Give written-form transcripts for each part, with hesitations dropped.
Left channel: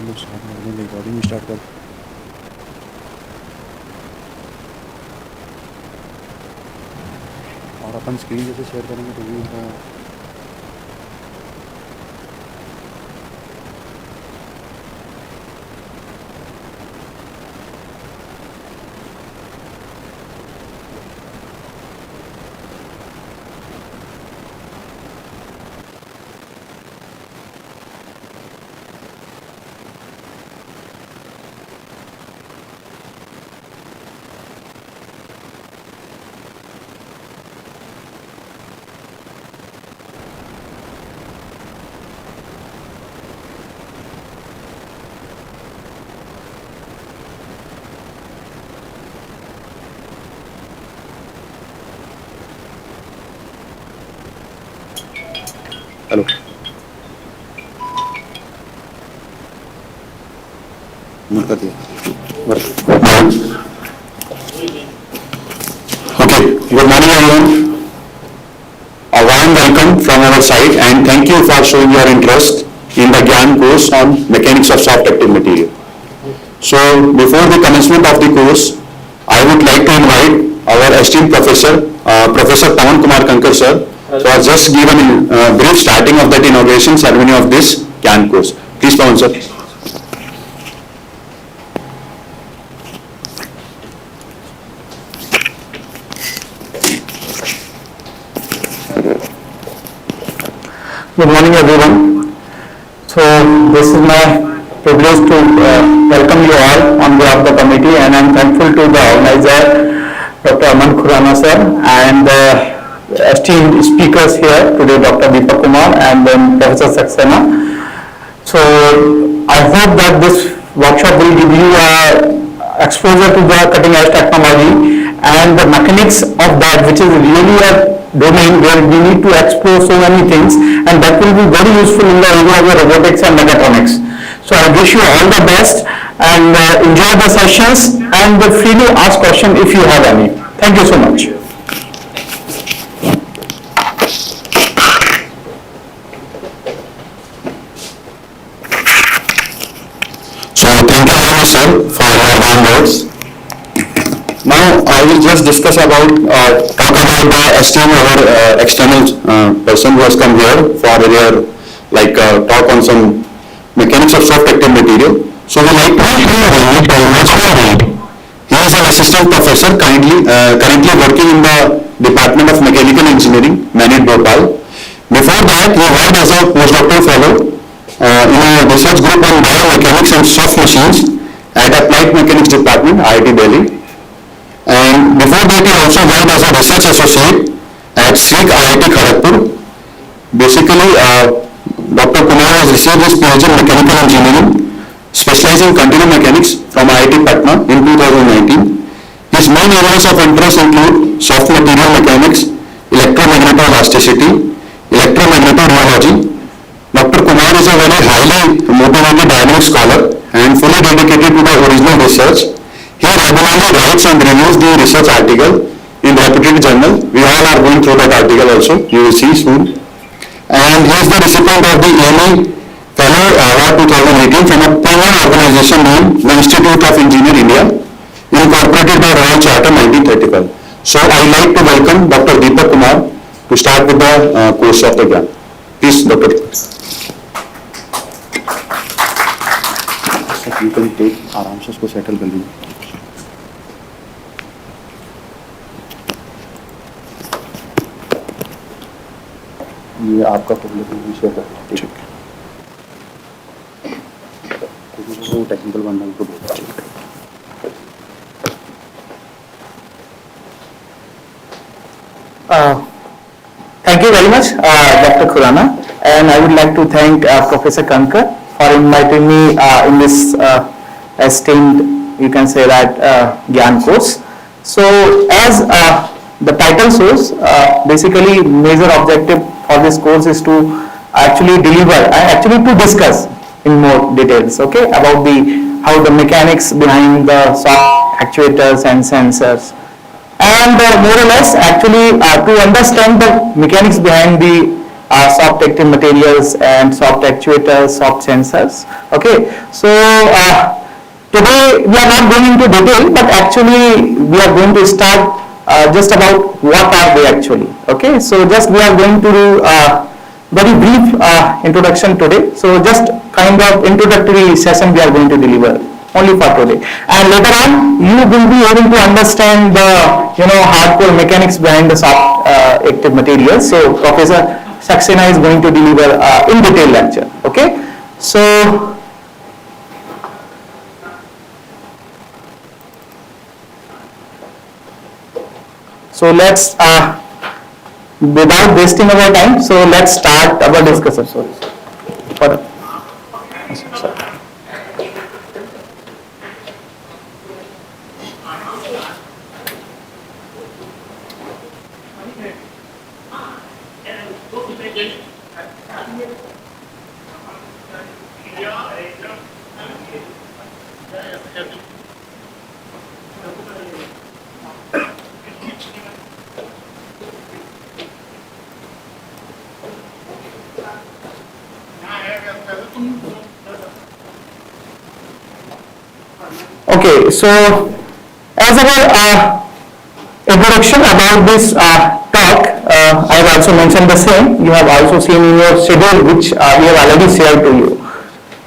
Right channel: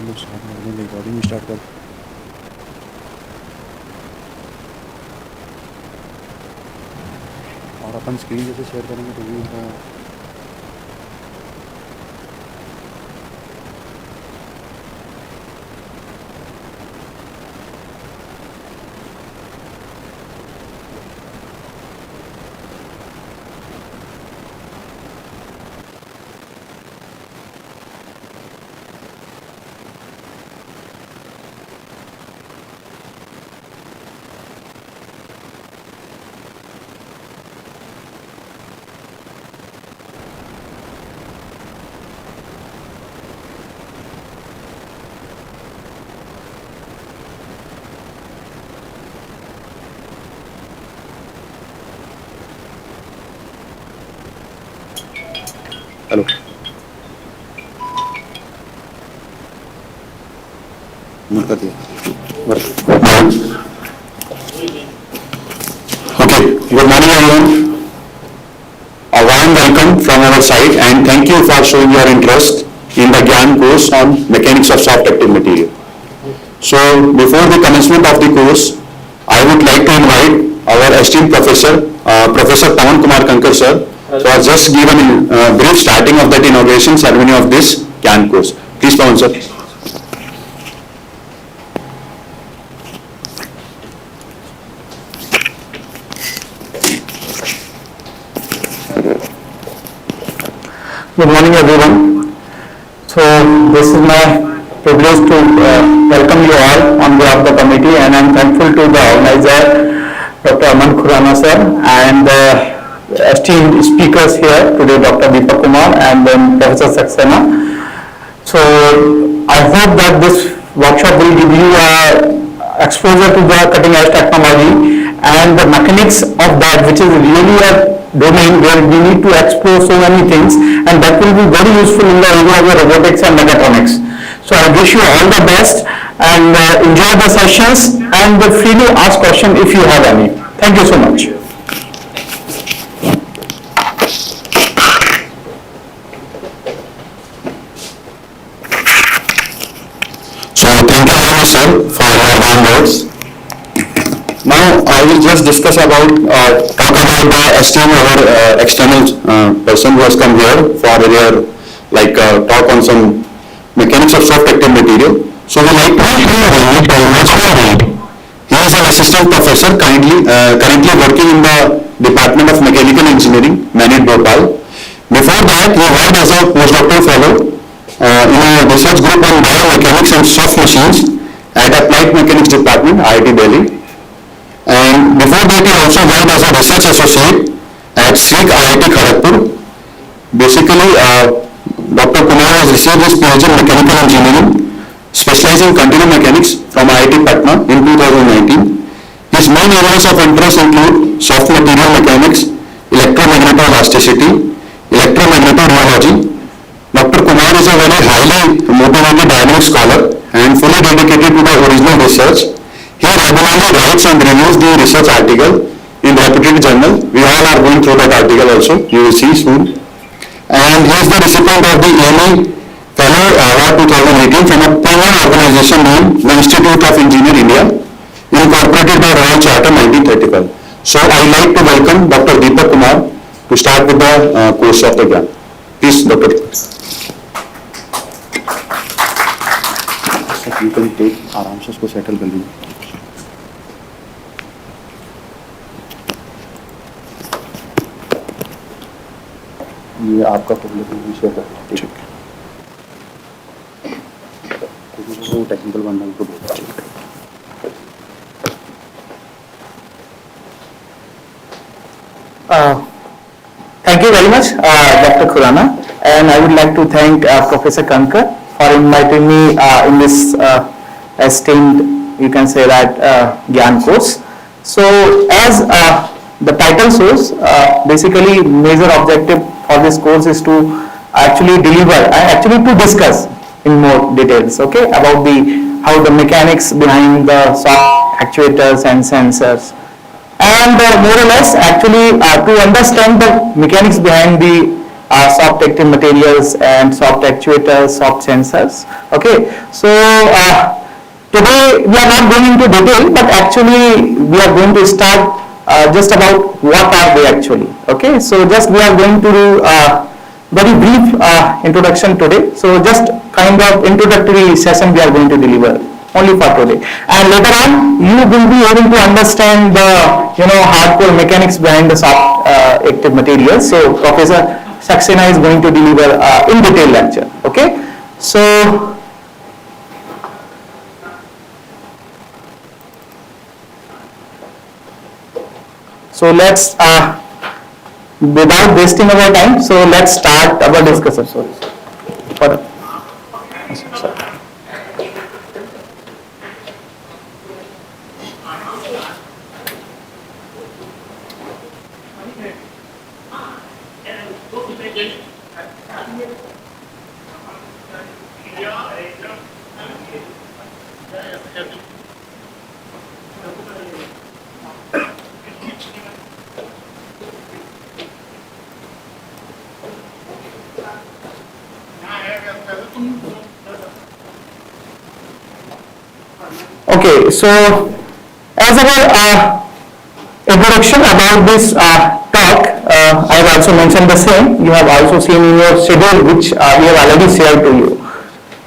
अपन लोग स्टार्ट कर दें, रिकॉर्डिंग स्टार्ट कर। और अपन स्क्रीन जैसे शेयर करेंगे तो भी उनका हेलो नोट कर दिया। Okay, good morning everyone. A warm welcome from our side and thank you for showing your interest in the Gian course on mechanics of soft active material. So before the commencement of the course, I would like to invite our esteemed professor, Professor Pawan Kumar Kankar sir, for just give a brief starting of that inauguration ceremony of this Gian course. Please Pawan sir. Good morning everyone. So this is my privilege to welcome you all on behalf of the committee, and I am thankful to the organizer Dr. Aman Khurana sir and esteemed speakers here today, Dr. Deepak Kumar and then Professor Saxena. So I hope that this workshop will give you exposure to the cutting edge technology and the mechanics of that, which is really a domain where we need to explore so many things, and that will be very useful in the area of robotics and mechatronics. So I wish you all the best and enjoy the sessions and freely ask questions if you have any. Thank you so much. So thank you very much sir for your warm words. Now I will just discuss about talk about the esteemed our external person who has come here for their talk on some mechanics of soft active material. So we like to invite. He is an assistant professor currently working in the Department of Mechanical Engineering, Manit Bhopal. Before that, he worked as a postdoctoral fellow in a research group on biomechanics and soft machines at Applied Mechanics Department, IIT Delhi. And before that, he also worked as a research associate at SIG IIT Kharagpur. Basically, Dr. Kumar has received his PhD in Mechanical Engineering, specializing in continuum mechanics from IIT Patna in 2019. His main areas of interest include soft material mechanics, electromagnetoelasticity, electromagnetoroyology. Dr. Kumar is a very highly motivated dynamic scholar and fully dedicated to the original research. He regularly writes and reviews the research article in reputed journal. We all are going through that article also, you will see soon. And he is the recipient of the AME Fellow Award 2018 from a Pune organization named the Institute of Engineer India, incorporated by Royal Charter 1935. So I would like to welcome Dr. Deepak Kumar to start with the course of the Gian. Please Dr. You can take आराम से उसको settle कर लीजिए. ये आपका विषय है, ठीक है, वो टेक्निकल बंदा उनको बोलता है. Thank you very much, Dr. Khurana, and I would like to thank Professor Kankar for inviting me in this esteemed, you can say that, Gyan course. So as the title shows, basically major objective for this course is to actually to discuss in more details, okay, about how the mechanics behind the soft actuators and sensors, and more or less actually to understand the mechanics behind the soft active materials and soft actuators, soft sensors. Okay, so today we are not going into detail, but actually we are going to start just about what are they actually. Okay, so just we are going to do very brief introduction today. So just kind of introductory session we are going to deliver only for today, and later on you will be able to understand the hardcore mechanics behind the soft active materials. So Professor Saxena is going to deliver in detail lecture. Okay, so let's without wasting our time, so let's start our discussion. Sorry. Okay, so as our introduction about this talk, I have also mentioned the same. You have also seen in your schedule, which we have already shared to you.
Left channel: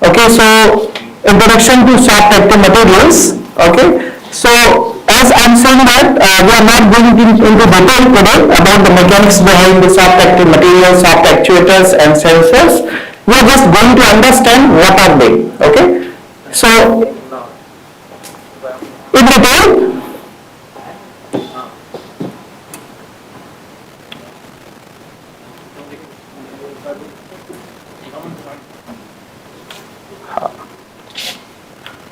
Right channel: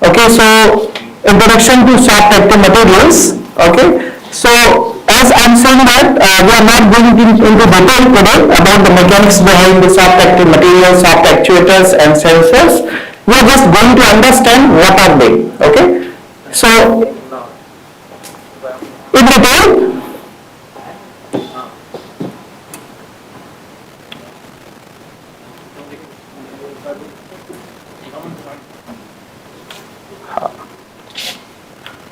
Okay, so introduction to soft active materials. Okay, so as I am saying that we are not going into detail today about the mechanics behind the soft active materials, soft actuators and sensors. We are just going to understand what are they. Okay, so in detail,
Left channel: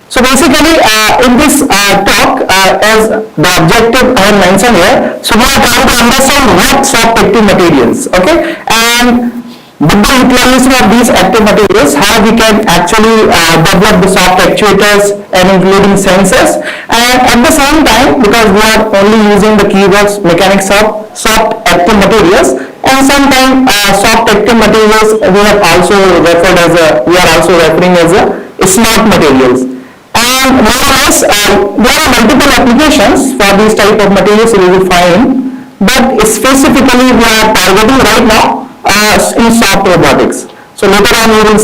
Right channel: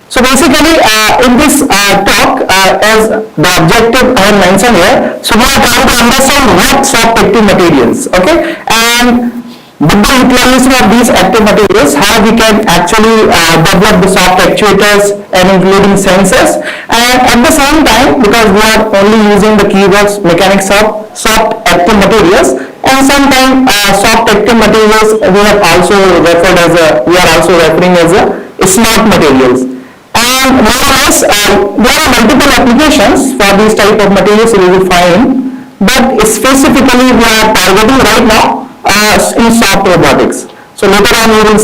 so basically in this talk, as the objective I have mentioned here, so we are trying to understand what soft active materials, okay, and with the utilization of these active materials, how we can actually develop the soft actuators and including sensors, and at the same time, because we are only using the keywords mechanics of soft active materials, and sometimes soft active materials we have also referred as we are also referring as smart materials. And more or less, there are multiple applications for these type of materials you will find, but specifically we are targeting right now in soft robotics. So later on we will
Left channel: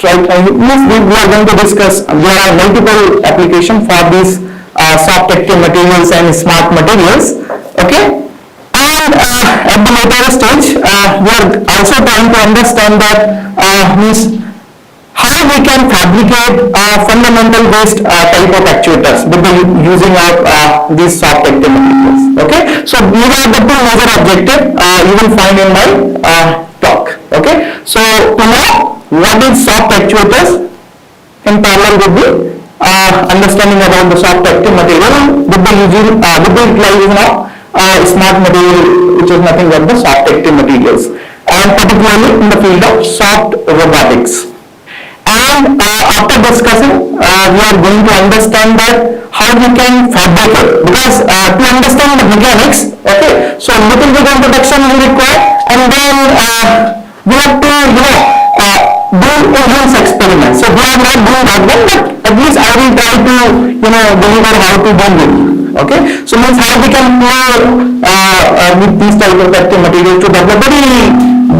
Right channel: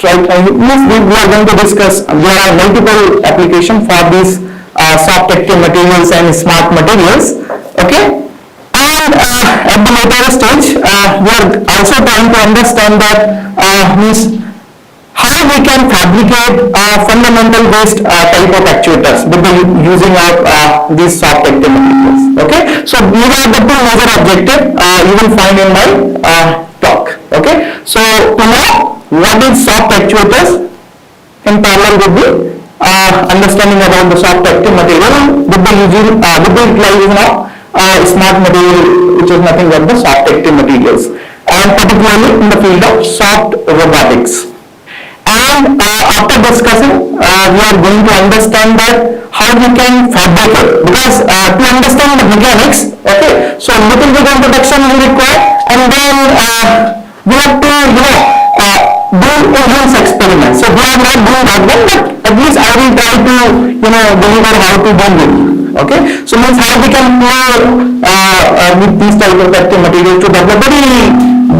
we are going to discuss. There are multiple applications for these soft active materials and smart materials. Okay, and at the later stage, we are also trying to understand that means how we can fabricate fundamental based type of actuators with the using of these soft active materials. Okay, so these are the two major objectives you will find in my talk. Okay, so to know what is soft actuators, in parallel with the understanding about the soft active material with the utilization of smart material, which is nothing but the soft active materials, and particularly in the field of soft robotics. And after discussing, we are going to understand that how we can fabricate, because to understand the mechanics, okay, so little bit introduction is required, and then we have to do enhance experiments. So we are not doing that one, but at least I will try to deliver how to do it. Okay, so means how we can play with these type of active materials to develop very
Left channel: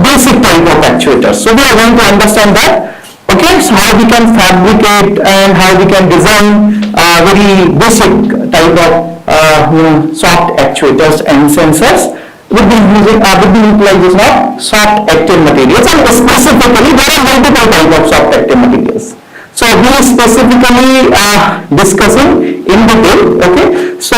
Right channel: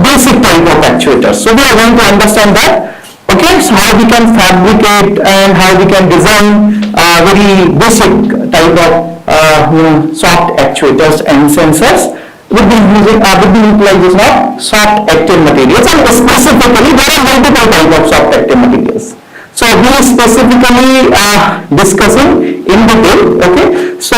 basic type of actuators. So we are going to understand that. Okay, so how we can fabricate and how we can design very basic type of soft actuators and sensors with the utilization of soft active materials, and specifically there are multiple type of soft active materials. So we are specifically discussing in detail. Okay, so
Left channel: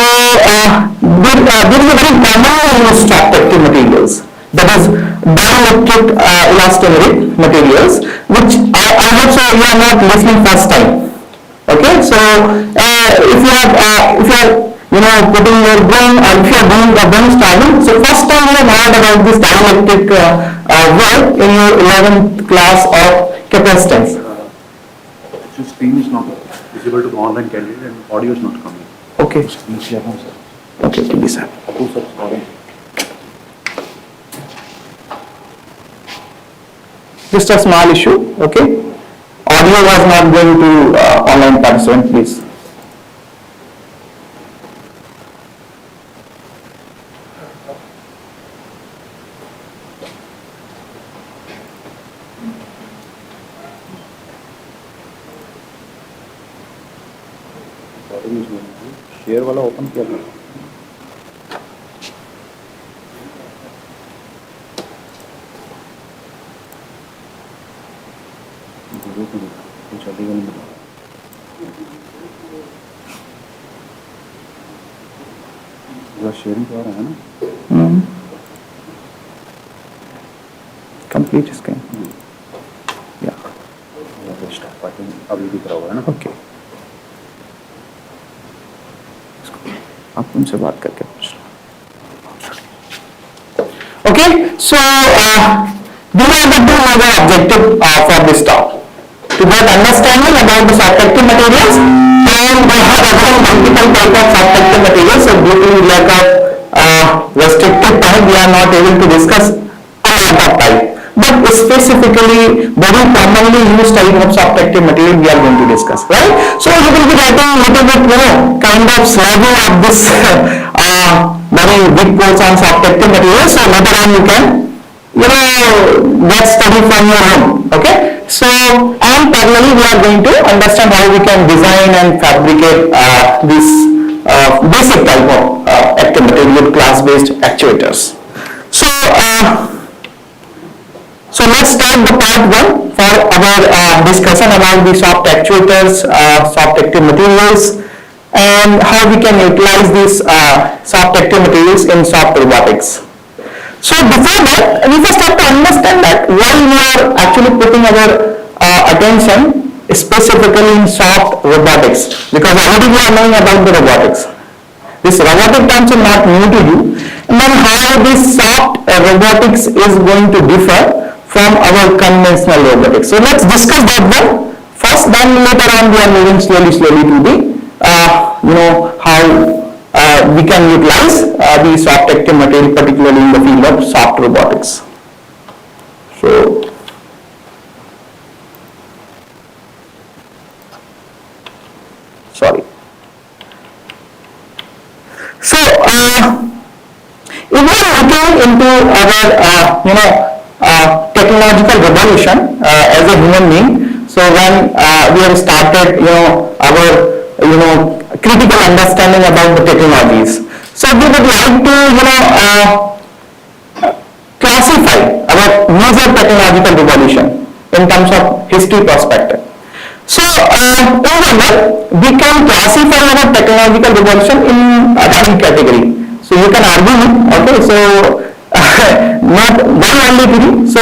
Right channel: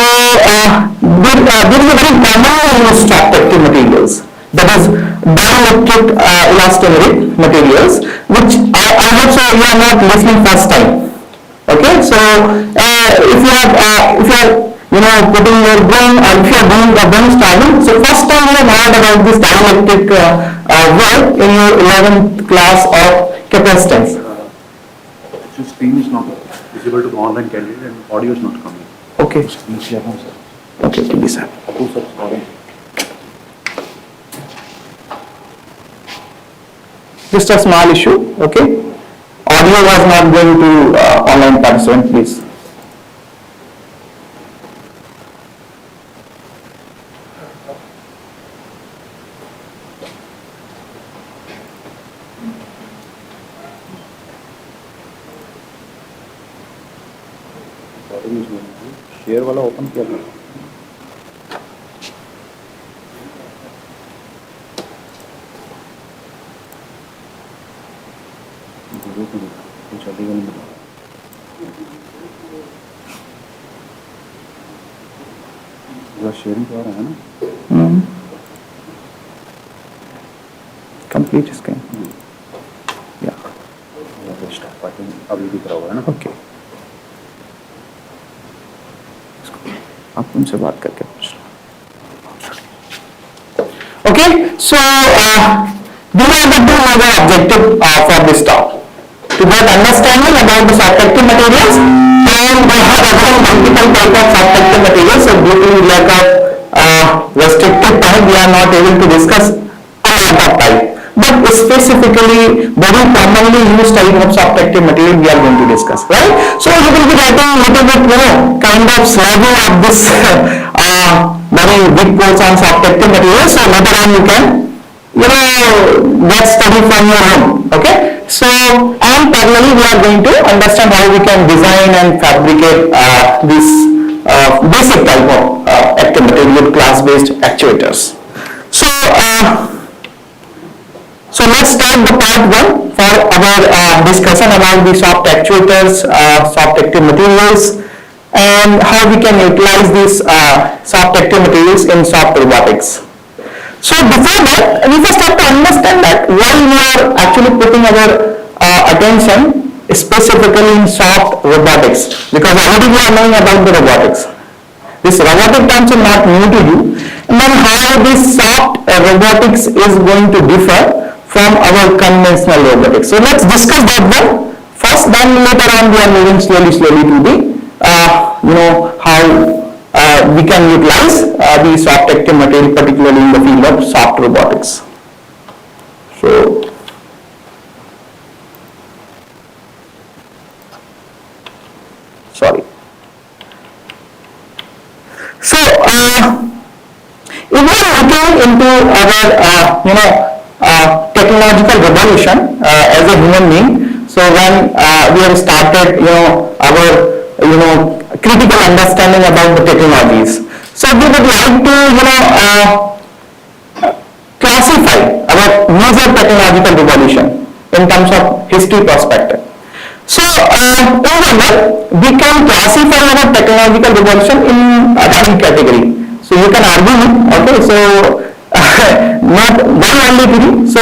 there is a very common soft active materials, that is dielectric elastomeric materials, which I hope so you are not listening first time. Okay, so if you are putting your brain, or if you are doing the brainstorming, so first time you have heard about this dielectric word in your 11th class of capacitance. Actually, screen is not visible to the online candidate and audio is not coming. Okay. Okay, please sir. Just a small issue, okay? Audio was not going to online participant, please. Share वाला open किया था sharing तो आ रहा है ना complete screen या अभी दिख रहा होगा ना ओके आप उनसे बात करके पूछ okay so these are the two major objectives for this talk to get understanding about the soft active materials and we have again multiple type of soft active materials so due to lack of restricted time we are not able to discuss a lot of type but specifically very commonly used type of soft active material we are going to discuss right so you will be getting little bit kind of slogging of this very big course on soft active materials so later on you can get study from your home okay so and parallelly we are going to understand how we can design and fabricate this basic type of active material class based actuators so so let's start the part 1 for our discussion about the soft actuators soft active materials and how we can utilize these soft active materials in soft robotics so before that, we first have to understand that why we are actually putting our attention specifically in soft robotics because already we are knowing about the robotics. This robotic terms are not new to you and then how this soft robotics is going to differ from our conventional robotics. So let's discuss that one first then later on we are moving slowly to the how we can utilize the soft active material particularly in the field of soft robotics. So sorry. So if we are looking into our technological revolution as a human being so when we have started our critical understanding about the technologies. So we would like to, classify our major technological revolution in terms of history perspective. So in general, we can classify our technological revolution in three category. So you can argue, okay, so not one only three. So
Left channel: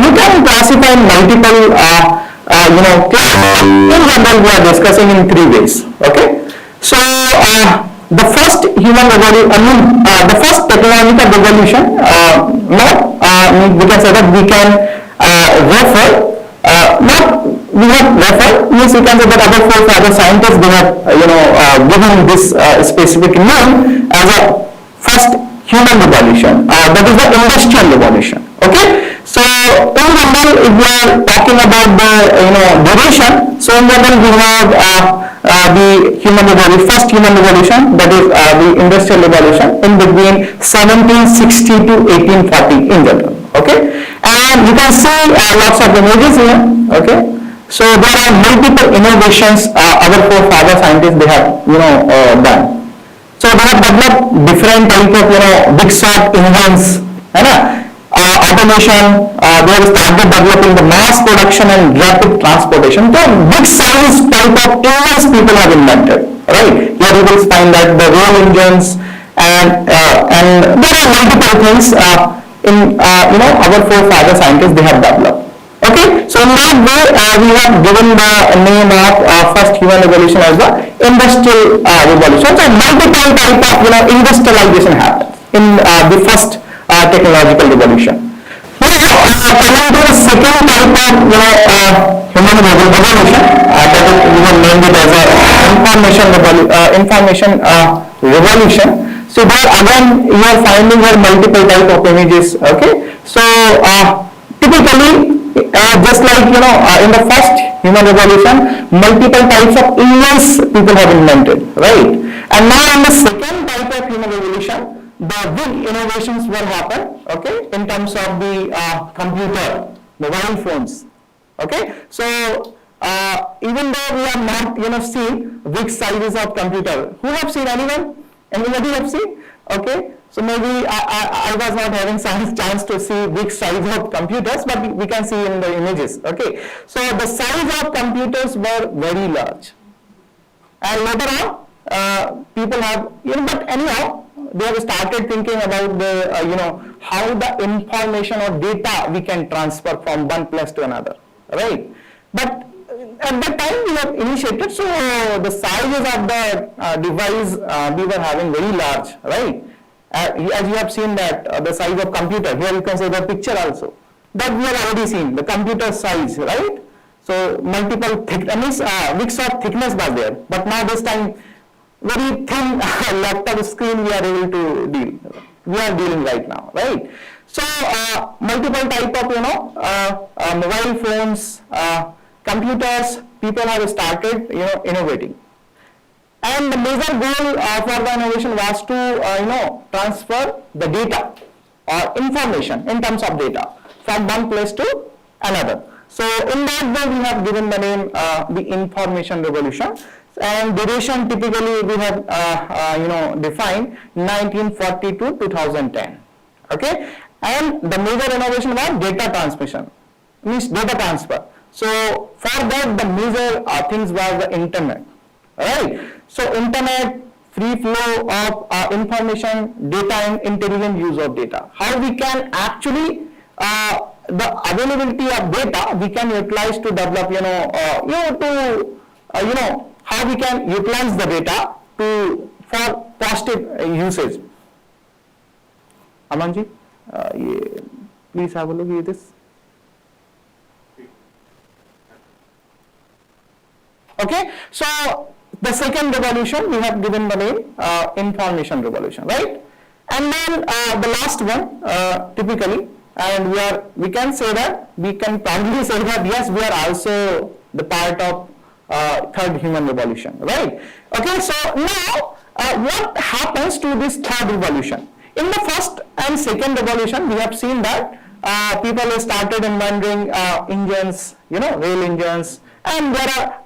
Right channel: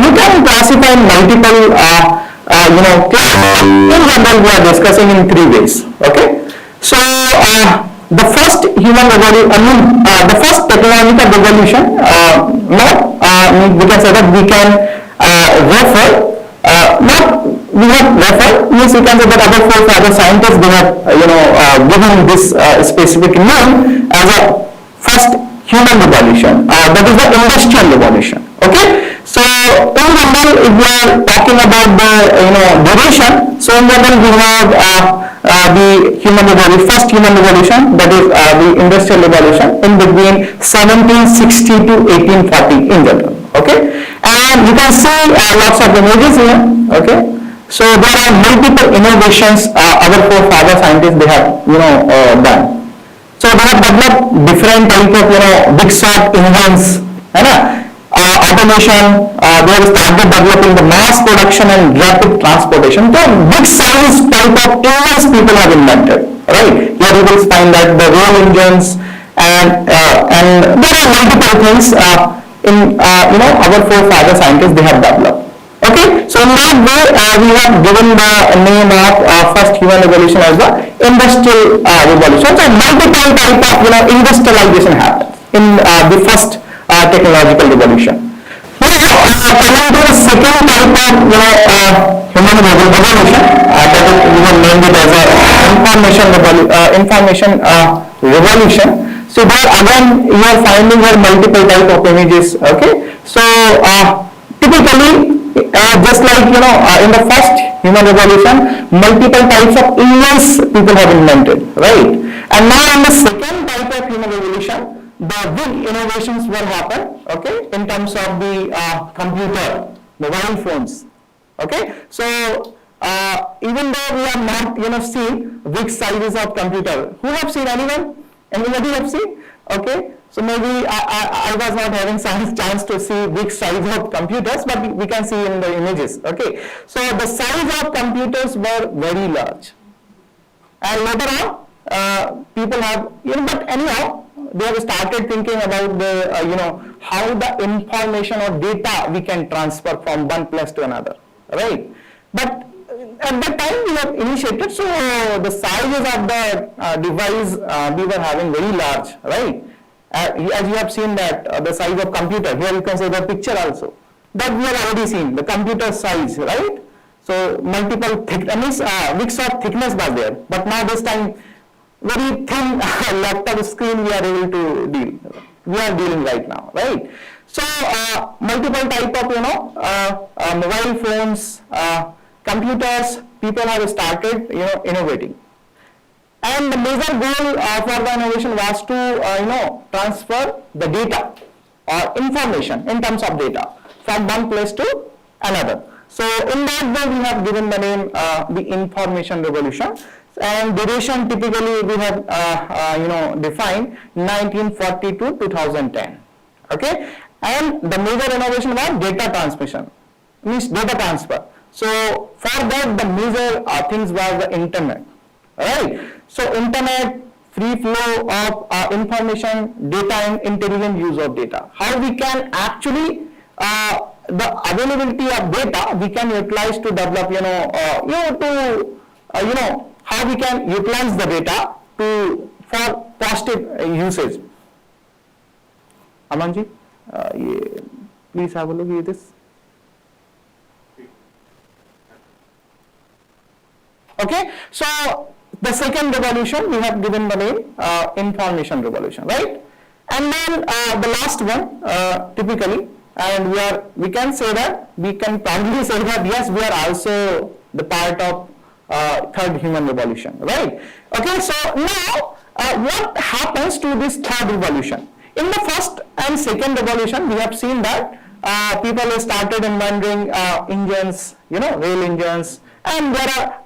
you can classify multiple, in general we are discussing in 3 ways, okay. So the first human revolution, the first technological revolution, we can say that we can refer, means we can say that other forefather scientists they have given this specific name as a first human revolution, that is the industrial revolution, okay. So in general if we are talking about the duration, so in general we have the human revolution, first human revolution, that is the industrial revolution in between 1760 to 1840 in general, okay. And you can see lots of images here, okay. So there are multiple innovations our forefather scientists they have done. So they have developed different type of big shot engines, automation. They have started developing the mass production and rapid transportation. So big size type of engines people have invented, right? Here you will find that the rail engines and there are multiple things in our forefather scientists they have developed. Okay, so in that way we have given the name of first human revolution as the industrial revolution. So multiple type of industrialization happened in the first technological revolution. Now coming to the second type of human revolution, that is we have named it as a information revolution. So there again you are finding here multiple type of images. Okay, so typically in the first human revolution, multiple types of engines people have invented, right? And now in the second type of human revolution, the big innovations will happen, okay, in terms of the computer, mobile phones, okay. So even though we have not, seen big sizes of computer, who have seen anyone? Anybody have seen? Okay. So maybe I was not having chance to see big size of computers, but we can see in the images. Okay. So the size of computers were very large, and later on, people have, but anyhow, they have started thinking about the, how the information or data we can transfer from one place to another, right? But at that time we have initiated, so the sizes of the device we were having very large, right? As you have seen that the size of computer, here you can say the picture also, that we have already seen, the computer size, right? So multiple mix of thickness was there, but now this time very thin laptop screen we are able to deal. We are dealing right now, right? So multiple type of mobile phones, computers, people have started innovating. And the major goal for the innovation was to transfer the data or information in terms of data from one place to another. So in that way we have given the name the information revolution, and duration typically we have defined 1940 to 2010. Okay, and the major innovation was data transmission, means data transfer. So for that the major things were the internet, right? So internet, free flow of information, data and intelligent use of data. How we can actually the availability of data we can utilize to develop how we can utilize the data for positive usage. Amanji, please have a look at this. Okay, so the second revolution we have given the name information revolution, right? And then the last one typically, and we can say that, we can proudly say that yes, we are also the part of third human revolution, right? Okay, so now what happens to this third revolution? In the first and second revolution, we have seen that people started inventing engines, rail engines, and there are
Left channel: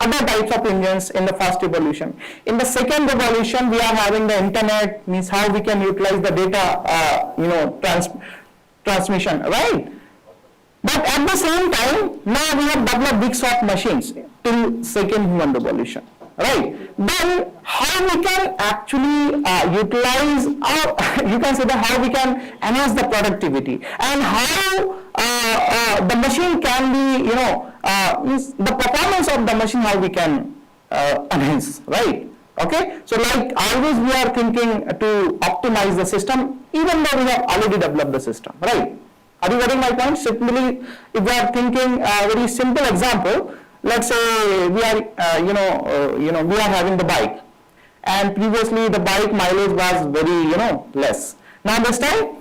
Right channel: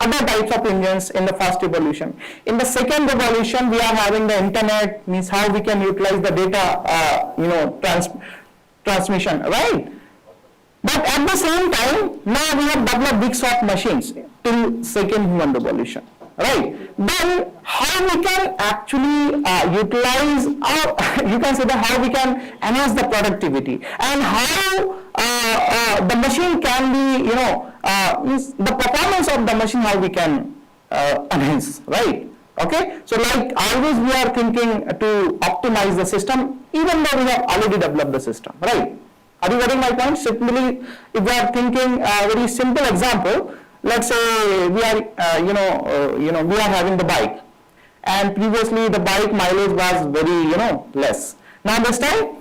other types of engines in the first revolution. In the second revolution, we are having the internet, means how we can utilize the data, transmission, right? But at the same time, now we have developed big soft machines till second human revolution, right? Then how we can actually utilize, you can say that how we can enhance the productivity, and how the machine can be, means the performance of the machine, how we can enhance, right? Okay, so like always we are thinking to optimize the system, even though we have already developed the system, right? Are you getting my point? Simply, if we are thinking a very simple example, let's say we are, we are having the bike, and previously the bike mileage was very, less. Now this time,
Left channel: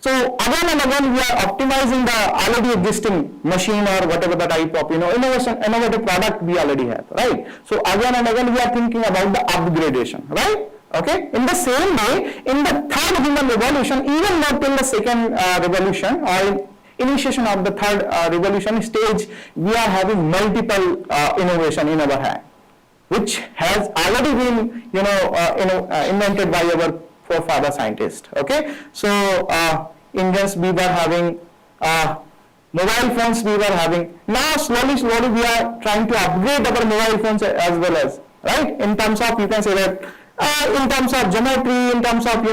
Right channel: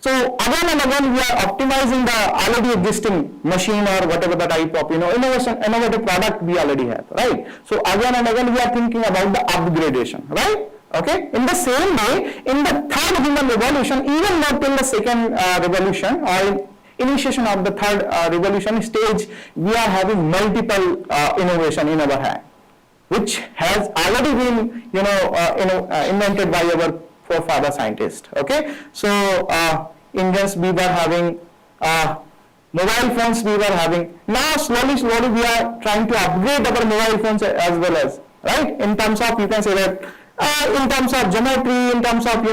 so again and again we are optimizing the already existing machine or whatever the type of, innovative product we already have, right? So again and again we are thinking about the upgradation, right? Okay, in the same way, in the third human revolution, even not till the second revolution or initiation of the third revolution stage, we are having multiple innovation in our hand, which has already been, invented by our forefather scientists. Okay, so engines we were having, mobile phones we were having. Now slowly we are trying to upgrade our mobile phones as well as, right? In terms of, you can say that, in terms of geometry, in terms of,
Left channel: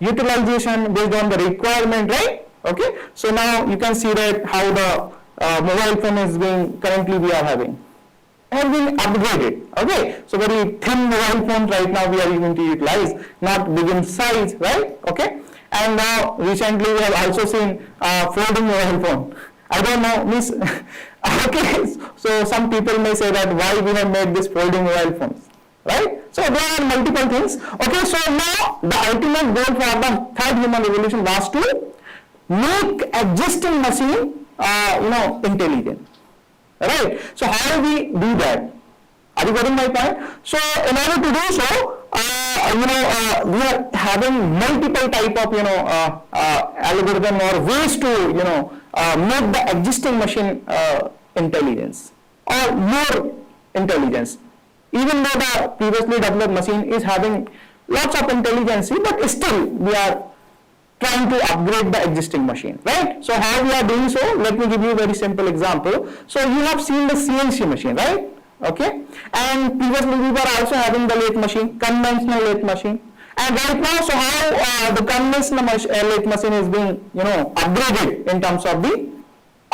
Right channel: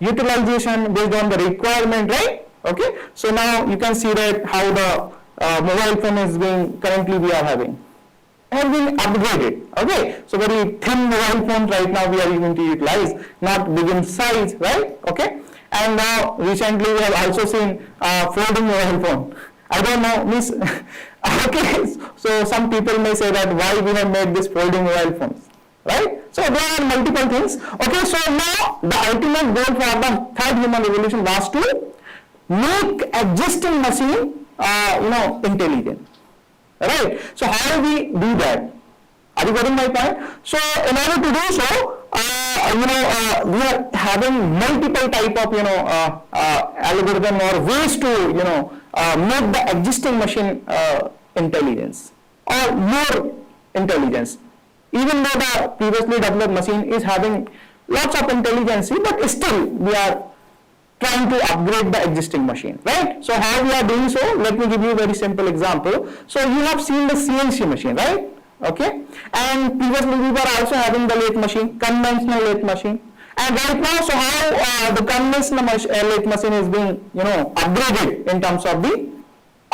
utilization based on the requirement, right? Okay, so now you can see that how the mobile phone is being, currently we are having, have been upgraded. Okay, so very thin mobile phone right now we are going to utilize, not big in size, right? Okay, and now recently we have also seen folding mobile phone. I don't know, means okay, so some people may say that why we have made this folding mobile phones, right? So there are multiple things. Okay, so now the ultimate goal for the third human revolution was to make existing machine intelligent, right? So how do we do that? Are you getting my point? So in order to do so, we are having multiple type of algorithm or ways to make the existing machine intelligence or more intelligence. Even though the previously developed machine is having lots of intelligence, but still we are trying to upgrade the existing machine, right? So how we are doing so? Let me give you a very simple example. So you have seen the CNC machine, right? Okay, and previously we were also having the lathe machine, conventional lathe machine, and right now, so how the conventional lathe machine is being upgraded in terms of the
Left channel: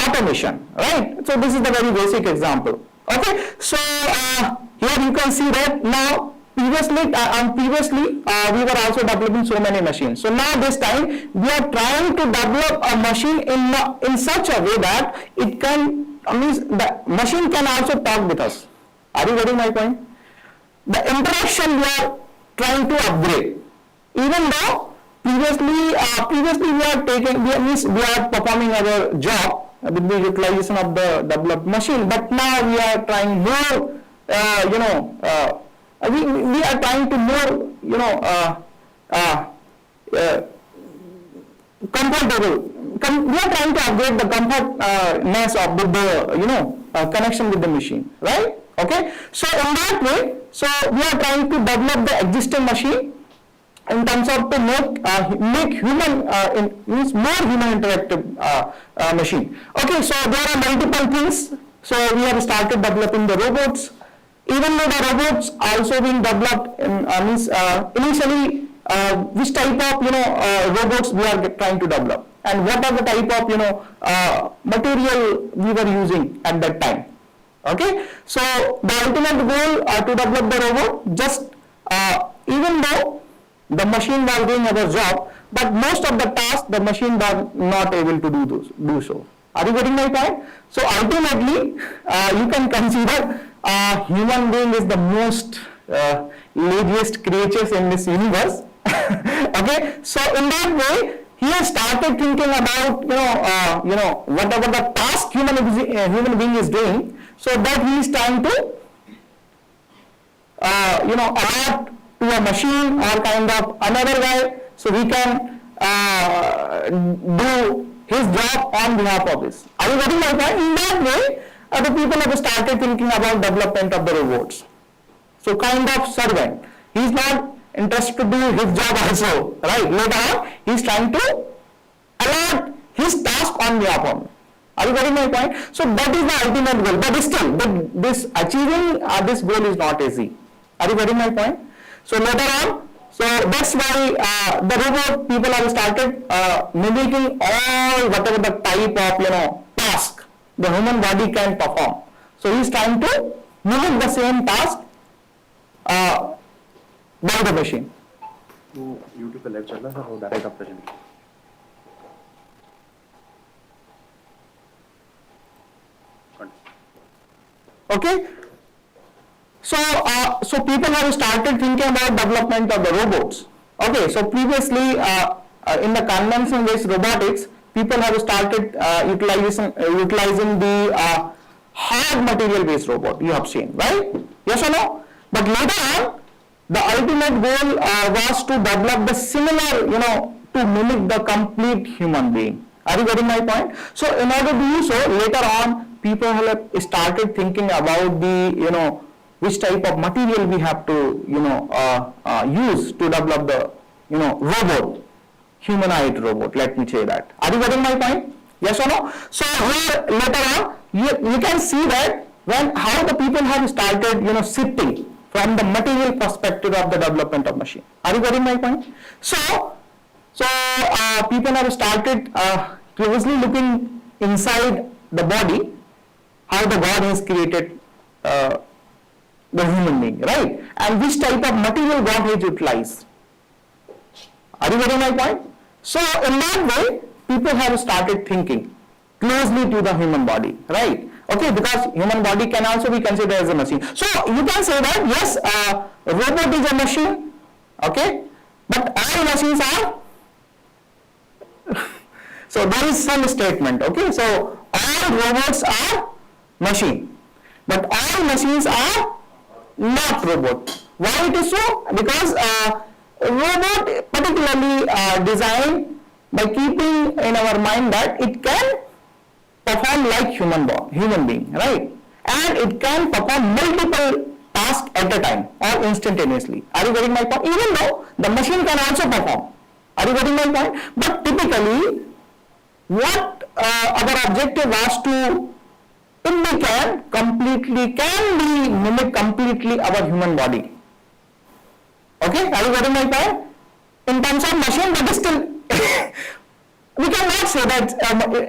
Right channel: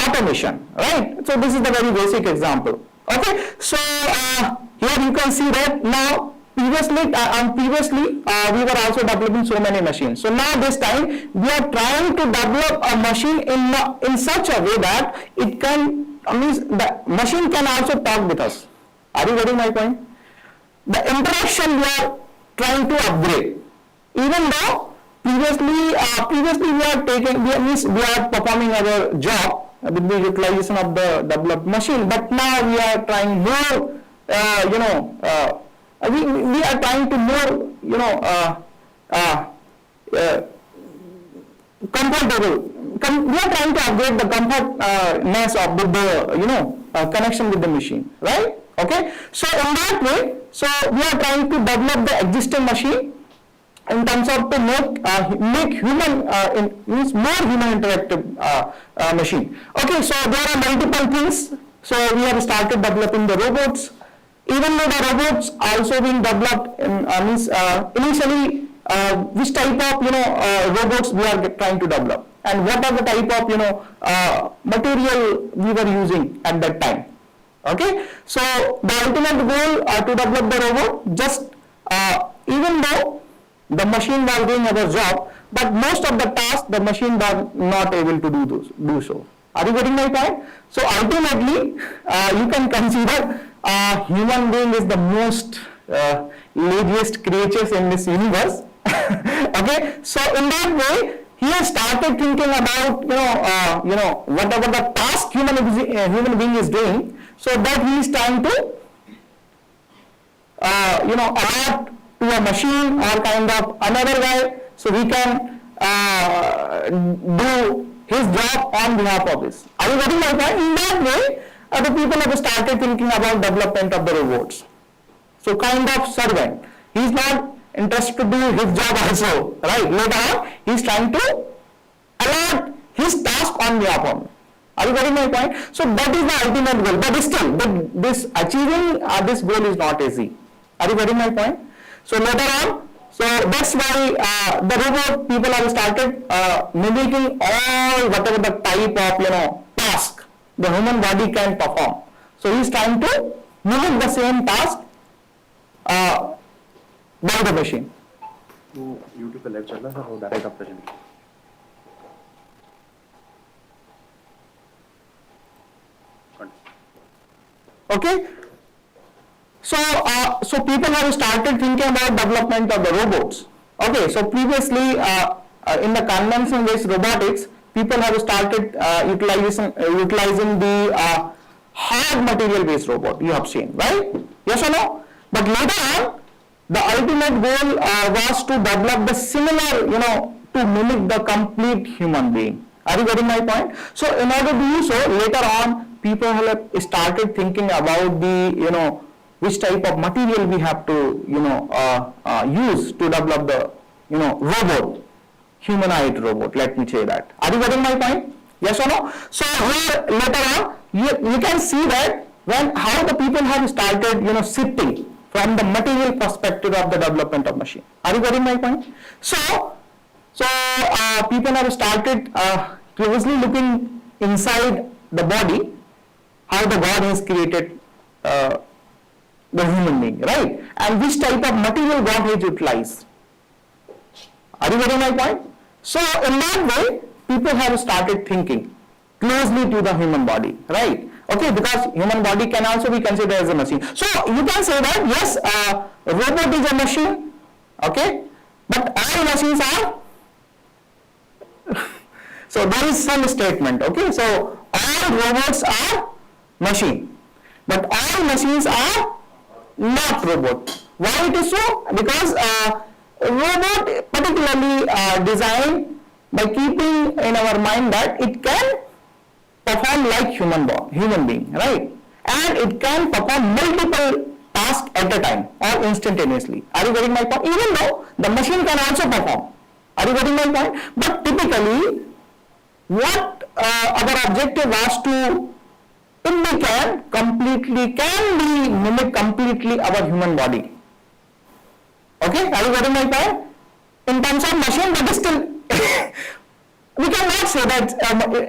automation, right? So this is the very basic example. Okay, so here you can see that now previously we were also developing so many machines. So now this time we are trying to develop a machine in such a way that it can means the machine can also talk with us. Are you getting my point? The interaction we are trying to upgrade. Even though previously we are performing our job with the utilization of the developed machine, but now we are trying more. We are trying to more comfortable. We are trying to upgrade the comfortness of the connection with the machine, right? Okay, so in that way, so we are trying to develop the existing machine in terms of to make human means more human interactive machine. Okay, so there are multiple things. So we have started developing the robots. Even though the robots also being developed initially, which type of robots we are trying to develop, and what are the type of material we were using at that time. Okay, so the ultimate goal to develop the robot, just even though the machine was doing our job, but most of the tasks the machine was not able to do so. Are you getting my point? So ultimately, you can consider human being is the most laziest creatures in this universe. Okay, so in that way, he has started thinking about whatever the task human being is doing, so that he is trying to adapt to a machine or kind of another guy, so he can do his job on behalf of this. Are you getting my point? In that way, the people have started thinking about development of the robots. So kind of servant. He is not interested to do his job also, right? Later on, he is trying to allot his task on behalf of me. Are you getting my point? So that is the ultimate goal. But still, this achieving this goal is not easy. Are you getting my point? So later on, so that's why the robot people have started mimicking all whatever the type of task the human body can perform. So he is trying to mimic the same task by the machine. तो YouTube पे live चल रहा था और direct आप present किया. Okay, so people have started thinking about development of the robots. Okay, so previously in the conventional based robotics, people have started utilizing the hard material based robot. You have seen, right? Yes or no? But later on, the ultimate goal was to develop the similar, to mimic the complete human being. Are you getting my point? So in order to do so, later on, people have started thinking about the, which type of material we have to, use to develop the, robot, humanoid robot, let me say that. Are you getting my point? Yes or no? So here later on, you can see that how the people have started, shifting from the material perspective of the development of machine. Are you getting my point? So people have started closely looking inside the body, how the God has created the human being, right? And which type of material God has utilized. Are you getting my point? So in that way, people have started thinking closely to the human body, right? Okay, because human body can also be considered as a machine. So you can say that yes, robot is a machine, okay, but all machines are So there is some statement, okay? So all robots are machine, but all machines are not robot. Why it is so? Because robot particularly designed by keeping in our mind that it can perform like human being, right? And it can perform multiple tasks at a time or instantaneously. Are you getting my point? Even though the machine can also perform. Are you getting my point? But typically, what our objective was to, if we can be mimic completely our human body. Okay, are you getting my point? In terms of machine, but still, we cannot say that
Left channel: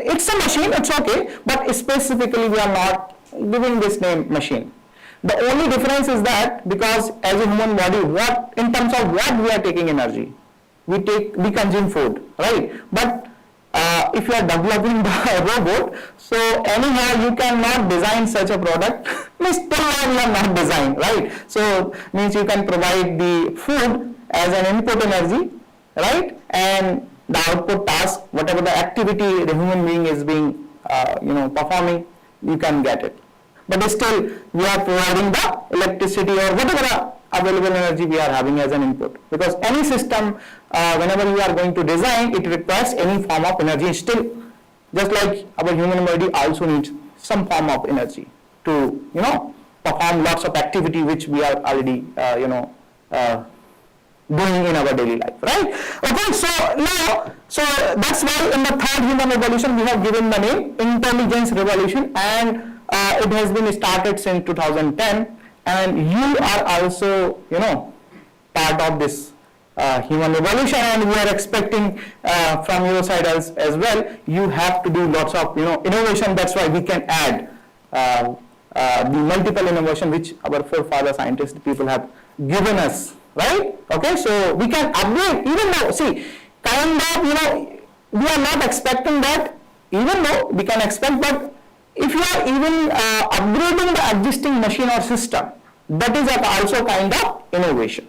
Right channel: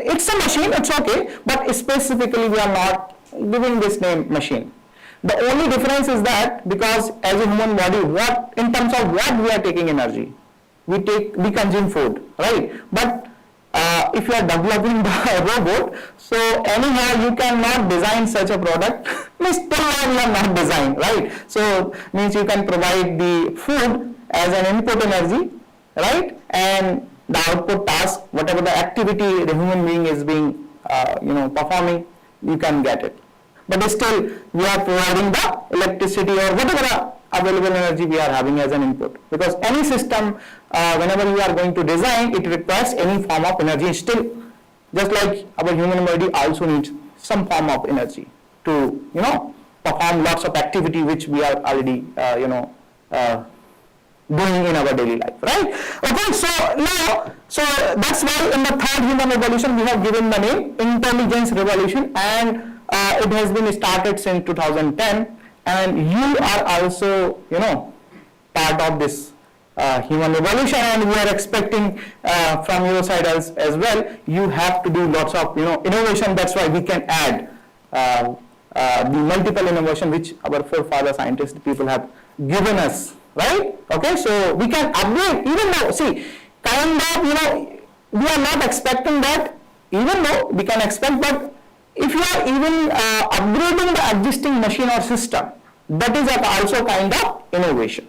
it's a machine, it's okay, but specifically we are not giving this name machine. The only difference is that because as a human body, in terms of what we are taking energy, we consume food, right? But if you are developing the robot, so anyhow you cannot design such a product. Means till now you are not designed, right? So means you can provide the food as an input energy, right? And the output task, whatever the activity the human being is being performing, you can get it. But still we are providing the electricity or whatever available energy we are having as an input, because any system whenever you are going to design, it requires any form of energy. Still, just like our human body also needs some form of energy to perform lots of activity which we are already doing in our daily life, right? Okay, so now, so that's why in the third human revolution we have given the name intelligence revolution, and it has been started since 2010, and you are also part of this human revolution, and we are expecting from your side as well. You have to do lots of innovation. That's why we can add the multiple innovation which our forefather scientists people have given us, right? Okay, so we can upgrade, even though kind of we are not expecting that, even though we can expect, but if you are even upgrading the existing machine or system, that is also kind of innovation.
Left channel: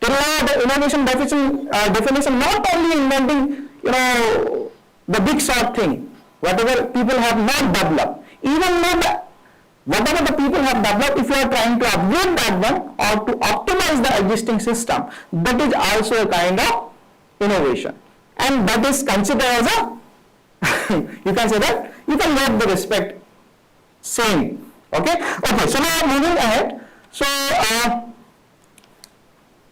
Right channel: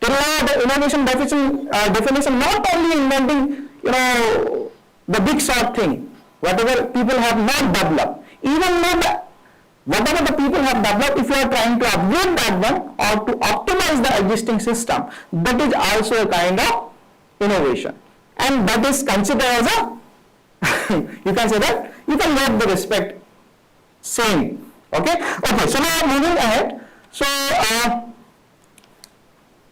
Till now, the innovation definition not only inventing the big short thing, whatever people have not developed, even though whatever the people have developed, if you are trying to upgrade that one or to optimize the existing system, that is also a kind of innovation, and that is considered as a you can say that you can get the respect same. Okay, so now moving ahead, so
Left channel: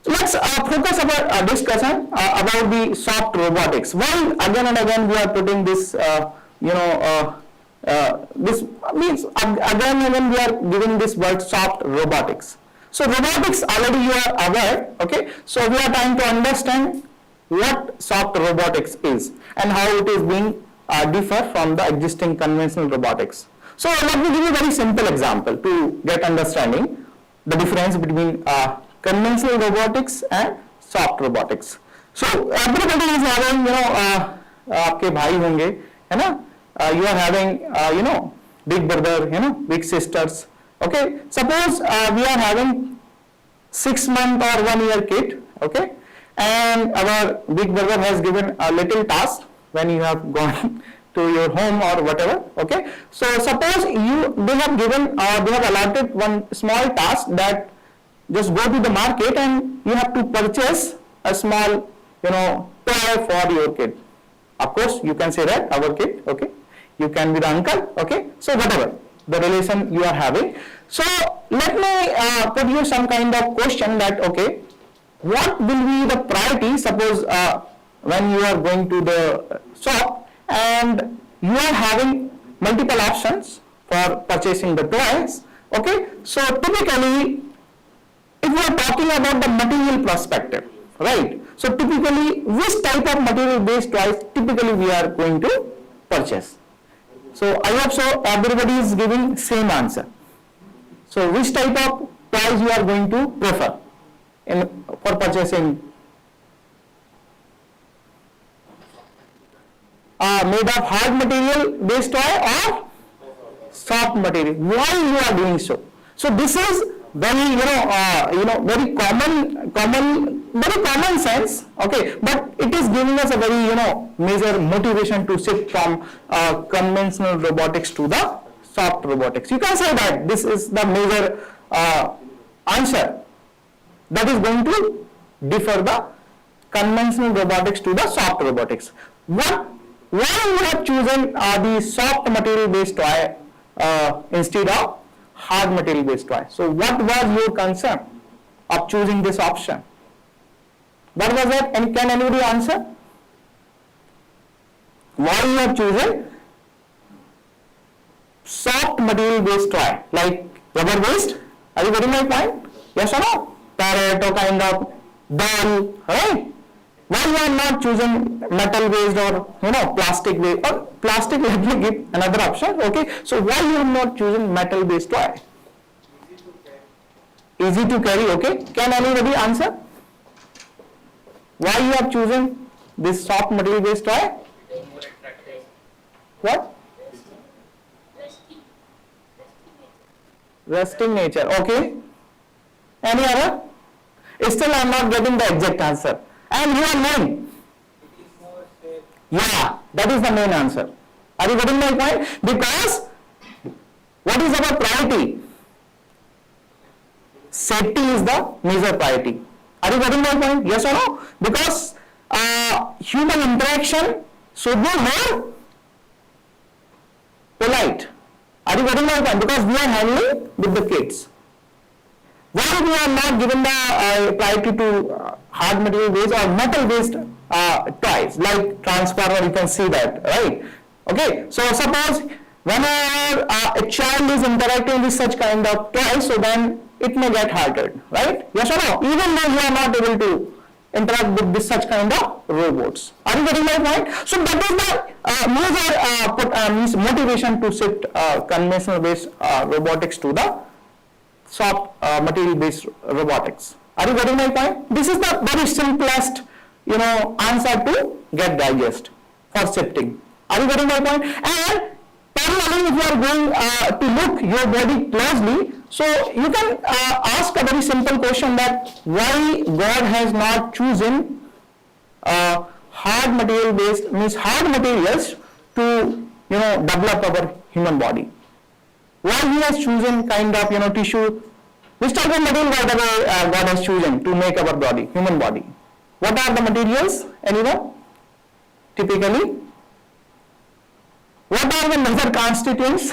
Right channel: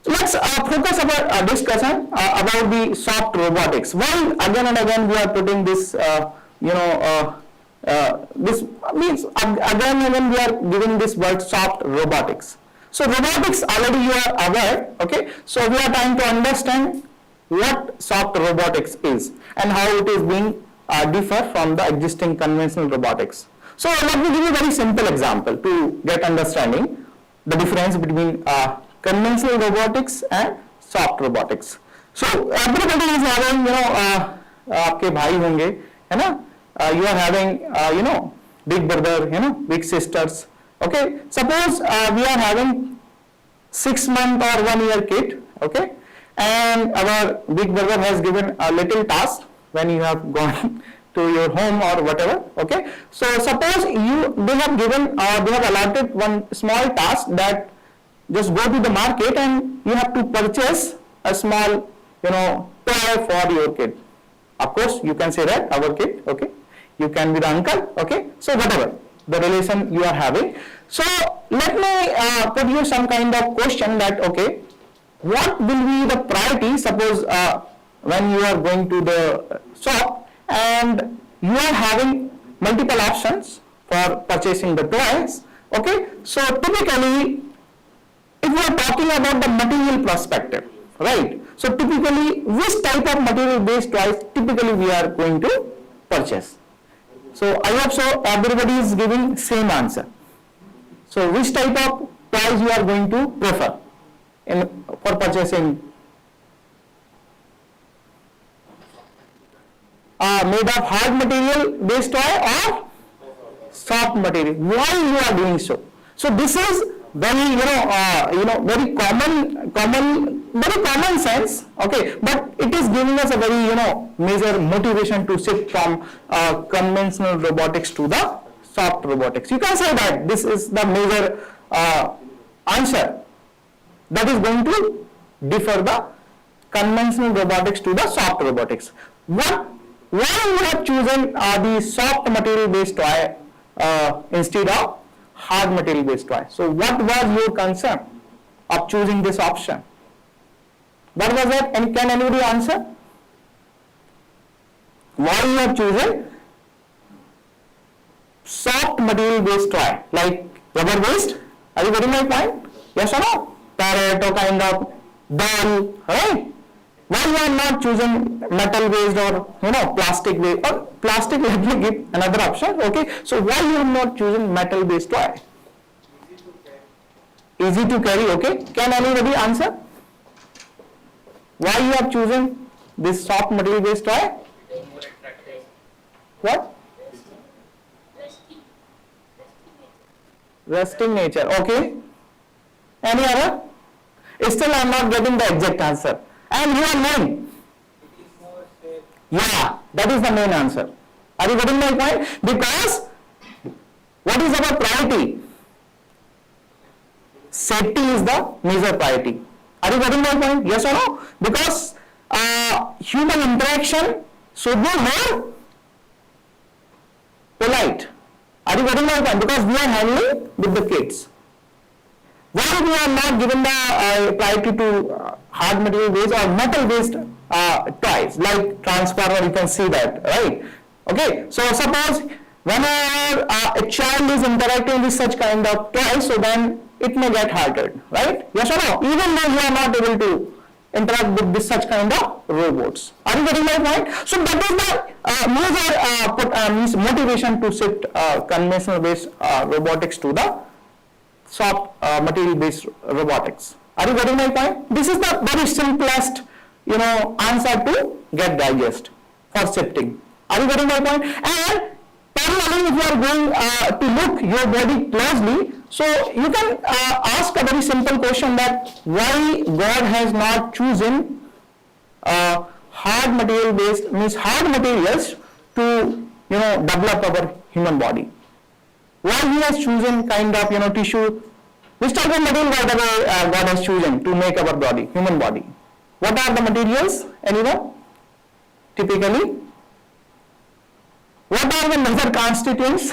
let's focus our discussion about the soft robotics. Why again and again we are putting this this means again and again we are giving this word soft robotics. So robotics already you are aware, okay? So we are trying to understand what soft robotics is and how it is being differ from the existing conventional robotics. So let me give you a very simple example to get understanding the difference between conventional robotics and soft robotics. So everybody is having आपके भाई होंगे है ना, you are having big brother, big sisters. Okay, suppose we are having 6 month or 1 year kid, okay, and our big brother has given a little task when you have gone to your home or whatever. Okay, so suppose they have given they have allotted one small task that just go to the market and you have to purchase a small toy for your kid. Of course you can say that our kid, okay, you can be the uncle, okay, so whatever the relation you are having. So let me put you some kind of question that, okay, what will be the priority? Suppose when you are going to the shop and you are having multiple options for purchasing the toys, okay, so typically if we are talking about the material perspective, right, so typically which type of material based toys typically we are going to purchase? So I hope so everybody is giving same answer. So which type of toys you are going to prefer for purchasing? Made of hard material based toy or soft material? Why you are doing so? So this is very, very very common sense, okay, but it is giving us a very, major motivation to shift from conventional robotics to the soft robotics. You can say that this is the major answer that is going to differ the conventional robotics to the soft robotics. Why you have chosen the soft material based toy instead of hard material based toy? So what was your concern of choosing this option? What was it? And can anybody answer? Why you have chosen soft material based toy, like rubber based? Are you getting my point? Yes or no? Parrot or kind of ball, right? Why you are not choosing metal based or plastic based, or plastic? Let me give another option. Okay, so why you are not choosing metal based toy? Easy to carry. Okay, can anybody answer? Why you have chosen this soft material based toy? What? Resting nature. Okay. Any other? Still I am not getting the exact answer. And your name? Yeah, that is the main answer. Are you getting my point? Because what is our priority? Safety is the major priority. Are you getting my point? Yes or no? Because human interaction should be more polite. Are you getting my point? Because we are handling with the kids. Why we are not given the priority to hard material based or metal based toys like transformer? You can see that, right? Okay, so suppose whenever a child is interacting with such kind of toys, so then it may get hurted, right? Yes or no? Even though you are not able to interact with this such kind of robots. Are you getting my point? So that is the major motivation to shift conventional based robotics to the soft material based robotics. Are you getting my point? This is the very simplest answer to get digest for shifting. Are you getting my point? And parallelly, if you are going to look your body closely, so you can ask a very simple question, that why God has not chosen hard material based, means hard materials to develop our human body. Why he has chosen kind of tissue, which type of material God has chosen to make our body, human body? What are the materials? Anyone? Typically, what are the major constituents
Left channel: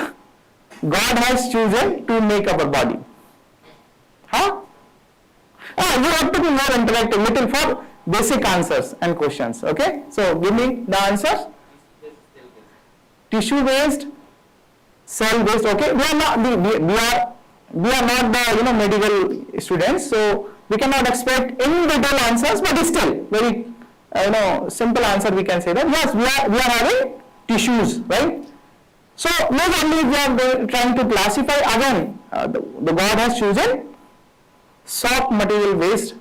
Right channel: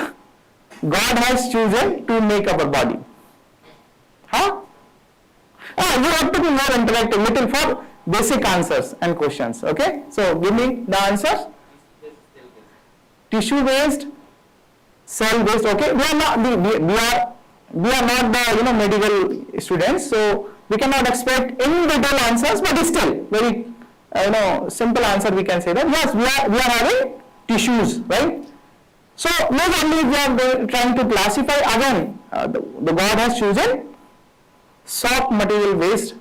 God has chosen to make our body? Huh? You have to be more interactive, little for basic answers and questions. Okay, so give me the answers. Tissue based, cell based. Okay, we are not the medical students, so we cannot expect in detail answers, but still very simple answer we can say that yes, we are having tissues, right? So not only we are trying to classify, again the God has chosen soft material based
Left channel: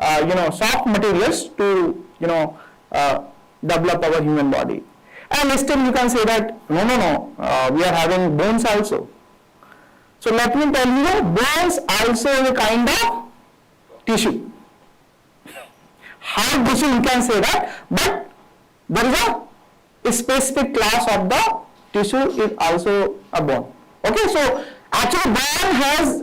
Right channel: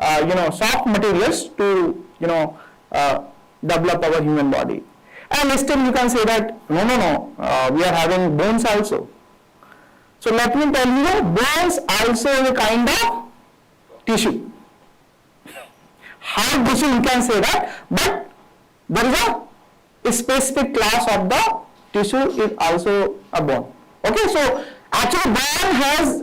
soft materials to develop our human body. And still you can say that no, we are having bones also. So let me tell you, bones also is a kind of tissue. Hard tissue you can say that, but there is a specific class of the tissue is also a bone. Okay, so actually bone has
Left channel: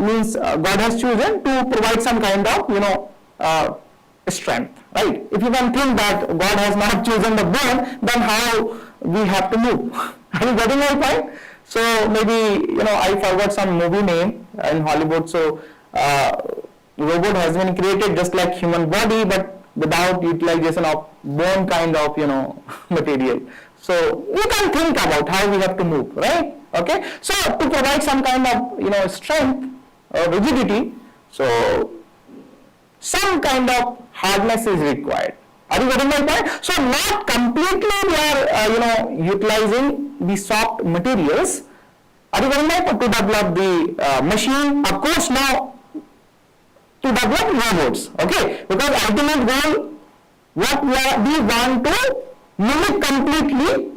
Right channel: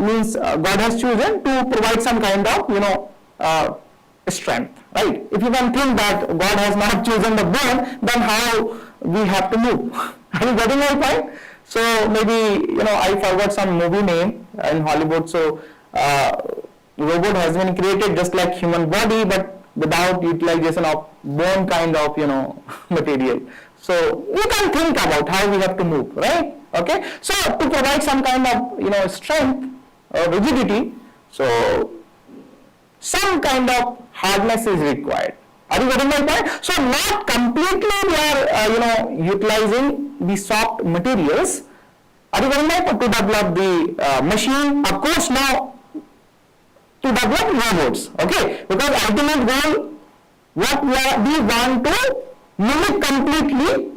means God has chosen to provide some kind of strength, right? If you can think that God has not chosen the bone, then how we have to move? Are you getting my point? So maybe I forgot some movie name in Hollywood. So robot has been created just like human body, but without utilization of bone kind of material. So you can think about how we have to move, right? Okay. So to provide some kind of strength or rigidity, so some kind of hardness is required. Are you getting my point? So not completely we are utilizing the soft materials. Are you getting my point? To develop the machine, of course, now to develop robots. Okay, because ultimate goal, what we want to mimic completely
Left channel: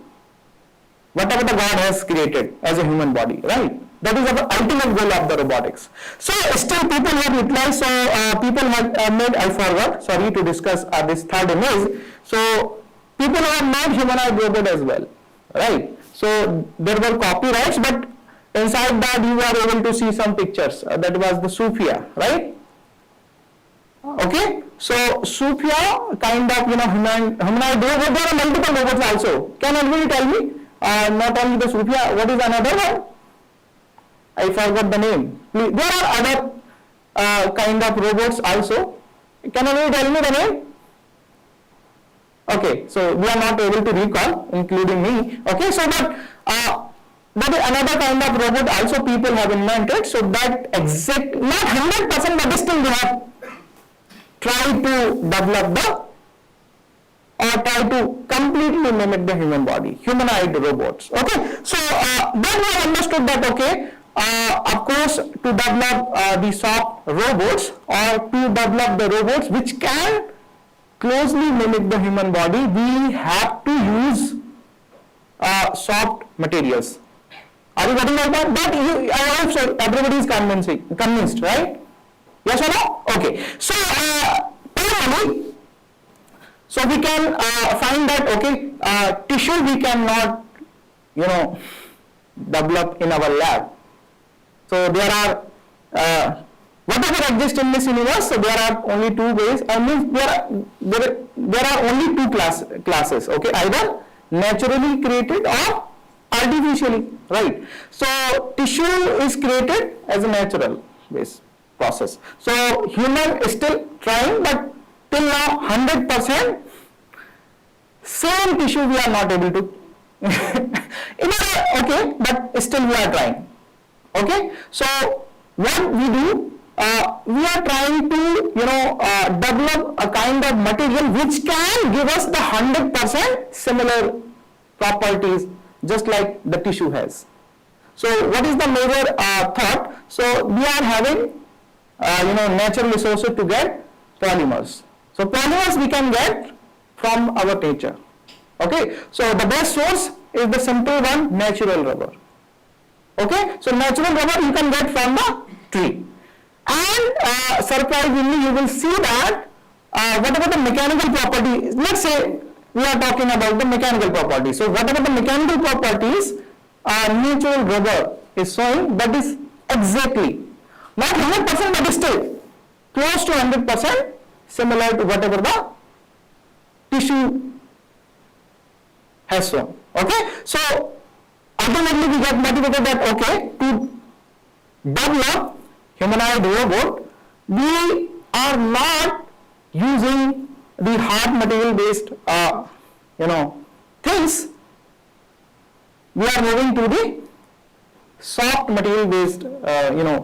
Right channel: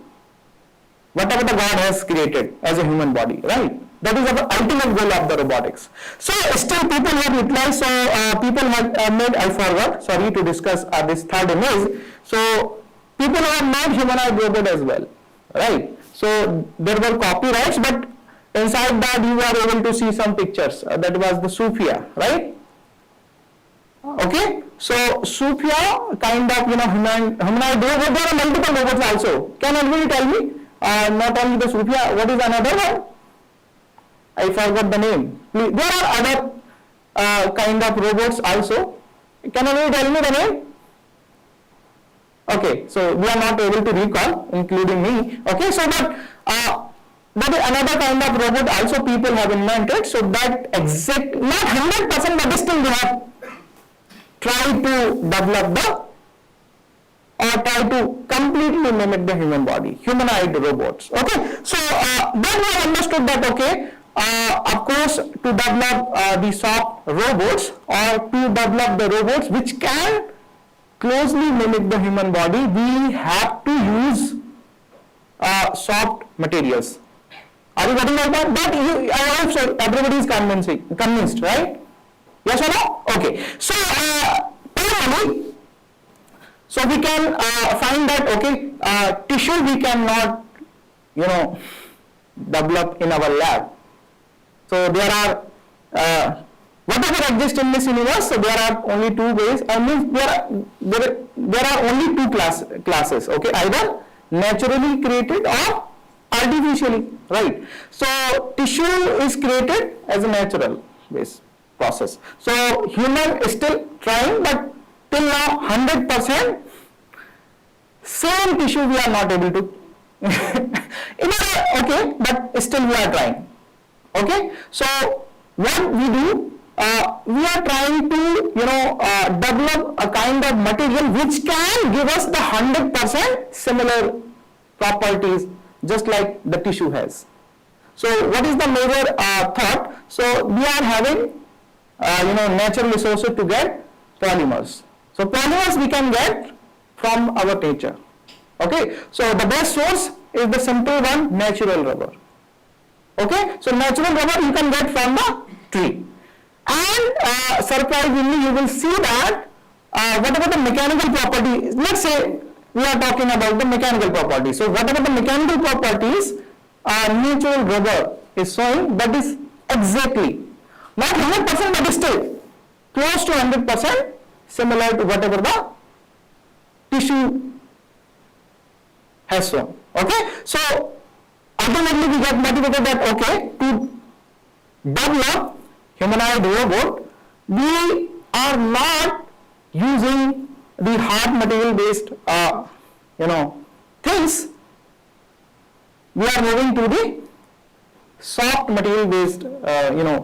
whatever the God has created as a human body, right? That is our ultimate goal of the robotics. So still people have utilized, so people have made, I forgot, sorry to discuss this third image. So people have made humanoid robot as well, right? So there were copyrights, but inside that you are able to see some pictures. That was the Sophia, right? Okay, so Sophia kind of humanoid robot. There are multiple robots also. Can anybody tell me? Not only the Sophia, what is another one? I forgot the name. Please, there are other kind of robots also. Can anybody tell me the name? Okay, so we are not able to recall, including me. Okay, so but that is another kind of robot also people have invented. So that exact, not 100%, but still they have tried to develop the, or try to completely mimic the human body, humanoid robots. Okay, so then we understood that, okay, of course, to develop the soft robots, or to develop the robots which can closely mimic the human body, we have to use soft materials. Are you getting like that? But I hope so everybody is convinced, right? Yes or no? Okay. So primarily, so we can find that, okay, tissue we cannot, develop in our lab. So there are whatever exists in this universe. So there are only two ways. I mean there are only two classes. Okay, either naturally created or artificially. Right. So tissue is created as a natural based process. So human is still trying, but till now 100% same tissue we are not able to. Okay, but still we are trying. Okay, so what we do, we are trying to develop a kind of material which can give us the 100% similar properties just like the tissue has. So what is the major thought? So we are having natural resources to get polymers. So polymers we can get from our nature. Okay, so the best source is the simple one, natural rubber. Okay, so natural rubber you can get from the tree, and surprisingly you will see that whatever the mechanical property, let's say we are talking about the mechanical properties. So whatever the mechanical properties natural rubber is showing, that is exactly not 100% but still close to 100% similar to whatever the tissue has shown. Okay, so ultimately we get motivated that, okay, to develop humanoid robot we are not using the hard material based things, we are moving to the soft material based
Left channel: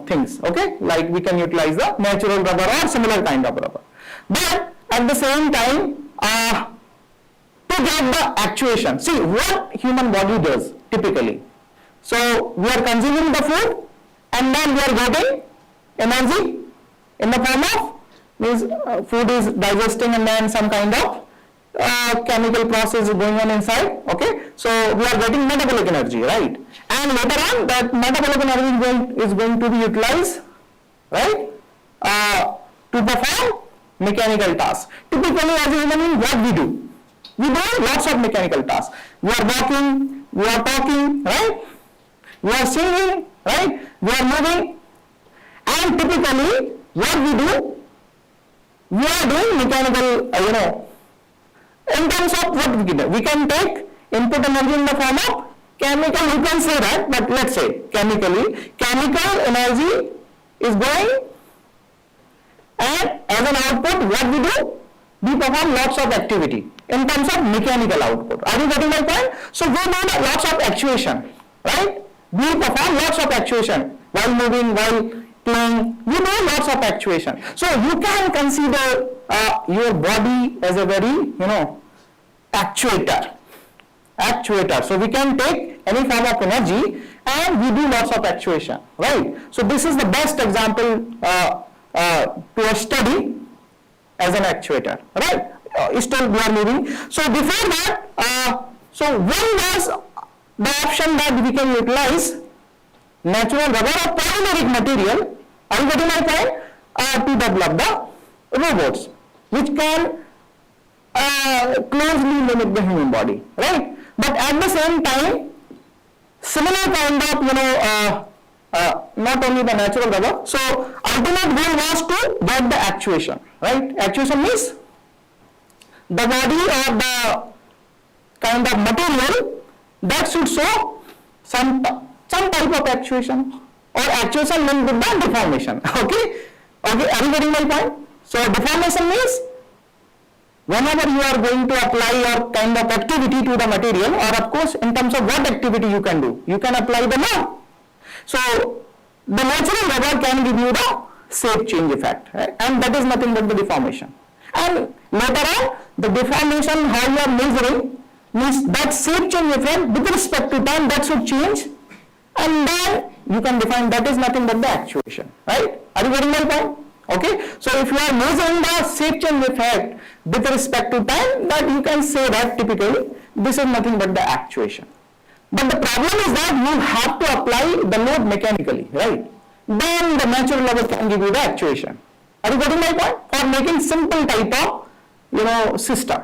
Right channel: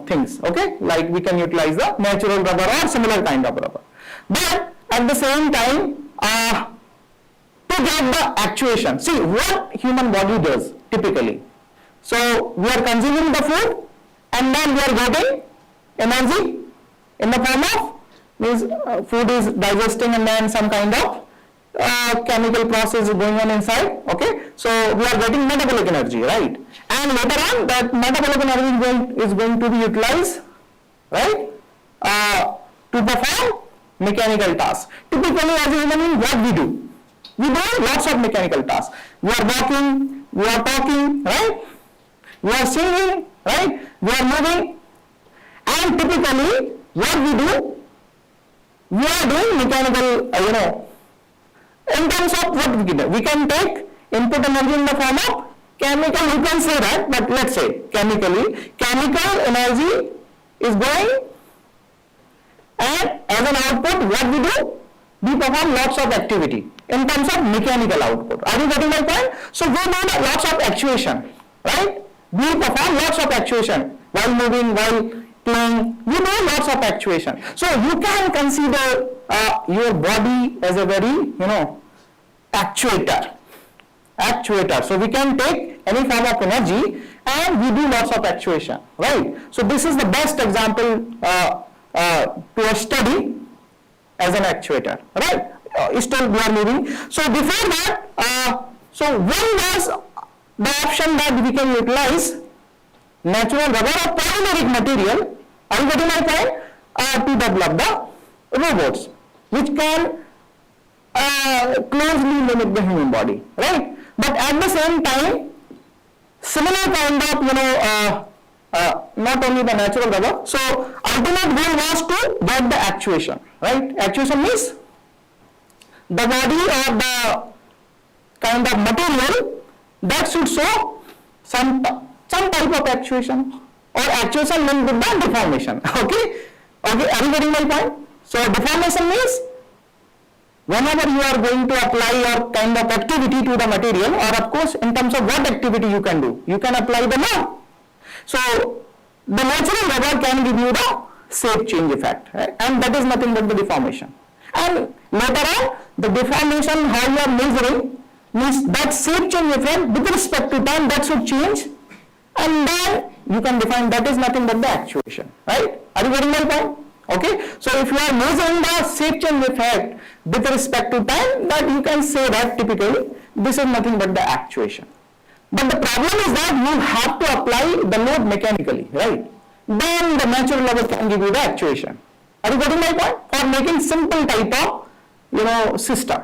things. Okay, like we can utilize the natural rubber or similar kind of rubber, but at the same time to get the actuation. See what human body does typically. So we are consuming the food and then we are getting energy in the form of, means food is digesting and then some kind of chemical process is going on inside. Okay, so we are getting metabolic energy, right? And later on that metabolic energy is going to be utilized, right, to perform mechanical tasks. Typically as a human being, what we do? We do lots of mechanical tasks. We are walking, we are talking, right? We are singing, right? We are moving. And typically what we do? We are doing mechanical, in terms of what we do. We can take input energy in the form of chemical, you can say that, but let's say chemically, chemical energy is going, and as an output, what we do? We perform lots of activity in terms of mechanical output. Are you getting my point? So we do lots of actuation, right? We perform lots of actuation while moving, while playing. We do lots of actuation. So you can consider your body as a very, actuator. So we can take any form of energy and we do lots of actuation, right? So this is the best example to a study as an actuator, right? Still we are moving. So before that, so when was the option that we can utilize natural rubber or polymeric material, are you getting my point, to develop the robots which can closely mimic the human body, right? But at the same time, similar kind of, not only the natural rubber. So ultimate goal was to get the actuation, right? Actuation means the body or the kind of material that should show some type of actuation, or actuation linked with the deformation. Okay, are you getting my point? So deformation means whenever you are going to apply your kind of activity to the material, or of course in terms of what activity you can do, you can apply the load. So the natural rubber can give you the shape change effect, right? And that is nothing but the deformation. And later on, the deformation how you are measuring means that shape change effect with respect to time, that should change, and then you can define that is nothing but the actuation, right? Are you getting my point? Okay, so if you are measuring the shape change effect with respect to time, that you can say that typically this is nothing but the actuation. But the problem is that you have to apply the load mechanically, right? Then the natural rubber can give you the actuation. Are you getting my point? For making simple type of, system.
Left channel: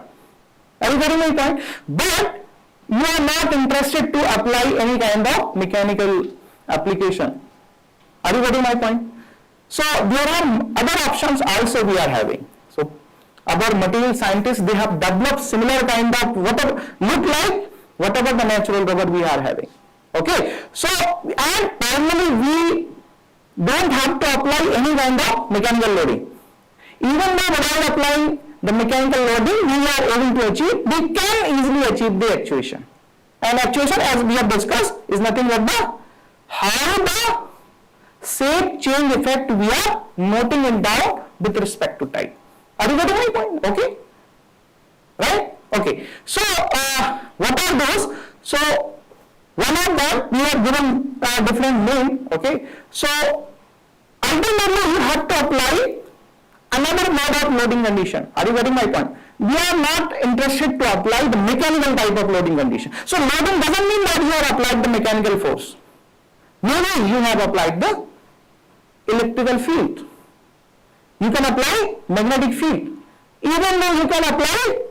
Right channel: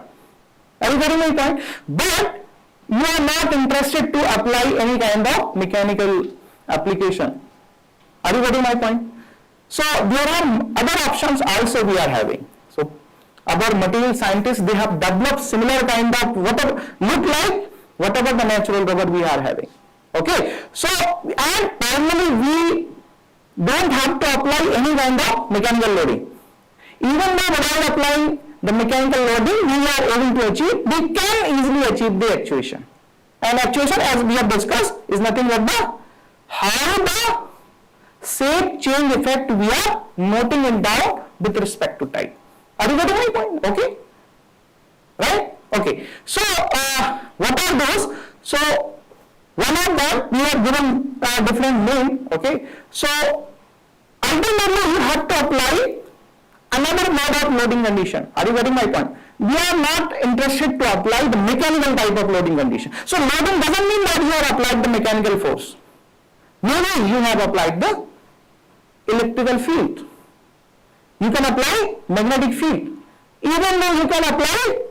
Are you getting my point? But you are not interested to apply any kind of mechanical application. Are you getting my point? So there are other options also we are having. So our material scientists, they have developed similar kind of whatever the natural rubber we are having. Okay, so and finally we don't have to apply any kind of mechanical loading. Even though without applying the mechanical loading we are able to achieve, we can easily achieve the actuation. And actuation, as we have discussed, is nothing but the how the shape change effect we are noting it down with respect to time. Are you getting my point? Okay, right? Okay, so what are those? So one of them we have given a different name. Okay, so ultimately you have to apply another mode of loading condition. Are you getting my point? We are not interested to apply the mechanical type of loading condition. So loading doesn't mean that you have applied the mechanical force. Maybe you have applied the electrical field. You can apply magnetic field. Even though you can apply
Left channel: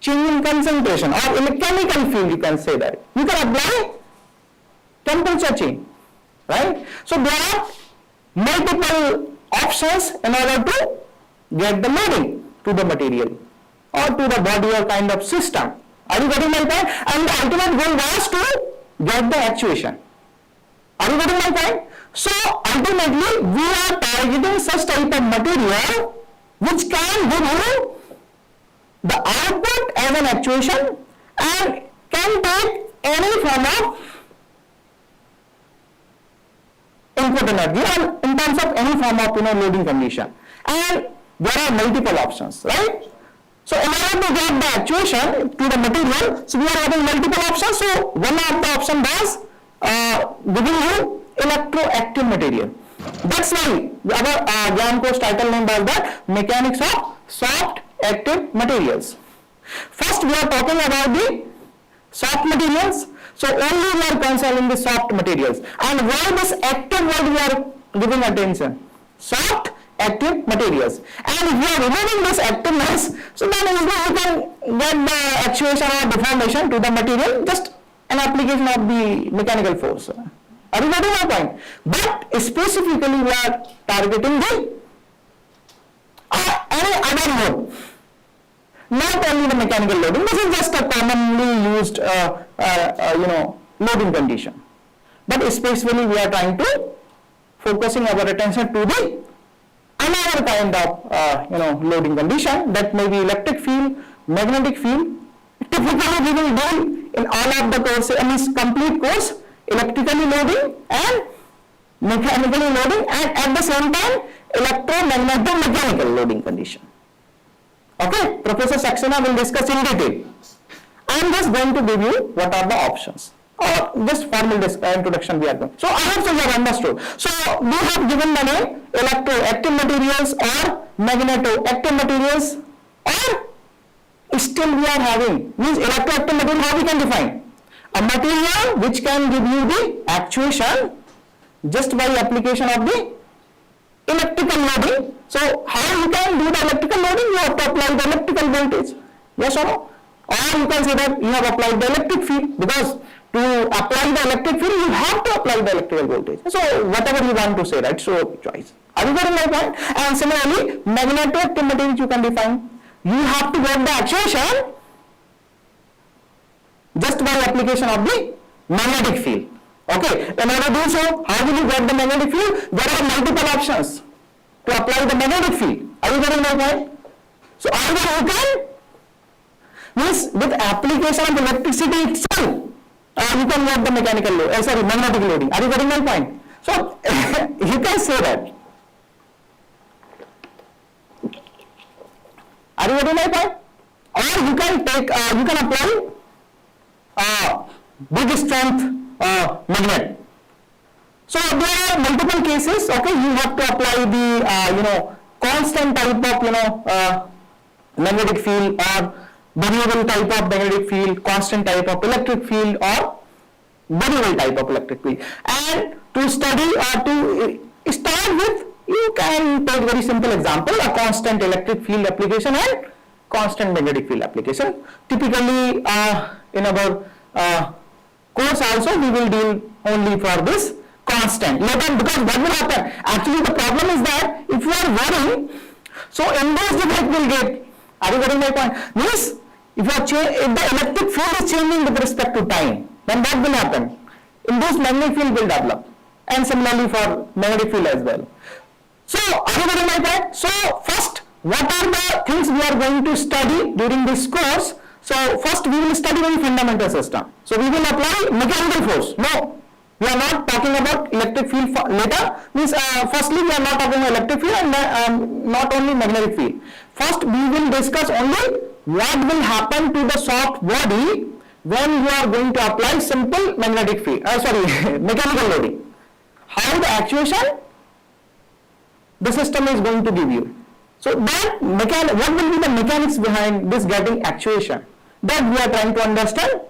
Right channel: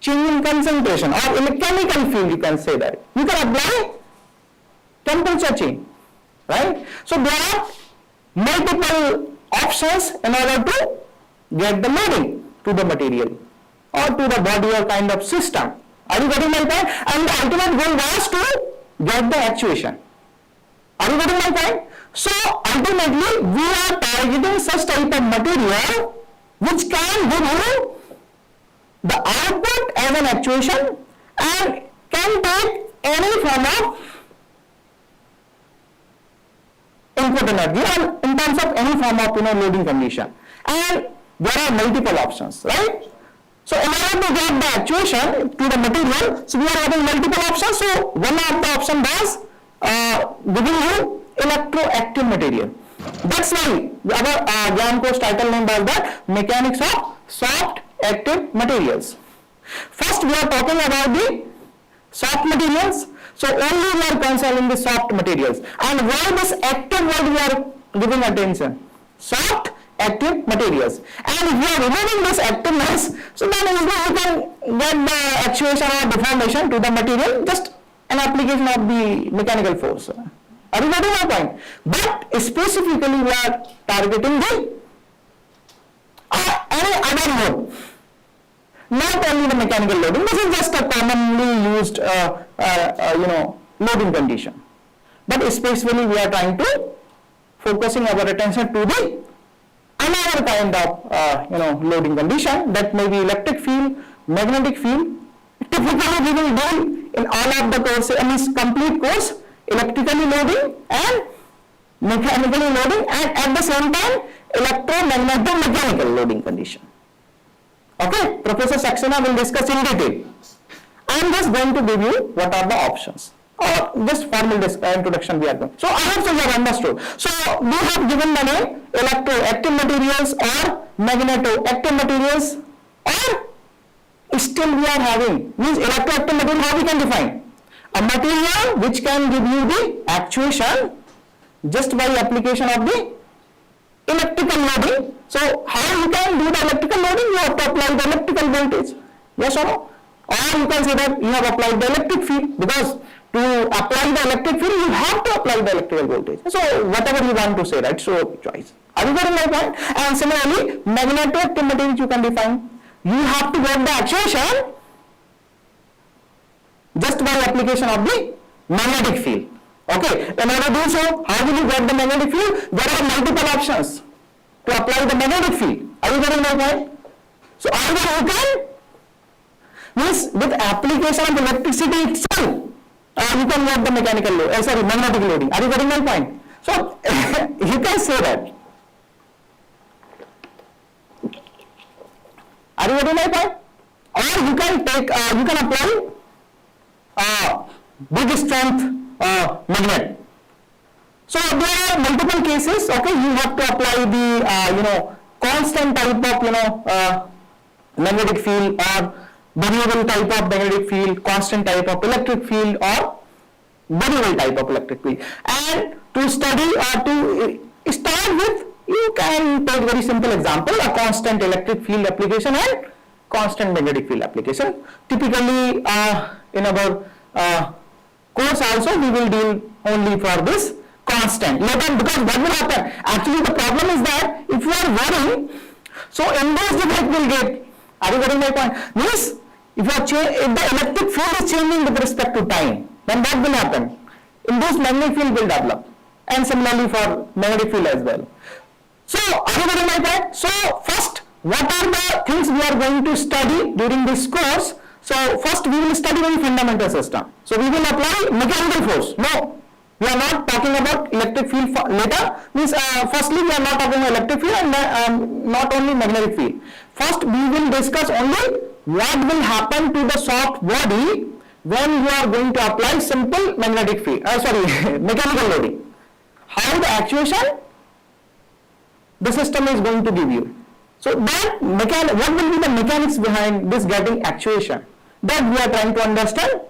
change in concentration or chemical field, you can say that. You can apply temperature change, right? So there are multiple options in order to get the loading to the material or to the body or kind of system. Are you getting my point? And the ultimate goal was to get the actuation. Are you getting my point? So ultimately we are targeting such type of material which can give you the output as an actuation and can take any form of input energy or in terms of any form of loading condition. And there are multiple options, right? So in order to get the actuation to the material, so we are having multiple options. So one of the option was giving you electroactive material. That's why our Gian course title name was that Mechanics of Soft Active Materials. First we are talking about the soft materials. So only we are concerning the soft materials. And why this active word we are giving attention? Soft active materials. And if you are removing this activeness, so then you can get the actuation or deformation to the material, just an application of the mechanical force. Are you getting my point? But specifically we are targeting the any other mode, not only the mechanical loading. This is just a commonly used loading condition, but specifically we are trying to focusing our attention to the another kind of loading condition, that may be electric field, magnetic field. Typically we will do in all of the courses, complete course, electrically loading and mechanically loading, and at the same time electromagnetic-mechanical loading condition. Okay, Professor Saxena will discuss in detail. I am just going to give you what are the options, or just formal introduction we are doing. So I hope you have understood. So we have given the name electroactive materials or magnetoactive materials, or still we are having, means electroactive material, how we can define? A material which can give you the actuation just by application of the electrical loading. So how you can do the electrical loading? You have to apply the electrical voltage. Yes or no? Or you can say that you have applied the electric field, because to apply the electric field you have to apply the electrical voltage. So whatever you want to say, right? So choice. Are you getting my point? And similarly, magnetic materials you can define. You have to get the actuation just by application of the magnetic field. Okay, in order to do so, how will you get the magnetic field? There are multiple options to apply the magnetic field. Are you getting my point? So either you can, means with application of electricity itself, you can get the mechanical load, magnetic loading. Are you getting my point? So you can say that. Are you getting my point? Or you can take, you can apply big strength magnet. So there are multiple cases. Okay, you have to apply the constant type of magnetic field, or variable type of magnetic field, constant type of electric field, or variable type of electric field. And to study or to start with, you can take very simple example, a constant electric field application and constant magnetic field application. Typically in our course also we will deal only for this constant. Later, because what will happen? Actually the problem is that if you are varying, so inverse effect will get. Are you getting my point? Means if the electric field is changing with respect to time, then what will happen? Induced magnetic field will develop, and similarly for magnetic field as well. So are you getting my point? So first, what are the things we are going to study during this course? So first we will study very fundamental system. So we will apply mechanical force. No, we are not talking about electric field later. Means firstly we are not talking about electric field and not only magnetic field. First we will discuss only what will happen to the soft body when you are going to apply simple magnetic field. Mechanical loading. How the actuation the system is going to give you. So that what will be the mechanics behind this getting actuation? That we are trying to understand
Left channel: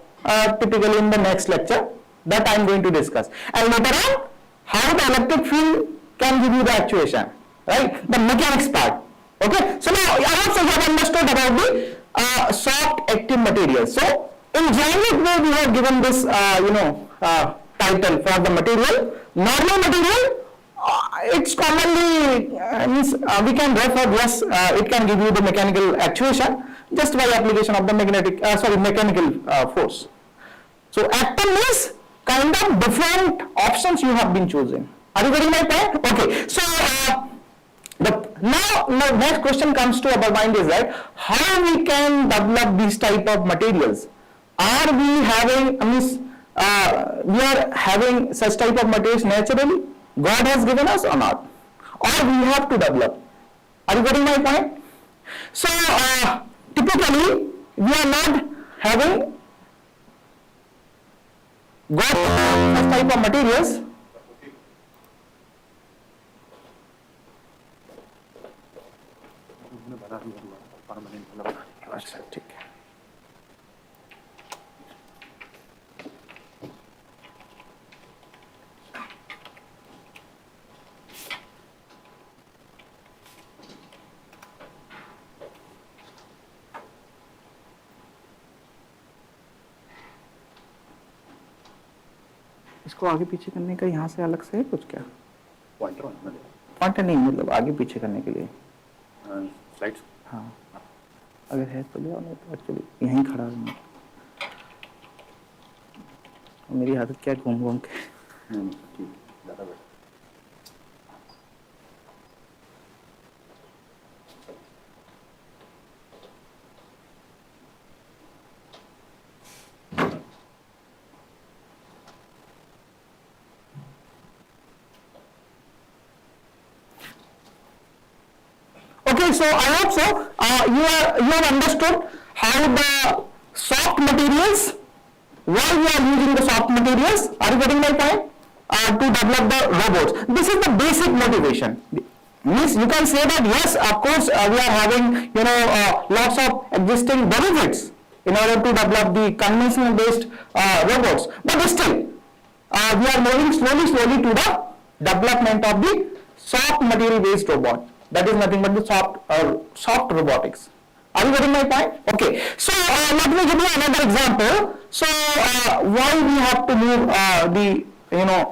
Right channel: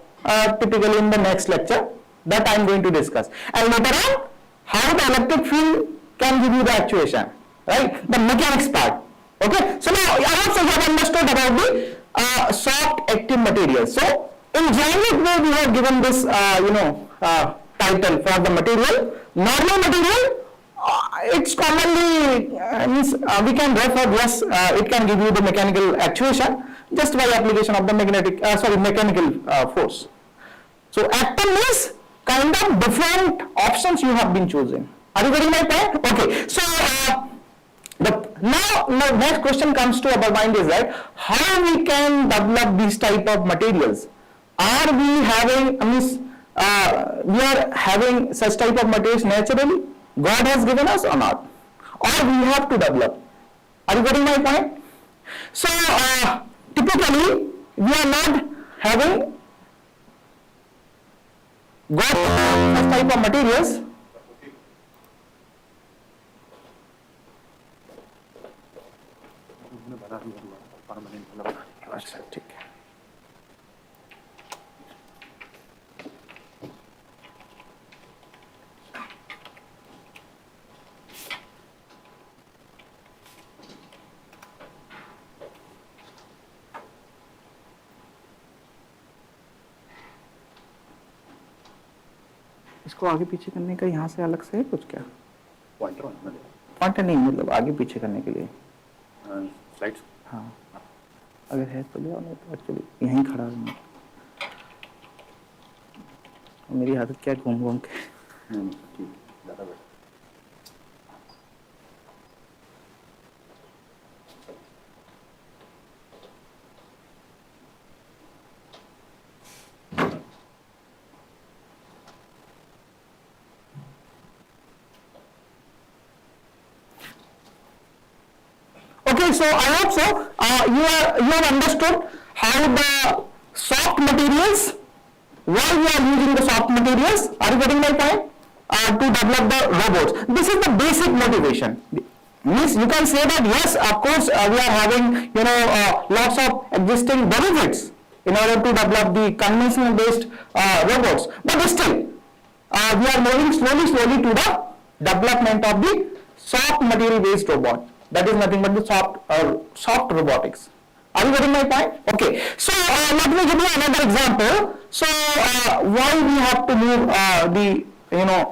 typically in the next lecture. That I am going to discuss. And later on, how the electric field can give you the actuation, right? The mechanics part. Okay. So now I also have understood about the soft active materials. So in generic way we have given this title for the material. Normal material. It's commonly means we can refer, yes, it can give you the mechanical actuation just by application of the mechanical force. So active means kind of different options you have been choosing. Are you getting my point? Okay. So now next question comes to our mind is that how we can develop these type of materials. Are we having we are having such type of materials naturally? God has given us or not? Or we have to develop? Are you getting my point? So typically we are not having got such type of materials. अच्छा ठीक है. इसको आगे पीछे करने का यहाँ से अलग से है कुछ क्या? पॉइंटर नहीं, मतलब आगे पीछे करने के लिए स्लाइड्स. हाँ, अगर है तो ले आओ, नहीं तो एक्चुअली यहीं खड़ा हूँ. मेरी आदत क्या घूम घूम के. ठीक, ज़्यादा better. Okay, so I hope so you have understood how the soft materials, why we are using the soft materials. Are you getting my point? To develop the robots. This is the basic motivation. Means you can say that yes, of course we are having lots of existing benefits in order to develop the conventional based robots, but still we are moving slowly to the development of the soft material based robot. That is nothing but the soft robotics. Are you getting my point? Okay. So let me give you another example. So why we have to move the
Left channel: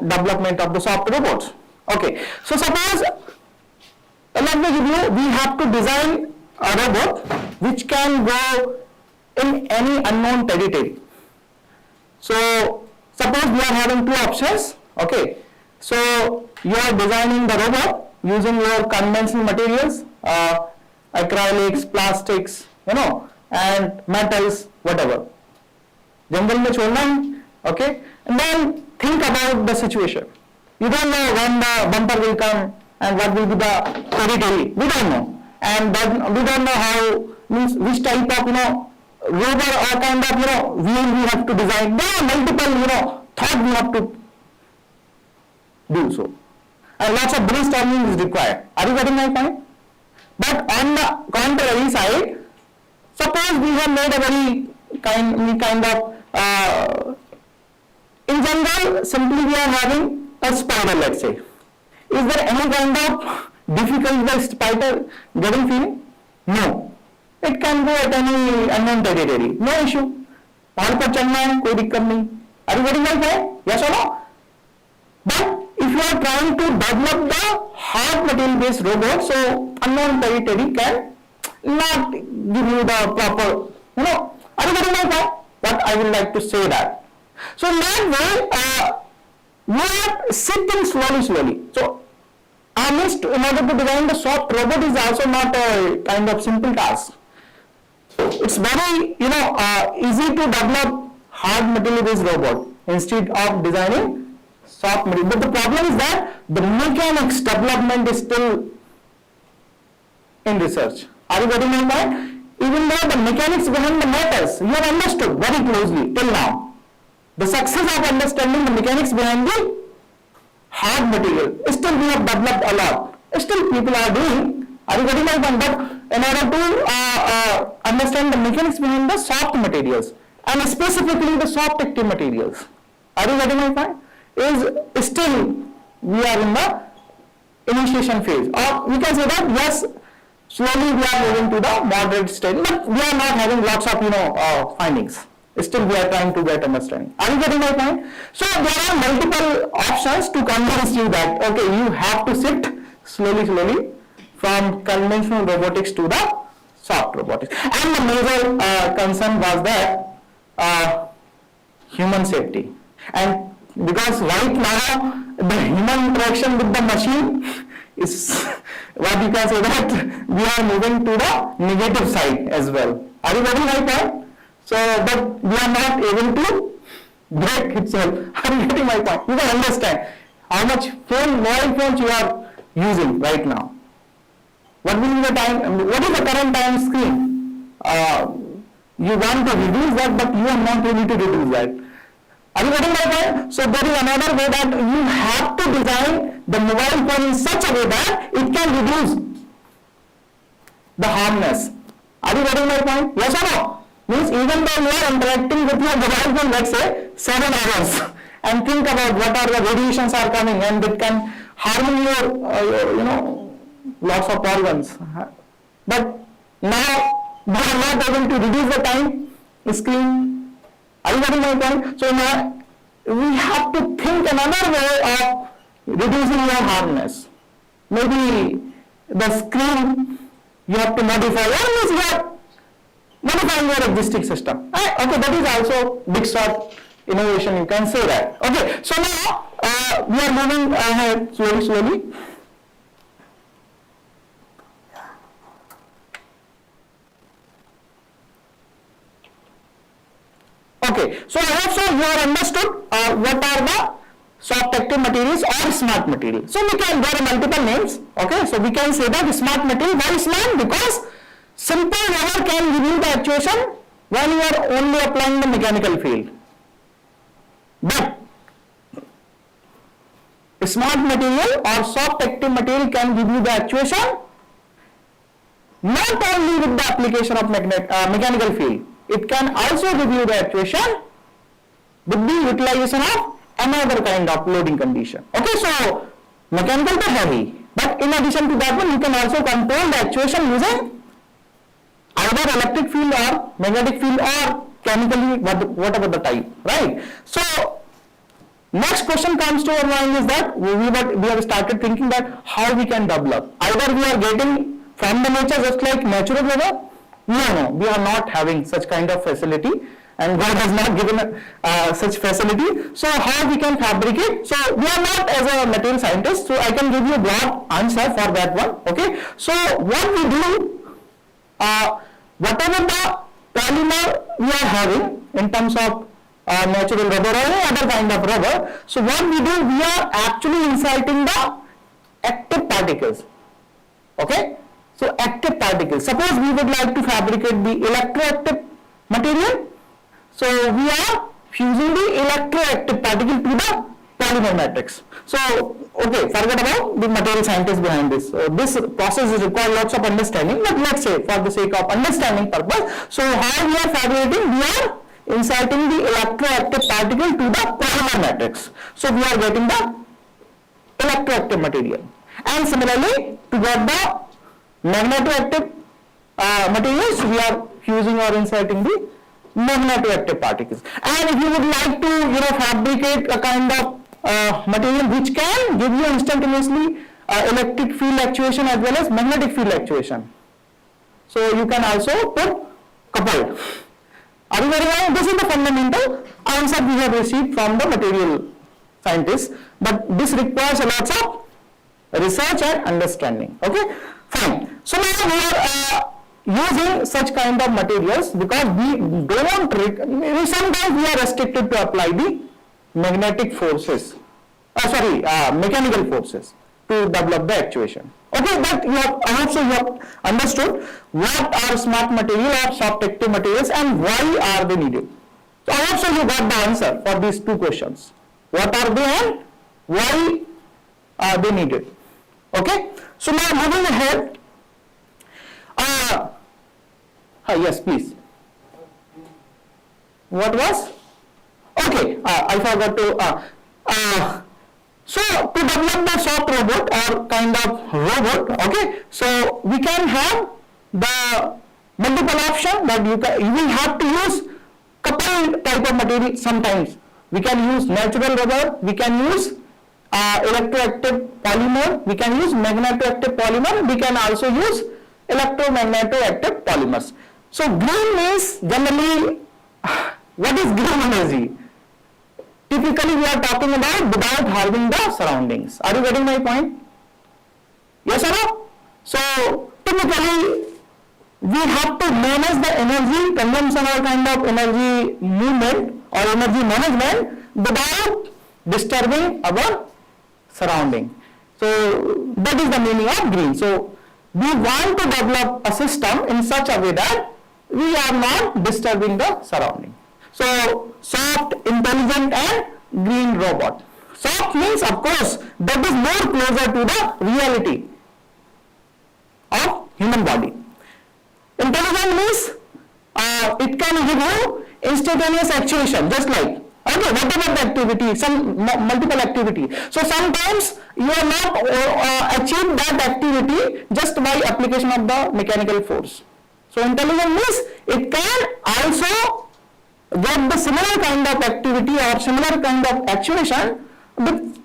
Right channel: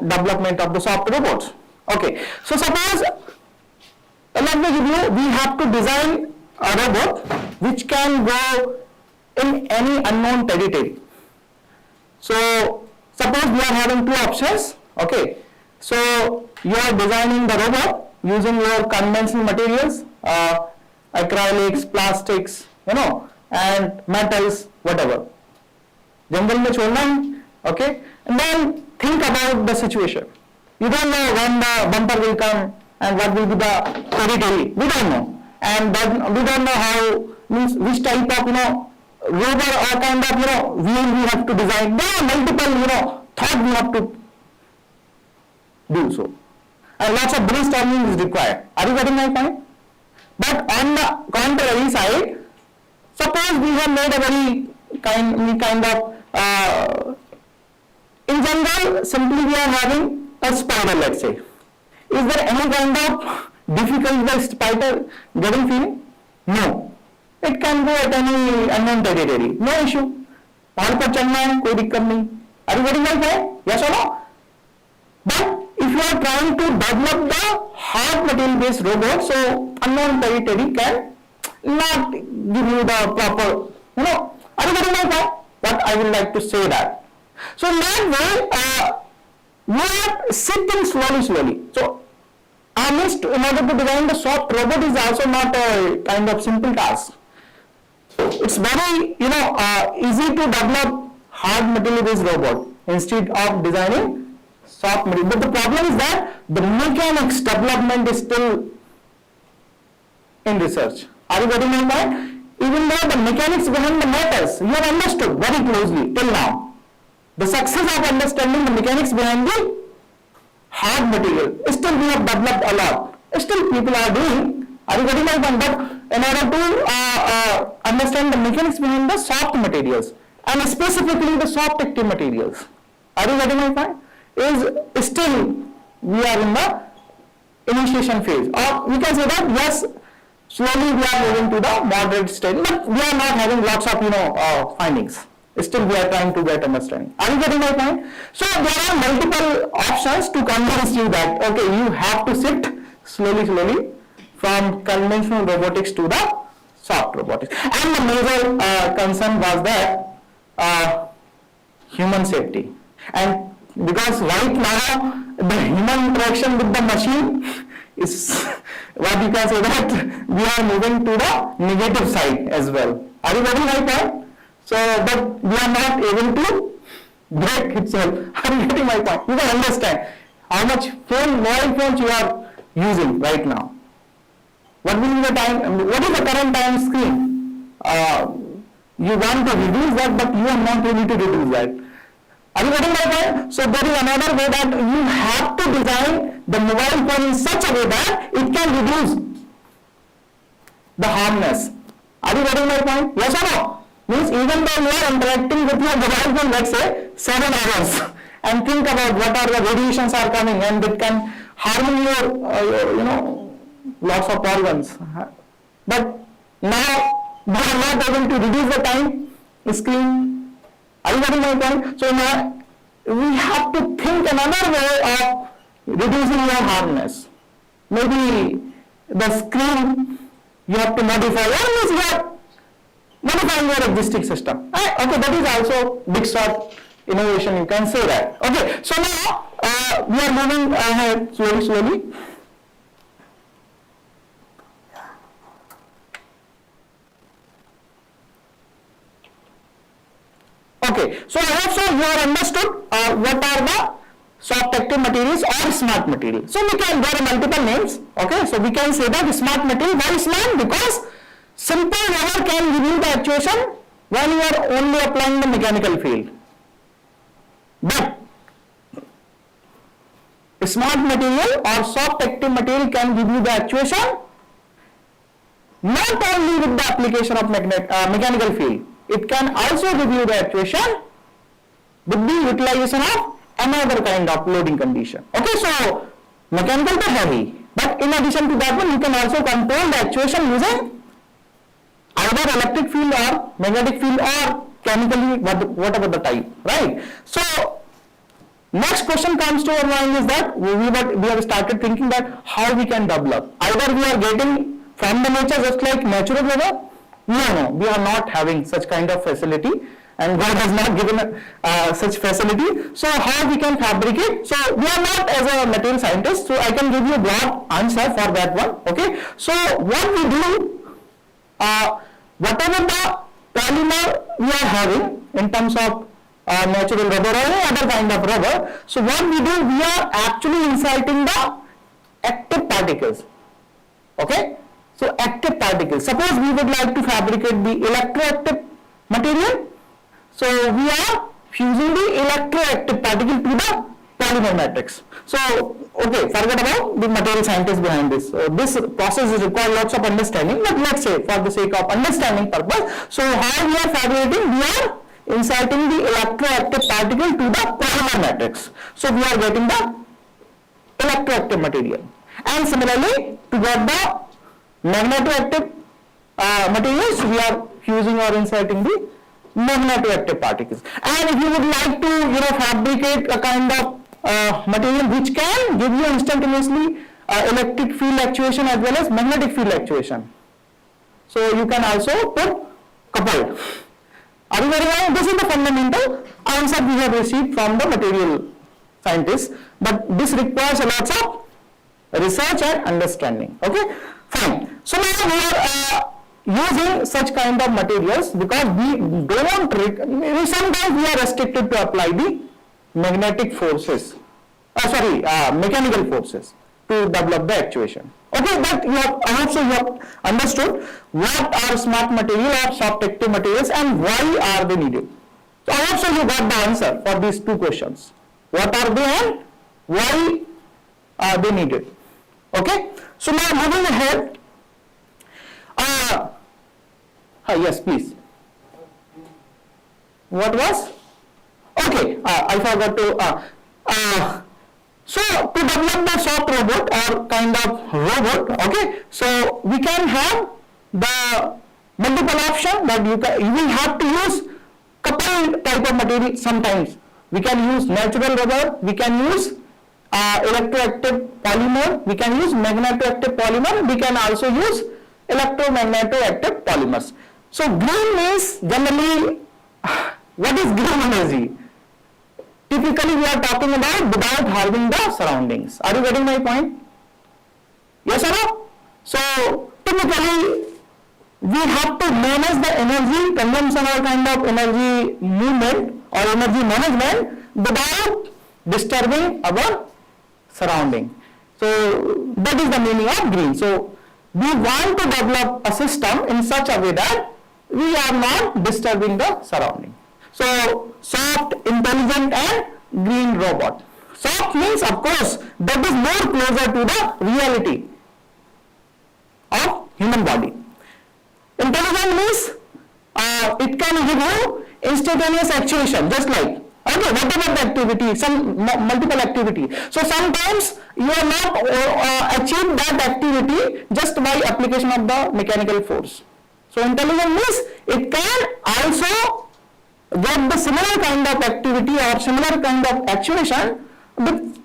development of the soft robots? Okay. So suppose let me give you. We have to design a robot which can go in any unknown territory. So suppose we are having two options. Okay. So you are designing the robot using your conventional materials. Acrylics, plastics, and metals, whatever. Jungle में छोड़ना है, okay? And then think about the situation. You don't know when the bumper will come and what will be the territory. We don't know, and we don't know how means which type of robot or kind of wheel we have to design. There are multiple thought we have to do so, and lots of brainstorming is required. Are you getting my point? But on the contrary side, suppose we have made a very kind of in general, simply we are having a spider, let's say. Is there any kind of difficulty the spider getting feeling? No. It can go at any unknown territory. No issue. पहाड़ पर चढ़ना है कोई दिक्कत नहीं. Are you getting my point? Yes or no? But if you are trying to develop the hard material based robot, so unknown territory can not give you the proper, are you getting my point? What I would like to say that. So in that way, we are sitting slowly. So in order to design the soft robot is also not a kind of simple task. It's very, easy to develop hard material based robot instead of designing soft material. But the problem is that the mechanics development is still in research. Are you getting my point? Even though the mechanics behind the matters, you have understood very closely till now. The success of understanding the mechanics behind the hard material, still we have developed a lot. Still people are doing. Are you getting my point? But in order to understand the mechanics behind the soft materials and specifically the soft active materials, are you getting my point? Is still we are in the initiation phase, or we can say that yes, slowly we are moving to the moderate stage, but we are not having lots of findings. Still we are trying to get understanding. Are you getting my point? So there are multiple options to convince you that okay, you have to shift slowly from conventional robotics to the soft robotics. And the major concern was that human safety. And because right now the human interaction with the machine is what you can say that we are moving to the negative side as well. Are you getting my point? So, but we are not able to break itself. Are you getting my point? You can understand how much mobile phones you are using right now. What will be the time? What is the current time screen? You want to reduce that, but you are not able to reduce that. Are you getting my point? So there is another way that you have to design the mobile phone in such a way that it can reduce the harmness. Are you getting my point? Yes or no? Means even though you are interacting with your mobile phone, let's say 7 hours, and think about what are the radiations are coming and it can harm your lots of organs. But now we are not able to reduce the time screen. Are you getting my point? So now we have to think another way of reducing your harmness. Maybe the screen you have to modify, or means you are modifying your existing system. Okay, that is also big shot innovation, you can say that. Okay, so now we are moving ahead slowly. Okay, so I hope so you have understood what are the soft active materials or smart materials. So there are multiple names. Okay, so we can say that smart material. Why smart? Because simple rubber can give you the actuation when you are only applying the mechanical field. But smart material or soft active material can give you the actuation not only with the application of mechanical field. It can also give you the actuation with the utilization of another kind of loading condition. Okay, so mechanical to heavy. But in addition to that one, you can also control the actuation using either electric field or magnetic field or chemically, whatever the type, right? So next question comes to our mind is that we have started thinking that how we can develop. Either we are getting from the nature just like natural weather. No, we are not having such kind of facility, and God has not given such facility. So how we can fabricate? So we are not as a material scientist, so I can give you a broad answer for that one. Okay. So what we do, whatever the polymer we are having in terms of natural rubber or any other kind of rubber, so what we do, we are actually inserting the active particles. Okay. So active particles. Suppose we would like to fabricate the electroactive material. So we are fusing the electroactive particle to the polymer matrix. So okay, forget about the material scientist behind this. So this process is required lots of understanding, but let's say for the sake of understanding purpose, so how we are fabricating, we are inserting the electroactive particle to the polymer matrix. So we are getting the electroactive material. And similarly, to get the magnetoactive materials, we are fusing or inserting the magnetoactive particles. And if you would like to fabricate a kind of material which can give you instantaneously electric field actuation as well as magnetic field actuation, so you can also put coupled. Are you getting it? This is the fundamental answer we have received from the material scientists, but this requires a lot of research and understanding. Okay, fine. So now we are using such kind of materials because we don't, sometimes we are restricted to apply the magnetic forces, mechanical forces to develop the actuation. Okay, but I hope so you have understood what are smart material or soft active materials and why are they needed. So I hope so you got the answer for these two questions. What are they and why are they needed? Okay, so now moving ahead. Yes, please. What was? Okay, I forgot to. So to develop the soft robot or kind of robot, okay, so we can have the multiple option that you will have to use coupled type of material sometimes. We can use natural rubber, we can use electroactive polymer, we can use magnetoactive polymer, we can also use electromagnetoactive polymers. So green means generally, what is green energy? Typically we are talking about without harming the surroundings. Are you getting my point? Yes or no? So typically we have to manage the energy consumption or kind of energy movement or energy management without disturbing our surrounding. So that is the meaning of green. So we want to develop a system in such a way that we are not disturbing the surrounding. So soft, intelligent and green robot. Soft means of course that is more closer to the reality of human body. Intelligent means it can give you instantaneous actuation, just like whatever the activity, some multiple activity. So sometimes you are not achieve that activity just by application of the mechanical force. So intelligent means it can also get the similar kind of activity or similar kind of actuation with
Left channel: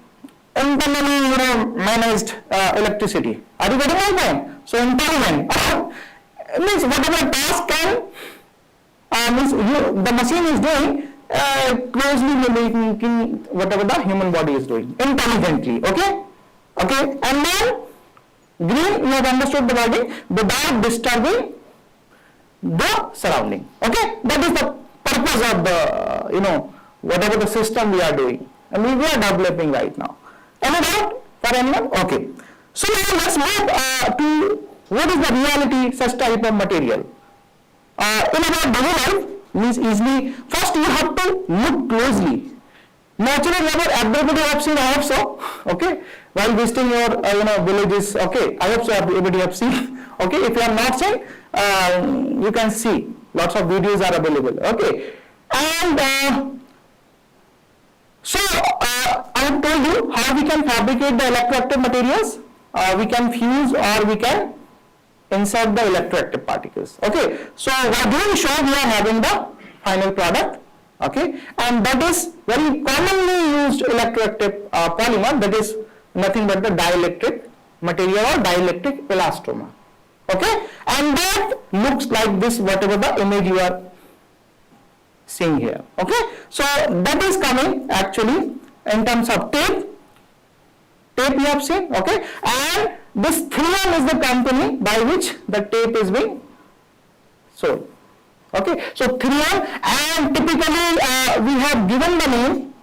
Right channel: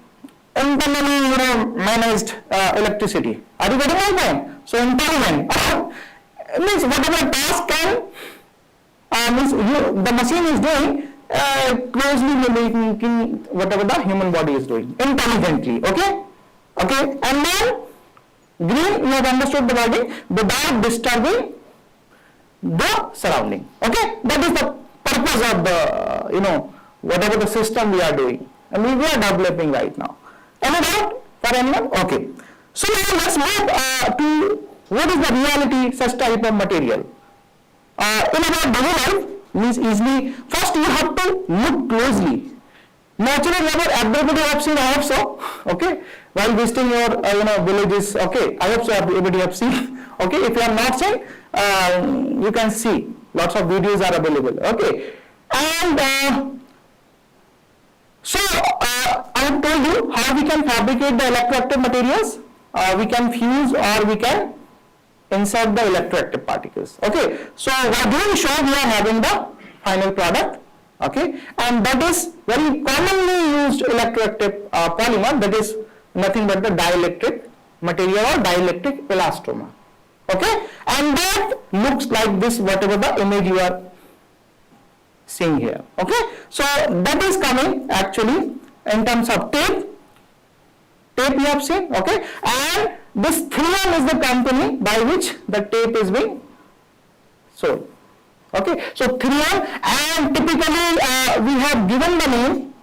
internally managed electricity. Are you getting my point? So intelligent means whatever task can means the machine is doing closely mimicking whatever the human body is doing intelligently. Okay, and then green, you have understood the wording, without disturbing the surrounding. Okay, that is the purpose of the whatever the system we are doing and we are developing right now. Any doubt for anyone? Okay, so now let's move to what is the reality such type of material. In our daily life means easily, first you have to look closely. Natural rubber, everybody have seen, I hope so. Okay, while visiting your villages. Okay, I hope so everybody have seen. Okay, if you are not seen, you can see lots of videos are available. Okay, and So I have told you how we can fabricate the electroactive materials. We can fuse or we can insert the electroactive particles. Okay, so what do we show? We are having the final product. Okay, and that is very commonly used electroactive polymer, that is nothing but the dielectric material or dielectric elastomer. Okay, and that looks like this, whatever the image you are seeing here. Okay, so that is coming actually in terms of tape you have seen. Okay, and this 3M is the company by which the tape is being sold. Okay, so 3M, and typically we have given the name,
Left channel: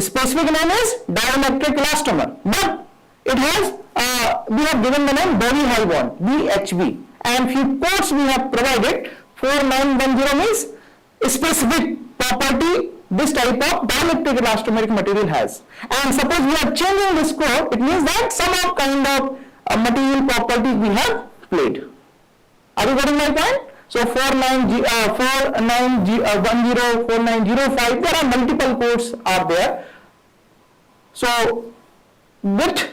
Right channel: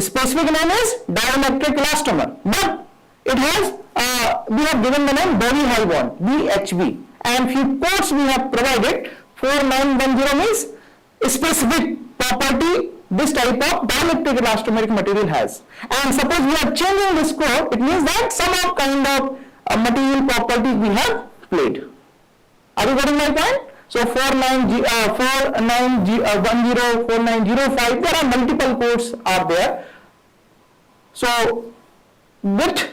specific name is dielectric elastomer, but it has we have given the name Boni high bond, BHB, and few codes we have provided. 4910 means specific property this type of dielectric elastomeric material has, and suppose we are changing this code, it means that some of kind of material property we have played. Are you getting my point? So 4910, 4905, there are multiple codes are there. So with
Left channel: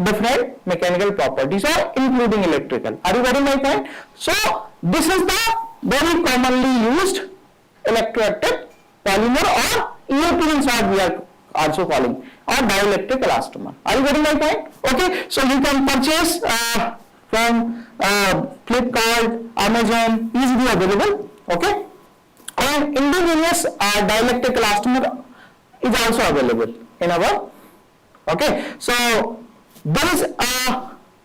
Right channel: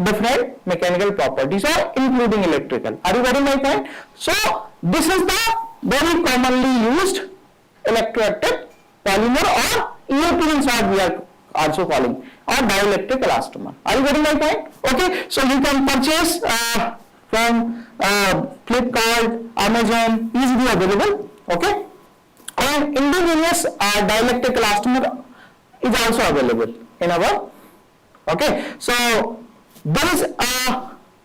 different mechanical properties or including electrical. Are you getting my point? So this is the very commonly used electroactive polymer, or EAP is what we are also calling, or dielectric elastomer. Are you getting my point? Okay, so you can purchase from Flipkart, Amazon, easily available. Okay, and indigenous dielectric elastomer is also available in our. Okay, so there is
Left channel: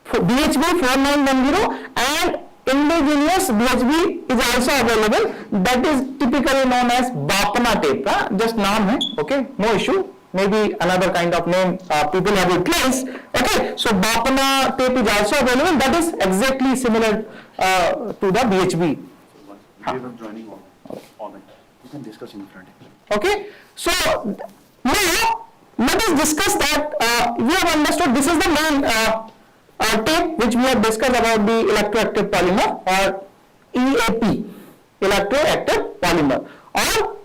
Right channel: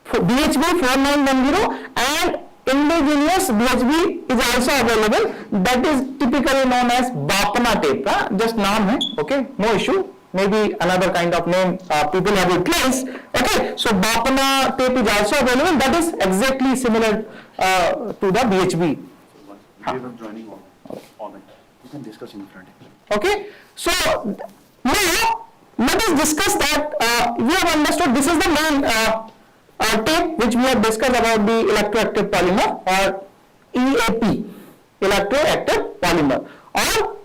BHB 4910 and indigenous BHB is also available, that is typically known as Bapana tape. Just name hai. Okay, no issue, maybe another kind of name people have replaced. Okay, so Bapana tape is also available, that is exactly similar to the BHB. So we are joining on it. You can discuss in front. Okay, so now let us discuss that. We have understood this is the main tape which we have discussed about the electroactive polymer, or EAP, electroactive polymer, or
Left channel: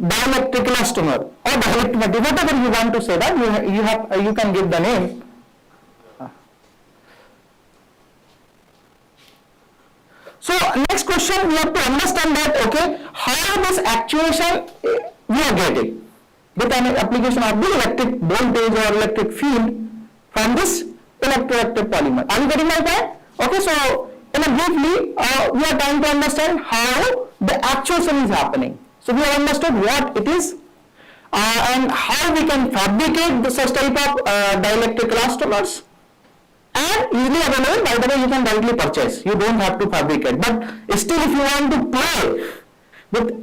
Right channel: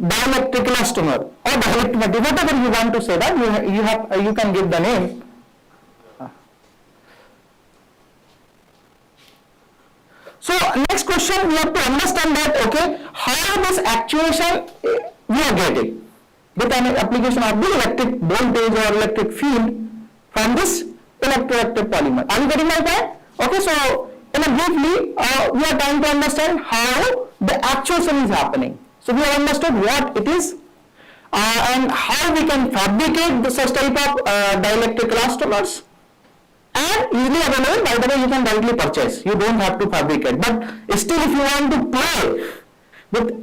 dielectric elastomer, or dielectric material, whatever you want to say that, you can give the name. So next question, we have to understand that, okay, how this actuation we are getting with an application of the electric voltage or electric field from this electroactive polymer. Are you getting my point? Okay, so in a briefly, we are trying to understand how the actuation is happening. So we have understood what it is and how we can fabricate the such type of dielectric elastomers, and easily available. By the way, you can directly purchase. You don't have to fabricate. But still, if you want to play with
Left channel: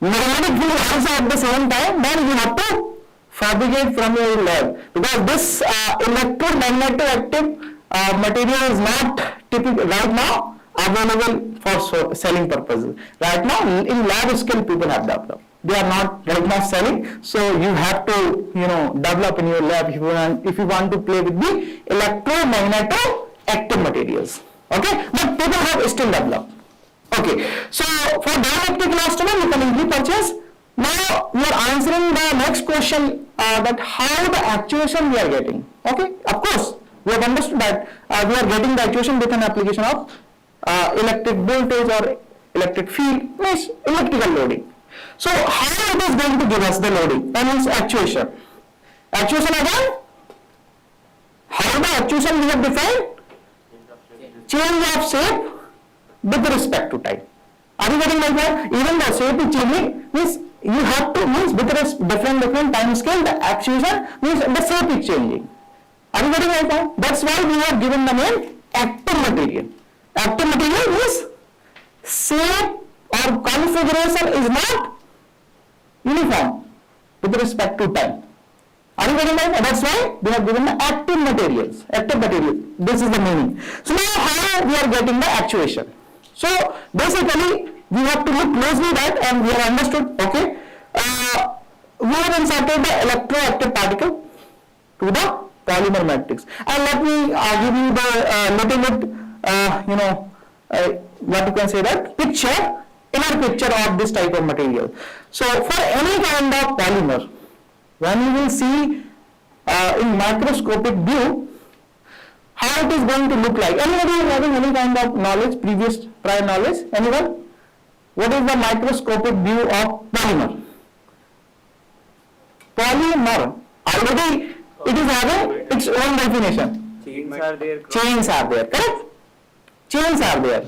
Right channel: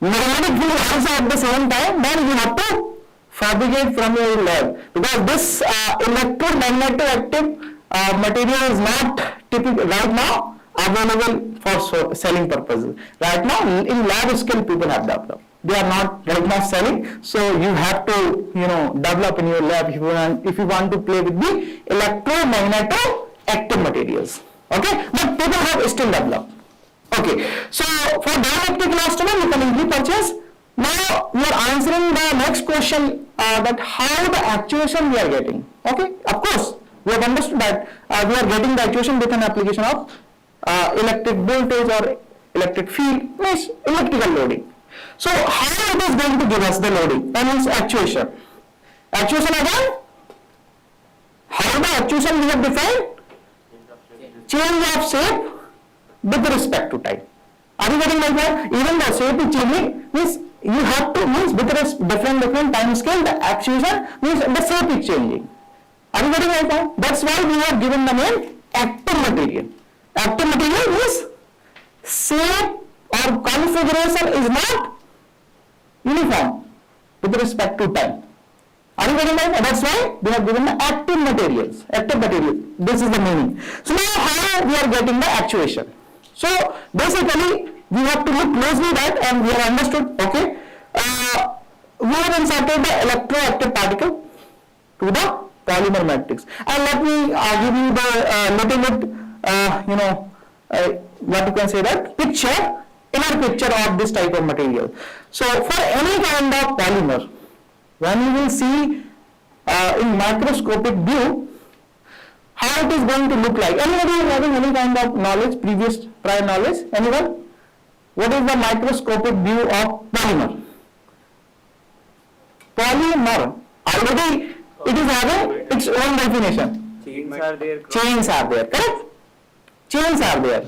magnetic field also at the same time, then you have to fabricate from your lab, because this electromagnetic material is not typical right now available for selling purposes. Right now, in lab scale, people have developed. They are not right now selling, so you have to develop in your lab if you want to play with the electromagnetic materials. Okay, but people have still developed. Okay, so for dielectric elastomer you can easily purchase. Now we are answering the next question, that how the actuation we are getting. Okay, of course we have understood that we are getting the actuation with an application of electric voltage or electric field, means electrical loading. So how it is going to give us the loading? That means actuation. Actuation again, how the actuation we have defined? Change of shape with respect to time. Are you getting my point? Even the shape is changing, means you have to, means with different time scale, the actuation means the shape is changing. Are you getting my point? That's why we have given the name active material. Active material means shape or configuration is not uniform with respect to time. Are you getting my point? That's why we have given the active materials. Active material. This is the meaning. So now how we are getting the actuation? So basically we have to look closely that, and we have understood. Okay, we have inserted the electroactive particle to the polymer matrix, and let me give you the little bit what you can say that picture inner picture of this type of material. So for any kind of polymer, when you will see in microscopic view, how it is going to look like. Anybody having any kind of knowledge, prior knowledge? Anyone? What is the microscopic view of polymer? Polymer, already it is having its own definition. Chains are there. Chains are there, correct? Chains are there.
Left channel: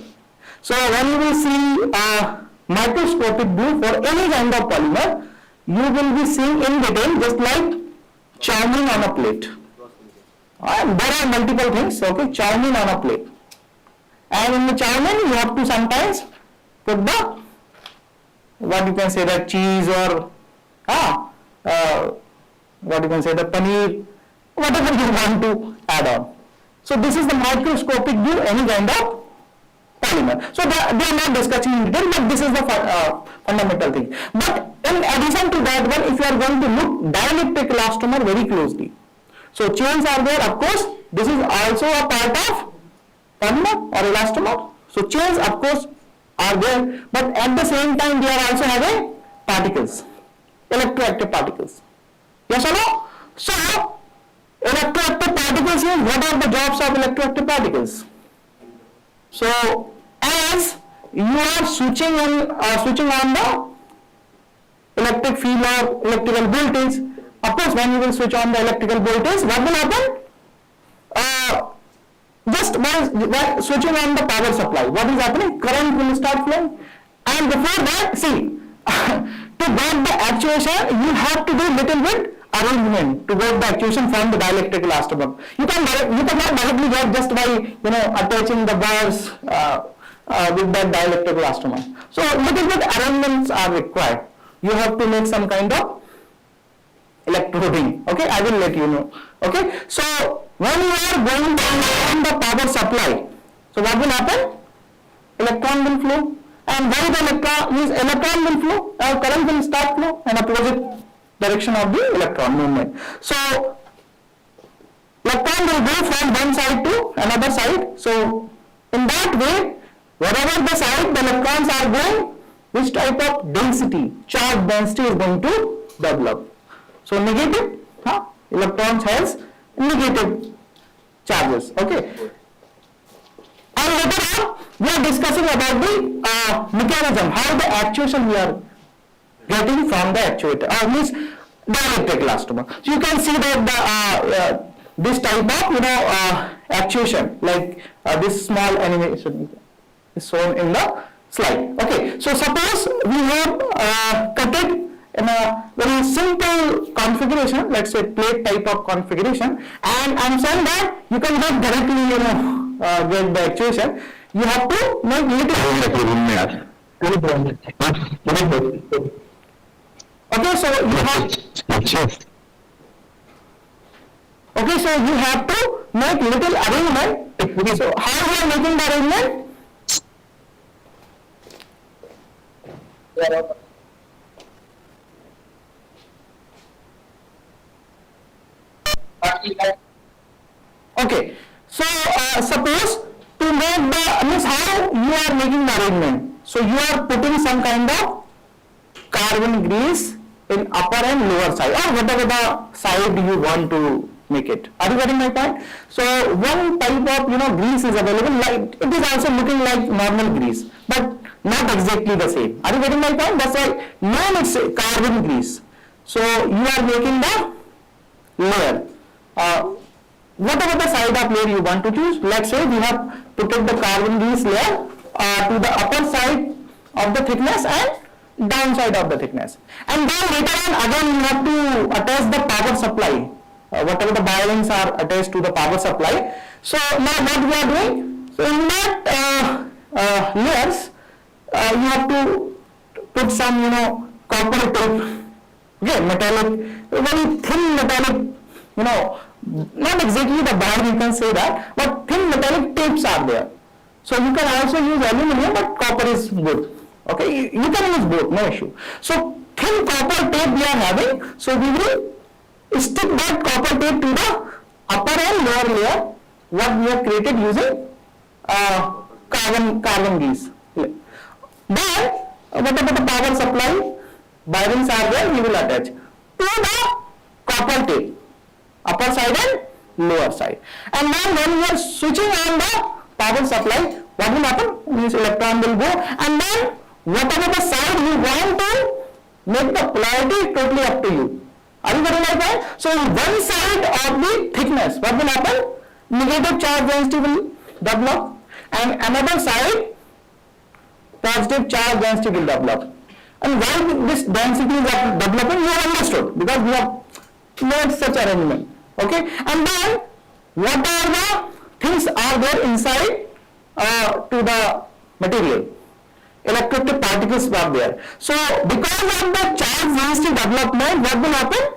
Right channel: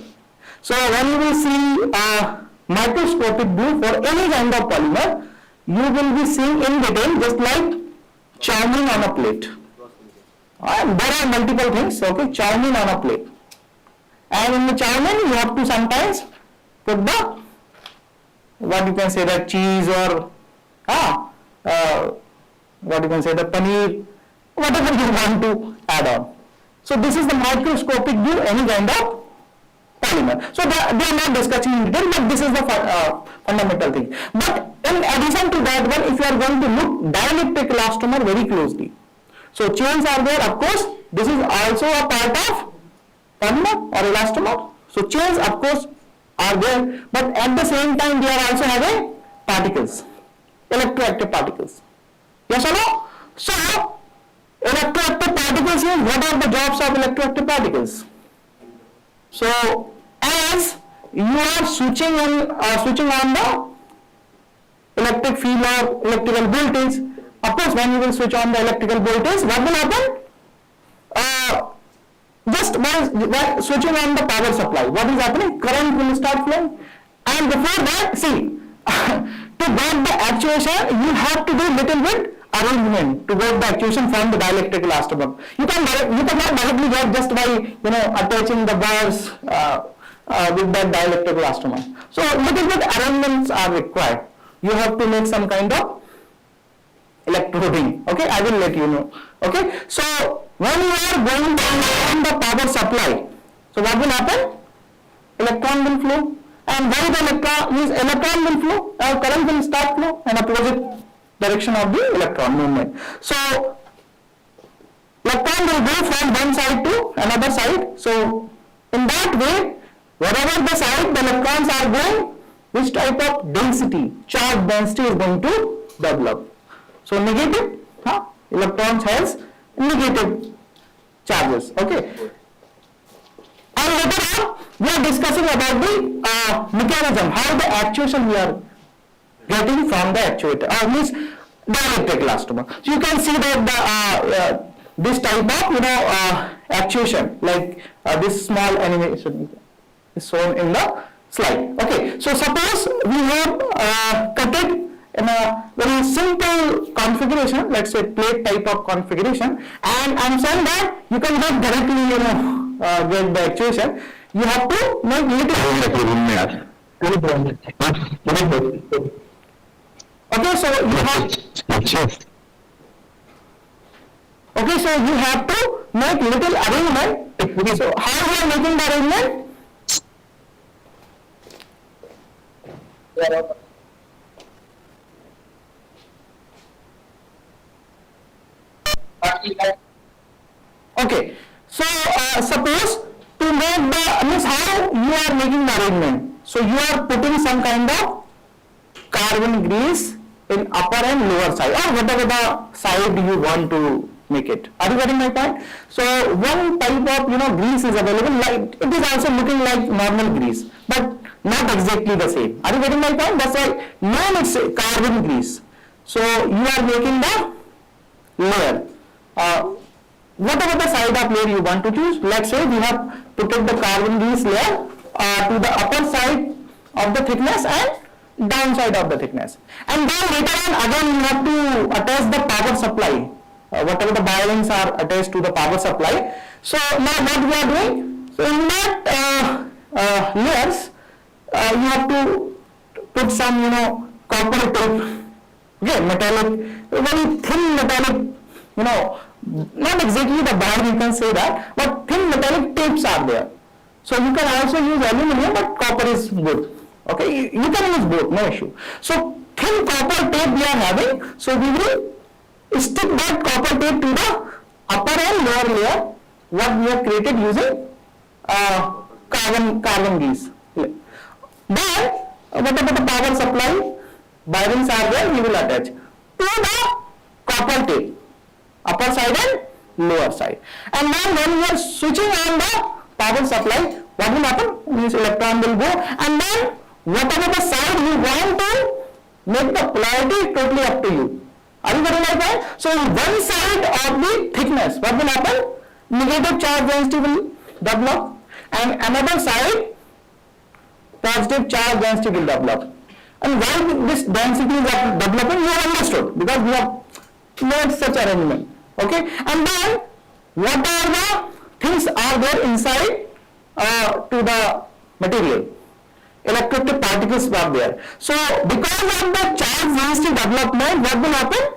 So when you will see a microscopic view for any kind of polymer, you will be seeing in detail just like chow-mein on a plate. There are multiple things, okay, chow-mein on a plate. And in the chow-mein you have to sometimes put the, what you can say, the cheese or what you can say, the paneer, whatever you want to add on. So this is the microscopic view, any kind of polymer. So they are not discussing in detail, but this is the fundamental thing. But in addition to that one, if you are going to look dielectric elastomer very closely, so chains are there, of course, this is also a part of polymer or elastomer. So chains, of course, are there, but at the same time they are also having particles, electroactive particles. Yes or no? So electroactive particles is, what are the jobs of electroactive particles? So as you are switching on the electric field or electrical voltage, of course when you will switch on the electrical voltage, what will happen? Just by switching on the power supply, what is happening? Current will start flowing. And before that, see, to get the actuation, you have to do little bit arrangement to get the actuation from the dielectric elastomer. You cannot directly get just by attaching the bars with that dielectric elastomer. So little bit arrangements are required. You have to make some kind of electroding. Okay, I will let you know. Okay, so when you are going from the power supply, so what will happen? Electron will flow, and where the electron will flow, current will start flow in opposite direction of the electron movement. So electron will go from one side to another side. So in that way, wherever the side the electrons are going, which type of density, charge density is going to develop. So negative, electrons has negative charges. Okay. And later on, we are discussing about the mechanism, how the actuation we are getting from the actuator, means dielectric elastomer. So you can see that this type of actuation, like this small animation is shown in the slide. Okay, so suppose we have cut it in a very simple configuration, let's say plate type of configuration, and I'm saying that you can get directly get the actuation. You have to make little. Okay, so you have to make little arrangement. So how we are making the arrangement? Okay, so suppose to make the, means how you are making the arrangement. So you are putting some kind of carbon grease in upper and lower side, or whatever the side you want to make it. Are you getting my point? So one type of grease is available, like it is also looking like normal grease, but not exactly the same. Are you getting my point? That's why now it's carbon grease. So you are making the layer. Whatever the side of layer you want to choose, let's say we have put the carbon grease layer to the upper side of the thickness and downside of the thickness, and then later on again you have to attach the power supply, whatever the bearings are attached to the power supply. So now what we are doing, so in that layers you have to put some copper tape, okay, metallic, very thin metallic, not exactly the bar you can say that, but thin metallic tapes are there. So you can also use aluminum, but copper is good. Okay, you can use both, no issue. So thin copper tape we are having, so we will stick that copper tape to the upper and lower layer what we have created using carbon grease. Then What about the power supply? Bearings are there, we will attach to the copper tape, upper side and lower side. And then when we are switching on the power supply, what will happen? Means electron will go, and then whatever the side you want to make the polarity totally up to you. Are you getting my point? So in one side of the thickness, what will happen? Negative charge density will develop, and another side positive charge density will develop. And why this density is developing, you have understood, because we have made such arrangement. Okay, and then what are the things are there inside to the material? Electrostatic particles are there. So because of the charge density development, what will happen?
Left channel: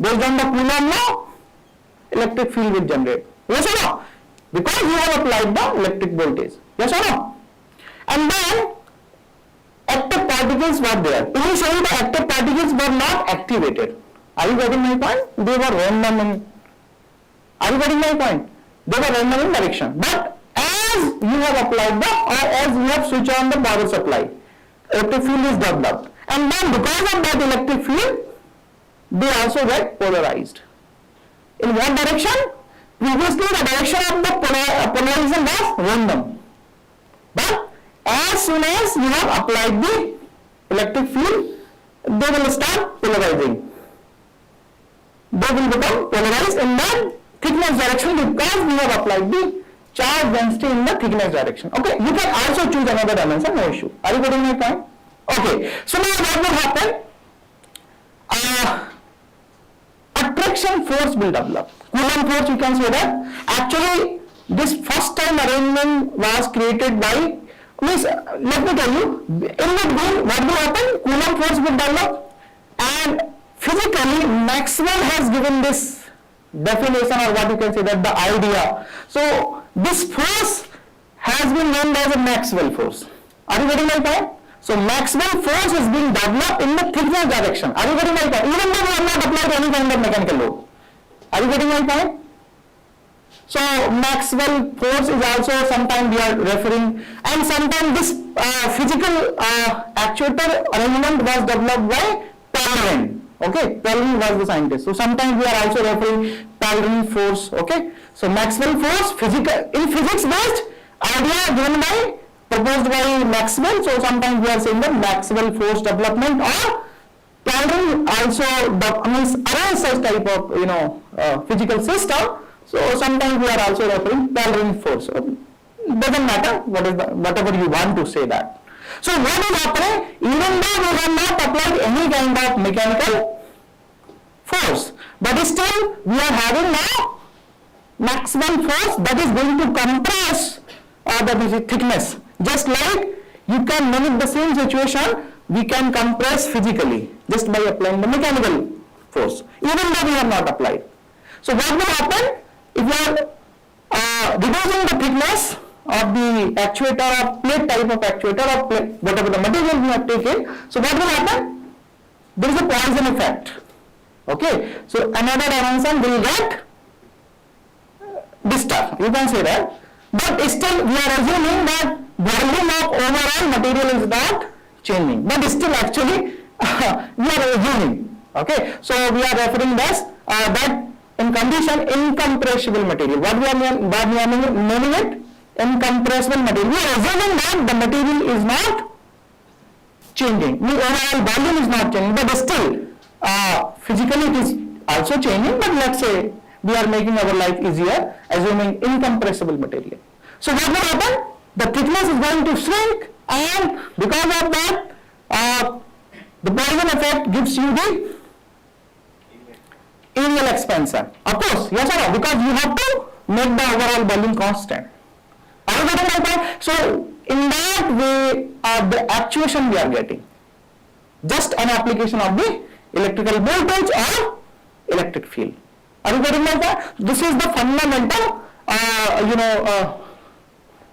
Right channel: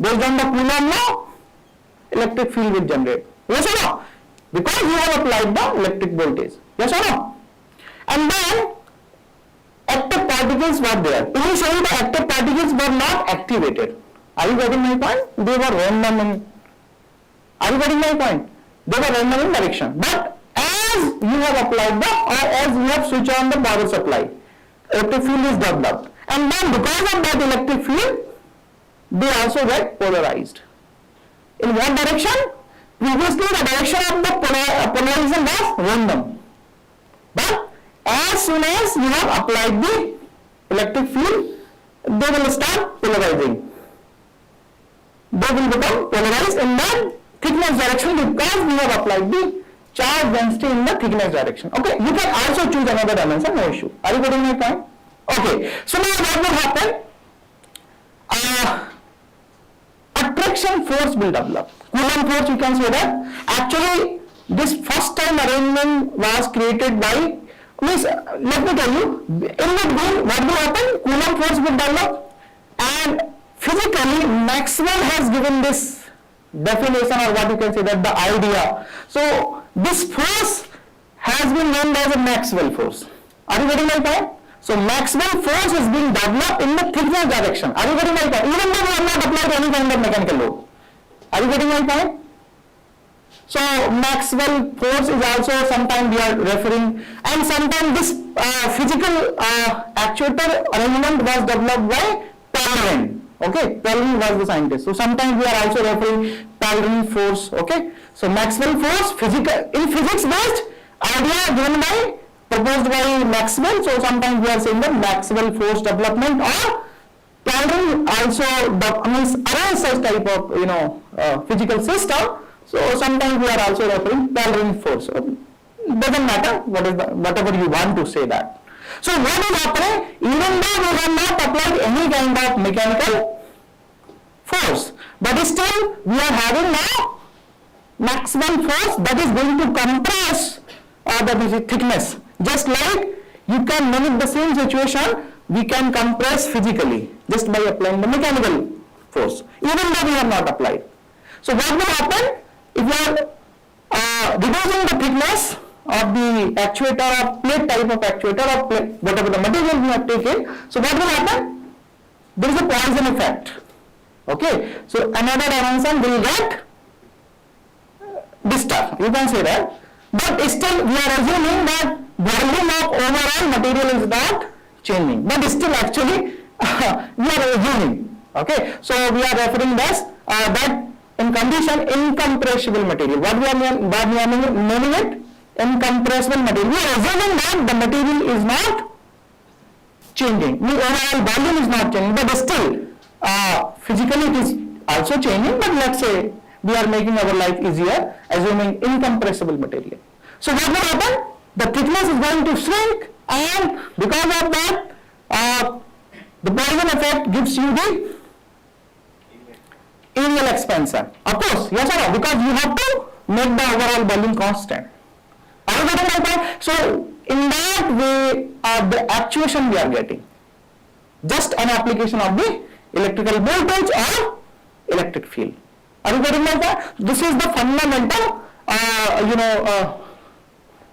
Based on the Coulomb law, electric field will generate. Yes or no? Because you have applied the electric voltage. Yes or no? And then active particles were there. Initially the active particles were not activated. Are you getting my point? They were random in, are you getting my point? They were random in direction. But as you have applied the, or as you have switched on the power supply, electric field is developed. And then because of that electric field, they also get polarized. In what direction? Previously the direction of the polarization was random. But as soon as you have applied the electric field, they will start polarizing. They will become polarized in the thickness direction because we have applied the charge density in the thickness direction. Okay, you can also choose another dimension, no issue. Are you getting my point? Okay, so now what will happen? Attraction force will develop. Coulomb force, you can say that. Actually, this first time arrangement was created by, means, let me tell you, in between what will happen? Coulomb force will develop, and physically Maxwell has given this definition, or what you can say that the idea. So this force has been named as a Maxwell force. Are you getting my point? So Maxwell force is being developed in the thickness direction. Are you getting my point? Even though we have not applied any kind of mechanical load. Are you getting my point? So Maxwell force is also sometimes we are referring, and sometimes this physical actuator arrangement was developed by Pellerin. Okay, Pellerin was the scientist. So sometimes we are also referring Pellerin force. Okay, so Maxwell force, physical in physics based idea given by, proposed by Maxwell. So sometimes we are saying the Maxwell force development, or Pellerin also means arrange such type of physical system. So sometimes we are also referring Pellerin force. So doesn't matter what is the, whatever you want to say that. So what is happening? Even though we have not applied any kind of mechanical force, but still we are having now Maxwell force that is going to compress the thickness. Just like you can mimic the same situation, we can compress physically just by applying the mechanical force, even though we have not applied. So what will happen if you are reducing the thickness of the actuator, or plate type of actuator, or plate, whatever the material we have taken? So what will happen? There is a Poisson effect. Okay, so another dimension will get disturbed. You can say that. But still we are assuming that volume of overall material is not changing. But still actually we are assuming. Okay, so we are referring this that in condition incompressible material. What we are naming it? Incompressible material. We are assuming that the material is not changing. The overall volume is not changing, but still physically it is also changing. But let's say we are making our life easier, assuming incompressible material. So what will happen? The thickness is going to shrink, and because of that, the Poisson effect gives you the aerial expansion. Of course, yes or no? Because you have to make the overall volume constant. Are you getting my point? So in that way, the actuation we are getting just an application of the electrical voltage or electric field. Are you getting my point? This is the fundamental,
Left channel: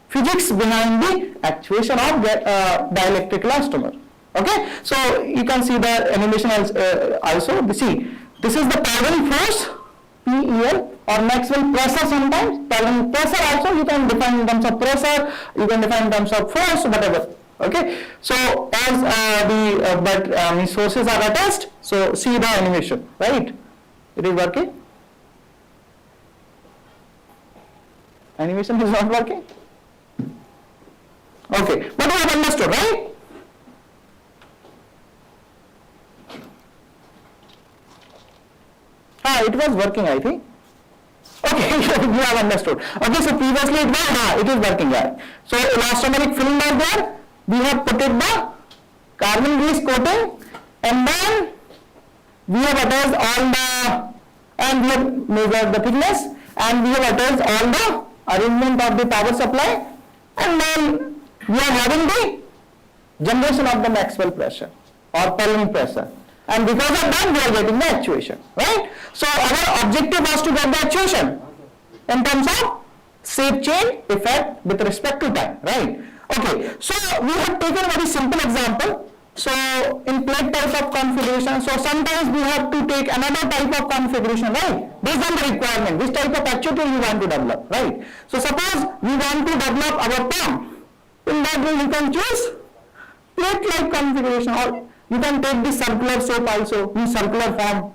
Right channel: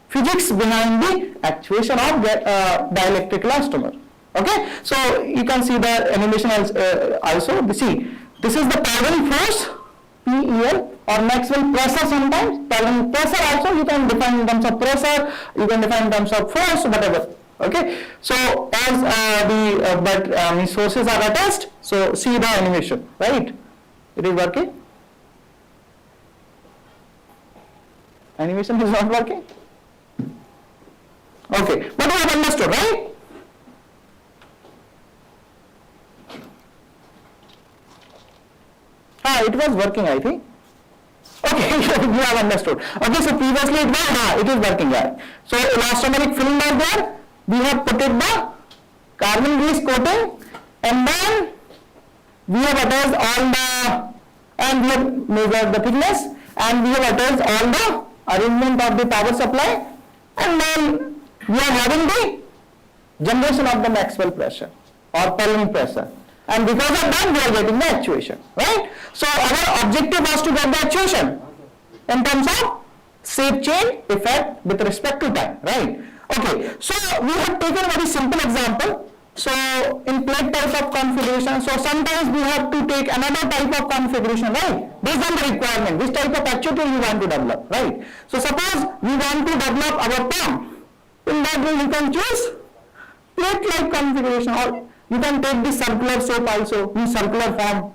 physics behind the actuation of dielectric elastomer. Okay, so you can see the animation also. See, this is the Pellerin force, PEL, or Maxwell pressure sometimes. Pellerin pressure also you can define in terms of pressure, you can define in terms of force, whatever. Okay, so as the sources are attached, so see the animation, right? It is working. Animation is not working. Okay, but you have understood, right? It was working, I think. Okay, you have understood. Okay, so previously it is working, yeah. So elastomeric film was there. We have put it the carbon grease coating, and then we have attached all the, and we have measured the thickness, and we have attached all the arrangement of the power supply, and then we are having the generation of the Maxwell pressure or Pelling pressure, and because of that we are getting the actuation, right? So our objective was to get the actuation in terms of shape change effect with respect to time, right? Okay, so we have taken a very simple example. So in plate type of configuration, so sometimes we have to take another type of configuration, right? Based on the requirement, which type of actuator you want to develop, right? So suppose we want to develop our pump, in that way you can choose plate like configuration, or you can take the circular shape also, in circular form,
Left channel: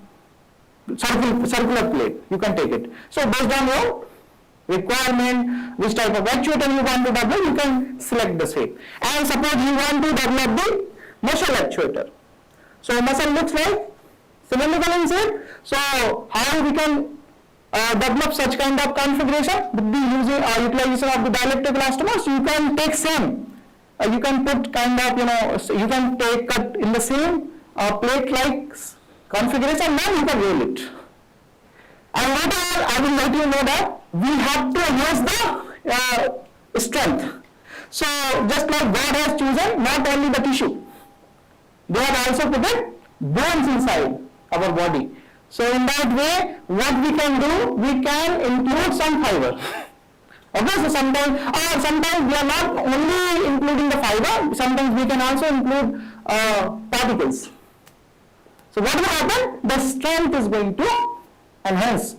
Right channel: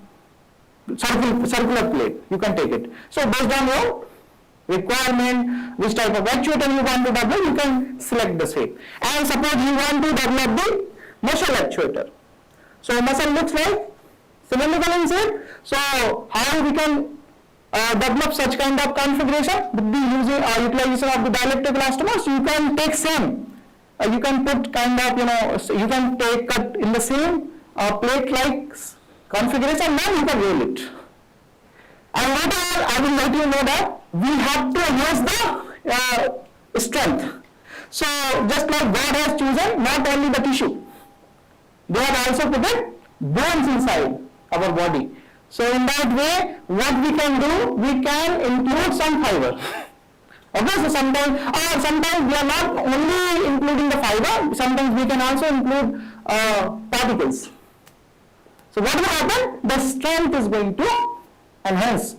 circular plate, you can take it. So based on your requirement, which type of actuator you want to develop, you can select the shape. And suppose you want to develop the muscle actuator. So muscle looks like cylindrical in shape. So how we can develop such kind of configuration with the utilization of the dielectric elastomers? You can take same. You can put kind of, you can take cut in the same plate like configuration, then you can roll it. And later I will let you know that we have to use the strength. So just like God has chosen not only the tissue, they have also put it bones inside our body. So in that way, what we can do, we can include some fiber. Okay, so sometimes we are not only including the fiber, sometimes we can also include particles. So what will happen? The strength is going to enhance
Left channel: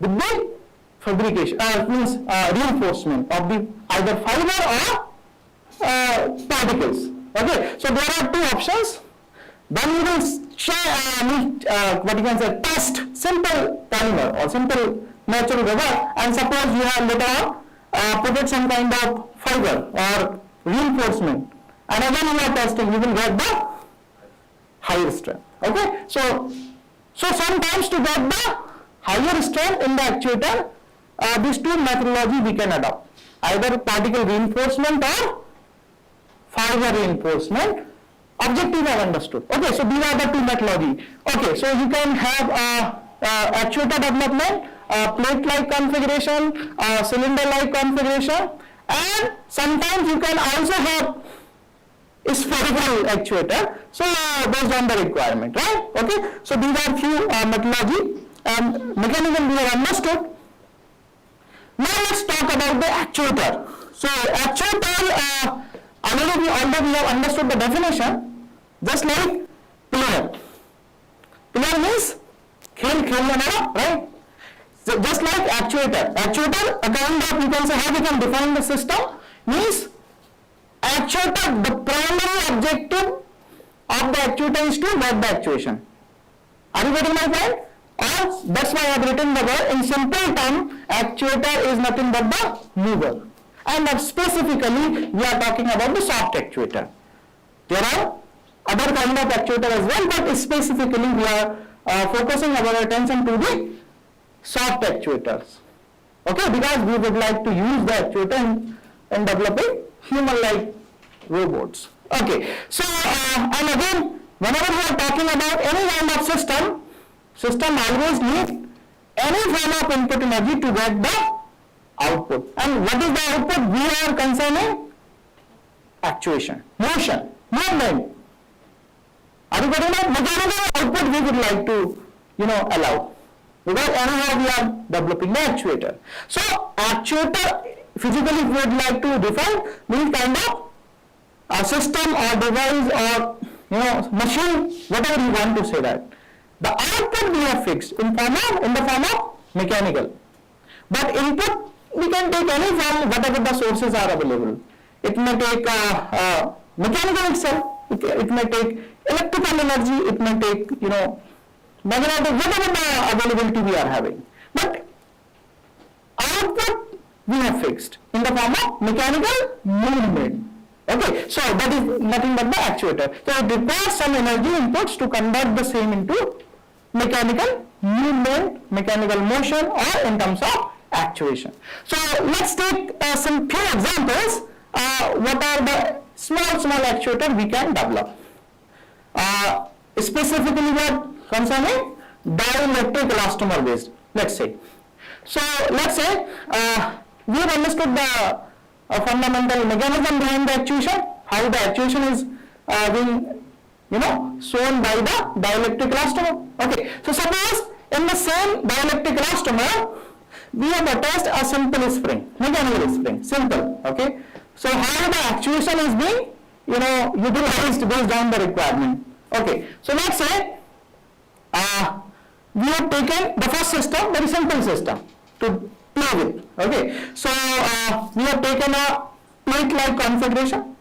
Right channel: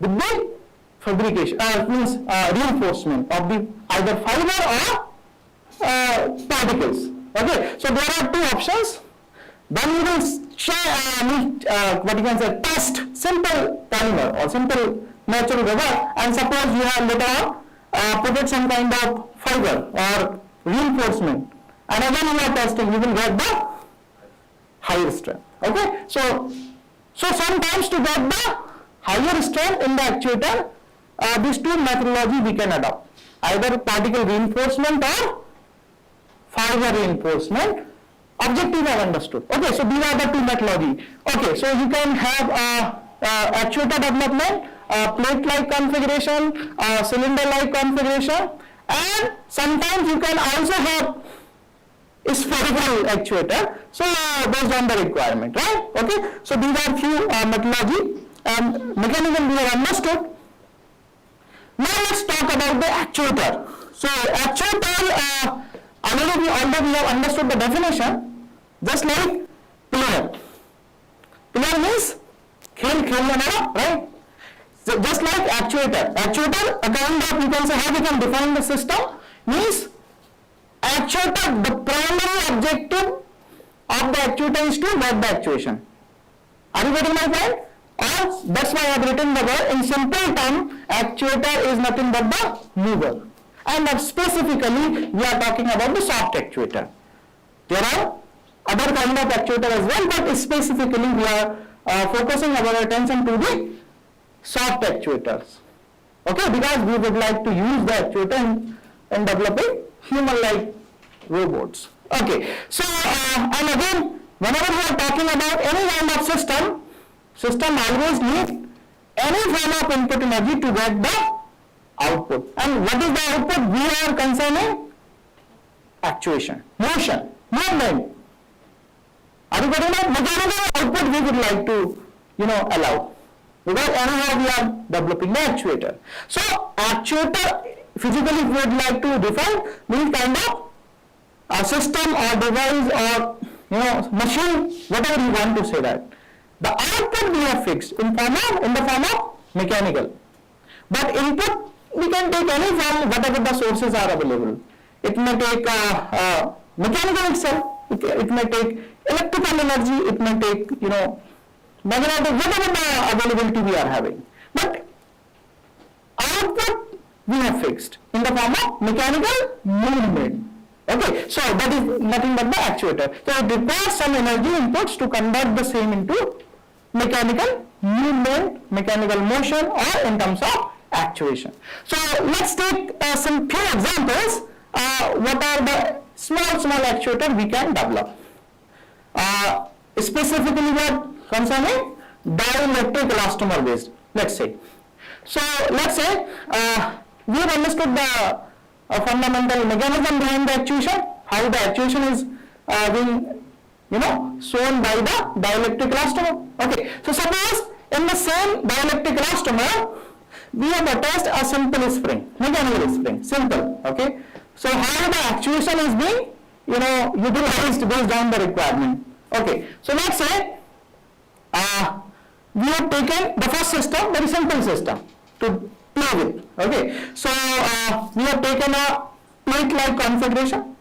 with the fabrication, means reinforcement of the either fiber or particles. Okay, so there are two options. Then we will what you can say, test simple polymer or simple natural rubber, and suppose you have later on put it some kind of fiber or reinforcement, and again you are testing, you will get the higher strength. Okay, so sometimes to get the higher strength in the actuator, these two methodology we can adopt, either particle reinforcement or fiber reinforcement. Objective I have understood. Okay, so these are the two methodology. Okay, so you can have actuator development, plate-like configuration, cylinder-like configuration, and sometimes you can also have spherical actuator. So based on the requirement, right? Okay, so these are few methodology, and mechanism we have understood. Now let's talk about the actuator. So actuator, although we have understood the definition, just like pillar. Pillar means right? So just like actuator. Actuator, again, you can say how we can define the system, means actuator, the primary objective of the actuator is to get the actuation. Are you getting my point? Or that's why I have written the word in simple term, actuator is nothing but the mover. And specifically we are talking about the soft actuator. There are other kind of actuator as well, but specifically we are focusing our attention to the soft actuators. Okay, because we would like to use the actuator in developing human-like robots. Okay, so and again, whenever we are talking about any kind of system always need any form of input energy to get the output. And what is the output? We are concerning actuation, motion, movement. Are you getting that? Mechanical output we would like to, allow. Because anyhow we are developing the actuator. So actuator, physically we would like to define, means kind of a system or device or machine, whatever you want to say that. The output we have fixed in the form of mechanical. But input we can take any form, whatever the sources are available. It may take mechanical itself, it may take electrical energy, it may take, magnetic, whatever the availability we are having. But output we have fixed in the form of mechanical movement. Okay, so that is nothing but the actuator. So it requires some energy inputs to convert the same into mechanical movement, mechanical motion, or in terms of actuation. So let's take some few examples. What are the small actuator we can develop? Specifically what concerning dielectric elastomer based, let's say. So let's say we have understood the fundamental mechanism behind the actuation, how the actuation is being shown by the dielectric elastomer. Okay, so suppose in the same dielectric elastomer we have attached a simple spring, mechanical spring, simple. Okay, so how the actuation is being utilized based on the requirement. Okay, so let's say we have taken the first system, very simple system to play with. Okay, so we have taken a plate-like configuration.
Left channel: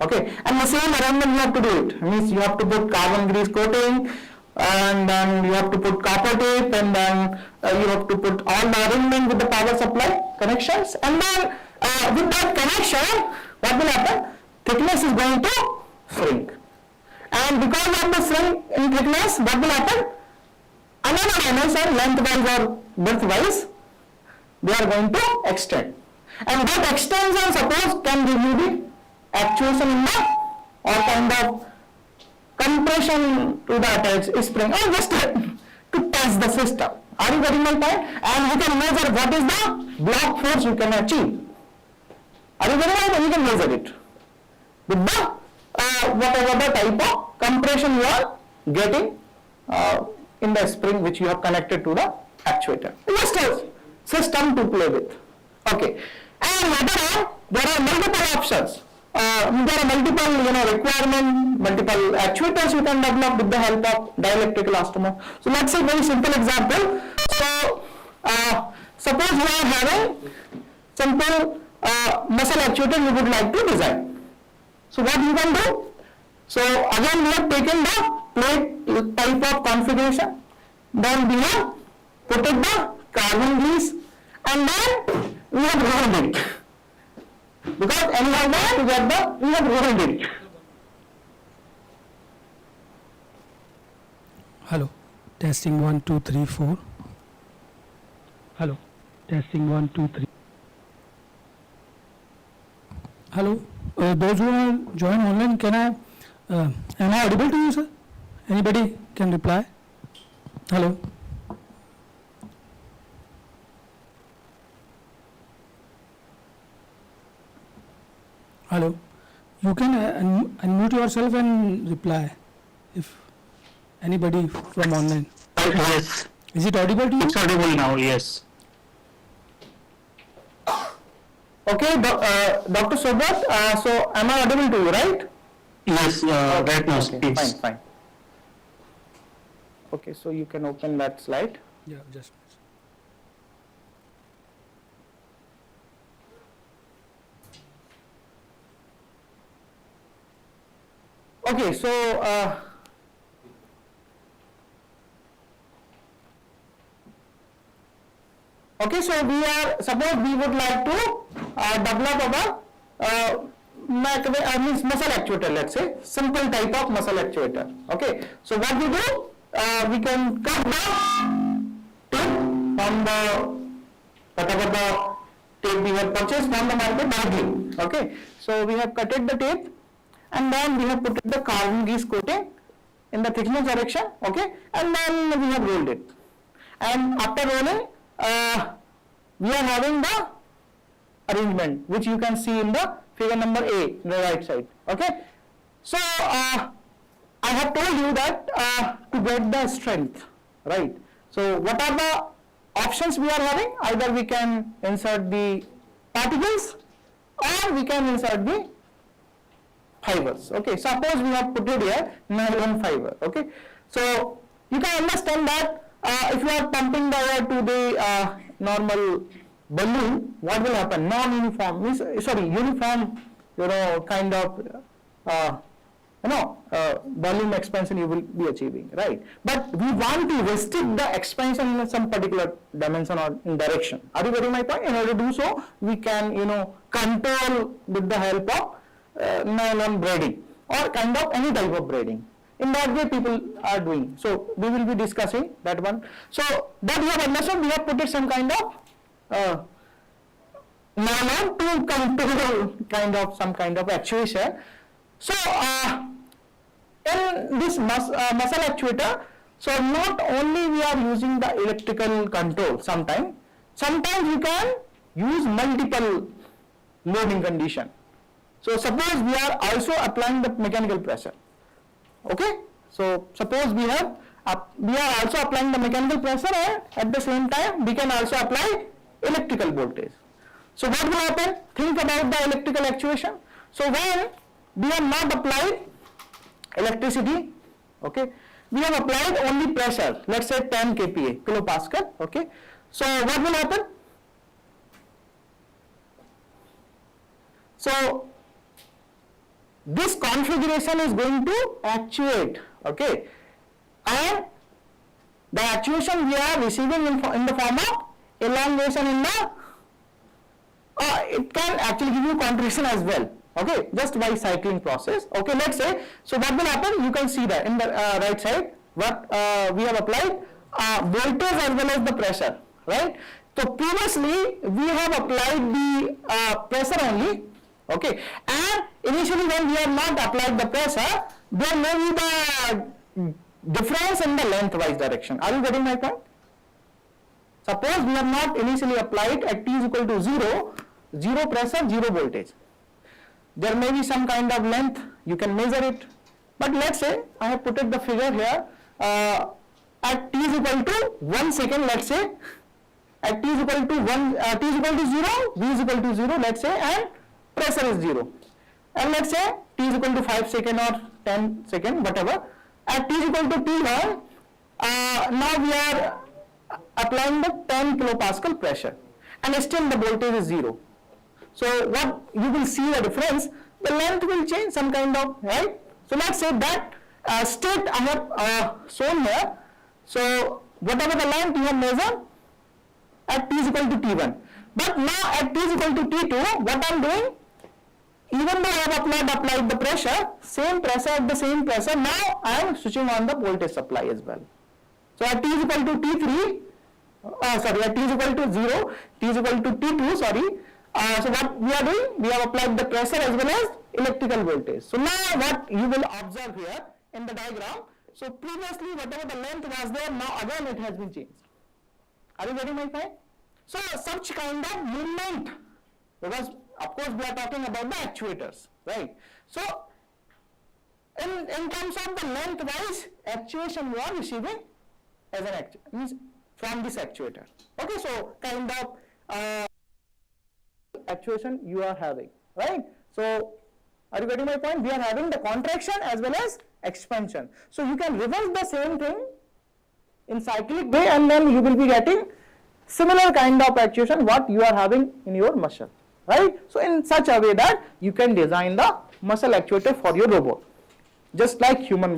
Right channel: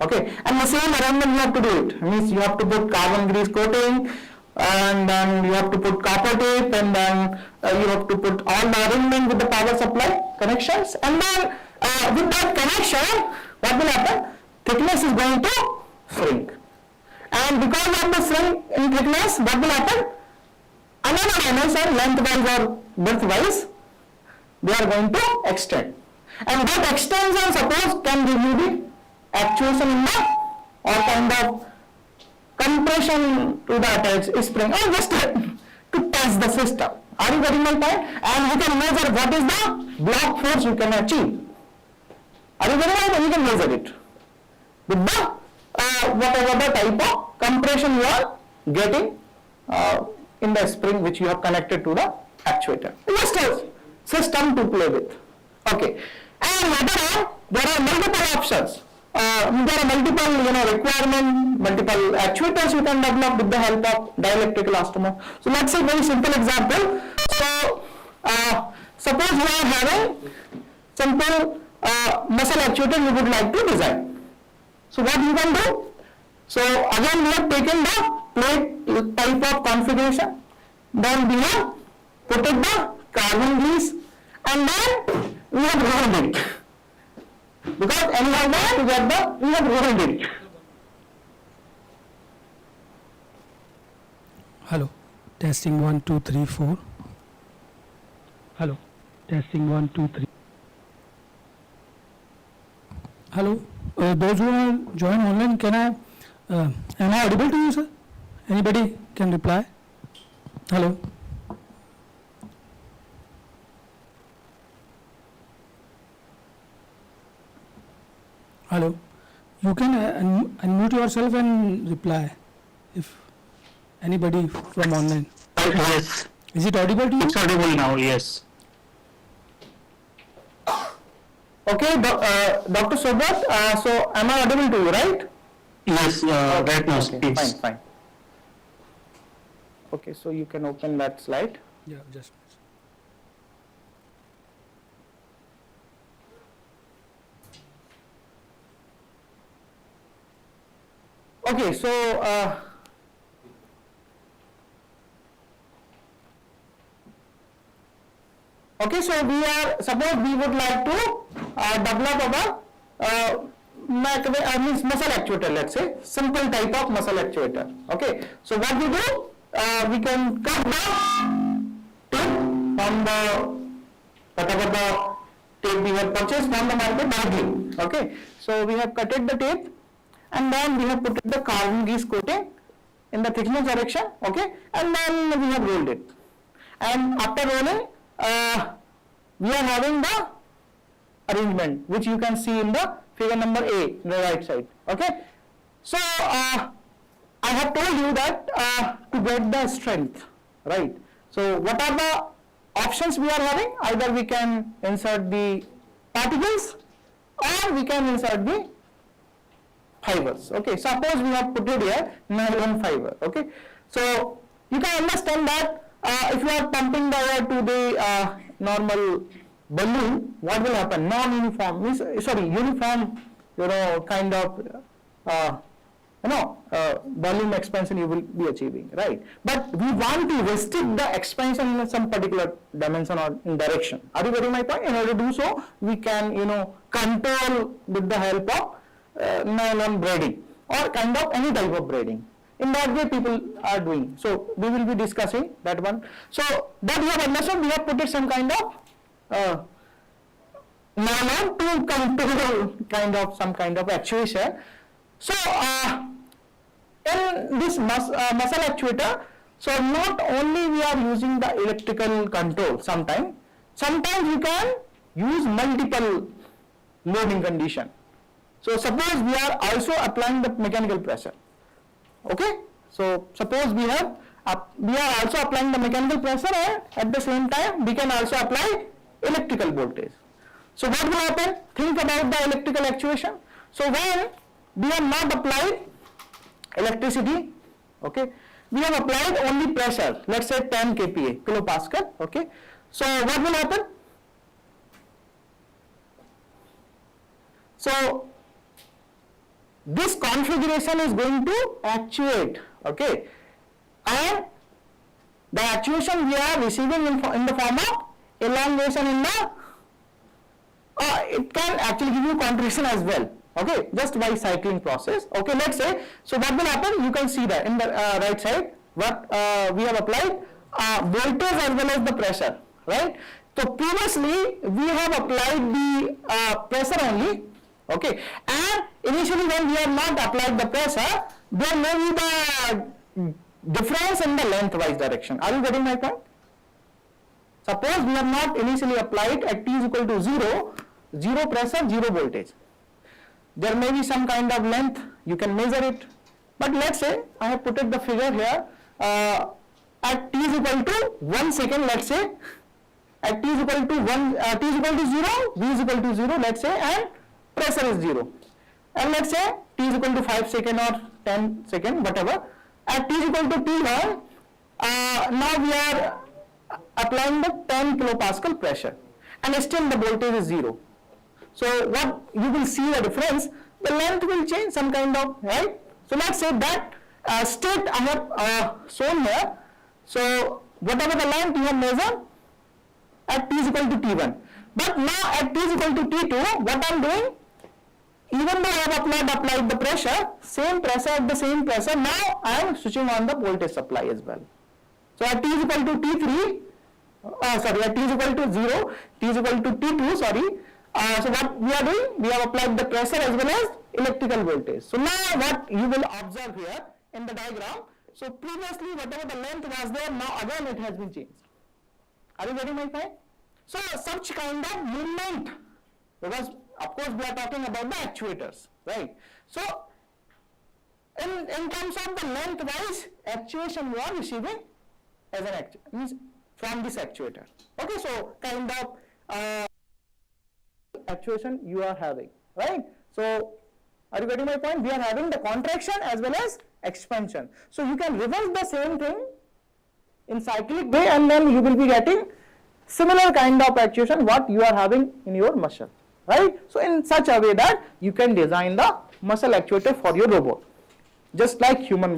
Okay, and the same arrangement you have to do it. Means you have to put carbon grease coating, and then you have to put copper tape, and then you have to put all the arrangement with the power supply connections, and then with that connection, what will happen? Thickness is going to shrink, and because of the shrink in thickness, what will happen? Another dimension, lengthwise or widthwise, they are going to extend, and that extension suppose can give you the actuation in the or kind of compression to the attached spring, or just to test the system. Are you getting my point? And we can measure what is the block force you can achieve. Are you getting it? You can measure it with the whatever the type of compression you are getting in the spring which you have connected to the actuator. Just a system to play with. Okay, and later on there are multiple options. There are multiple requirement, multiple actuators you can develop with the help of dielectric elastomer. So let's say very simple example. So suppose you are having simple muscle actuator you would like to design. So what you can do? So again we have taken the plate type of configuration, then we have put it the carbon grease, and then we have rolled it. Because anyhow to get the, we have rolled it. Hello, testing 1 2 3 4. Hello, testing 1 2 3. Hello, those who are joined online, am I audible to you, sir? Anybody can reply? Hello. Hello, you can unmute yourself and reply if anybody from online. Yes, Is it audible to you? it's audible now. Yes. Okay, Dr. Sobat, so am I audible to you, right? Yes, right now, okay, fine. Okay, so you can open that slide. Yeah, just. Okay, so suppose we would like to develop our muscle actuator, let's say, simple type of muscle actuator. Okay, so what we do, we can cut the tape from the, whatever the tape we have purchased from the market directly. Okay, so we have cutted the tape, and then we have put the carbon grease coating in the thickness direction. Okay, and then we have rolled it, and after rolling we are having the arrangement which you can see in the figure number A in the right side. Okay, so I have told you that to get the strength, right? So what are the options we are having? Either we can insert the particles or we can insert the fibers. Okay, suppose we have put it here nylon fiber. Okay, so you can understand that if you are pumping the air to the normal balloon, what will happen? Non-uniform means, sorry, uniform, kind of volume expansion you will be achieving, right? But we want to restrict the expansion in some particular dimension or in direction. Are you getting my point? In order to do so, we can, control with the help of nylon braiding or kind of any type of braiding. In that way people are doing. So we will be discussing that one. So that we have understood, we have put it some kind of nylon to control some kind of actuation. So in this muscle actuator, so not only we are using the electrical control sometimes we can use multiple loading condition. So suppose we are also applying the mechanical pressure. Okay, so suppose we are also applying the mechanical pressure and at the same time we can also apply electrical voltage. So what will happen? Think about the electrical actuation. So when we have not applied electricity, okay, we have applied only pressure, let's say 10 kPa, kilopascal, okay. So what will happen? So this configuration is going to actuate, okay, and the actuation we are receiving in the form of elongation in the it can actually give you contraction as well, okay, just by cycling process. Okay, let's say, so what will happen? You can see that in the right side what we have applied voltage as well as the pressure, right? So previously we have applied the pressure only, okay, and initially when we have not applied the pressure, there may be the difference in the lengthwise direction. Are you getting my point? Suppose we have not initially applied at t is equal to 0 pressure, 0 voltage. There may be some kind of length, you can measure it. But let's say, I have put the figure here, at t is equal to 1 second, let's say, at t is equal to 0, v is equal to 0, let's say, and pressure is 0. And let's say t is equal to 5 second or 10 second, whatever. At t is equal to t1, now we are applying the 10 kilopascal pressure and still the voltage is 0. So what you will see the difference, the length will change some kind of, right? So let's say that state I have shown here. So whatever the length you have measured at t is equal to t1. But now at t is equal to t2, what I am doing, even though I have applied the pressure, same pressure at the same pressure, now I am switching on the voltage supply as well. So at t is equal to t3, at t is equal to 0, t is equal to t2, sorry. So what we are doing, we have applied the pressure as well as electrical voltage. So now what you will observe here in the diagram, so previously whatever the length was there, now again it has been changed. Are you getting my point? So such kind of movement, because of course we are talking about the actuators, right? So in terms of the lengthwise actuation you are receiving as an actuator, means from this actuator. Okay, so kind of actuation you are having, right? So are you getting my point? We are having the contraction as well as expansion. So you can reverse the same thing in cyclic way and then you will be getting similar kind of actuation what you are having in your muscle, right? So in such a way that you can design the muscle actuator for your robot, just like human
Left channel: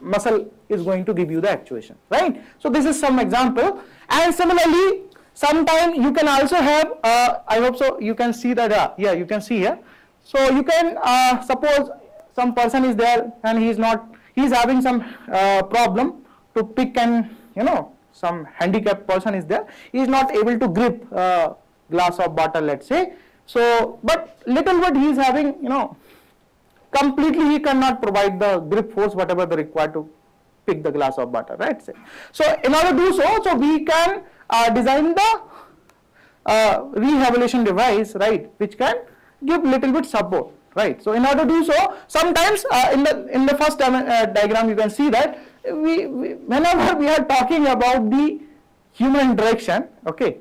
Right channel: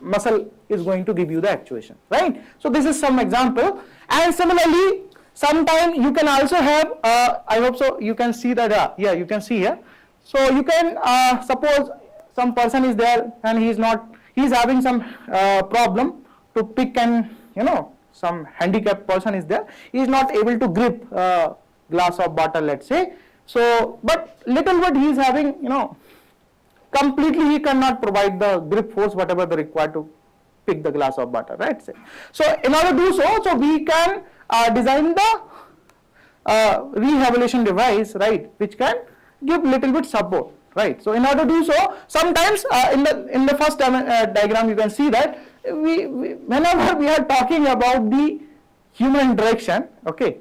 muscle is going to give you the actuation, right? So this is some example. And similarly, sometimes you can also have, I hope so you can see that, yeah, you can see here. So you can suppose some person is there and he is having some problem to pick, and some handicapped person is there, he is not able to grip glass of water, let's say. So but little bit he is having, completely he cannot provide the grip force whatever the required to pick the glass of water, right? So in order to do so we can design the rehabilitation device, right, which can give little bit support, right? So in order to do so, sometimes in the first diagram you can see that whenever we are talking about the human interaction, okay.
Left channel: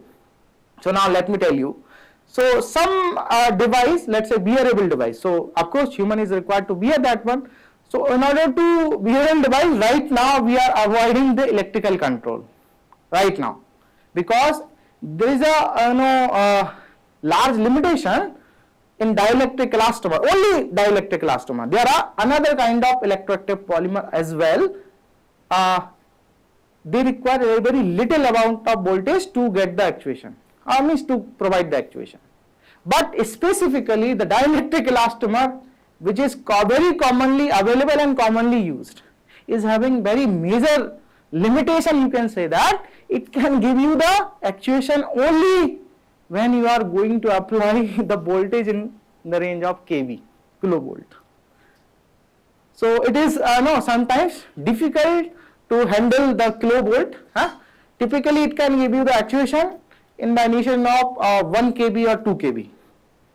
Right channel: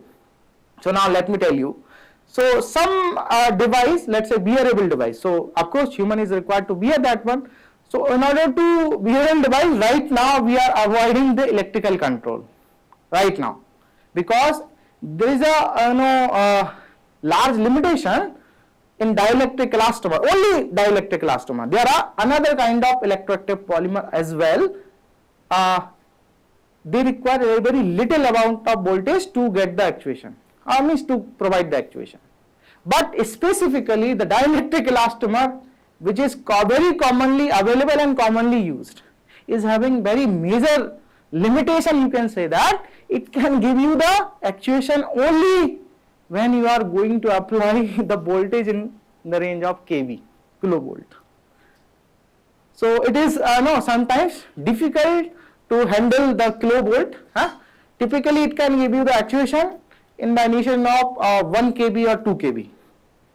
So now let me tell you. So some device, let's say bearable device. So of course human is required to bear that one. So in order to bear a device, right now we are avoiding the electrical control, right now, because there is a large limitation in dielectric elastomer, only dielectric elastomer. There are another kind of electroactive polymer as well. They require a very little amount of voltage to get the actuation, or means to provide the actuation. But specifically the dielectric elastomer, which is very commonly available and commonly used, is having very major limitation. You can say that it can give you the actuation only when you are going to apply the voltage in the range of kV, kilovolt. So it is sometimes difficult to handle the kilovolt. Typically it can give you the actuation in the initial of 1 kV or 2 kV.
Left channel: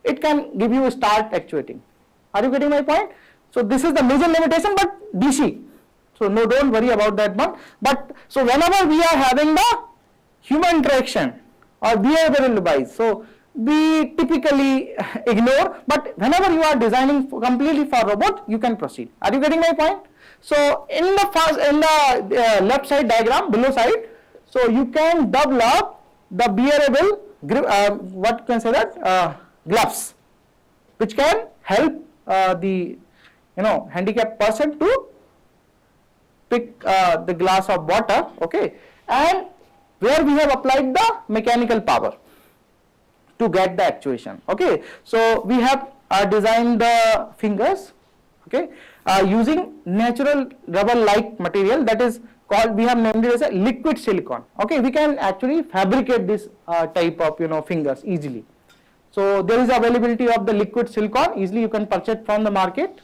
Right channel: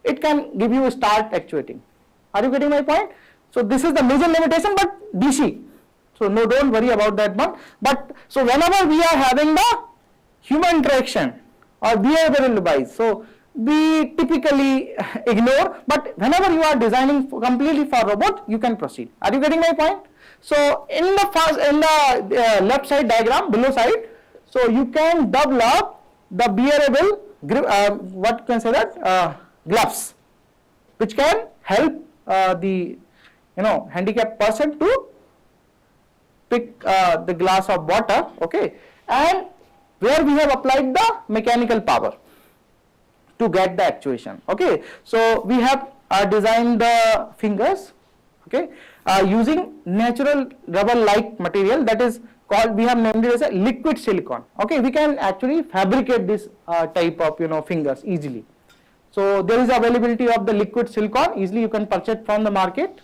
It can give you a start actuating. Are you getting my point? So this is the major limitation, but DC. So no, don't worry about that one. But so whenever we are having the human interaction or behavioral device, so we typically ignore, but whenever you are designing completely for robot, you can proceed. Are you getting my point? So in the left side diagram, below side, so you can develop the bearable what you can say that gloves, which can help the handicapped person to pick the glass of water, okay, and where we have applied the mechanical power to get the actuation, okay. So we have designed the fingers, okay, using natural rubber like material, that is called, we have named it as a liquid silicone, okay. We can actually fabricate this type of fingers easily. So there is availability of the liquid silicone, easily you can purchase from the market,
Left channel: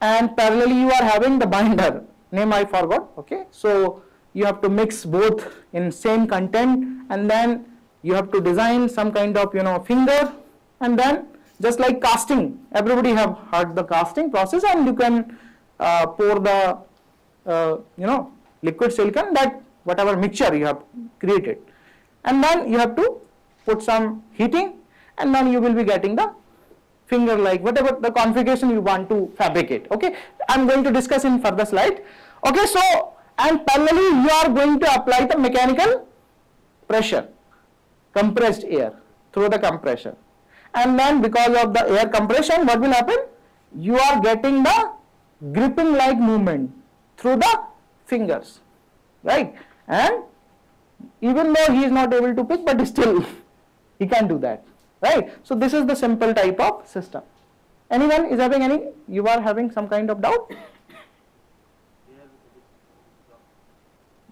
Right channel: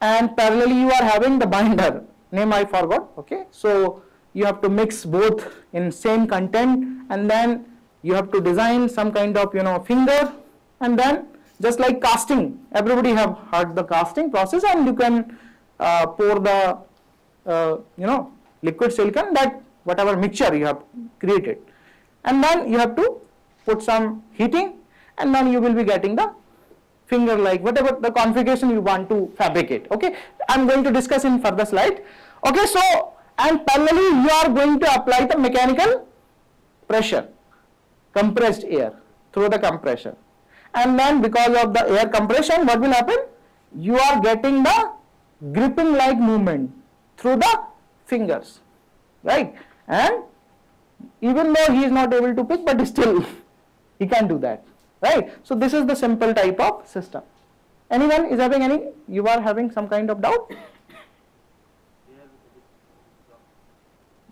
and parallelly you are having the binder, name I forgot, okay. So you have to mix both in same content, and then you have to design some kind of finger, and then just like casting, everybody have heard the casting process, and you can pour the liquid silicone, that whatever mixture you have created, and then you have to put some heating, and then you will be getting the finger like whatever the configuration you want to fabricate, okay. I am going to discuss in further slide, okay. So and parallelly you are going to apply the mechanical pressure, compressed air through the compressor, and then because of the air compression, what will happen, you are getting the gripping like movement through the fingers, right. And even though he is not able to pick, but still he can do that, right. So this is the simple type of system. Anyone is having any, you are having some kind of doubt?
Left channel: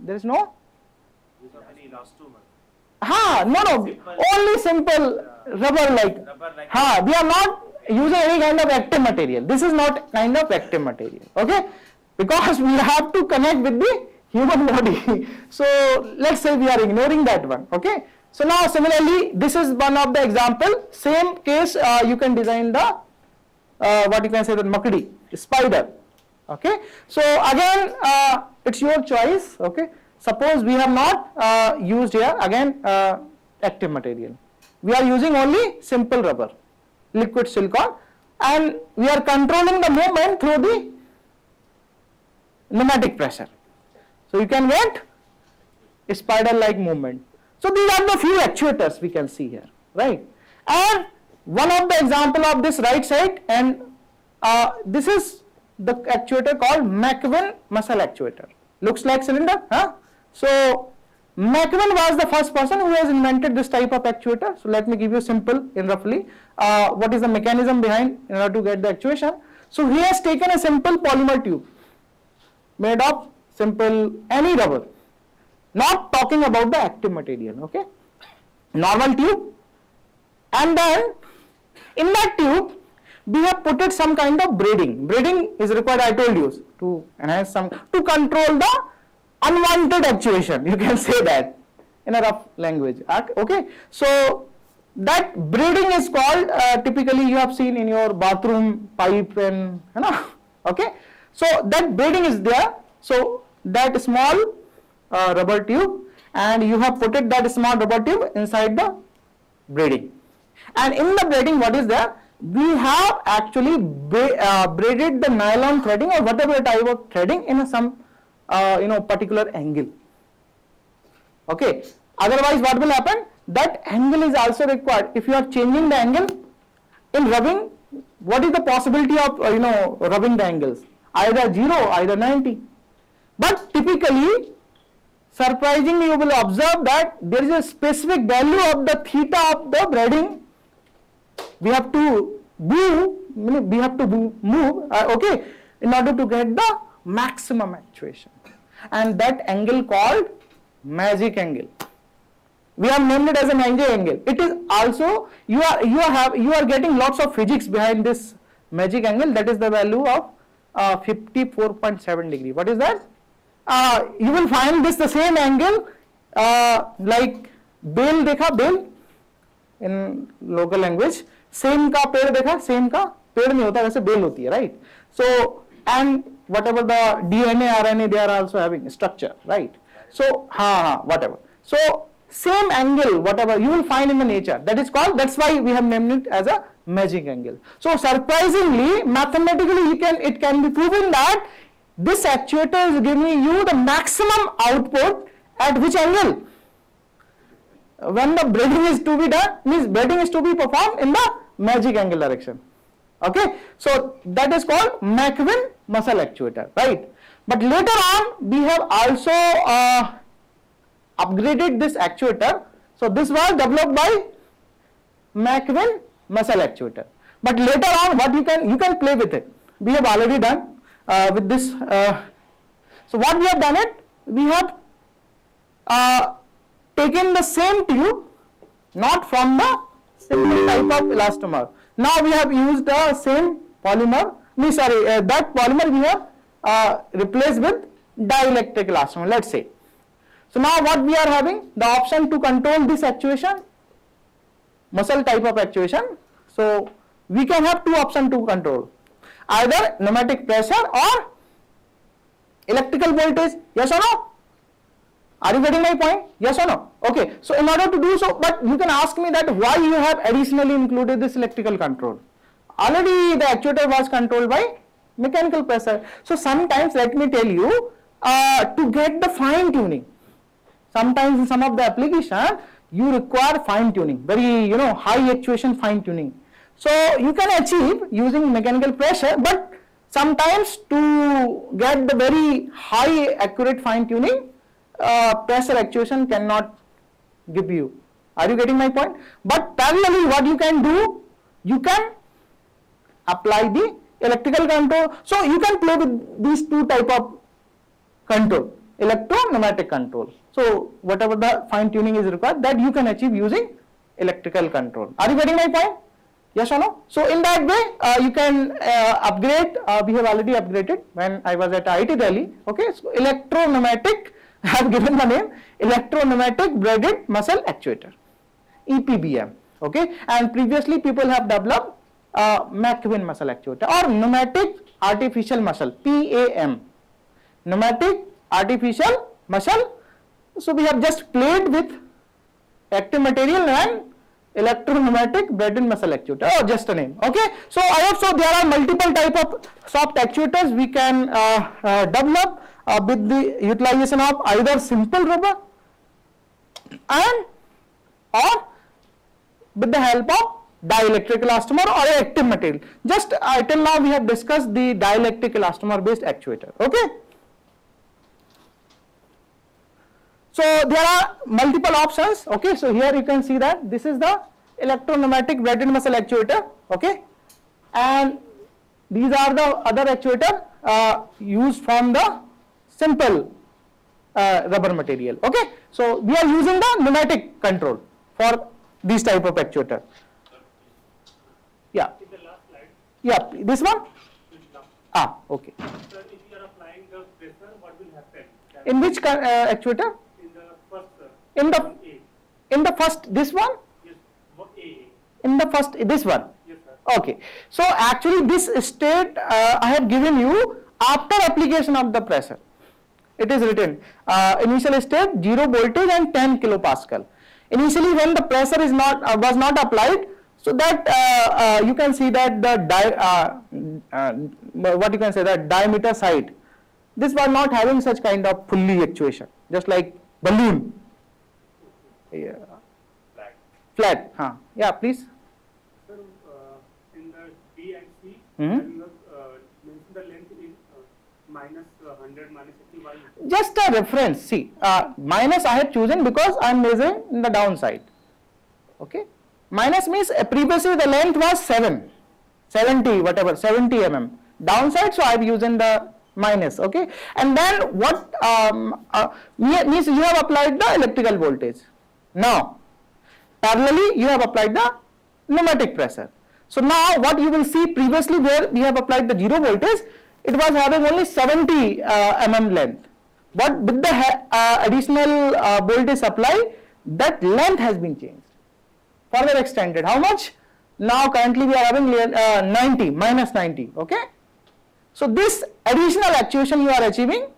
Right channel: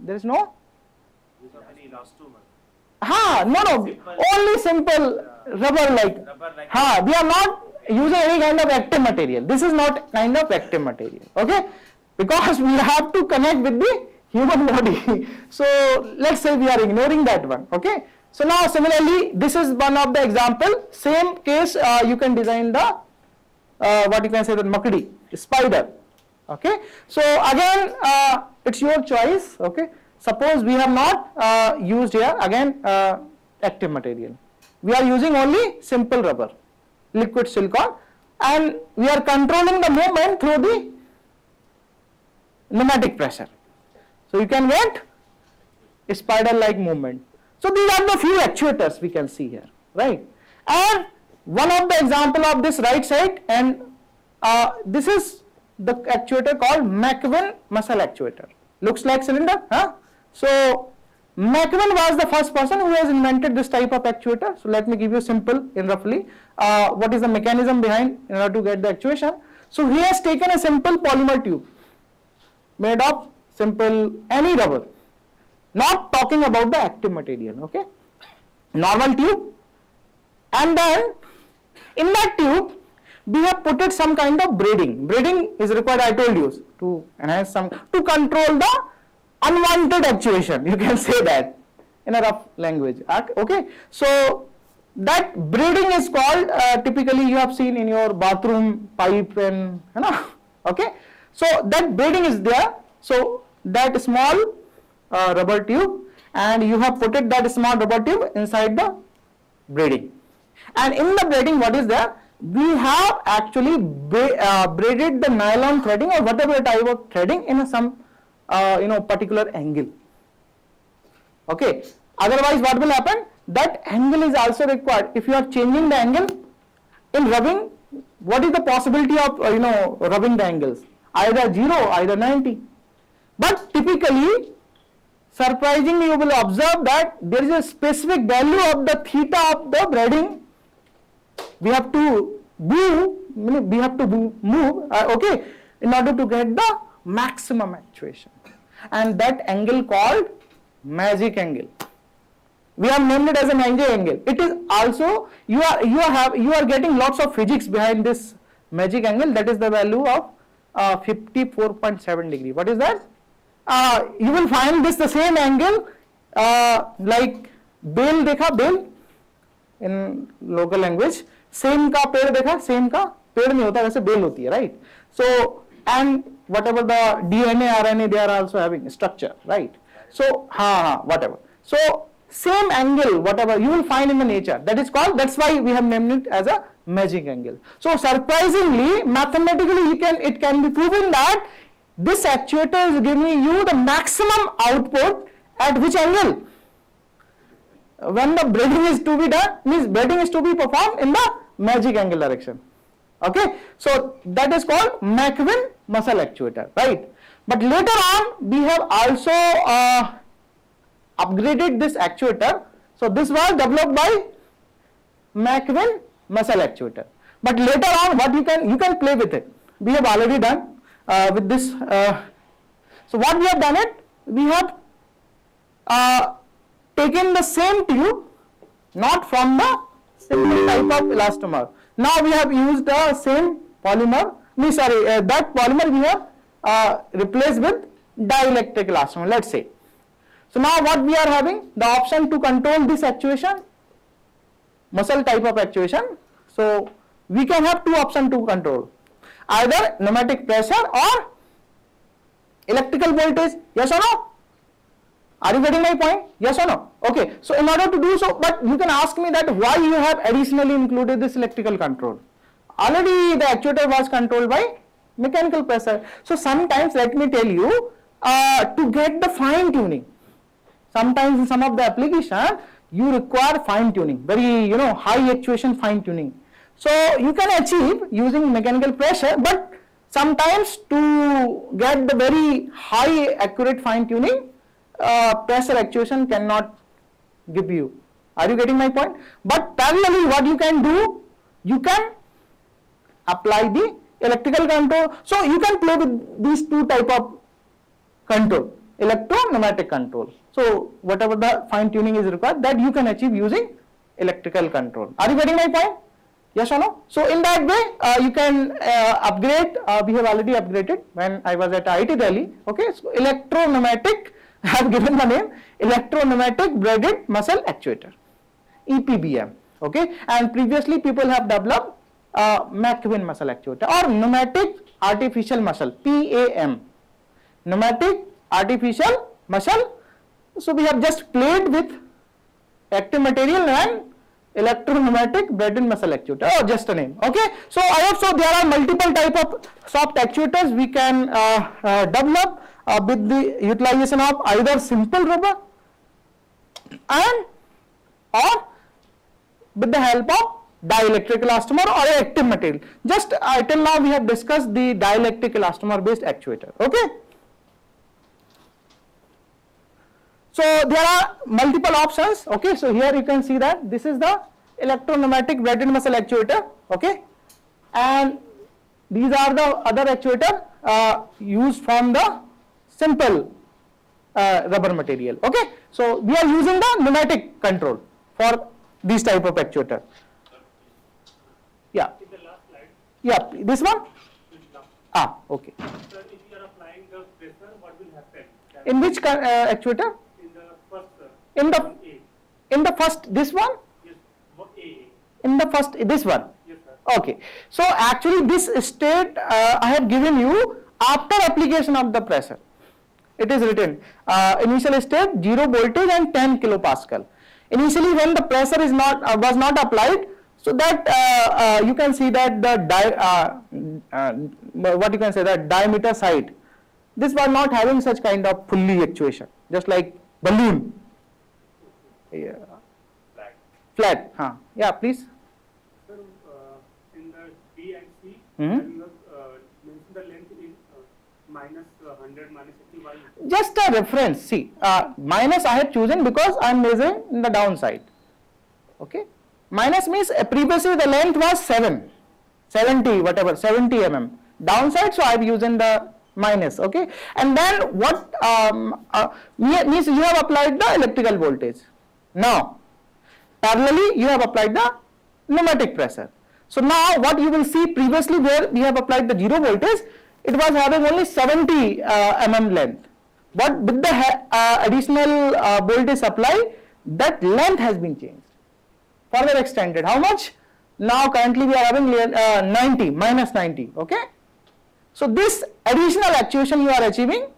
There is no? No, only simple rubber like. We are not using any kind of active material. This is not kind of active material, okay, because we have to connect with the human body. So let's say we are ignoring that one, okay. So now similarly, this is one of the example, same case you can design the what you can say the makdi, spider, okay. So again it's your choice, okay. Suppose we have not used here again active material, we are using only simple rubber, liquid silicone, and we are controlling the movement through the pneumatic pressure. So you can get a spider like movement. So these are the few actuators we can see here, right. And one of the example of this right side, and this is the actuator called McVin muscle actuator. Looks like cylinder, So McVin was the first person who has invented this type of actuator. So let me give you simple in roughly what is the mechanism behind in order to get the actuation. So he has taken a simple polymer tube made of simple any rubber, not talking about the active material, okay, normal tube, and then in that tube we have put it some kind of braiding. Braiding is required, I told you, to enhance some, to control the unwanted actuation, you can say that in a rough language, okay. So that braiding is called typically you have seen in your bathroom pipe and okay. So that braiding is there. So that small rubber tube, and you have put it that small rubber tube inside the braiding, and in the braiding what is there, we have actually braided the nylon threading or whatever type of threading in some particular angle, okay. Otherwise what will happen, that angle is also required. If you are changing the angle, In rubbing, what is the possibility of rubbing the angles? Either 0, either 90. But typically, surprisingly, you will observe that there is a specific value of the theta of the braiding. We have to move, okay, in order to get the maximum actuation, and that angle called magic angle. We have named it as a magic angle. It is also you are getting lots of physics behind this magic angle. That is the value of 54.7 degree. What is that? You will find this the same angle like बेल देखा, bel in local language, सेम का पेड़ देखा, same का पेड़ नहीं होता, वैसे बेल होती है, right? So and whatever the DNA, RNA, they are also having structure, right? So whatever. So same angle, whatever you will find in the nature, that is called, that's why we have named it as a magic angle. So surprisingly, mathematically, it can be proven that this actuator is giving you the maximum output at which angle? When the braiding is to be done, means braiding is to be performed in the magic angle direction. Okay, so that is called McQueen muscle actuator, right? But later on, we have also upgraded this actuator. So this was developed by McQueen muscle actuator. But later on, what you can play with it. We have already done with this. So what we have done it, we have taken the same tube, not from the simple type of elastomer. Now we have used the same polymer. That polymer we have replaced with dielectric elastomer. Let's say. So now what we are having, the option to control this actuation, muscle type of actuation. So we can have two options to control, either pneumatic pressure or electrical voltage. Yes or no? Are you getting my point? Yes or no? Okay. So in order to do so, but you can ask me that why you have additionally included this electrical control. Already the actuator was controlled by mechanical pressure. So sometimes, let me tell you, to get the fine tuning, sometimes in some of the application you require fine tuning, very high actuation fine tuning. So you can achieve using mechanical pressure, but sometimes to get the very high accurate fine tuning, pressure actuation cannot give you. Are you getting my point? But parallelly, what you can do, you can apply the electrical control. So you can play with these two type of control, electro-pneumatic control. So whatever the fine tuning is required, that you can achieve using electrical control. Are you getting my point? Yes or no? So in that way, you can upgrade. We have already upgraded when I was at IIT Delhi. Okay, so electro-pneumatic, I have given the name electro-pneumatic braided muscle actuator, EPBM. Okay, and previously people have developed McQueen muscle actuator or pneumatic artificial muscle, PAM, pneumatic artificial muscle. So we have just played with active material and electro-pneumatic braided muscle actuator, or just a name. Okay, so I hope so there are multiple type of soft actuators we can develop with the utilization of either simple rubber and or with the help of dielectric elastomer or active material. Just till now we have discussed the dielectric elastomer based actuator. Okay, so there are multiple options. Okay, so here you can see that this is the electro-pneumatic braided muscle actuator. Okay, and these are the other actuator used from the simple rubber material. Okay, so we are using the pneumatic control for this type of actuator. Yeah. In the last slide, Yeah, this one? Okay. sir, if you are applying the pressure, what will happen? In which actuator? In the first, In the A. in the first, this one? Yes, A. In the first, this one? Yes, sir. Okay. So actually this state I have given you after application of the pressure. It is written initial state 0 voltage and 10 kilopascal. Initially when the pressure is was not applied, so that you can see that the diameter side, this was not having such kind of fully actuation, just like balloon. Yeah. Flat. Flat. Yeah, please. Sir, Hmm? You have mentioned the length is minus 100, minus 80. Why? Just a reference. See, minus I had chosen because I am measuring in the downside. Okay. Minus means previously the length was 70 whatever 70 mm. Downside, so I have used the minus. Okay. And then what means you have applied the electrical voltage. Now, parallelly you have applied the pneumatic pressure. So now what you will see previously where we have applied the zero voltage, it was having only 70 mm length. But with the additional voltage supply, that length has been changed, further extended. How much? Now currently we are having 90, minus 90. Okay. So this additional actuation you are achieving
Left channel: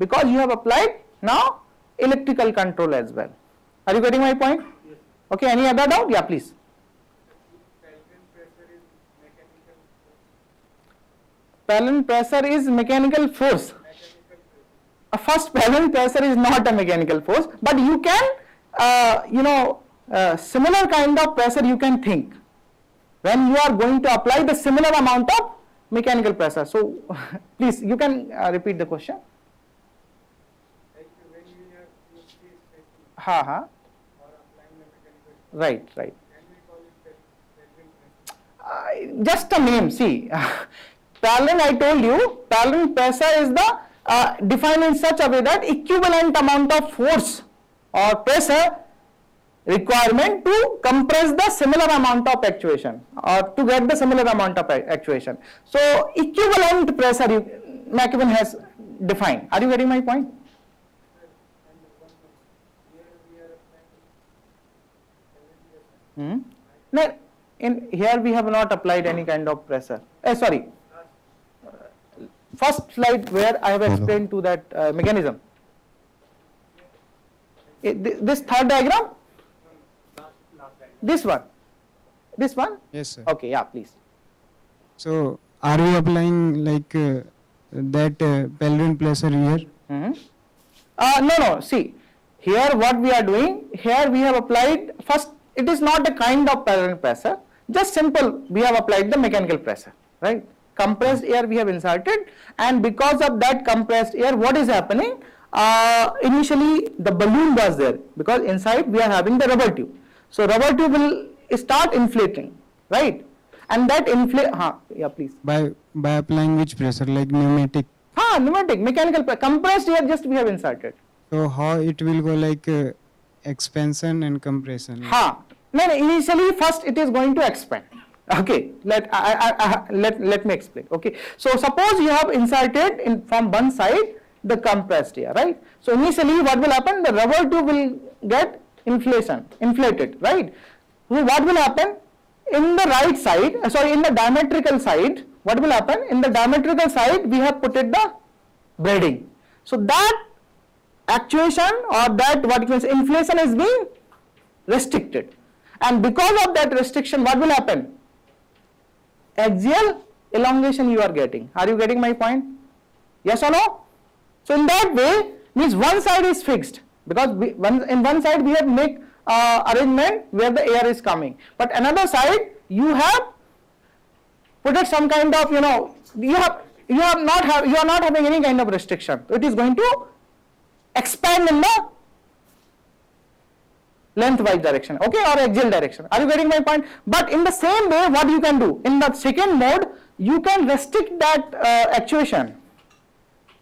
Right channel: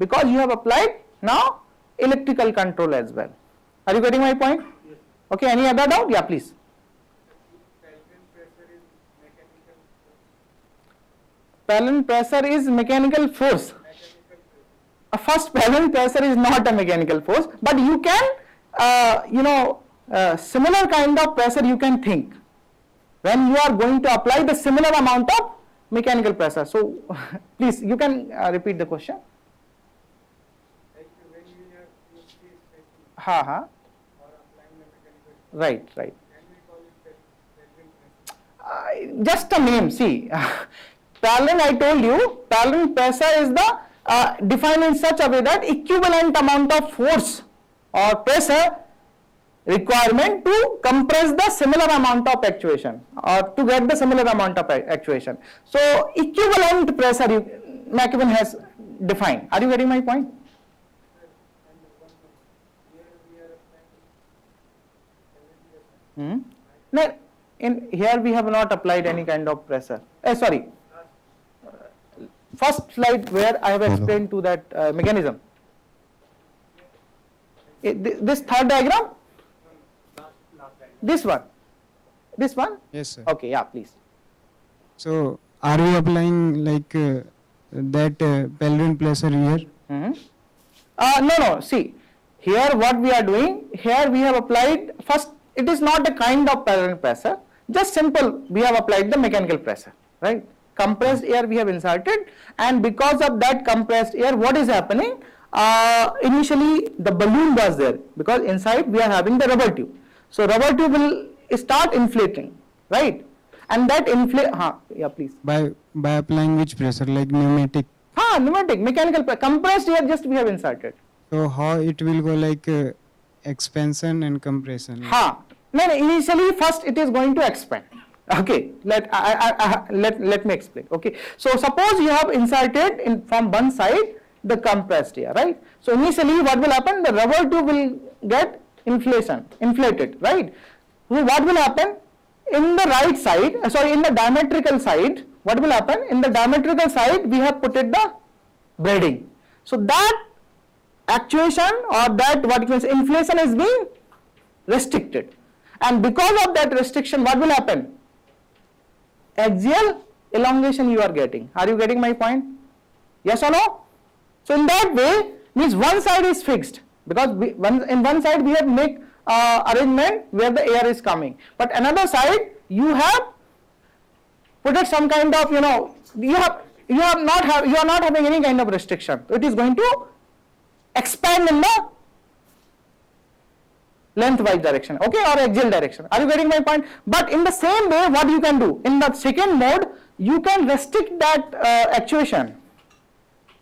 because you have applied now electrical control as well. Are you getting my point? Yes. Okay. Any other doubt? Yeah, please. Pellet pressure is mechanical force. First, pellet pressure is not a mechanical force, but you can, similar kind of pressure you can think when you are going to apply the similar amount of mechanical pressure. So, please, you can repeat the question. When you have Ha ha. or applying the mechanical, Right, right. can we call it pellet pressure? Just a name. See, pellet, I told you, pellet pressure is the defined in such a way that equivalent amount of force or pressure requirement to compress the similar amount of actuation or to get the similar amount of actuation. So equivalent pressure McEwen has defined. Are you getting my point? No, in here we have not applied any kind of pressure. Sorry. First slide where I have explained to that mechanism. This third diagram? This one? This one? Yes, sir. Okay, yeah, please. So, are we applying like that pelvic pressure here? No, see, here what we are doing, here we have applied, first it is not a kind of parallel pressure, just simple, we have applied the mechanical pressure, right? Compressed air we have inserted, and because of that compressed air, what is happening? Initially the balloon was there, because inside we are having the rubber tube. So rubber tube will start inflating, right? And that yeah, please. By applying which pressure, like pneumatic? Pneumatic, mechanical, compressed air just we have inserted. So how it will go like expansion and compression? No, initially first it is going to expand. Okay, let me explain. Okay, so suppose you have inserted in from one side the compressed air, right? So initially what will happen? The rubber tube will get inflated, right? So what will happen? In the right side, in the diametrical side, what will happen? In the diametrical side, we have put it the braiding. So that actuation or that what you can say inflation is being restricted. And because of that restriction, what will happen? Axial elongation you are getting. Are you getting my point? Yes or no? So in that way, means one side is fixed because in one side we have make arrangement where the air is coming, but another side you have put it some kind of you are not having any kind of restriction. It is going to expand in the lengthwise direction, okay, or axial direction. Are you getting my point? But in the same way, what you can do in the second mode, you can restrict that actuation.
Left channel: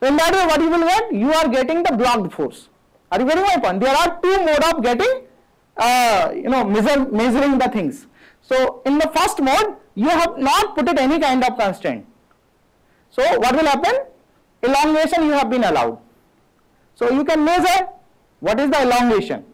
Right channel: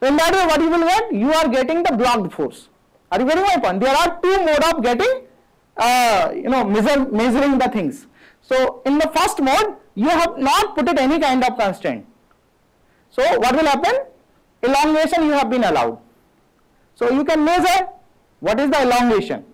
So in that way, what you will get? You are getting the blocked force. Are you getting my point? There are two modes of getting measuring the things. So in the first mode, you have not put it any kind of constraint. So what will happen? Elongation you have been allowed. So you can measure what is the elongation.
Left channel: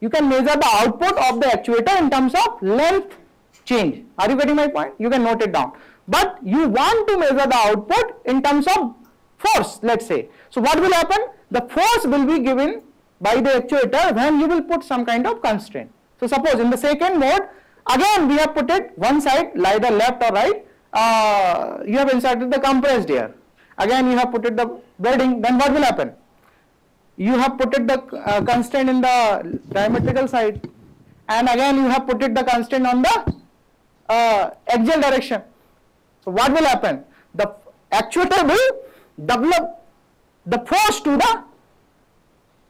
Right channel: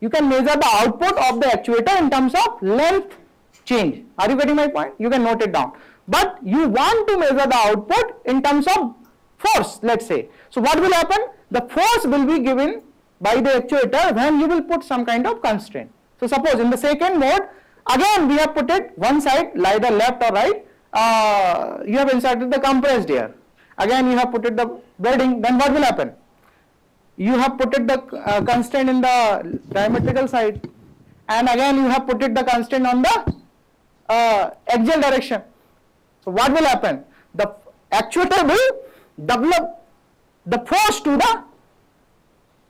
You can measure the output of the actuator in terms of length change. Are you getting my point? You can note it down. But you want to measure the output in terms of force, let's say. So what will happen? The force will be given by the actuator when you will put some kind of constraint. So suppose in the second mode, again we have put it one side, either left or right, you have inserted the compressed air. Again you have put it the braiding, then what will happen? You have put it the constraint in the diametrical side, and again you have put it the constraint on the axial direction. So what will happen? The actuator will develop the force to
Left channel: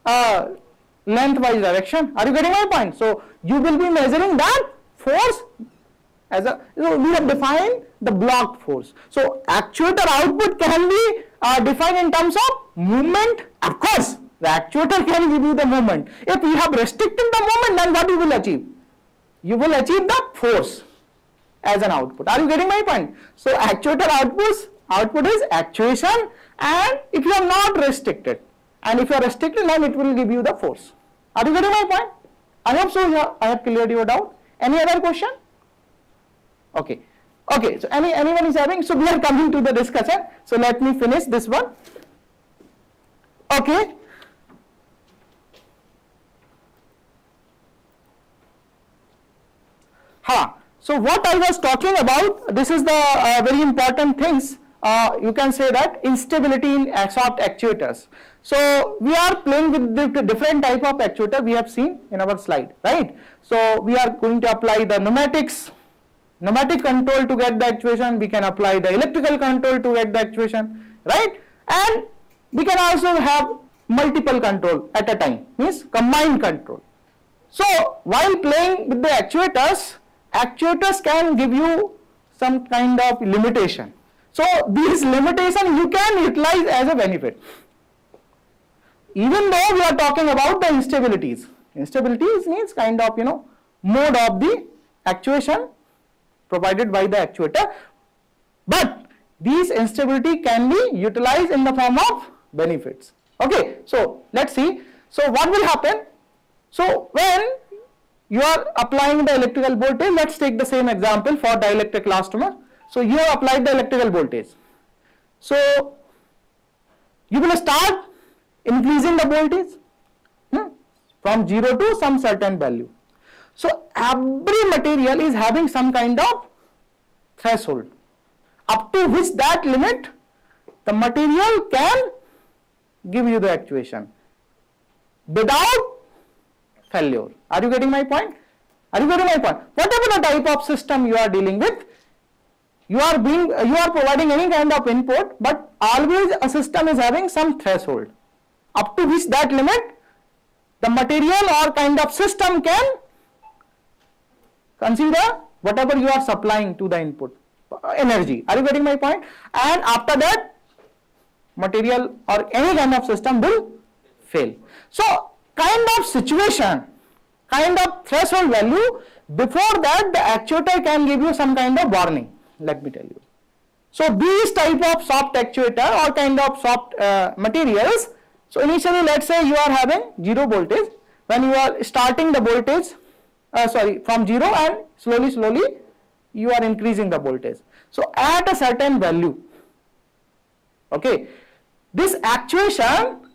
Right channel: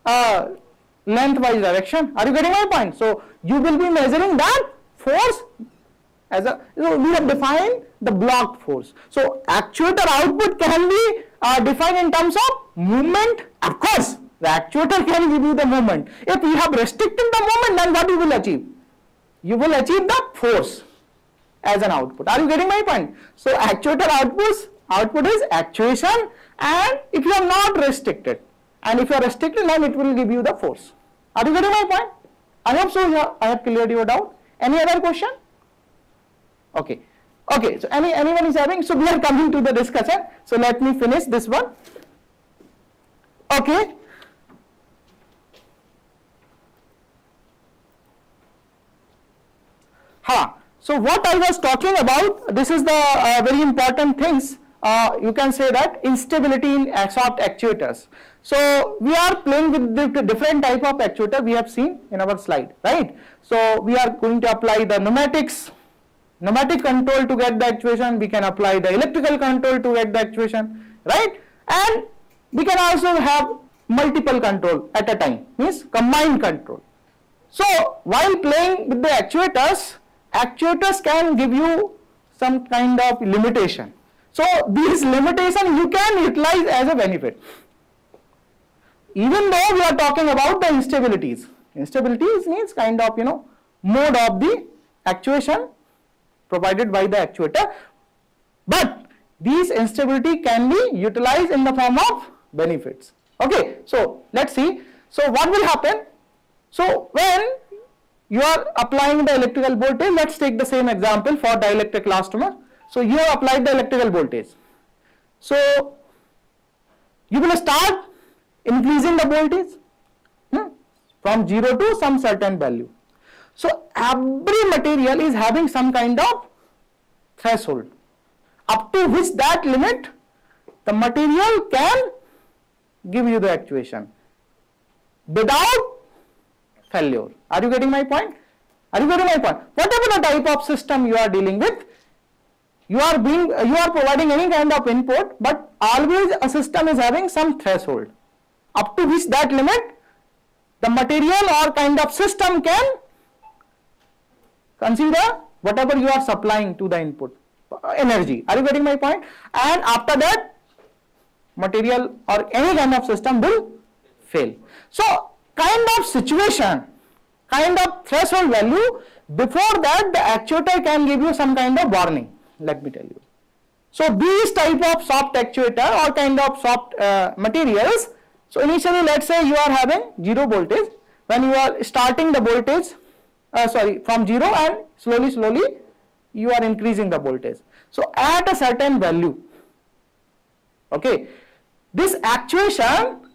the lengthwise direction. Are you getting my point? So you will be measuring that force as a, we have defined the blocked force. So actuator output can be defined in terms of movement. Of course, the actuator can give you the movement. If you have restricted the movement, then what you will achieve? You will achieve the force as an output. Are you getting my point? So actuator output is actuation, and if you are not restricted, and if you are restricted, then it will give you the force. Are you getting my point? I hope so. Yeah, I have cleared your doubt. Any other question? Okay. Okay. So anyone is having? So we are coming to the discussion. So let me finish this one. Okay. So what I was talking about, this is the very important things. You can say that instability in soft actuators. So we are playing with the different type of actuator we have seen in our slide, right? So we are going to apply the pneumatic control to get the actuation. We can apply the electrical control to get the actuation, right? And we can also have multiple control at a time, means combined control. So while playing with the actuators can give you some kind of limitation. So these limitation you can utilize as a benefit. Even though we are talking about the instabilities means kind of mode of the actuation provided by the actuator, but these instability can be utilized in the form of benefits. Okay, so let's see. So what will happen? So when you are applying the electrical voltage, let's take the same example for dielectric elastomer. So you have applied the electrical voltage. So you will start increasing the voltage from 0 to some certain value. So every material is having some kind of threshold, up to which that limit the material can give you the actuation without failure. Are you getting my point? Whatever the type of system you are dealing with, you are providing any kind of input, but always a system is having some threshold, up to which that limit the material or kind of system can consider whatever you are supplying to the input energy. Are you getting my point? And after that, material or any kind of system will fail. So kind of situation, kind of threshold value, before that the actuator can give you some kind of warning. Let me tell you. So these type of soft actuator or kind of soft materials, so initially let's say you are having 0 voltage. When you are starting the voltage, from 0, and slowly you are increasing the voltage. So at a certain value, okay, this actuation,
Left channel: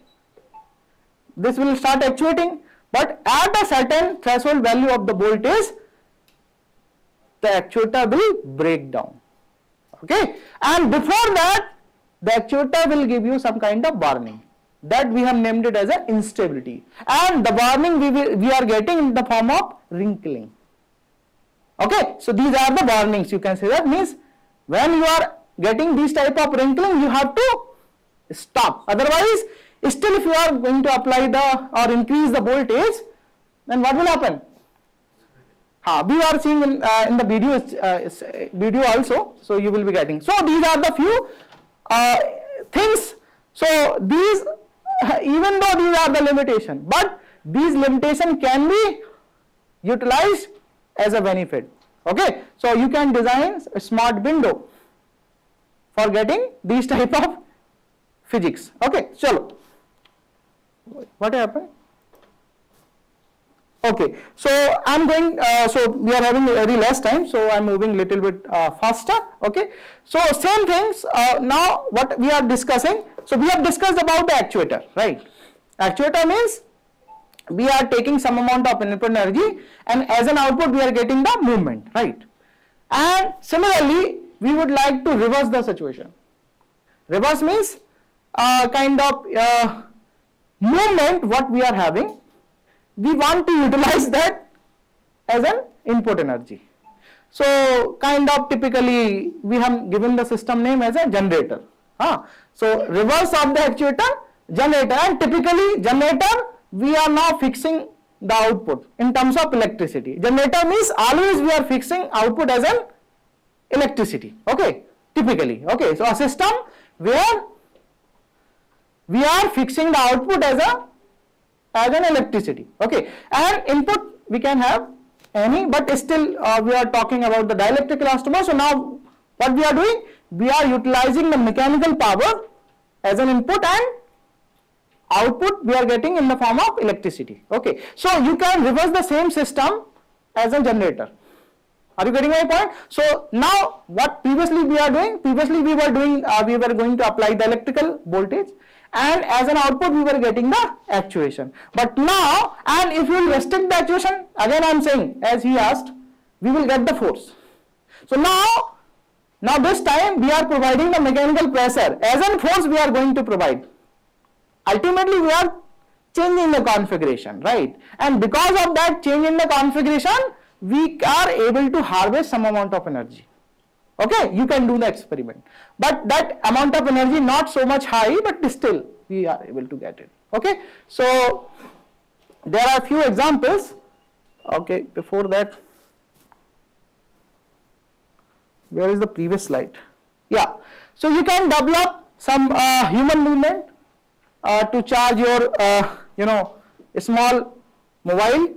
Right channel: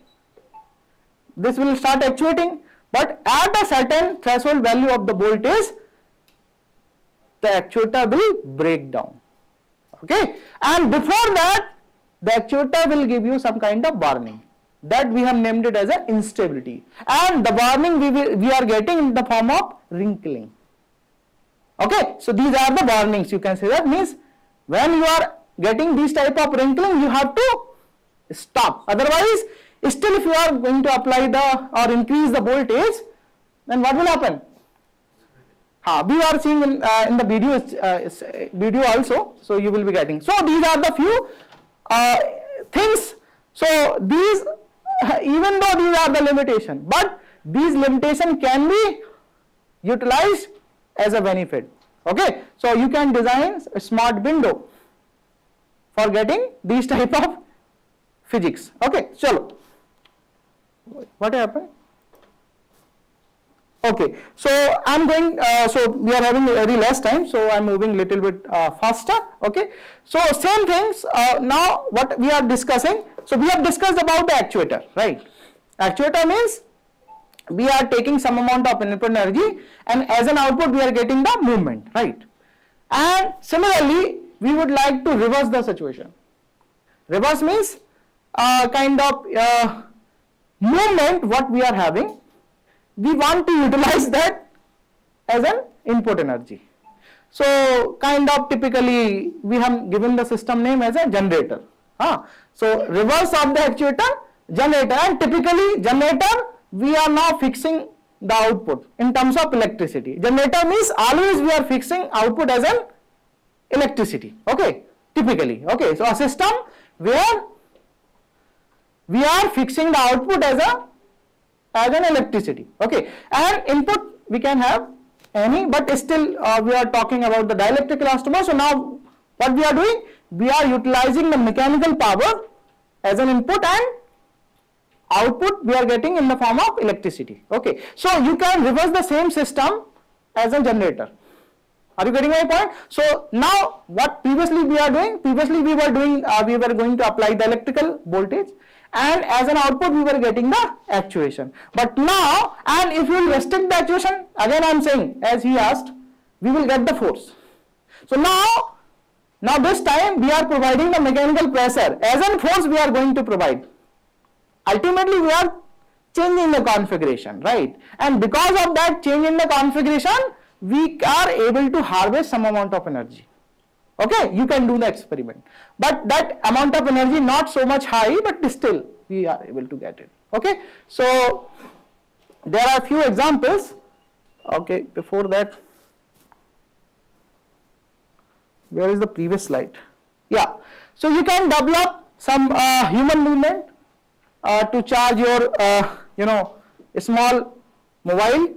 this will start actuating, but at a certain threshold value of the voltage, the actuator will break down. Okay, and before that, the actuator will give you some kind of warning. That we have named it as an instability, and the warning we are getting in the form of wrinkling. Okay, so these are the warnings. You can say that means when you are getting this type of wrinkling, you have to stop. Otherwise, still if you are going to apply or increase the voltage, then what will happen? We are seeing in the video also, so you will be getting. So these are the few things. So these, even though these are the limitation, but these limitation can be utilized as a benefit. Okay, so you can design a smart window for getting these type of physics. Okay, chalo. What happened? Okay, so I'm going, so we are having very less time, so I'm moving little bit faster. Okay, so same things, now what we are discussing, so we have discussed about the actuator, right? Actuator means we are taking some amount of input energy, and as an output we are getting the movement, right? And similarly, we would like to reverse the situation. Reverse means kind of movement what we are having, we want to utilize that as an input energy. So kind of typically we have given the system name as a generator. So reverse of the actuator, generator, and typically generator we are now fixing the output in terms of electricity. Generator means always we are fixing output as an electricity. Okay, typically. Okay, so a system where we are fixing the output as an electricity. Okay, and input we can have any, but still we are talking about the dielectric elastomer. So now what we are doing, we are utilizing the mechanical power as an input, and output we are getting in the form of electricity. Okay, so you can reverse the same system as a generator. Are you getting my point? So now what previously we are doing, previously we were doing, we were going to apply the electrical voltage, and as an output we were getting the actuation. But now, and if you will restrict the actuation, again I am saying, as he asked, we will get the force. So now this time we are providing the mechanical pressure as an force we are going to provide. Ultimately we are changing the configuration, right? And because of that change in the configuration, we are able to harvest some amount of energy. Okay, you can do the experiment, but that amount of energy not so much high, but still we are able to get it. Okay, so there are few examples. Okay, before that, where is the previous slide? Yeah, so you can develop some human movement to charge your small mobile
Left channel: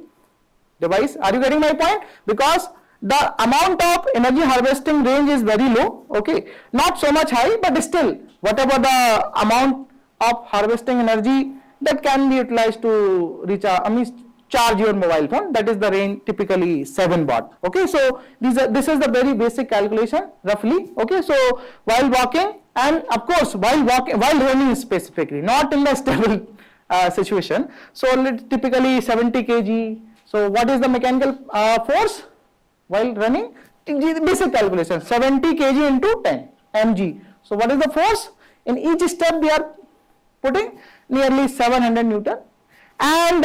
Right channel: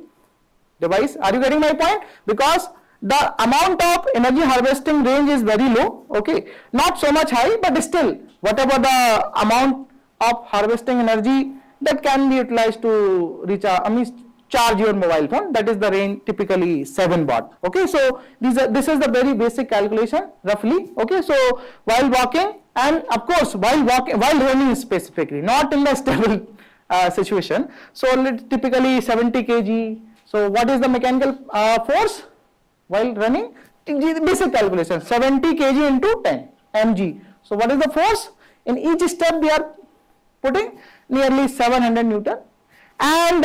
device. Are you getting my point? Because the amount of energy harvesting range is very low. Okay, not so much high, but still whatever the amount of harvesting energy that can be utilized to recharge, charge your mobile phone, that is the range typically 7 watt. Okay, so this is the very basic calculation roughly. Okay, so while walking, and of course while running specifically, not in the stable situation. So typically 70 kg. So what is the mechanical force while running? Basic calculation, 70 kg into 10 mg. So what is the force? In each step we are putting nearly 700 Newton, and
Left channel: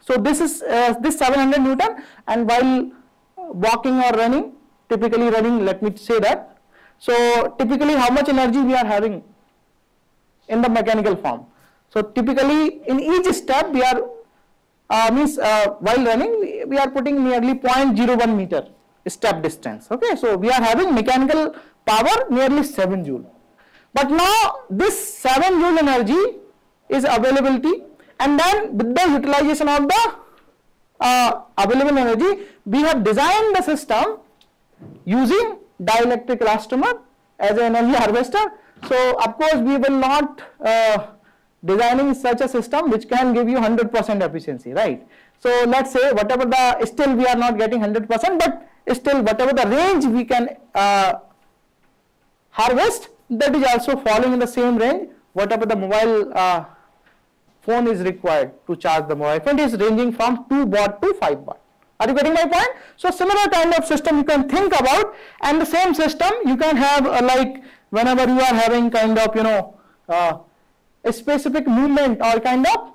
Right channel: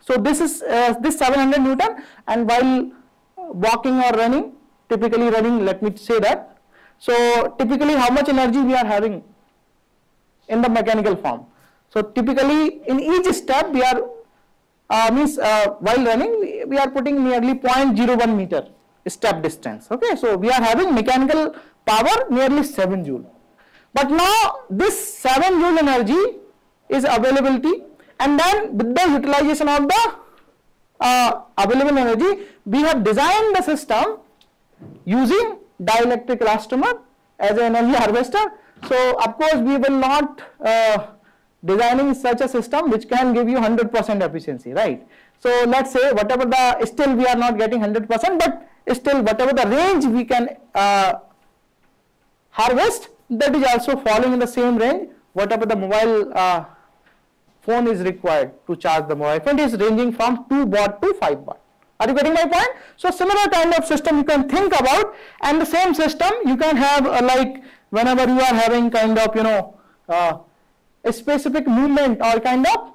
so this is this 700 Newton, and while walking or running, typically running, let me say that. So typically how much energy we are having in the mechanical form? So typically in each step we are while running we are putting nearly 0.01 meter step distance. Okay, so we are having mechanical power nearly 7 joule. But now this 7 joule energy is availability, and then with the utilization of the available energy, we have designed the system using dielectric elastomer as an energy harvester. So of course we will not designing such a system which can give you 100% efficiency, right? So let's say whatever the, still we are not getting 100%, but still whatever the range we can harvest, that is also falling in the same range whatever the mobile phone is required to charge the mobile phone is ranging from 2 watt to 5 watt. Are you getting my point? So similar kind of system you can think about, and the same system you can have like whenever you are having kind of a specific movement or kind of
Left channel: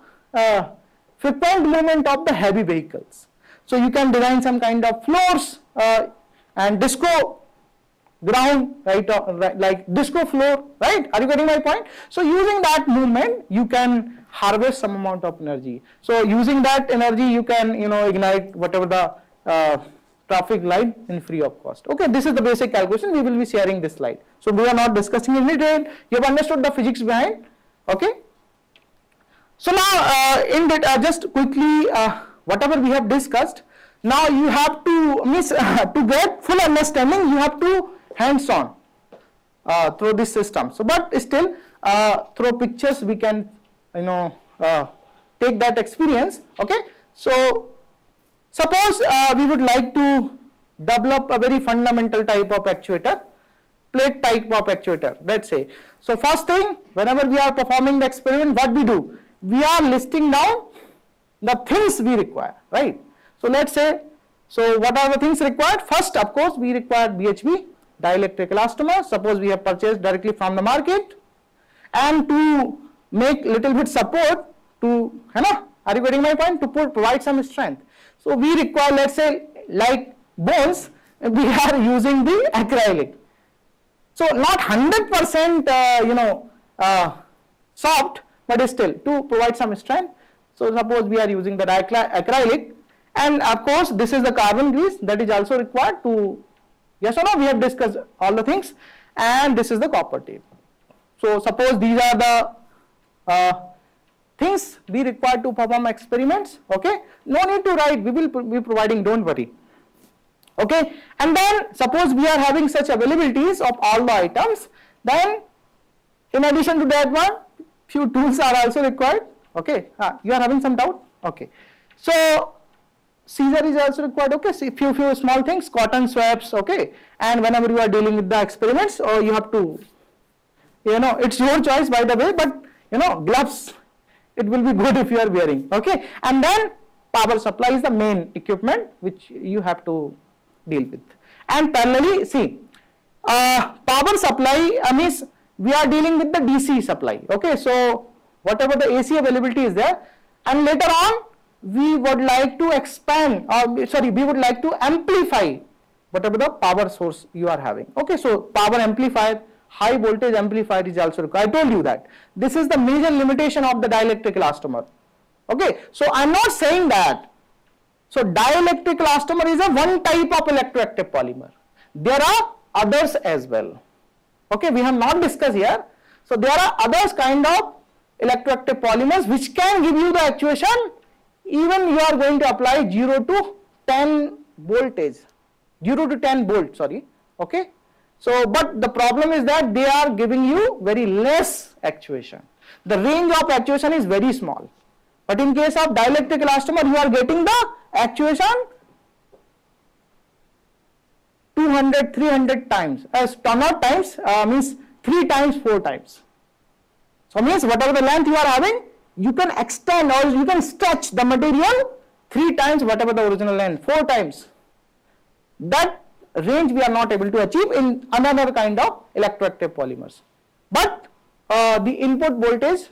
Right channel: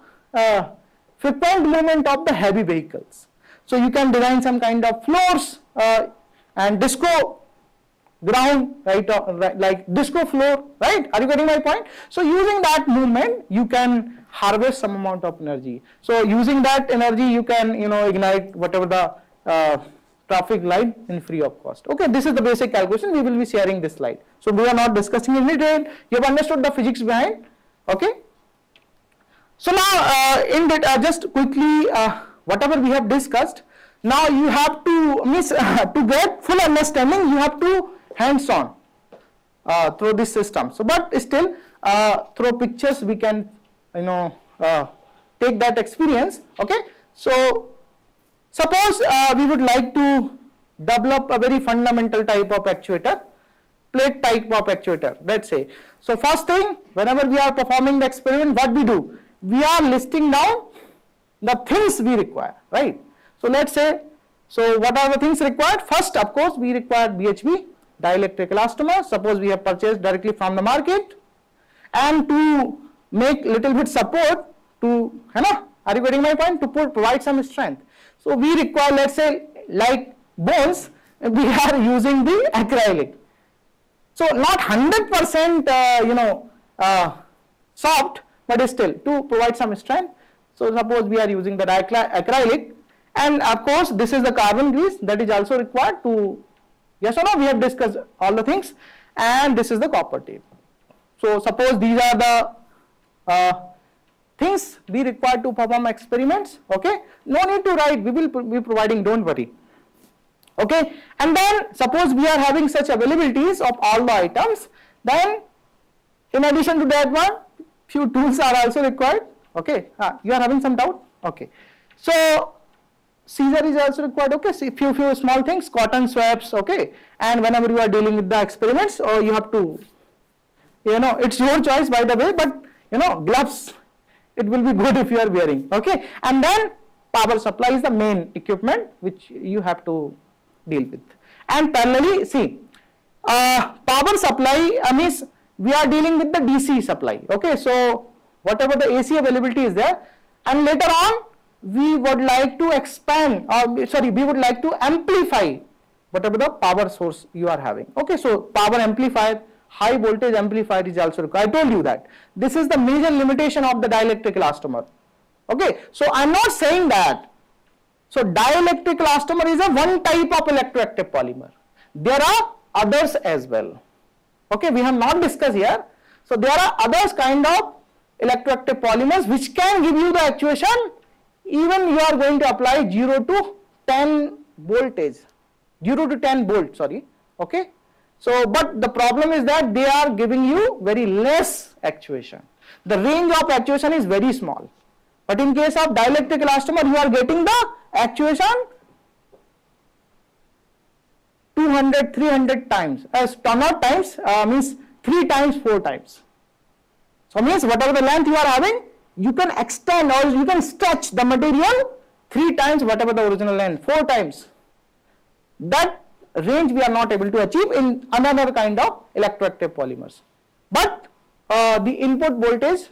frequent movement of the heavy vehicles. So you can design some kind of floors and disco ground, right, like disco floor, right? Are you getting my point? So using that movement you can harvest some amount of energy. So using that energy you can ignite whatever the traffic light in free of cost. Okay, this is the basic calculation. We will be sharing this slide. So we are not discussing in detail. You have understood the physics behind. Okay. So now just quickly whatever we have discussed. Now you have to to get full understanding. You have to hands-on through this system. So, but still through pictures we can take that experience. Okay. So suppose we would like to develop a very fundamental type of actuator, plate type of actuator, let's say. So first thing, whenever we are performing the experiment, what we do? We are listing down the things we require, right? So let's say, so what are the things required? First, of course, we require BHB, dielectric elastomer. Suppose we have purchased directly from the market, and to make little bit support to, are you getting my point? To provide some strength. So we require, let's say, like bones, we are using the acrylic. So not 100% soft, but still to provide some strength. So suppose we are using the acrylic, and of course this is the carbon grease that is also required to, yes or no, we have discussed all the things, and this is the copper tape. So suppose these are the things we require to perform experiments. Okay, no need to write, we will be providing, don't worry. Okay, and then suppose we are having such availabilities of all the items, then in addition to that one, few tools are also required. Okay, you are having some doubt? Okay, so scissor is also required. Okay, see few small things, cotton swabs. Okay, and whenever you are dealing with the experiments, or you have to, it's your choice by the way, but gloves, it will be good if you are wearing. Okay, and then power supply is the main equipment which you have to deal with. And parallelly, see, power supply means we are dealing with the DC supply. Okay, so whatever the AC availability is there, and later on we would like to expand, we would like to amplify whatever the power source you are having. Okay, so power amplifier, high voltage amplifier is also required. I told you that this is the major limitation of the dielectric elastomer. Okay, so I am not saying that. So dielectric elastomer is a one type of electroactive polymer. There are others as well. Okay, we have not discussed here. So there are others kind of electroactive polymers which can give you the actuation even you are going to apply 0 to 10 voltage, 0 to 10 volt, sorry. Okay, so but the problem is that they are giving you very less actuation. The range of actuation is very small. But in case of dielectric elastomer, you are getting the actuation 200, 300 times, not times, means 3 times, 4 times. So means whatever the length you are having, you can extend or you can stretch the material 3 times whatever the original length, 4 times. That range we are not able to achieve in another kind of electroactive polymers. But the input voltage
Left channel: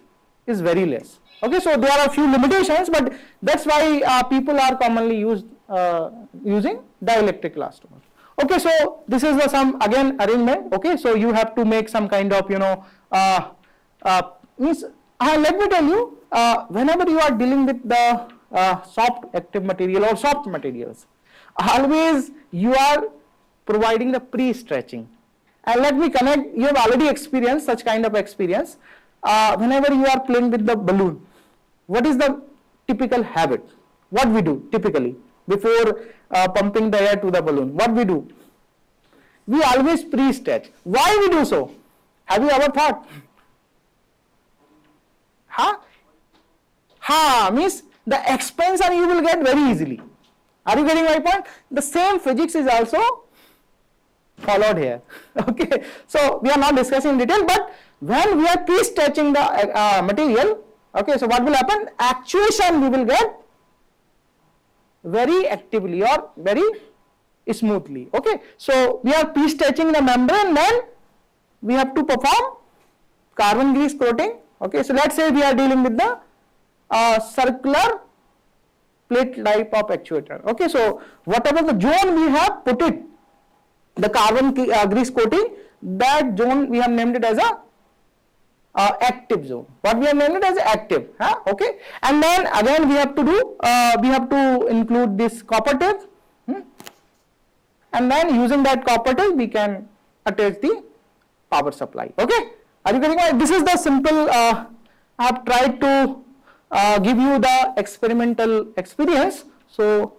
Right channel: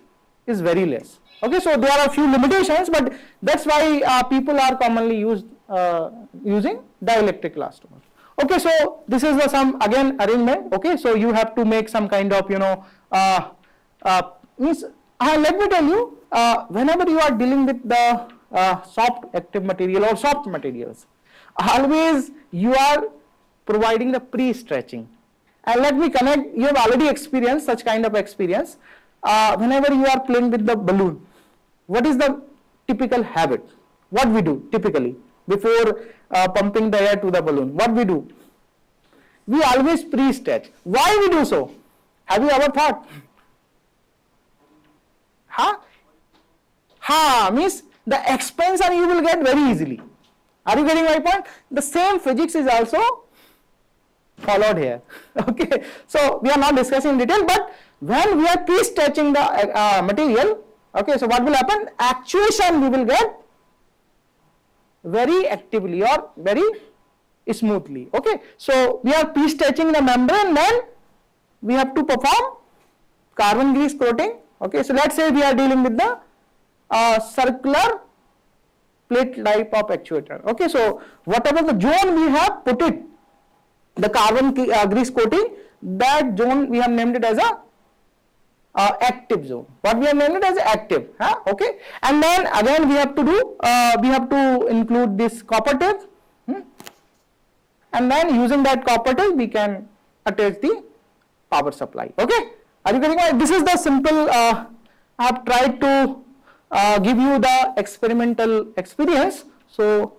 is very less. Okay, so there are a few limitations, but that's why people are commonly using dielectric elastomer. Okay, so this is the some again arrangement. Okay, so you have to make some kind of let me tell you, whenever you are dealing with the soft active material or soft materials, always you are providing the pre-stretching. And let me connect, you have already experienced such kind of experience. Whenever you are playing with the balloon, what is the typical habit? What we do typically before pumping the air to the balloon? What we do? We always pre-stretch. Why we do so? Have you ever thought? Means the expansion you will get very easily. Are you getting my point? The same physics is also followed here. Okay, so we are not discussing in detail, but when we are pre-stretching the material, okay, so what will happen? Actuation we will get very actively or very smoothly. Okay, so we are pre-stretching the membrane, then we have to perform carbon grease coating. Okay, so let's say we are dealing with the circular plate type of actuator. Okay, so whatever the zone we have put it, the carbon grease coating, that zone we have named it as a active zone. What we have named it as active. Okay, and then again we have to do, we have to include this copper tape, and then using that copper tape we can attach the power supply. Okay, are you getting it? This is the simple. I have tried to give you the experimental experience. So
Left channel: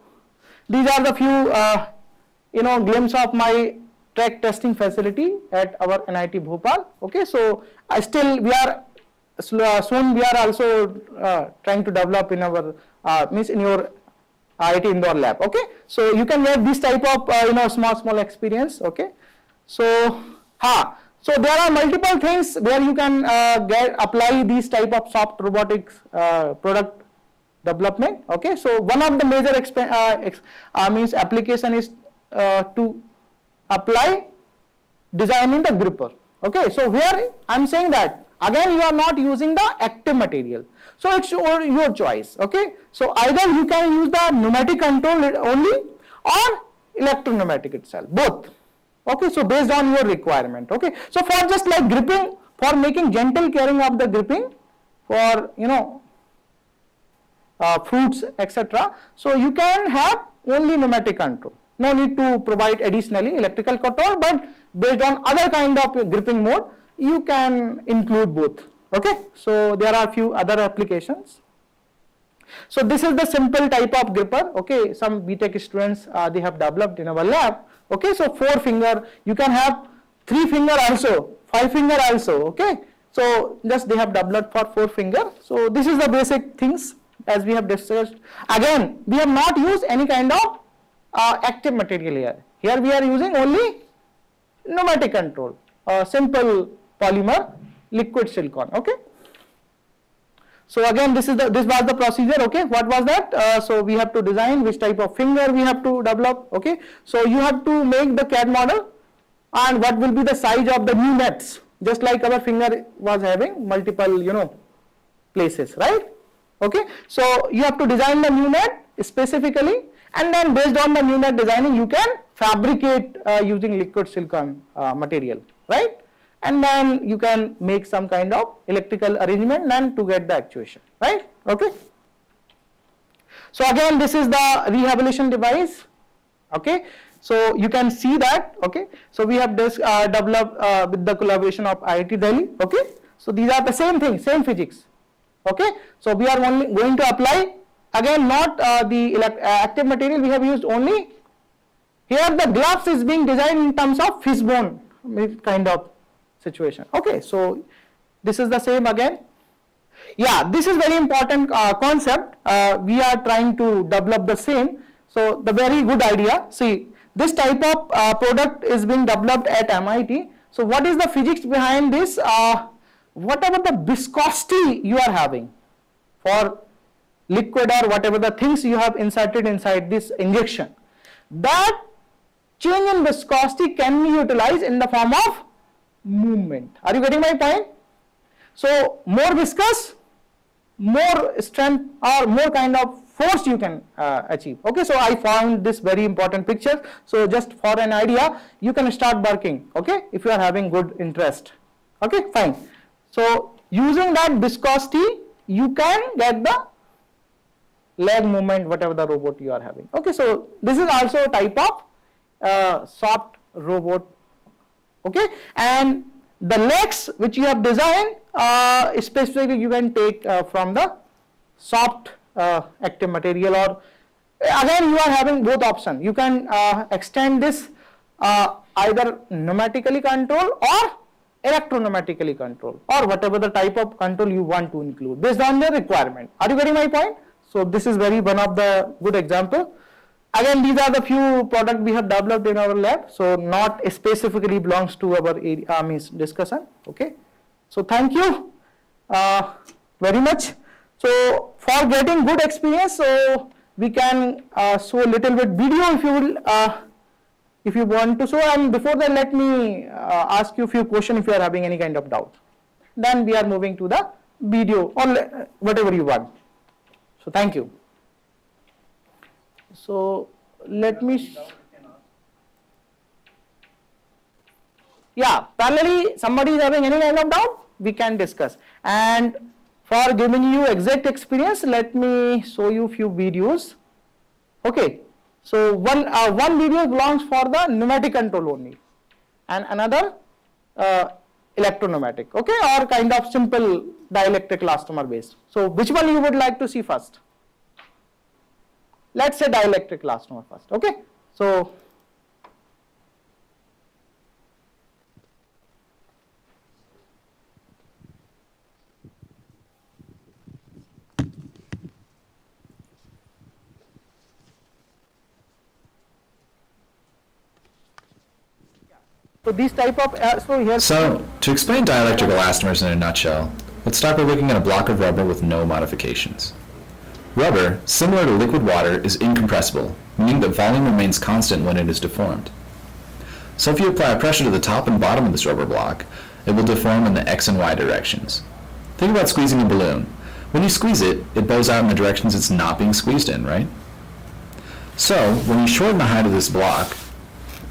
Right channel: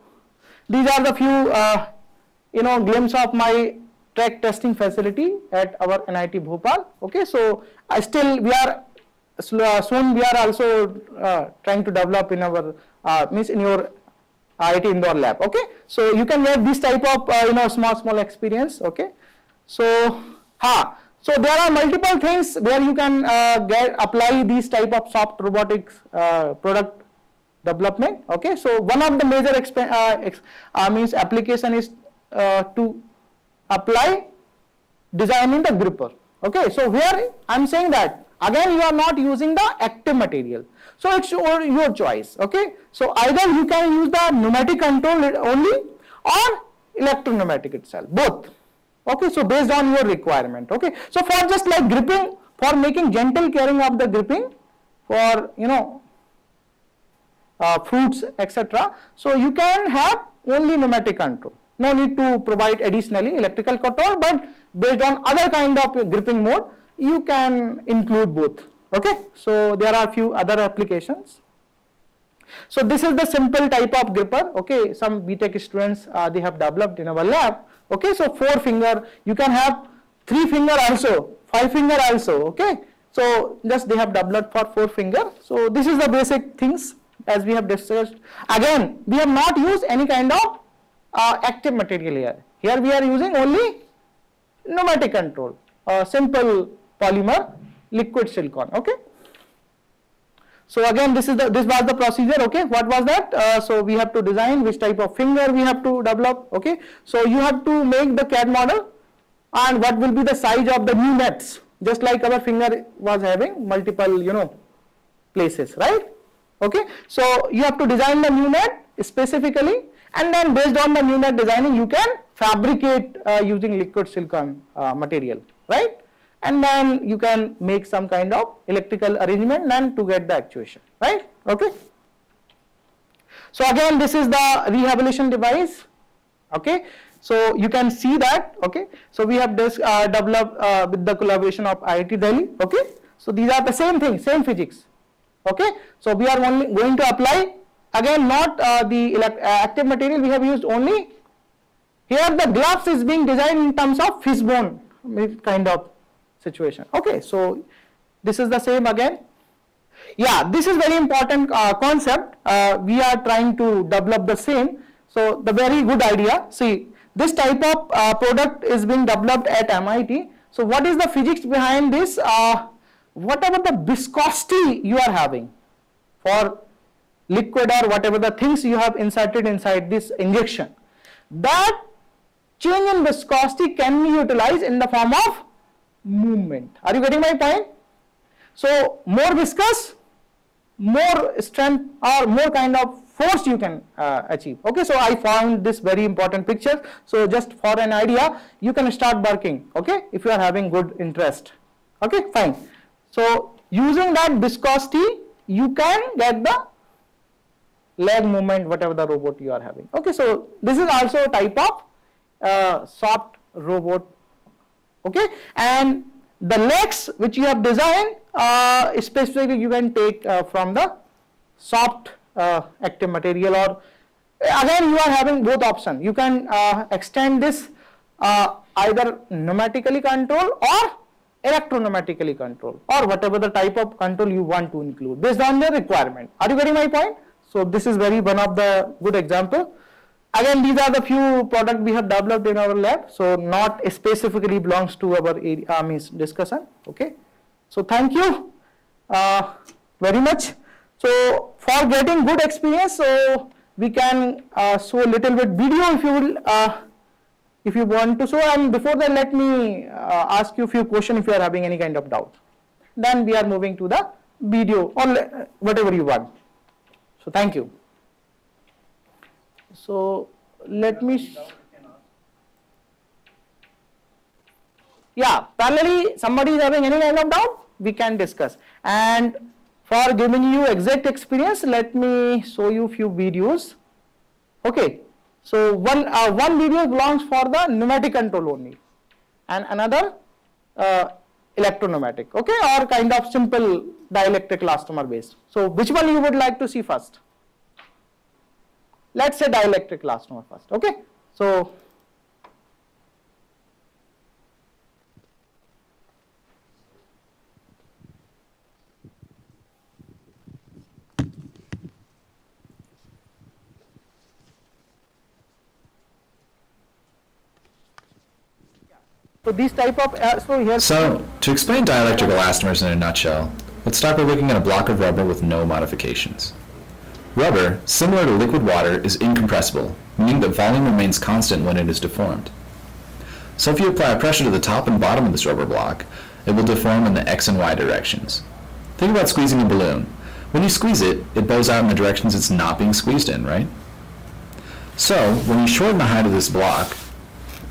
these are the few glimpse of my track testing facility at our NIT Bhopal. Okay, so still we are soon we are also trying to develop in our means in your IIT Indore lab. Okay, so you can get this type of small experience. Okay, so so there are multiple things where you can apply these type of soft robotics product development. Okay, so one of the major means application is to apply designing the gripper. Okay, so here I am saying that again you are not using the active material, so it's your choice. Okay, so either you can use the pneumatic control only, or electropneumatic itself, both. Okay, so based on your requirement. Okay, so for just like gripping, for making gentle carrying of the gripping, for fruits, etc. So you can have only pneumatic control. No need to provide additionally electrical control, but based on other kind of gripping mode, you can include both. Okay, so there are a few other applications. So this is the simple type of gripper. Okay, some BTech students they have developed in our lab. Okay, so 4 finger, you can have 3 finger also, 5 finger also. Okay, so just they have developed for 4 finger. So this is the basic things as we have discussed. Again, we have not used any kind of active material here. Here we are using only pneumatic control, simple polymer, liquid silicon. Okay. So again, this was the procedure. Okay, what was that? So we have to design which type of finger we have to develop. Okay, so you have to make the CAD model and what will be the size of the new nets. Just like our finger was having multiple, places, right? Okay, so you have to design the new net specifically, and then based on the new net designing, you can fabricate using liquid silicon material, right? And then you can make some kind of electrical arrangement and to get the actuation, right? Okay. So again, this is the rehabilitation device. Okay. So you can see that. Okay. So we have this developed with the collaboration of IIT Delhi. Okay. So these are the same thing, same physics. Okay. So we are only going to apply again not the active material we have used only. Here the gloves is being designed in terms of fishbone kind of situation. Okay, so this is the same again. Yeah, this is very important concept. We are trying to develop the same. So the very good idea. See, this type of product is being developed at MIT. So what is the physics behind this? Whatever the viscosity you are having for liquid or whatever the things you have inserted inside this injection, that change in viscosity can be utilized in the form of movement. Are you getting my point? So more viscous, more strength or more kind of force you can achieve. Okay, so I found this very important picture. So just for an idea, you can start working. Okay, if you are having good interest. Okay, fine. So using that viscosity, you can get the leg movement, whatever the robot you are having. Okay, so this is also a type of soft robot. Okay, and the legs which you have designed, specifically you can take from the soft active material, or again you are having both options. You can extend this either pneumatically control or electropneumatically control, or whatever the type of control you want to include based on the requirement. Are you getting my point? So this is one of the good example. Again, these are the few products we have developed in our lab, so not specifically belongs to our discussion. Okay, so thank you very much. So for getting good experience, so we can show a little bit video if you will, if you want to show. And before that, let me ask you a few questions if you are having any kind of doubt. Then we are moving to the video or whatever you want. So thank you. So let me, yeah, parallelly somebody is having any kind of doubt, we can discuss. And for giving you exact experience, let me show you few videos. Okay, so one video belongs for the pneumatic control only, and another electropneumatic. Okay, or kind of simple dielectric elastomer based. So which one you would like to see first? Let's say dielectric elastomer first. Okay, so these type of So, to explain dielectric elastomers in a nutshell, let's start by looking at a block of rubber with no modifications. Rubber, similar to liquid water, is incompressible, meaning that volume remains constant when it is deformed. So if you apply pressure to the top and bottom of this rubber block, it will deform in the x and y directions. Think about squeezing a balloon. When you squeeze it, it bows out in the directions it's not being squeezed in, right? So, when you shorten the height of this block,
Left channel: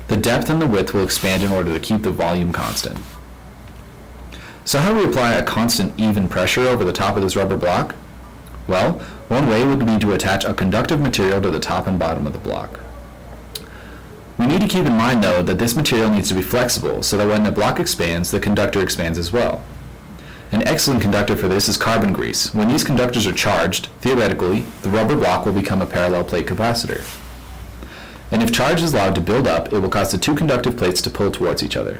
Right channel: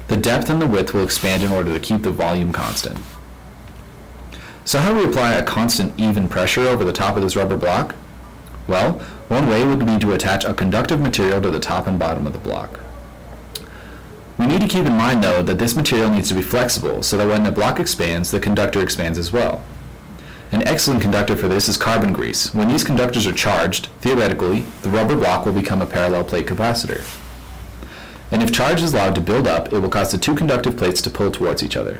the depth and the width will expand in order to keep the volume constant. So how do we apply a constant even pressure over the top of this rubber block? Well, one way would be to attach a conductive material to the top and bottom of the block. We need to keep in mind, though, that this material needs to be flexible so that when the block expands, the conductor expands as well. An excellent conductor for this is carbon grease. When these conductors are charged, theoretically, the rubber block will become a parallel plate capacitor. And if charge is allowed to build up, it will cause the two conductive plates to pull towards each other.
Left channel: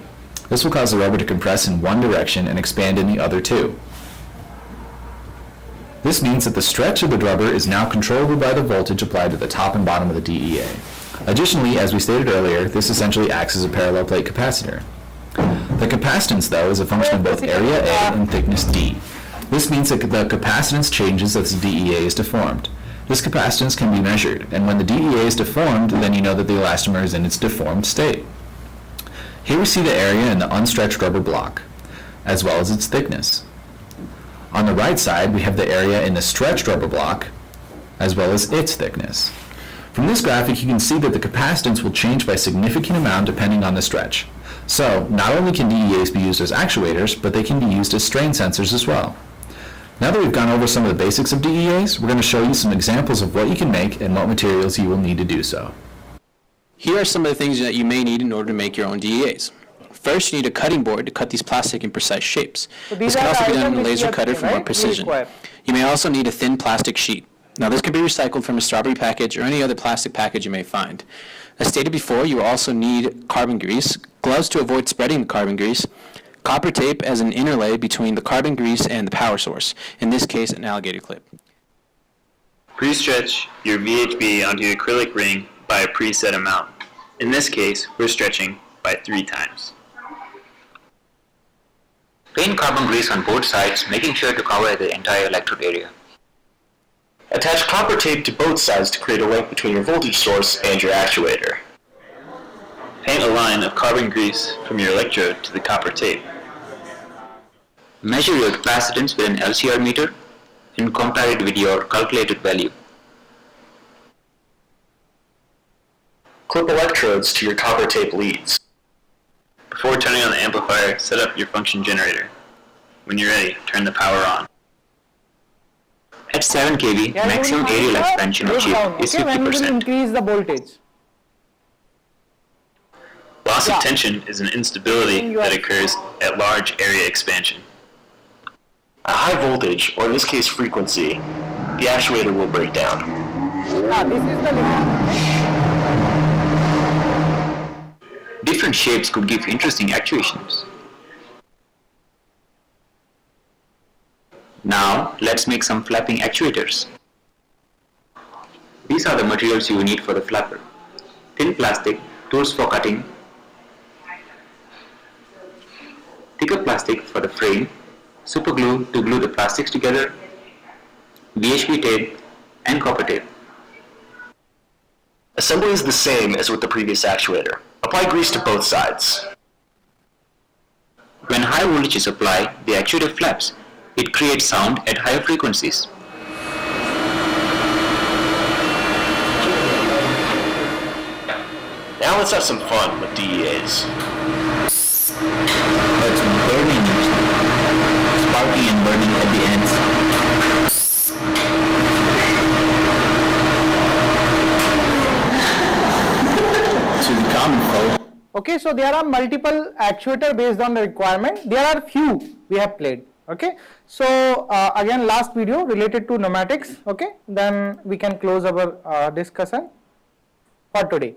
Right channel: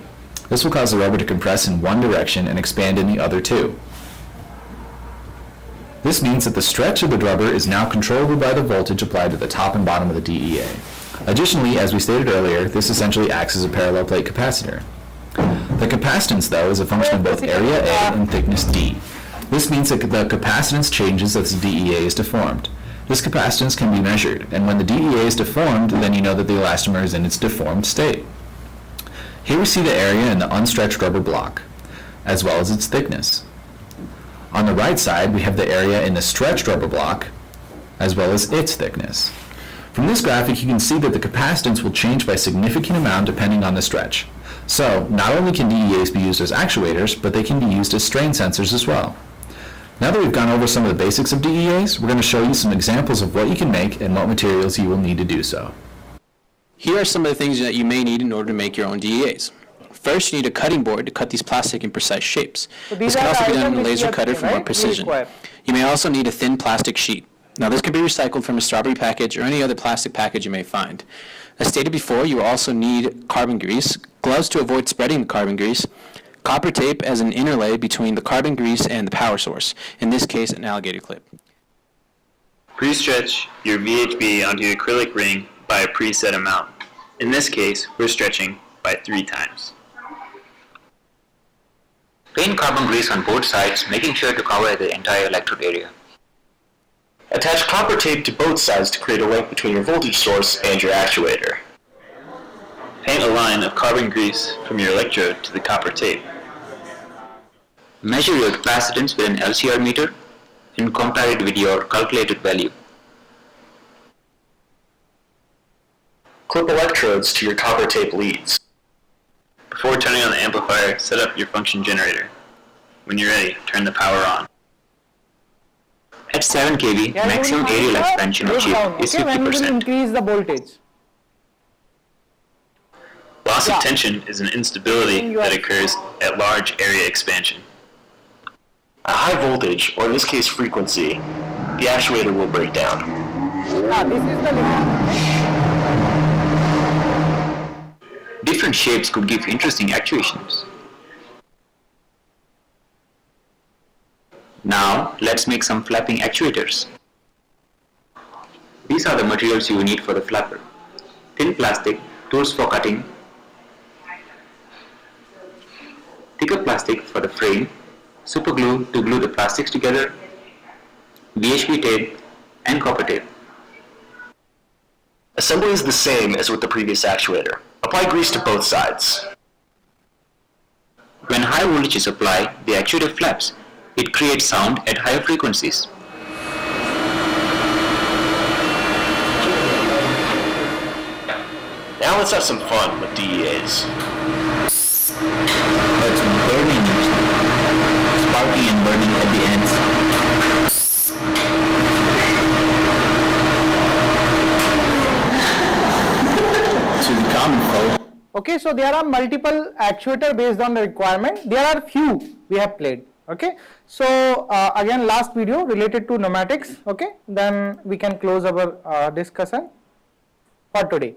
This will cause the rubber to compress in one direction and expand in the other two. This means that the stretch of the rubber is now controllable by the voltage applied to the top and bottom of the DEA. Additionally, as we stated earlier, this essentially acts as a parallel plate capacitor. The capacitance, though, is a function of both area A and thickness D. This means that the capacitance changes as the DEA is deformed. This capacitance can be measured, and when the DEA is deformed, then you know that the elastomer is in its deformed state. Here we see the area in the unstretched rubber block, as well as its thickness. On the right side, we have the area in the stretched rubber block, as well as its thickness. From this graphic, you can see that the capacitance will change by a significant amount depending on the stretch. So, not only can DEAs be used as actuators, but they can be used as strain sensors as well. Now that we've gone over some of the basics of DEAs, we're going to show you some examples of what you can make and what materials you will need to do so. Here are some of the things that you may need in order to make your own DEAs. First, you need a cutting board to cut these plastic in precise shapes. This can also be done in a laser cutter for more precision. You may also need a thin plastic sheet. Now, this can be recycled from a strawberry package or any other plastic package you may find. As stated before, you will also need carbon grease, gloves to avoid spreading the carbon grease, copper tape as an interlay between the carbon grease and the power source, in this case an alligator clip. Pre-stretch your VHB onto the acrylic ring by a preset amount. In this case, we're stretching by 3 times. Paint carbon grease on both sides, making sure to cover the entire electrode area. Attach copper tape to both sides to create a link between your voltage source and your actuator. Paint a line of carbon grease from your electrode to the copper tape. Measure your capacitance with an LCR meter and compare it with your calculated value. Clip electrodes to your copper tape leads. Before turning on the amplifier, set up your function generator. When you're ready, turn the power on. At 7 kV, maximum aerial expansion achieved is 50%. When you will increase the voltage? Loss of tension is an instability that occurs at large area expansion. At high voltage, or in this case frequency, the actuator will break down. This is the limit. Different shapes could give interesting actuations. Now, let's make some flapping actuators. These are the materials you will need for the flapper. Thin plastic, tools for cutting, thicker plastic for the frame, super glue to glue the plastics together, VHP tape, and copper tape. Assembly is the same as with the previous actuator. Apply grease to both sides. When high voltage is applied, the actuator flaps. It creates sound at higher frequencies. Now let's have some fun with DEAs. It's burning, sparking and burning at the ends. To the common folk. Okay, so there are multiple actuator based on the requirement. There are few we have played. Okay, so again last video related to pneumatics. Okay, then we can close our discussion for today.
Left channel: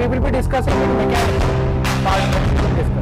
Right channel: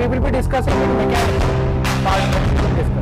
we will be discussing the mechanics part when we will discuss.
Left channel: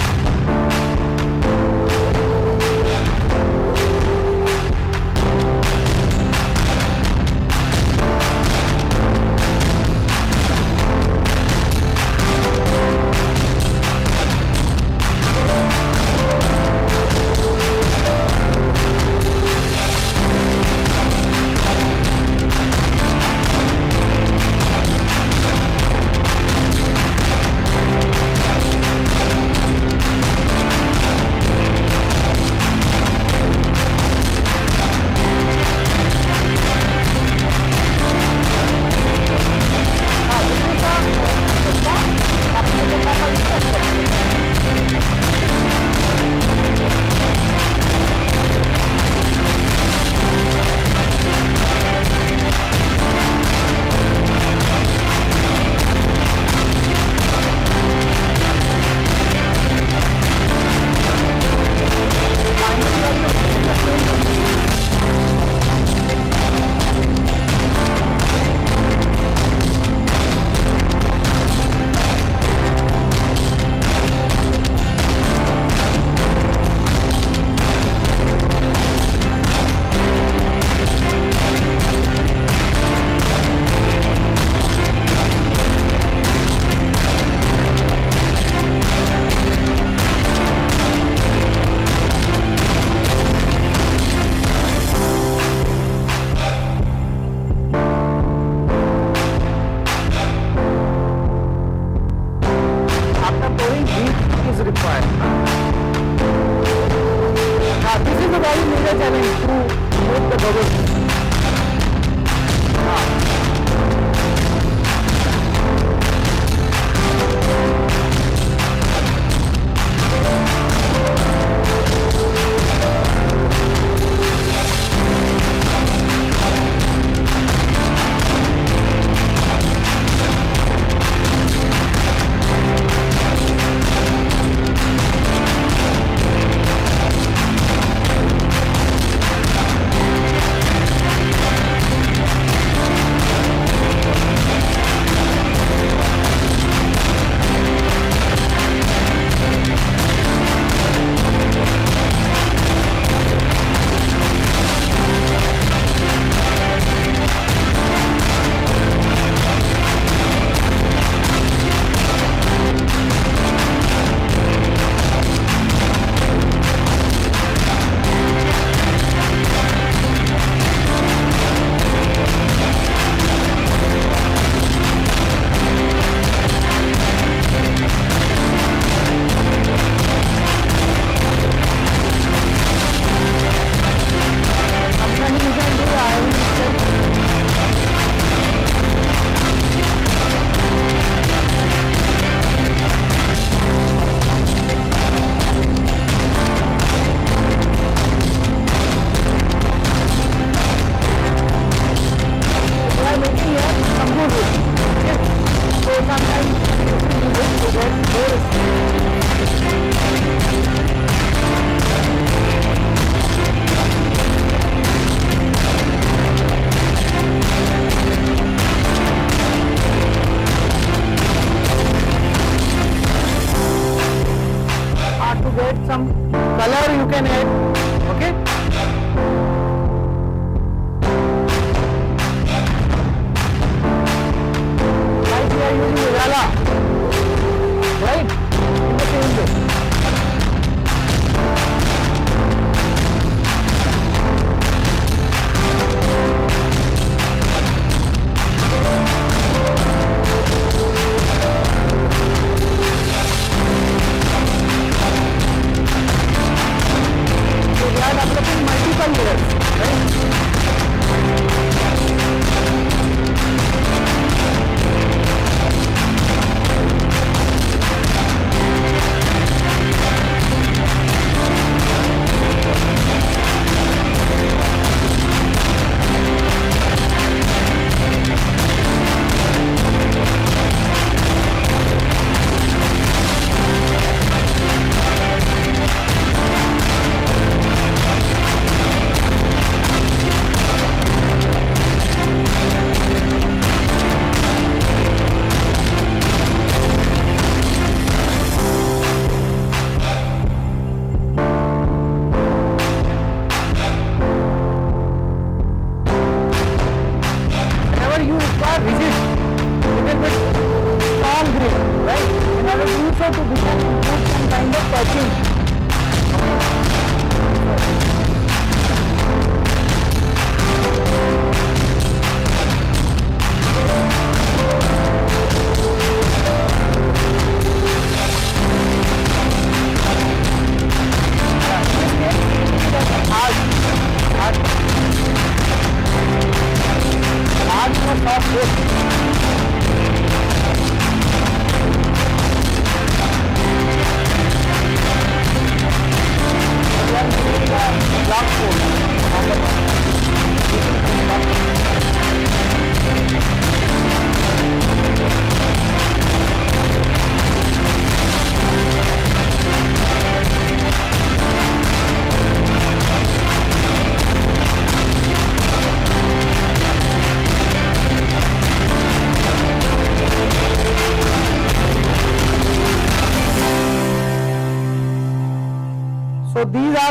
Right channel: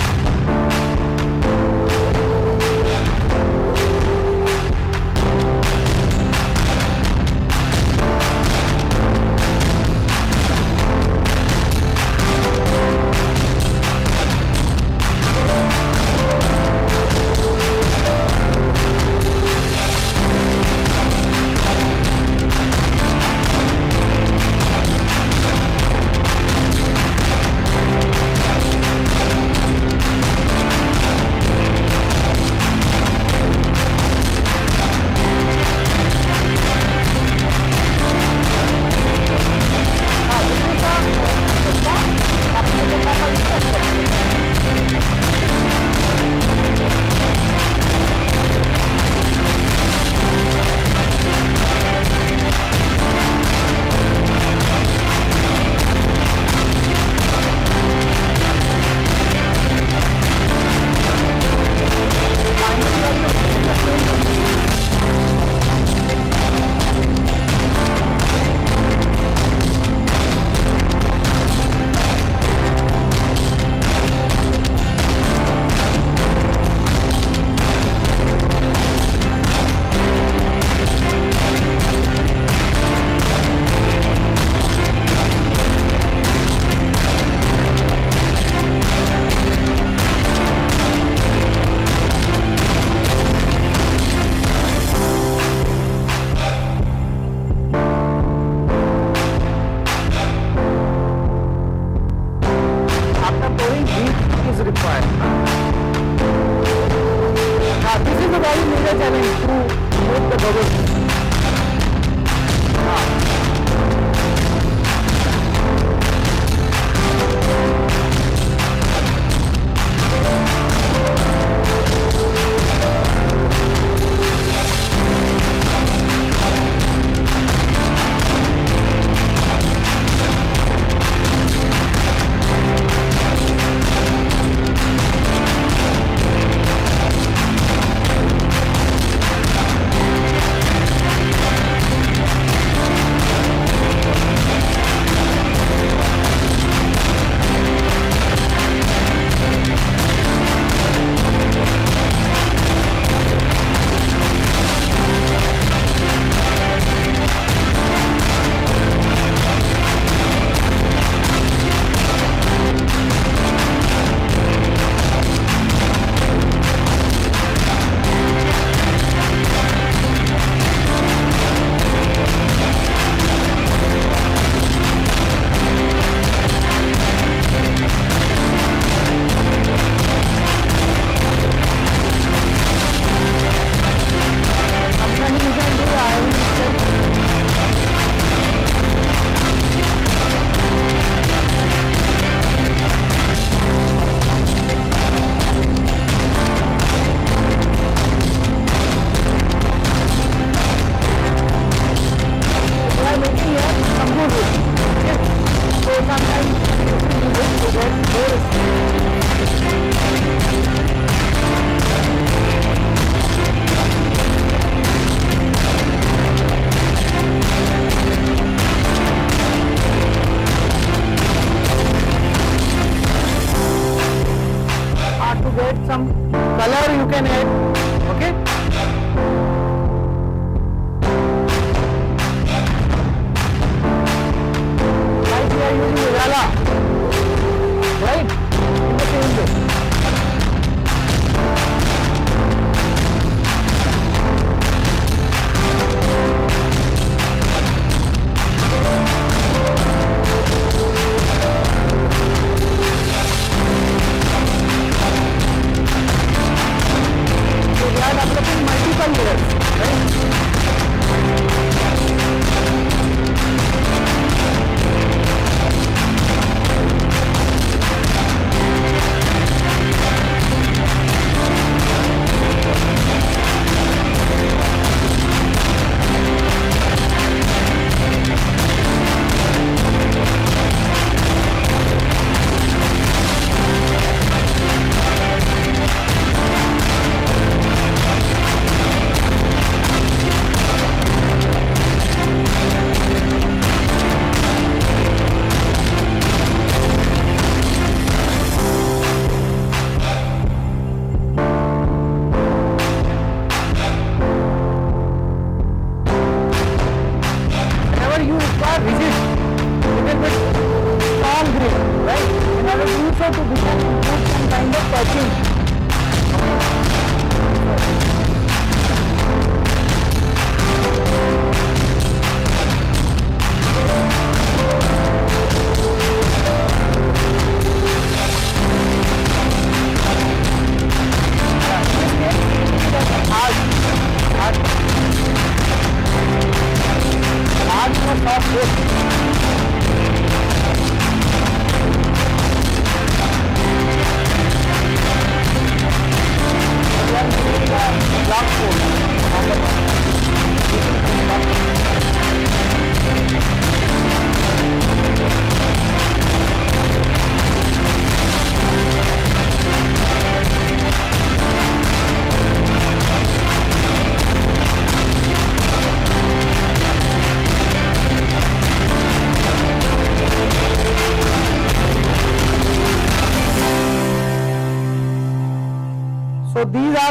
After pouring, heat is required. Now, this is a very major challenge to remove the bubbles.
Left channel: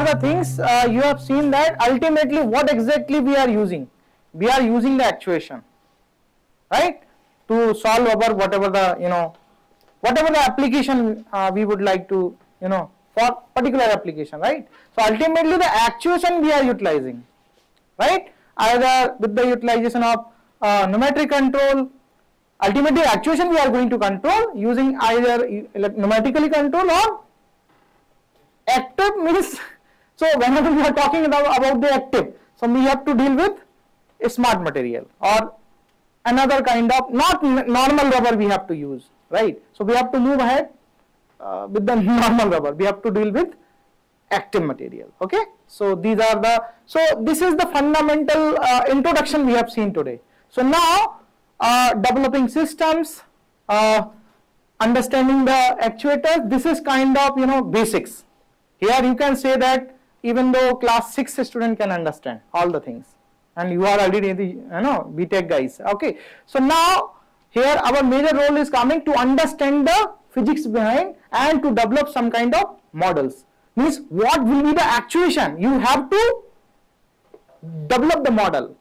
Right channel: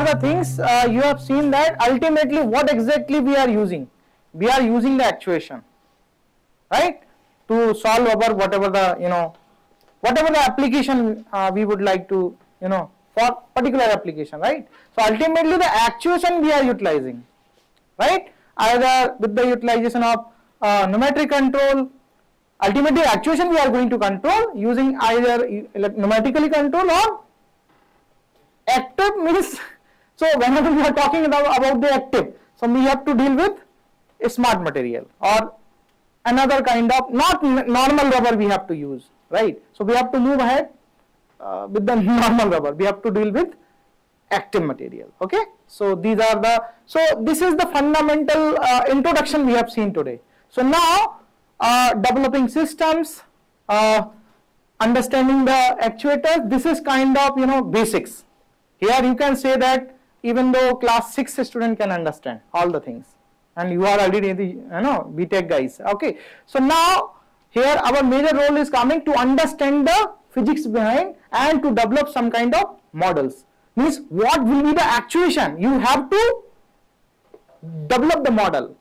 the things you have seen that ultimately what exactly we are using. We are using the actuation, right, to solve our whatever the whatever the application we would like to for particular application, right. So ultimately the actuation we are utilizing, right, either with the utilization of numeric control. Ultimately actuation we are going to control using either numerically control or active means. So whenever we are talking about the active, so we have to deal with a smart material or another kind of not normal rubber we have to use, right. So we have to move ahead with the normal rubber, we have to deal with active material. Okay, so these are the, so this is the fundamental introduction we have seen today. So now developing systems, understanding the actuators, this is kind of basics. Here you can say that even though class 6 student can understand all the things, and you are already the BTech guys. Okay, so now here our major role is coming to understand the physics behind and to develop some kind of models. Means what will be the actuation, you have to develop the model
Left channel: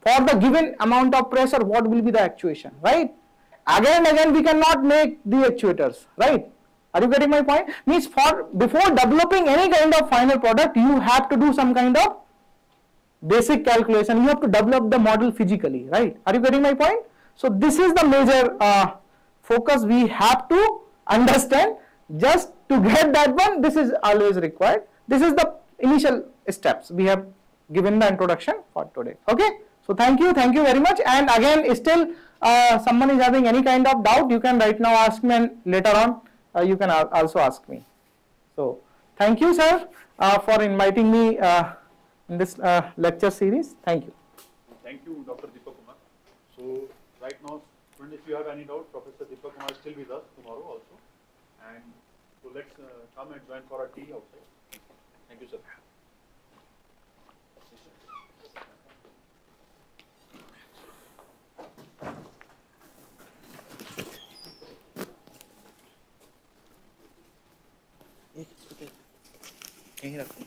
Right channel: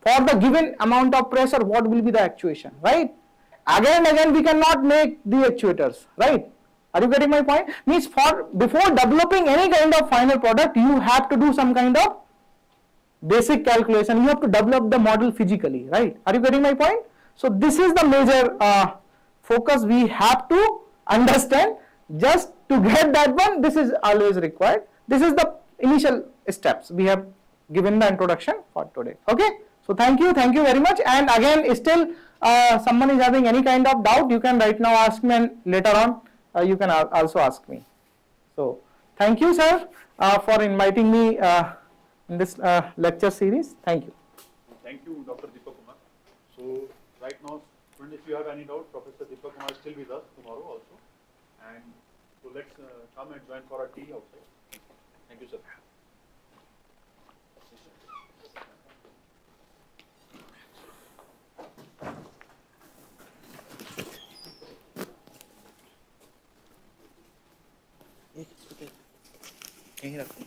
for the given amount of pressure, what will be the actuation, right. Again and again we cannot make the actuators, right. Are you getting my point? Means for before developing any kind of final product, you have to do some kind of basic calculation, you have to develop the model physically, right. Are you getting my point? So this is the major focus we have to understand. Just to get that one, this is always required. This is the initial steps we have given the introduction for today. Okay, so thank you very much. And again, still someone is having any kind of doubt, you can right now ask me, and later on you can also ask me. So thank you, sir, for inviting me in this lecture series. Thank you. Thank you, Dr. Deepak Kumar. So right now, students, if you have any doubt, Professor Deepak Kumar is still with us tomorrow also. And so let's come and join for a tea outside. Thank you, sir. कहीं रखो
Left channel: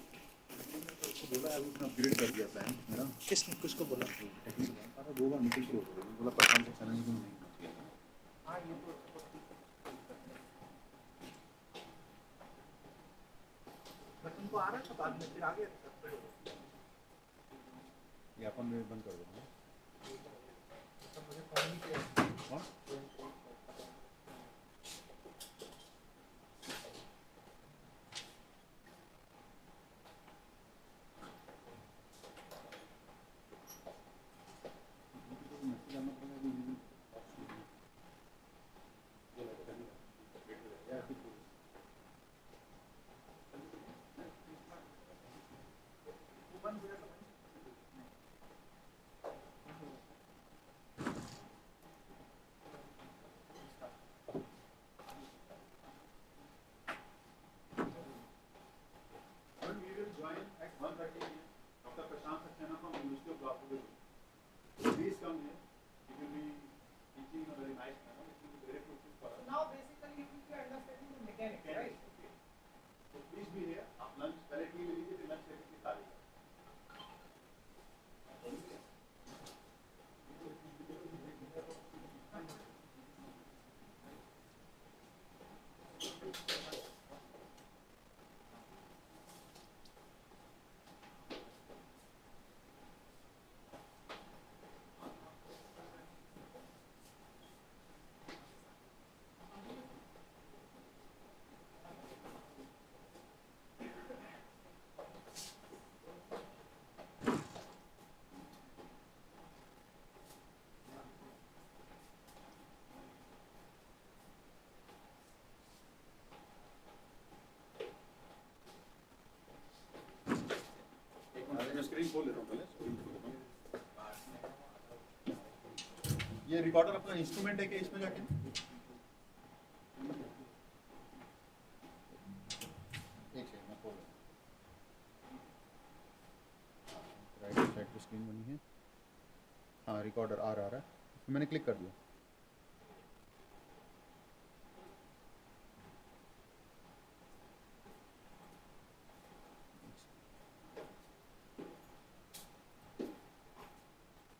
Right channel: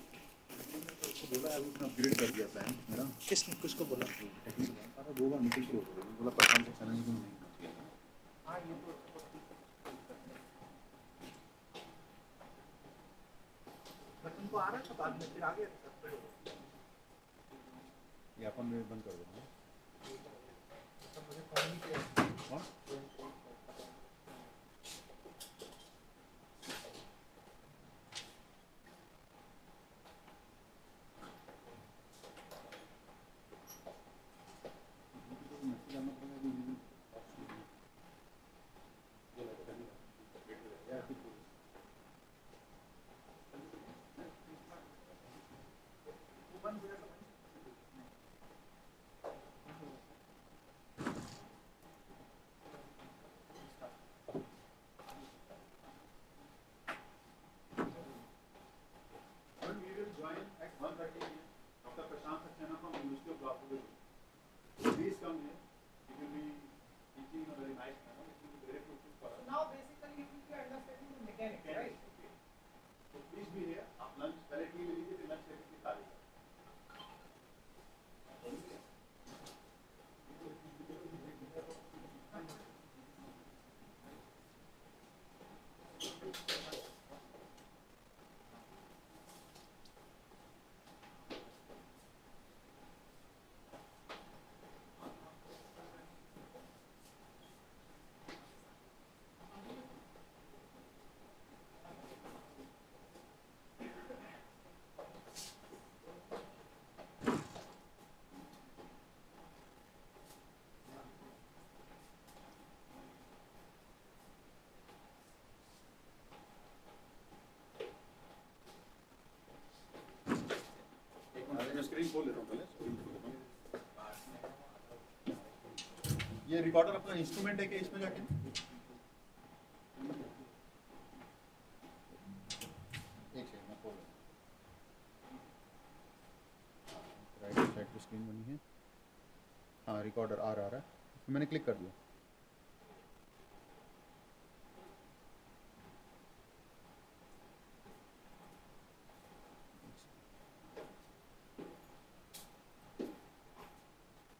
बोला है उसने upgrade कर दिया plan मेरा। किसने किसको बोला? अरे 2 बार निकल के बोला प्रशांत से चैनल को नहीं किया। हाँ ये तो तुमको आ रहा था बाद में फिर आ गया था। ये अपन में बंद कर देना। मुझे फोन नहीं किया। कौन? Please come here. It will be teaching in a very nice manner. It will be very fruitful for us. Now basically you will be understanding the mechanics, right? Okay. So please be here. आप lunch पहले T ले लीजिए फिर lunch लेके खा लीजिए. मैं screen खोल लेता हूँ पहले स्क्रीन खोल लेता हूँ। ये रिकॉर्डर अपना इंस्ट्रूमेंट है कि इसमें जाके एक सेकंड मैं खोल लेता हूँ। राइट साइड पे स्क्रीन बनी है। हाँ रिकॉर्डर आ रहा है, इसमें मैंने क्लिक कर दिया।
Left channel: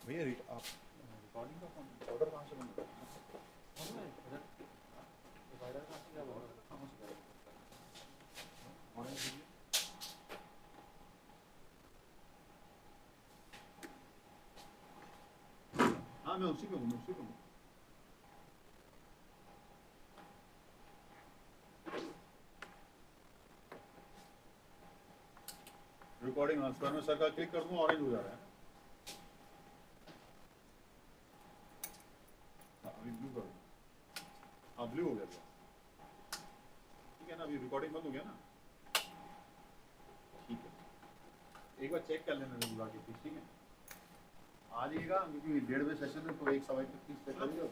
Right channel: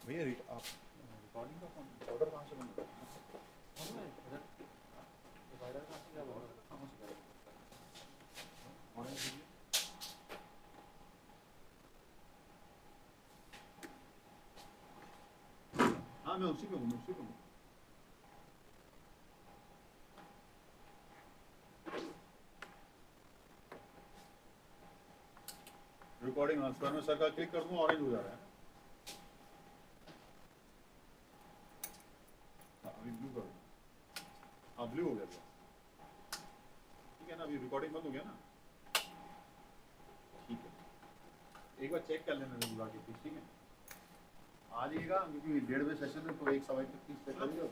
भैया आप रिकॉर्डिंग का ऑर्डर कहाँ से बन रहा है? डिवाइडर कहाँ से क्या बोल रहा है? कहाँ से ऑरेंज दीजिए। हाँ मैं उसी पे हूँ, रिकॉर्डिंग स्क्वायर में सर्कल क्लिक कर दूँ, ऑरेंज हो जा रहा है। अभी ब्लू कर दूँ, हाँ ब्लू हो गया। ठीक है ना, अभी रिकॉर्डिंग बंद हो गया ना। ठीक है, एक बार चेक कर लेना बुला के प्लीज। ठीक है, आ जाइएगा क्योंकि 1:30 बजे सेशन है, तो 1 सवा 1 तक प्लीज चेक करिएगा।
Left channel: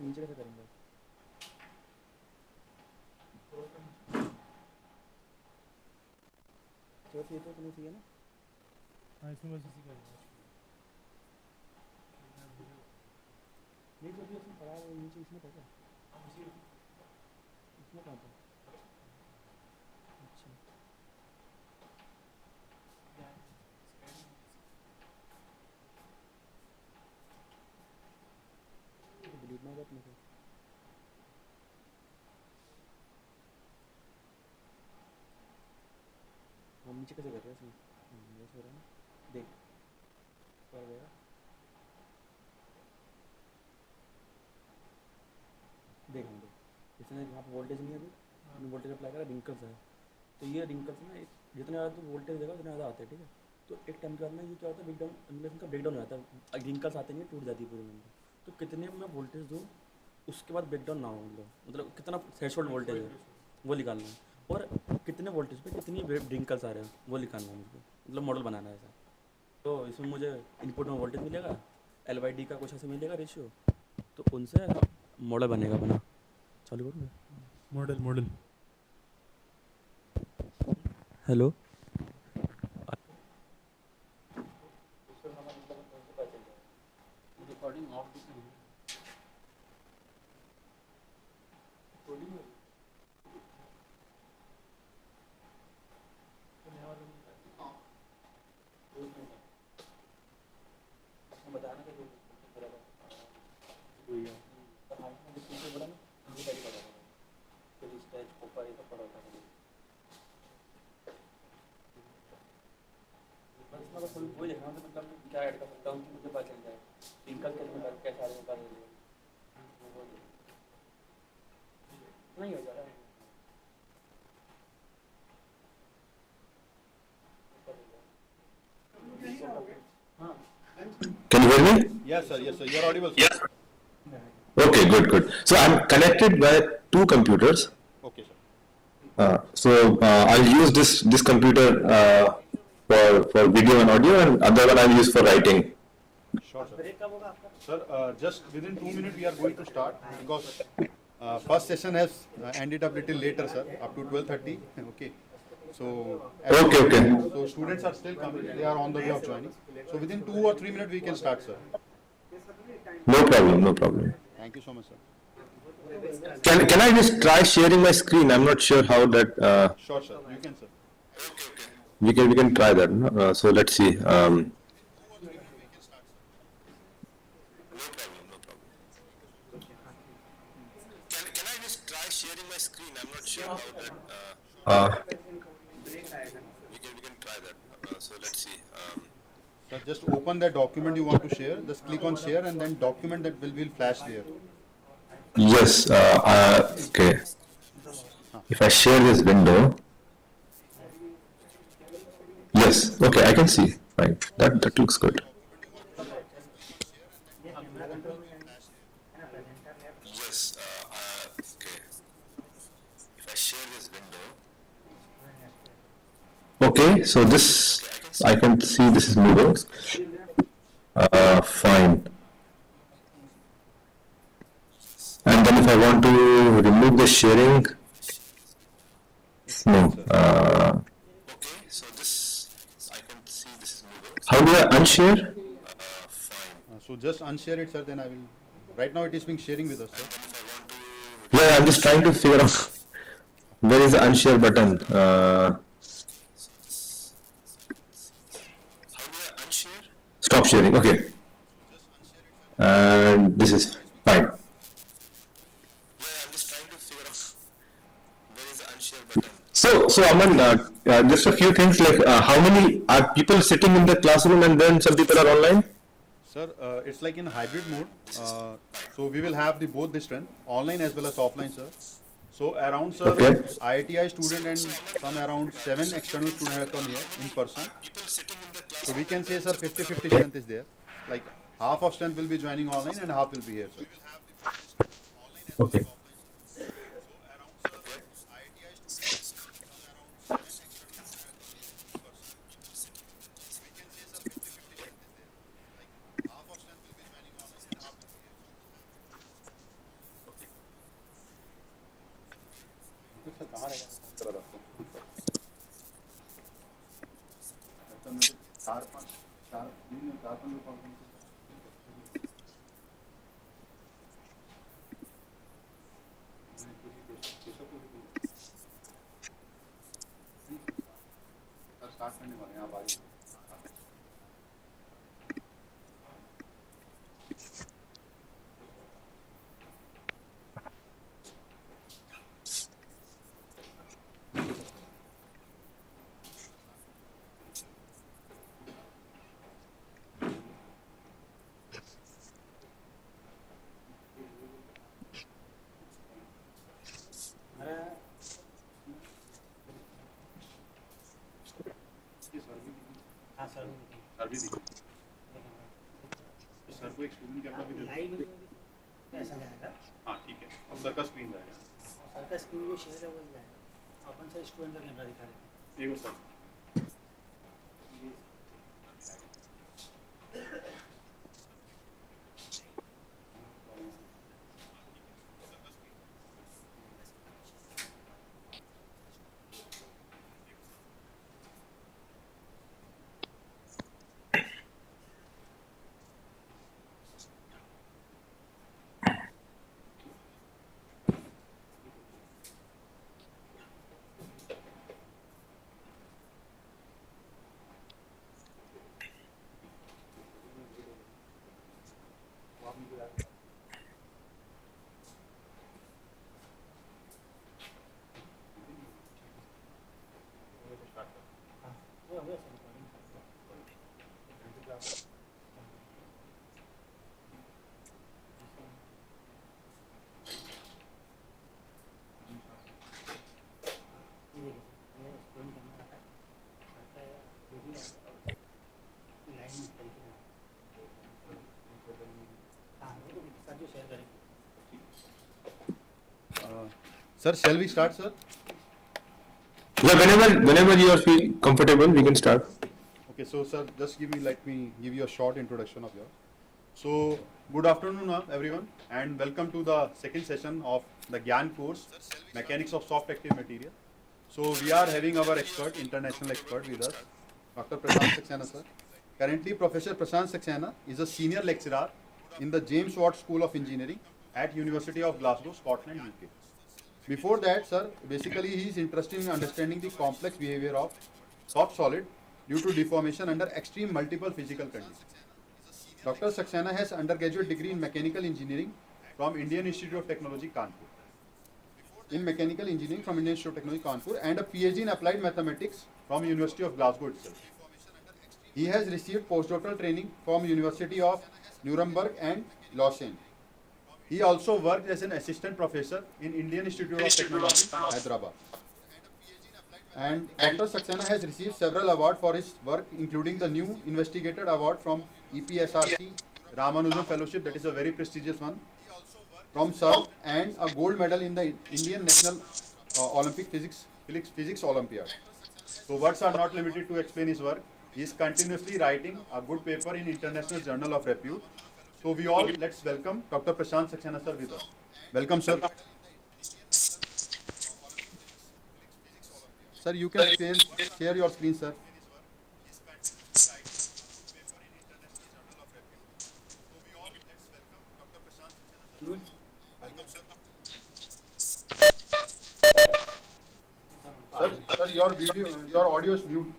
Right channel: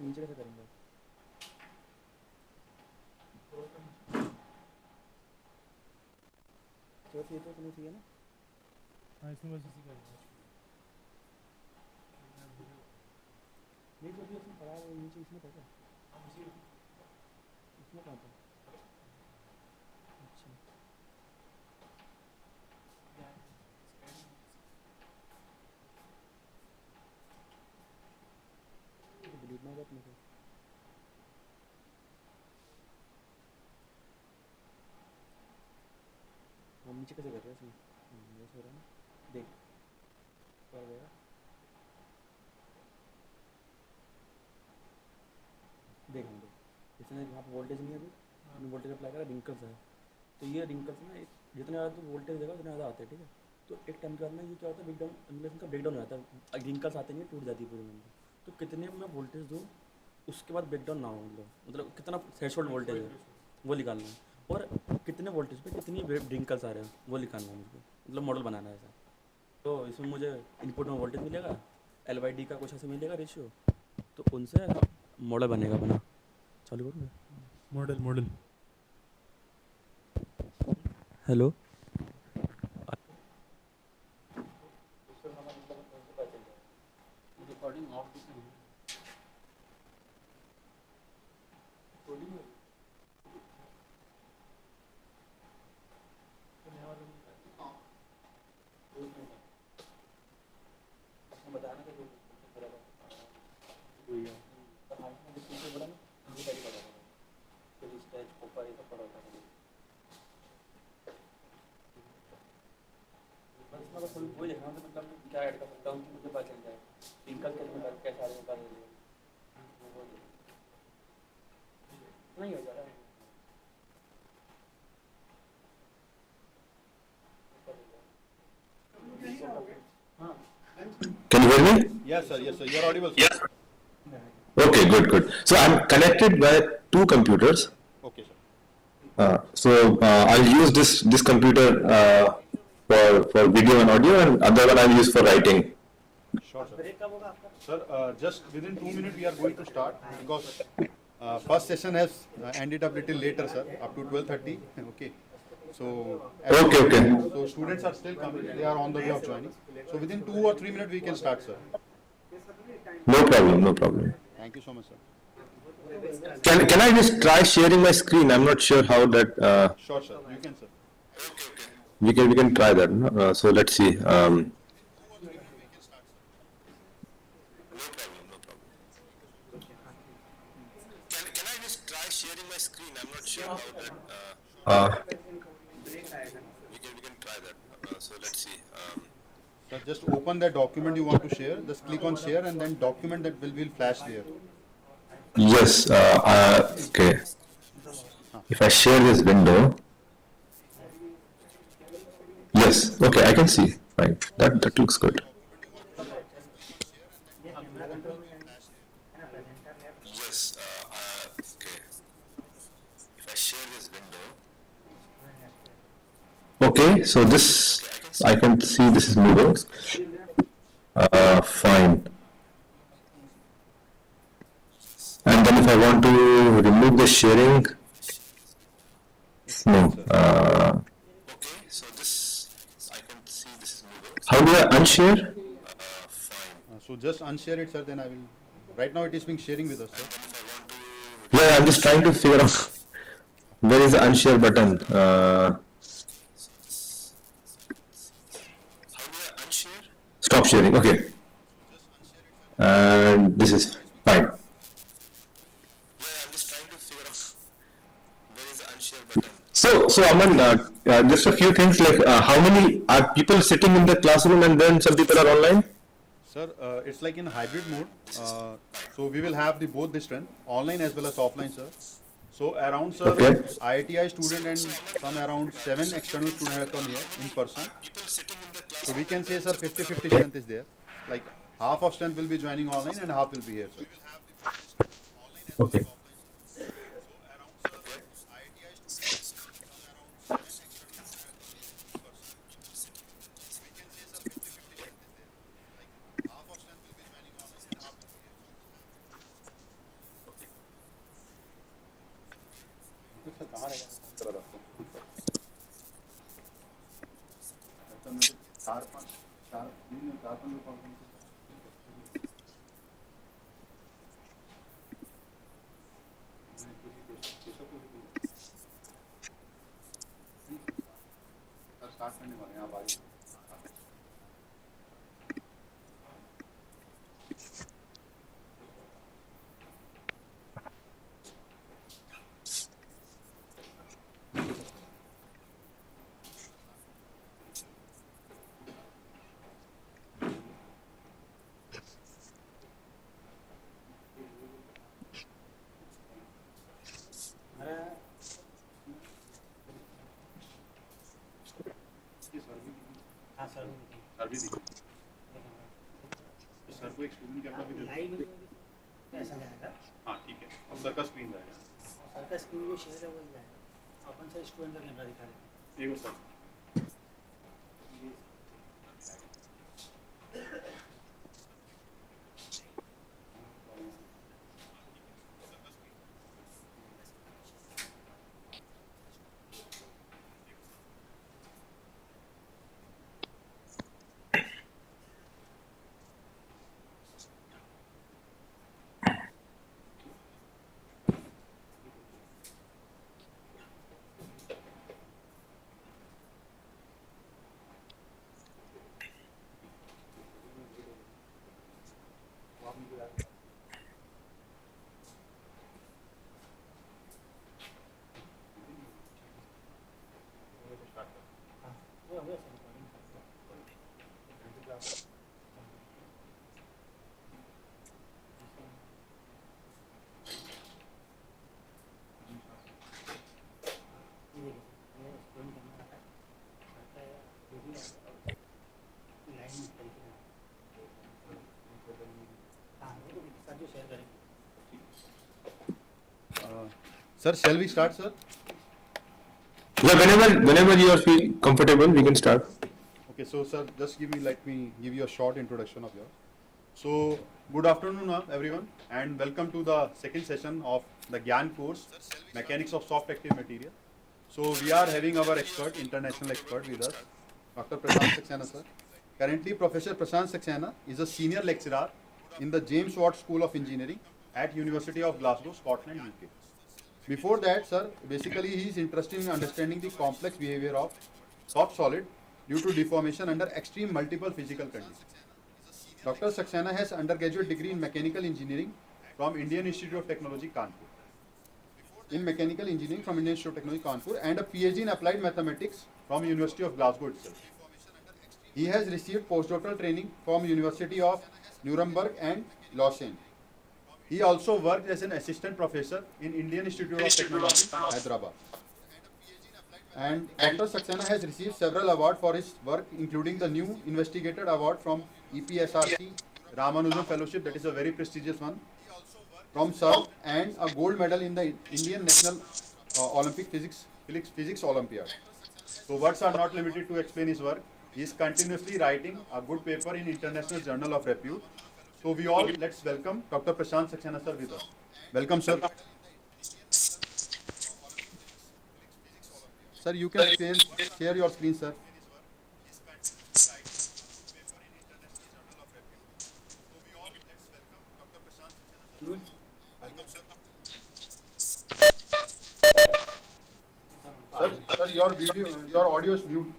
नीचे कैसे करेंगे? तो ये तो नहीं चाहिए ना? हाँ, इसमें बस इसी का नहीं, जो भी इसमें पड़ा है वो नीचे इसमें था क्या? इसमें कहाँ था? अच्छा, डिलीट ना हो अपने को। हम नीचे कैसे कर रहे हैं इसमें? वैसे हो रहा है ना? देख क्या गया? देख हम देख इसने यहाँ पे वोल्टेज नहीं है अभी, वोल्टेज अप्लाई करा, रिंकल्स है। तो ये रिंकल्स ना जितने ज़्यादा तो वोल्टेज देगा उतने ज़्यादा आते हैं, ठीक है। तो एक टाइम के बाद ना ये क्या होता है, ब्रेकडाउन एनिमेशन का ब्रेकडाउन हो जाता है, रिंकल्स आते नहीं, टूट जाती है पूरी मेमोरी। तो कितने मैं वोल्टेज दूँ उसके बाद ब्रेकडाउन ना हो, मतलब कितना थ्रेशोल्ड वोल्टेज है वो निकालना है, और कितने वोल्टेज पे कितनी रिंकल्स आ रहे हैं वो निकालना है मुझको, मतलब मॉडल बनाना है ऐसा। तो इसमें मुझे इनपुट में वोल्टेज मिलेगा, L/D का कुछ ऐसे मिलेगा रेशियो, तो उनसे मॉडल बनेगा अपना। चालू करूँ मॉडल हेलो रिकॉर्डिंग ऑफ बताना कि वही देखना है, मतलब क्या ऐड कर सकता हूँ कि मुझे पता चल जाए रिंकल कैसे आ रहे हैं नहीं हो जा रहा है। Can you hear me? Yes, sir, you are audible, sir. Yes. Okay, good. So I'm connected by two computers. Okay, sir. I'll use this computer for video and audio, and other one I'll use for writing. Sure, sir. Sir, just within 2 minutes we are going to start, because first session has ended up little later, sir, up to 12:30. Okay. So Okay. So students are still coming; they are on the way of joining. So within 2 or 3 minutes we can start, sir. No problem. Thank you so much, sir. Can I just try sharing my screen? I'm not sure how that. Sure, sir. You can, sir. We can try that. No? So let's see. Can I just try sharing my screen? I'm not sure how that. We can try that. So let's see. Sir, just open that document you want to share. Just click on share, and then document that will flash there. Yes. Okay. If I share this window. Yes. Okay. I can see. Right. That looks good. Yes. Okay. If I share this window. Okay. So this I can see this is moving. Fine. And then if I want to remove the sharing, no. Okay, so this, I can see this is moving. How do I unshare? So just unshare it, sir, then I will, right now it is being sharing with us, sir. Yeah, I'm just trying to figure out where is the unshare button. Stop sharing, okay. And this is fine. So Aman, just a few things like how many are people sitting in the classroom and then some people are online? Sir, it's like in hybrid mode. So we will have the both the strength, online as well as offline, sir. So around, sir, Okay. IITI student and some around 7 external students have come here in person. So we can say, sir, 50-50 strength is there. Like half of strength will be joining online and half will be here, sir. Okay. Sir को एक student camera भी दे ऐसा जाएगा। हाँ ठीक है, अब sir का स्क्रीन जाएगा। सर का स्क्रीन जो शेयर है वो जाएगा। अपन से स्टूडेंट का कैमरा दिखा रहे हैं। Sir Sir, shall we start, sir? Yeah, whenever you feel comfortable, we can start. Okay, so sir, just let me give you a short introduction of yours. So, good afternoon, everyone, and welcome to the second session of the Gian course, Mechanics of Soft Active Material. So, we are having our expert, international expert with us, Dr. Prashant Saxena, sir. Currently, Professor Prashant Saxena is a senior lecturer in the James Watt School of Engineering at University of Glasgow, Scotland, UK. Before that, sir, basically he is interested in understanding the complex behavior of soft solid due to deformation under extreme multiple physical conditions. Dr. Saxena has undergraduate degree in mechanical engineering from Indian Institute of Technology, Kanpur. In mechanical engineering from Indian Institute of Technology, Kanpur, and a PhD in applied mathematics from University of Glasgow itself. He has received postdoctoral training from University of Nuremberg and Lausanne. He also worked as an assistant professor in Indian Institute of Technology, Hyderabad. And Dr. Saxena has received several awards for his work, including the New Investigator Award from EPSRC, Ramanujan Fellowship, that is a very prestigious one, from SERV, and a gold medal in the Indian National Olympic Physics Olympiad. So words are not limited to explain his work. He is continuously writing a good paper in International Journal of Repute. So we all, let's welcome Dr. Prashant Saxena sir with us. Welcome, sir. Sir, you can share your screen, sir. Sir, your video, your audio is mute.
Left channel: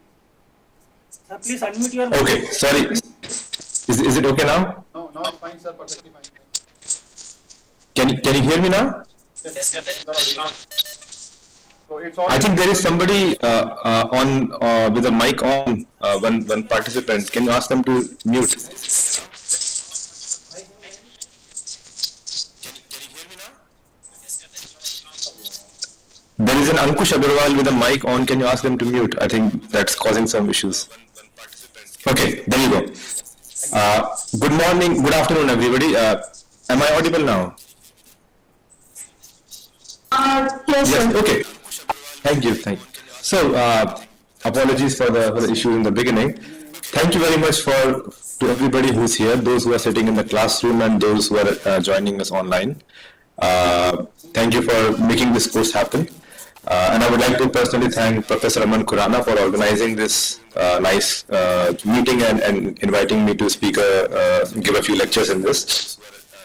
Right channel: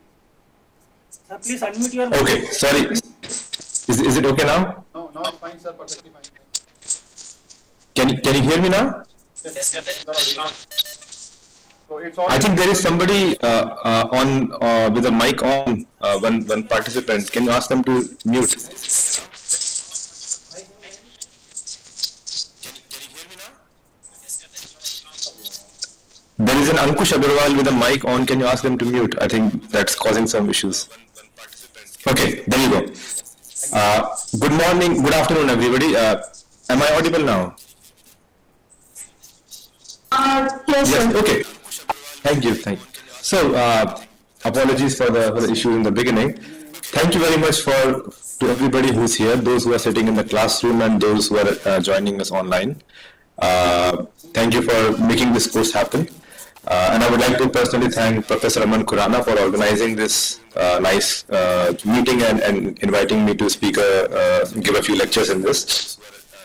Sir, please unmute your. Okay, sorry. Is it okay now? No, now it's fine, sir, perfectly fine. Can you hear me now? Yes, so it's all. I think there is somebody on with a mic on, one participant. Can you ask them to mute? There is an Ankush Agarwal with a mic on. Can you ask them to mute? I think that's causing some issues. Okay, there you go. Good morning, good afternoon, everybody. Am I audible now? Yes. Okay. Thank you. So, apologies for the issue in the beginning. Thank you very much to everybody who's here, those who are sitting in the classroom and those who are joining us online. Thank you for making this course happen. And I would like to personally thank Professor Aman Khurana for organizing this nice meeting and inviting me to give a few lectures in this.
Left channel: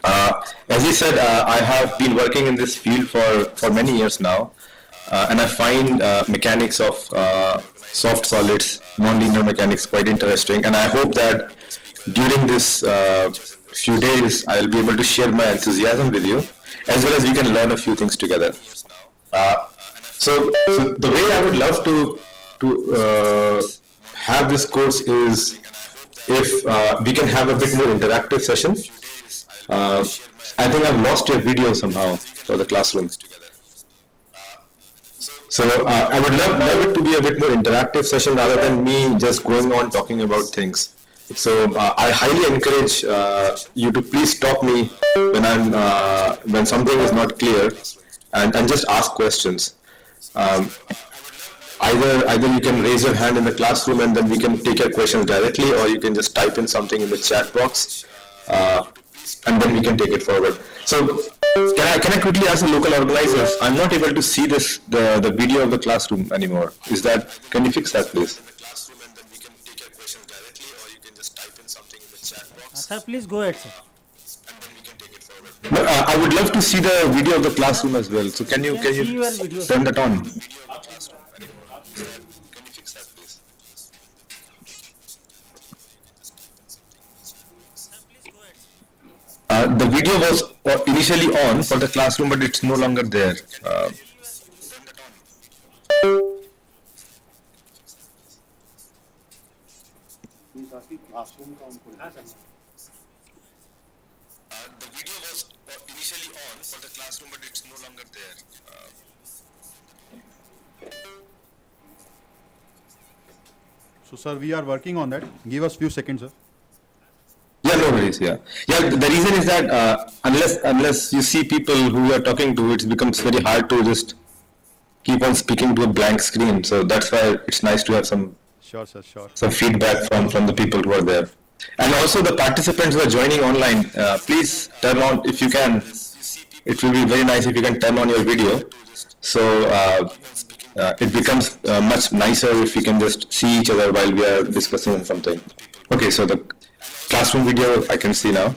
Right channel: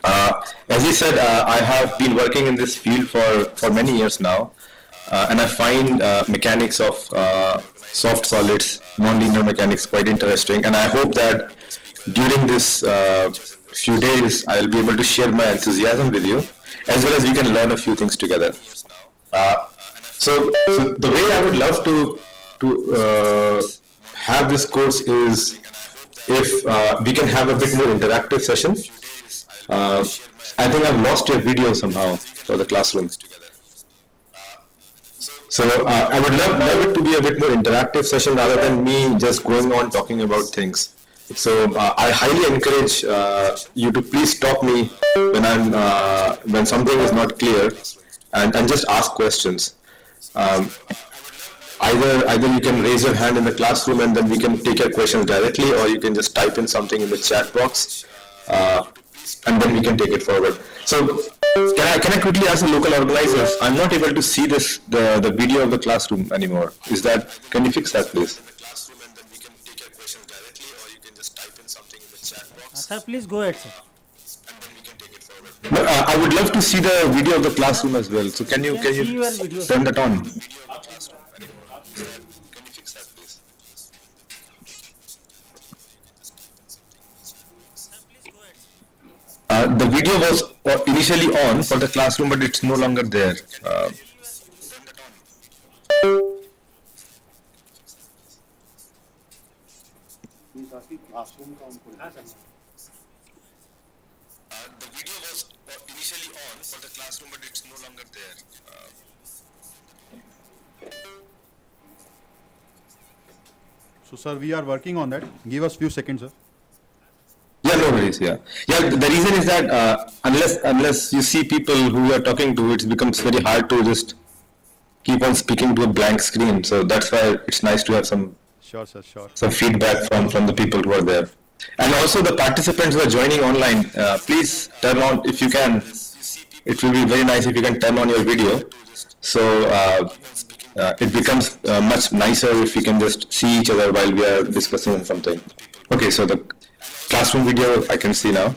As he said, I have been working in this field for many years now, and I find mechanics of soft solids, nonlinear mechanics quite interesting, and I hope that during this few days I'll be able to share my enthusiasm with you, as well as we can learn a few things together. So the way I would love to have this course is if we can have a bit more interactive session. I think I've lost your video somehow for the classroom. So I would love it to be a bit more interactive session rather than me just going on talking about things. So I highly encourage you to please stop me when something is not clear and just ask questions. Either you can raise your hand in the classroom and then we can take your questions directly, or you can just type in something in the chat box and then we can take it forward. So can I quickly ask the local organizers? I'm not able to see the video of the classroom anymore. Can you fix that, please? Sir, please go ahead, sir. No, I would love to see the video of the classroom as well. So can you turn that on? The video was initially on for the classroom, but it's no longer there. The video was initially on for the classroom, but it's no longer there. So, sir, we are working on that. Give us few seconds, sir. Yeah, no worries. Yeah. The reason is that unless you see people who you are talking to, it becomes very hard to just keep on speaking to a blank screen. So that's why it's nice to have some feedback from the people who are there. And also the participants who are joining online, please turn on, if you can, it will be very nice if you can turn on your video. So it becomes much nicer if we can just see each other while we are discussing on something. Okay, so the classroom video I can see now.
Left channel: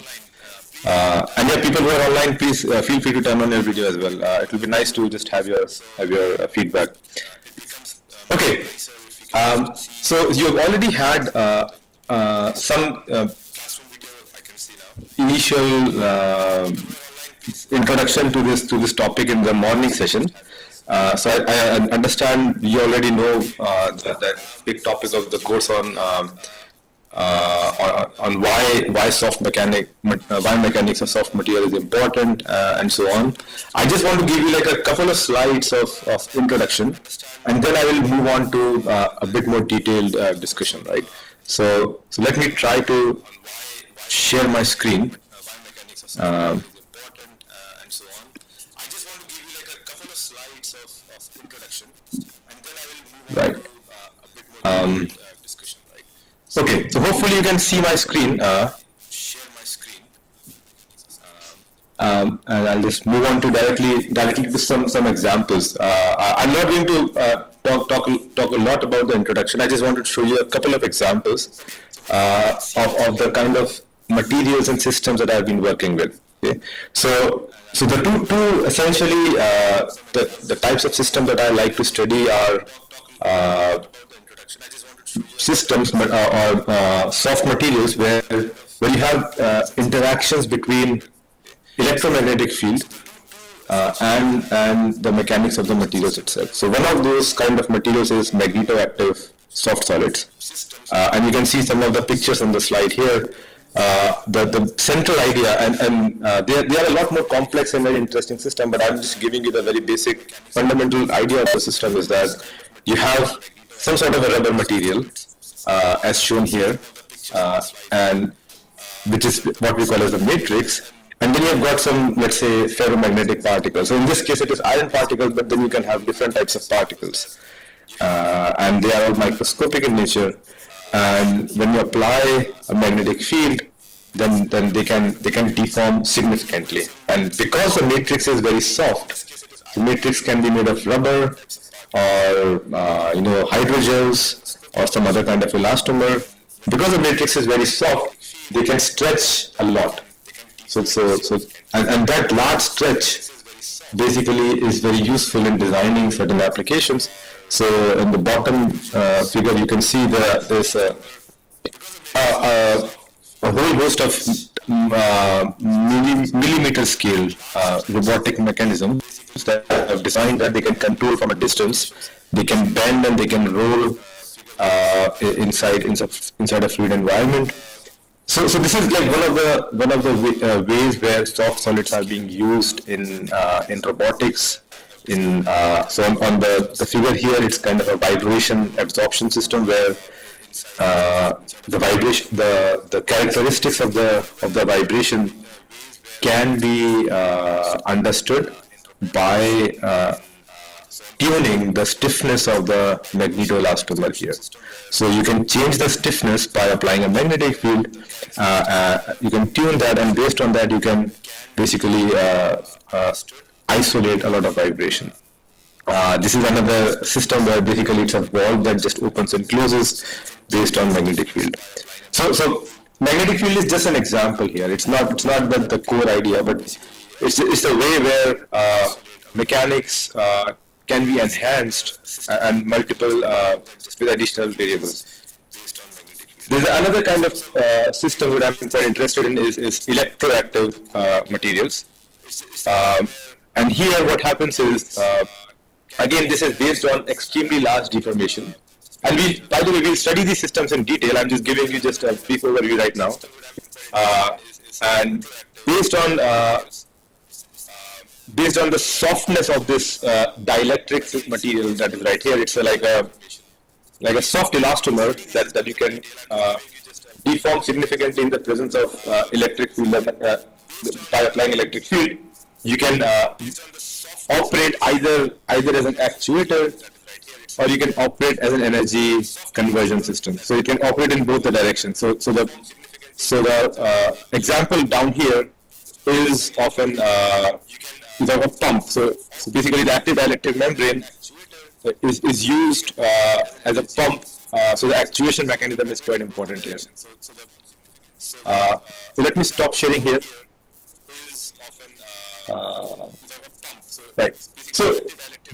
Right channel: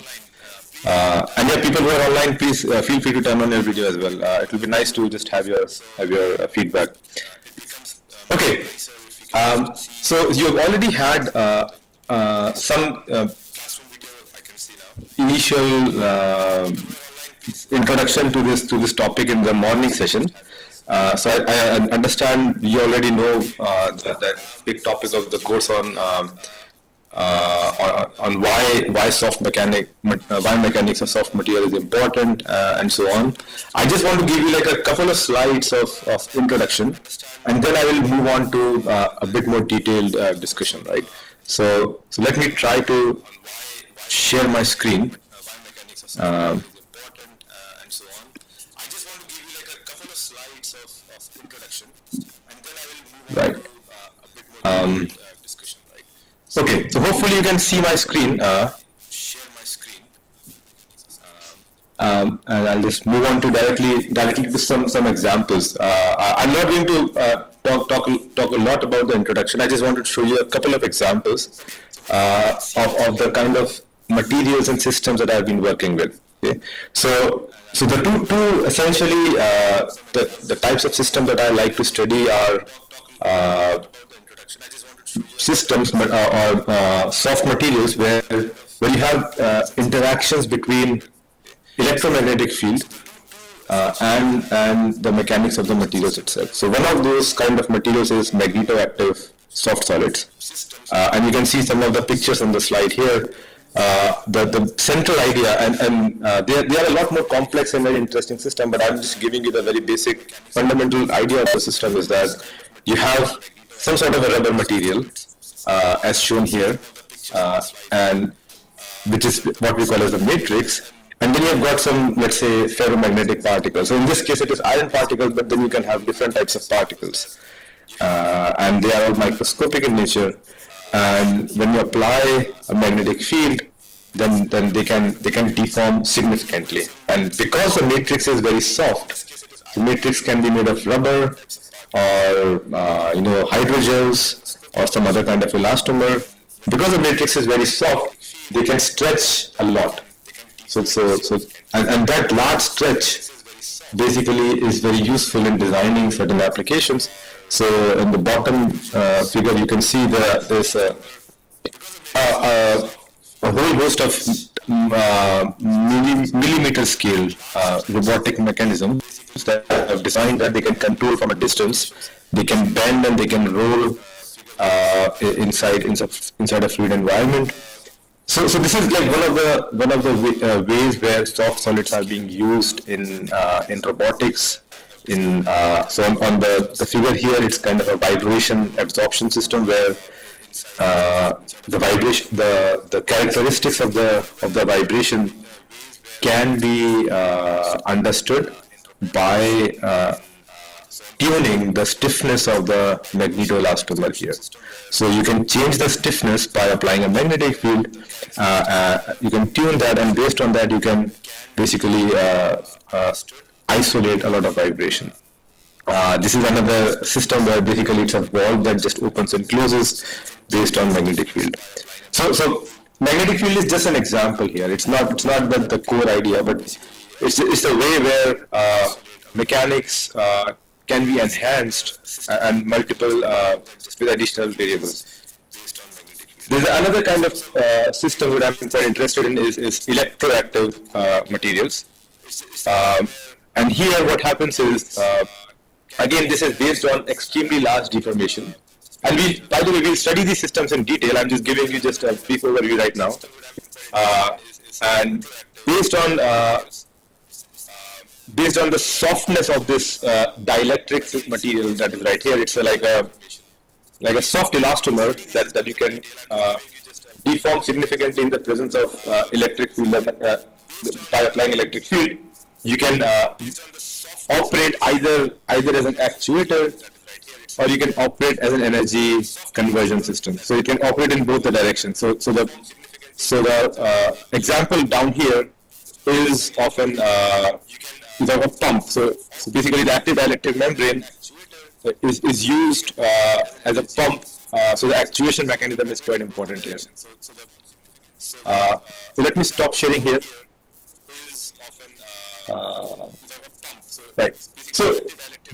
And yeah, people who are online, please feel free to turn on your video as well. It will be nice to just have your feedback. Okay, so you have already had some initial introduction to this topic in the morning session. So I understand you already know that big topic of the course on why why mechanics of soft material is important and so on. I just want to give you like a couple of slides of introduction, and then I will move on to a bit more detailed discussion, right? So let me try to share my screen. Right. Okay, so hopefully you can see my screen. And I'll just move on to directly to some examples. I'm not going to talk a lot about the introduction. I just wanted to show you a couple of examples of the kind of materials and systems that I've been working with. Okay, so the two essentially the types of systems that I like to study are systems or soft materials where you have interactions between electromagnetic field and the mechanics of the materials itself. So one of those kind of materials is magnetoactive soft solids, and you can see some of the pictures on the slide here. The central idea, and they are a lot more complex and very interesting system, but I'm just giving you the very basic fundamental idea of the system is that you have some sort of a rubber material as shown here, and which is what we call as the matrix. And then you've got some, let's say, ferromagnetic particles. So in this case, it is iron particles, but then you can have different types of particles. And they are all microscopic in nature. And when you apply a magnetic field, then they can deform significantly. And because the matrix is very soft, the matrix can be made of rubber or hydrogels or some other kind of elastomer. Because the matrix is very soft, they can stretch a lot. So and that large stretch basically is very useful in designing certain applications. So in the bottom figure, you can see there's a whole host of millimeter scale robotic mechanisms that are designed that they can control from a distance. They can bend and they can roll inside a fluid environment. So this is like one of the ways where soft solids are being used in robotics. So on the figure here, it's kind of a vibration absorption system where the characteristics of the vibration can be understood by tuning the stiffness of the magnetoelastomer here. So you can change the stiffness by applying a magnetic field. You can tune that, and based on that, you can basically isolate a lot of vibration. This is another system where basically it's a valve that just opens and closes based on magnetic field. So magnetic field is just an example here. It's not the core idea, but it's a way where mechanics can be enhanced and multiple with additional variables. There's another kind of system that I'm quite interested in is electroactive materials. And here what happens is, again, this is based on extremely large deformation. And by the way, we'll study these systems in detail. I'm just giving you just a brief overview right now. And based on the softness of this dielectric material that is right here, it's like a soft elastomer that you can deform significantly in the presence of electric field. By applying electric field, you can operate either as an actuator or you can operate as an energy conversion system. So you can operate in both the directions. So the example down here is often is of a pump. So basically the active dielectric membrane is used as a pump. So the actuation mechanism is quite important here. So let me stop sharing here. Right. So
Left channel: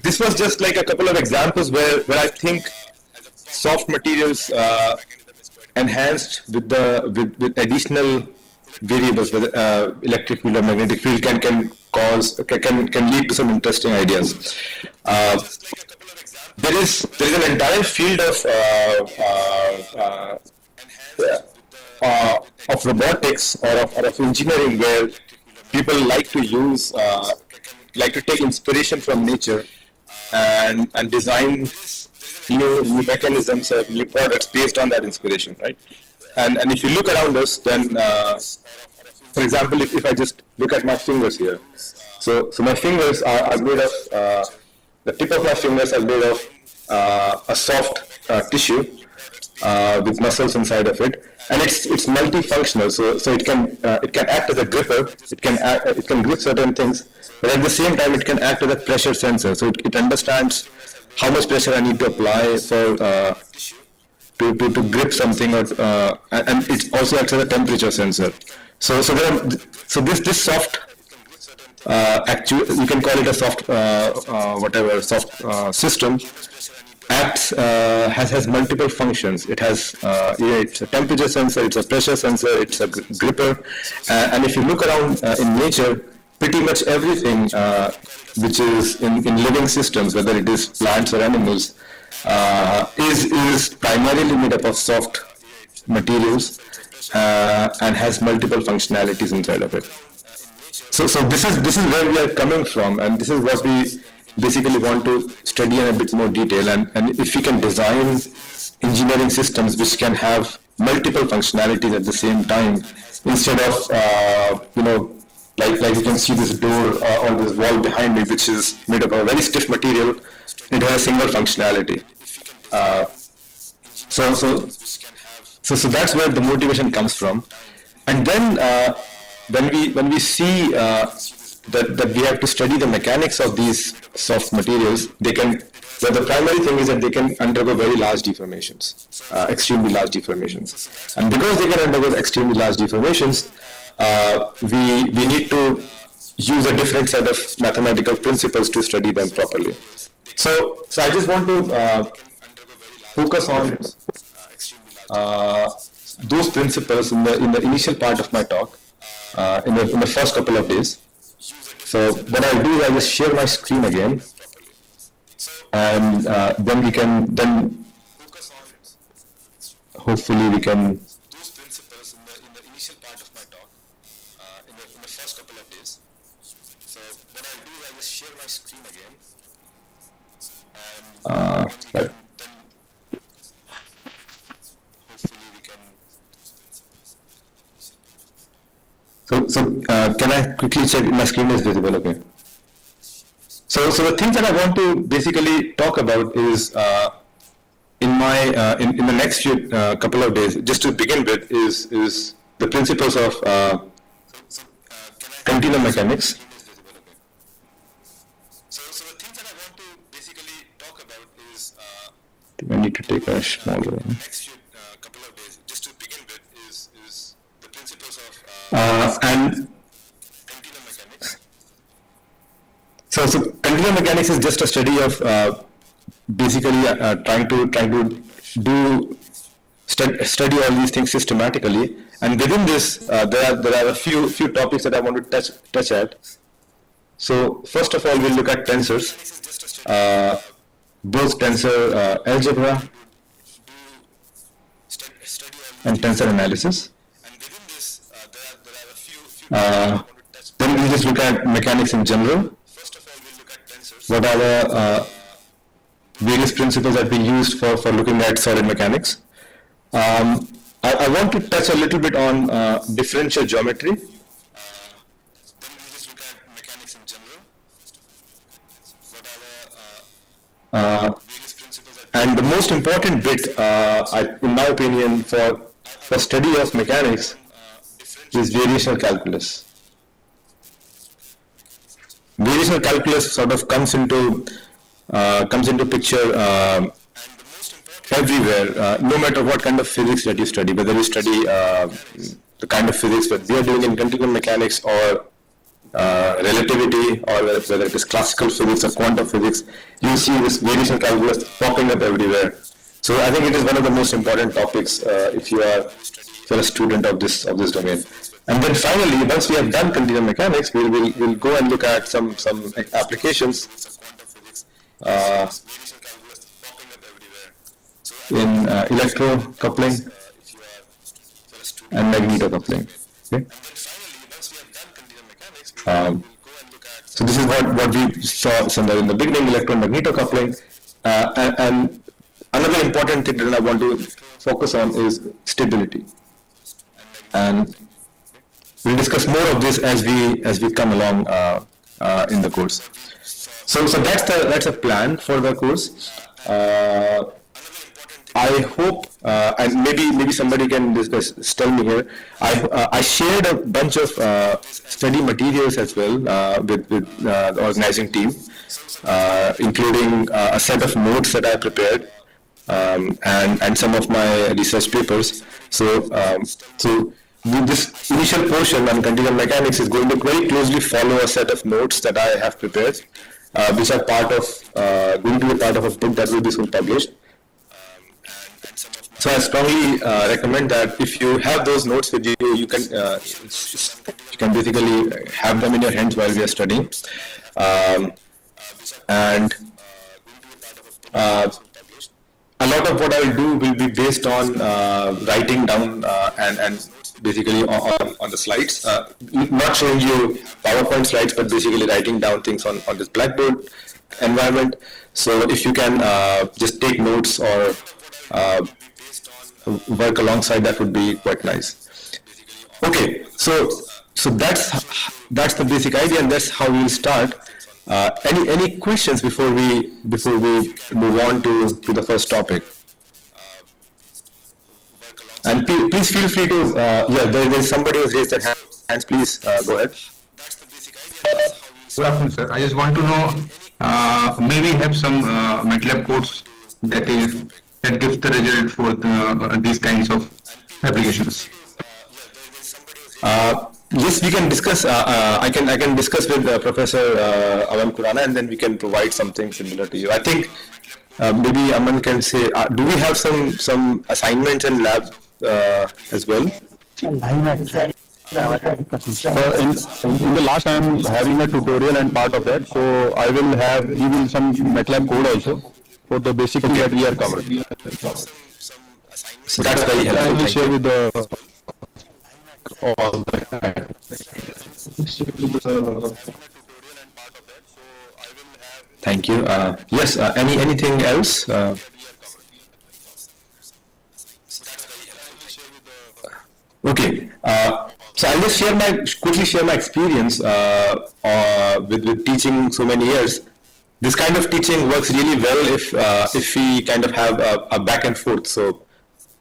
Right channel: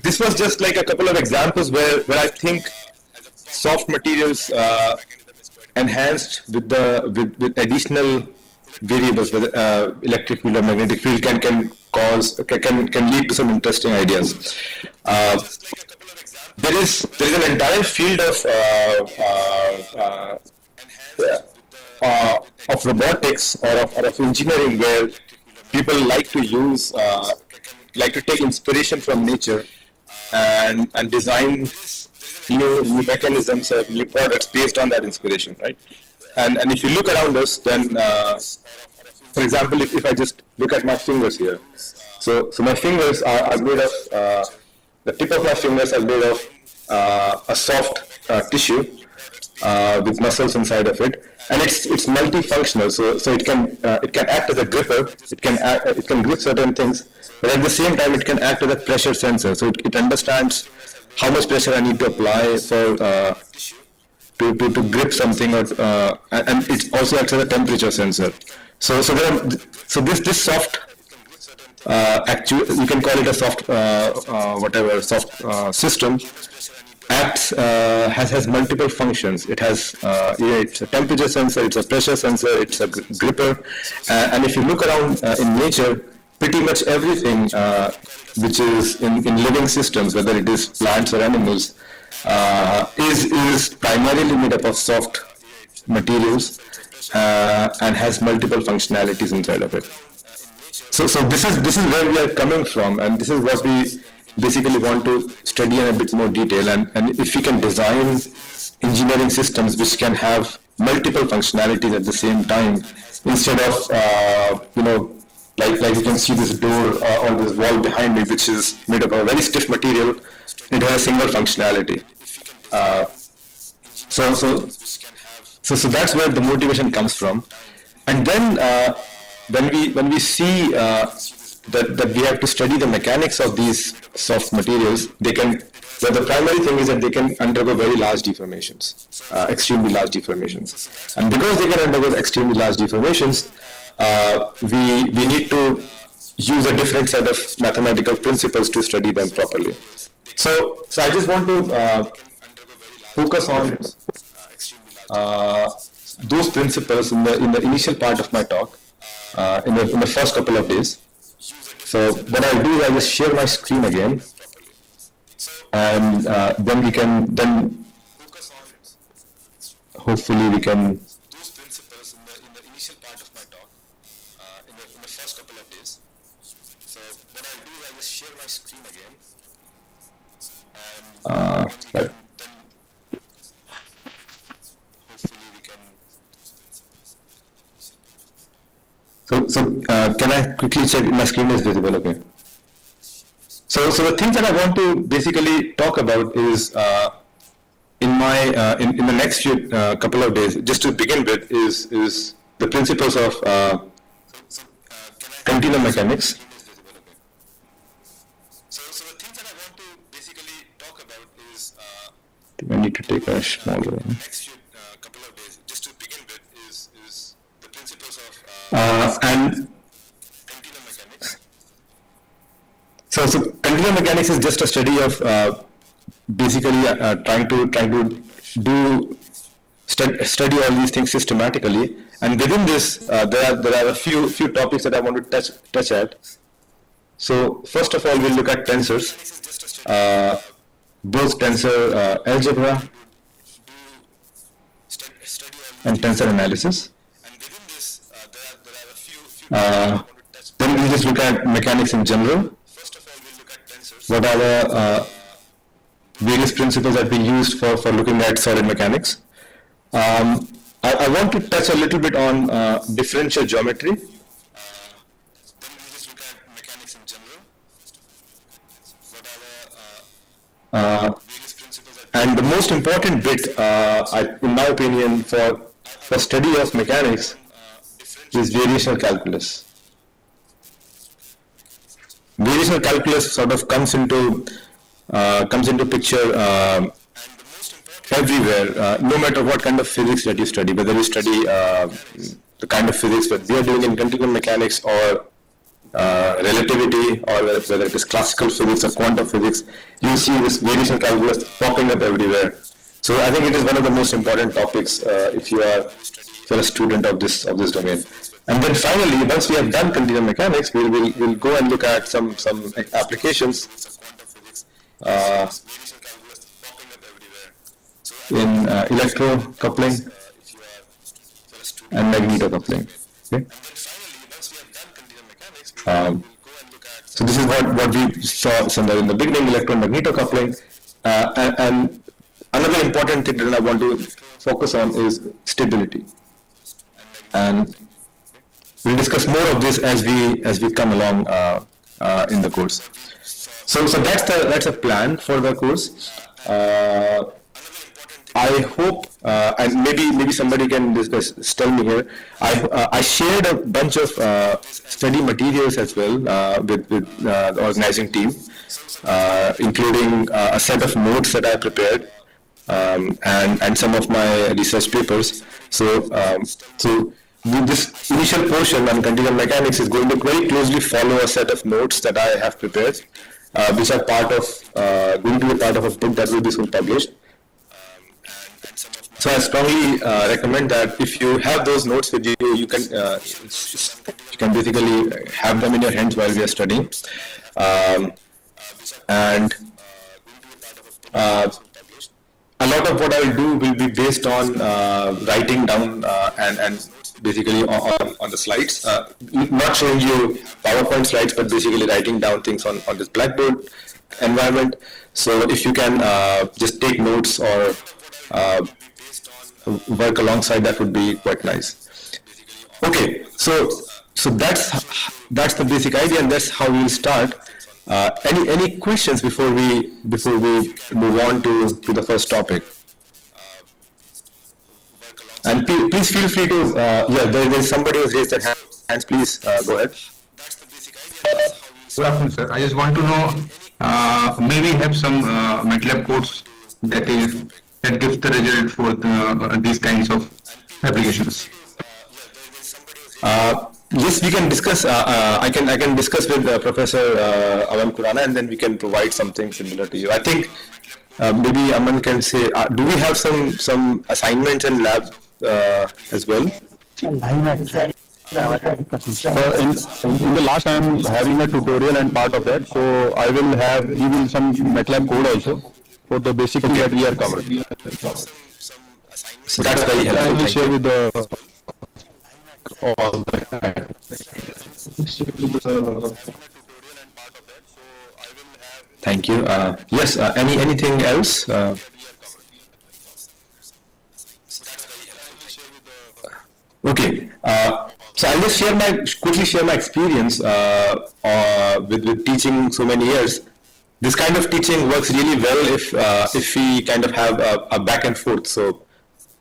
this was just like a couple of examples where I think soft materials enhanced with additional variables, whether electric field or magnetic field, can lead to some interesting ideas. There is an entire field of robotics or of engineering where people like to take inspiration from nature and design new mechanisms or new products based on that inspiration, right? And if you look around us, then for example, if I just look at my fingers here, so my fingers are made of the tip of my fingers are made of a soft tissue, with muscles inside of it, and it's multifunctional. So it can act as a gripper. It can grip certain things, but at the same time it can act as a pressure sensor. So it understands how much pressure I need to apply for to grip something, or and it also acts as a temperature sensor. So this soft you can call it a soft soft system acts has multiple functions. It has it's a temperature sensor, it's a pressure sensor, it's a gripper, and if you look around in nature, pretty much everything which is in living systems, whether it is plants or animals, is primarily made up of soft materials and has multiple functionalities inside of it. So this is where we are coming from, and this is what we basically want to study in a bit more detail. And if we can design engineering systems which can have multiple functionalities at the same time, instead of like you can see this door on this wall behind me, which is made of a very stiff material, it has a single functionality. So that's where the motivation comes from. And then when we see that we have to study the mechanics of these soft materials, the primary thing is that they can undergo very large deformations, extremely large deformations. And because they can undergo extremely large deformations, we need to use a different set of mathematical principles to study them properly. So I just want to focus on those principles in the initial part of my talk, in the first couple of days. So what I'll do is I'll just share my screen again, and then hopefully we can. Right. So can I quickly check my screen is visible? Okay. So the things that I want to basically talk about is in the next few couple of days, just to begin with, is the principles of continuum mechanics. I think I need to take a smaller one. And so continuum mechanics is just a study of basically trying to study all these things systematically. And within this, there are a few topics that I want to touch at. So first of all, we'll look at tensors, both tensor algebra and tensor analysis. Then we'll just look at mechanics in general. What are the various principles that we used for looking at solid mechanics? I want to touch a little bit on differential geometry. And the most important bit, in my opinion, for study of mechanics is variational calculus. Variational calculus sort of comes into picture everywhere, no matter what kind of physics that you study, whether you study the kind of physics that we are doing in continuum mechanics, or relativity, or whether it is classical physics or quantum physics, you see this variational calculus popping up everywhere. So I think it is one of the most important topics if you are a student of this domain. And then finally, once we have done continuum mechanics, we'll go and look at some applications in electrocoupling and magneto-coupling. Okay? So this is what we saw somewhere in the beginning, electron magneto-coupling. And another important thing that I want to focus on is stability. And we'll discuss more of this as we come along in the course. So that's a plan for the course. I hope, and maybe somebody can tell me here. I shared a bunch of study materials as well with the organizing team, including a set of notes that I prepared, and some of my research papers. So this initial portion on continuum mechanics is going to very closely follow a set of notes that I have prepared, which are going to be part of a book that will be soon published. So I strongly recommend that if you have those notes with you, you can basically have them in your hands while we are studying. And a lot of what I will do will be based on writing down and basically on the slides, not showing you PowerPoint slides, but basically writing down things on this Blackboard environment. So if you can just take notes or work alongside, that would be quite nice. Okay, so that's the basic idea, and that's how we'll start. Any questions before we move on to the first topic? And please feel free to there's somebody who's raised their hands. Please go ahead. Good afternoon, sir. I just want to know, may we have some MATLAB codes that gives the result for these kinds of applications? Yes, we can discuss. I can discuss with Professor Aman Kurana, and then we can provide something similar to you. I think maybe Aman can say, do we have some assignments and lab as well? In the last, I am having a tutorial and part of that, so I will have even some MATLAB code also for the basic thing that we are covering. So that's very helpful. I will share with the all Thank you. Yes. Anything else? Okay. So I'll just quickly share my experience with teaching so many years. This kind of teaching works really well if we kind of have a back and forth. So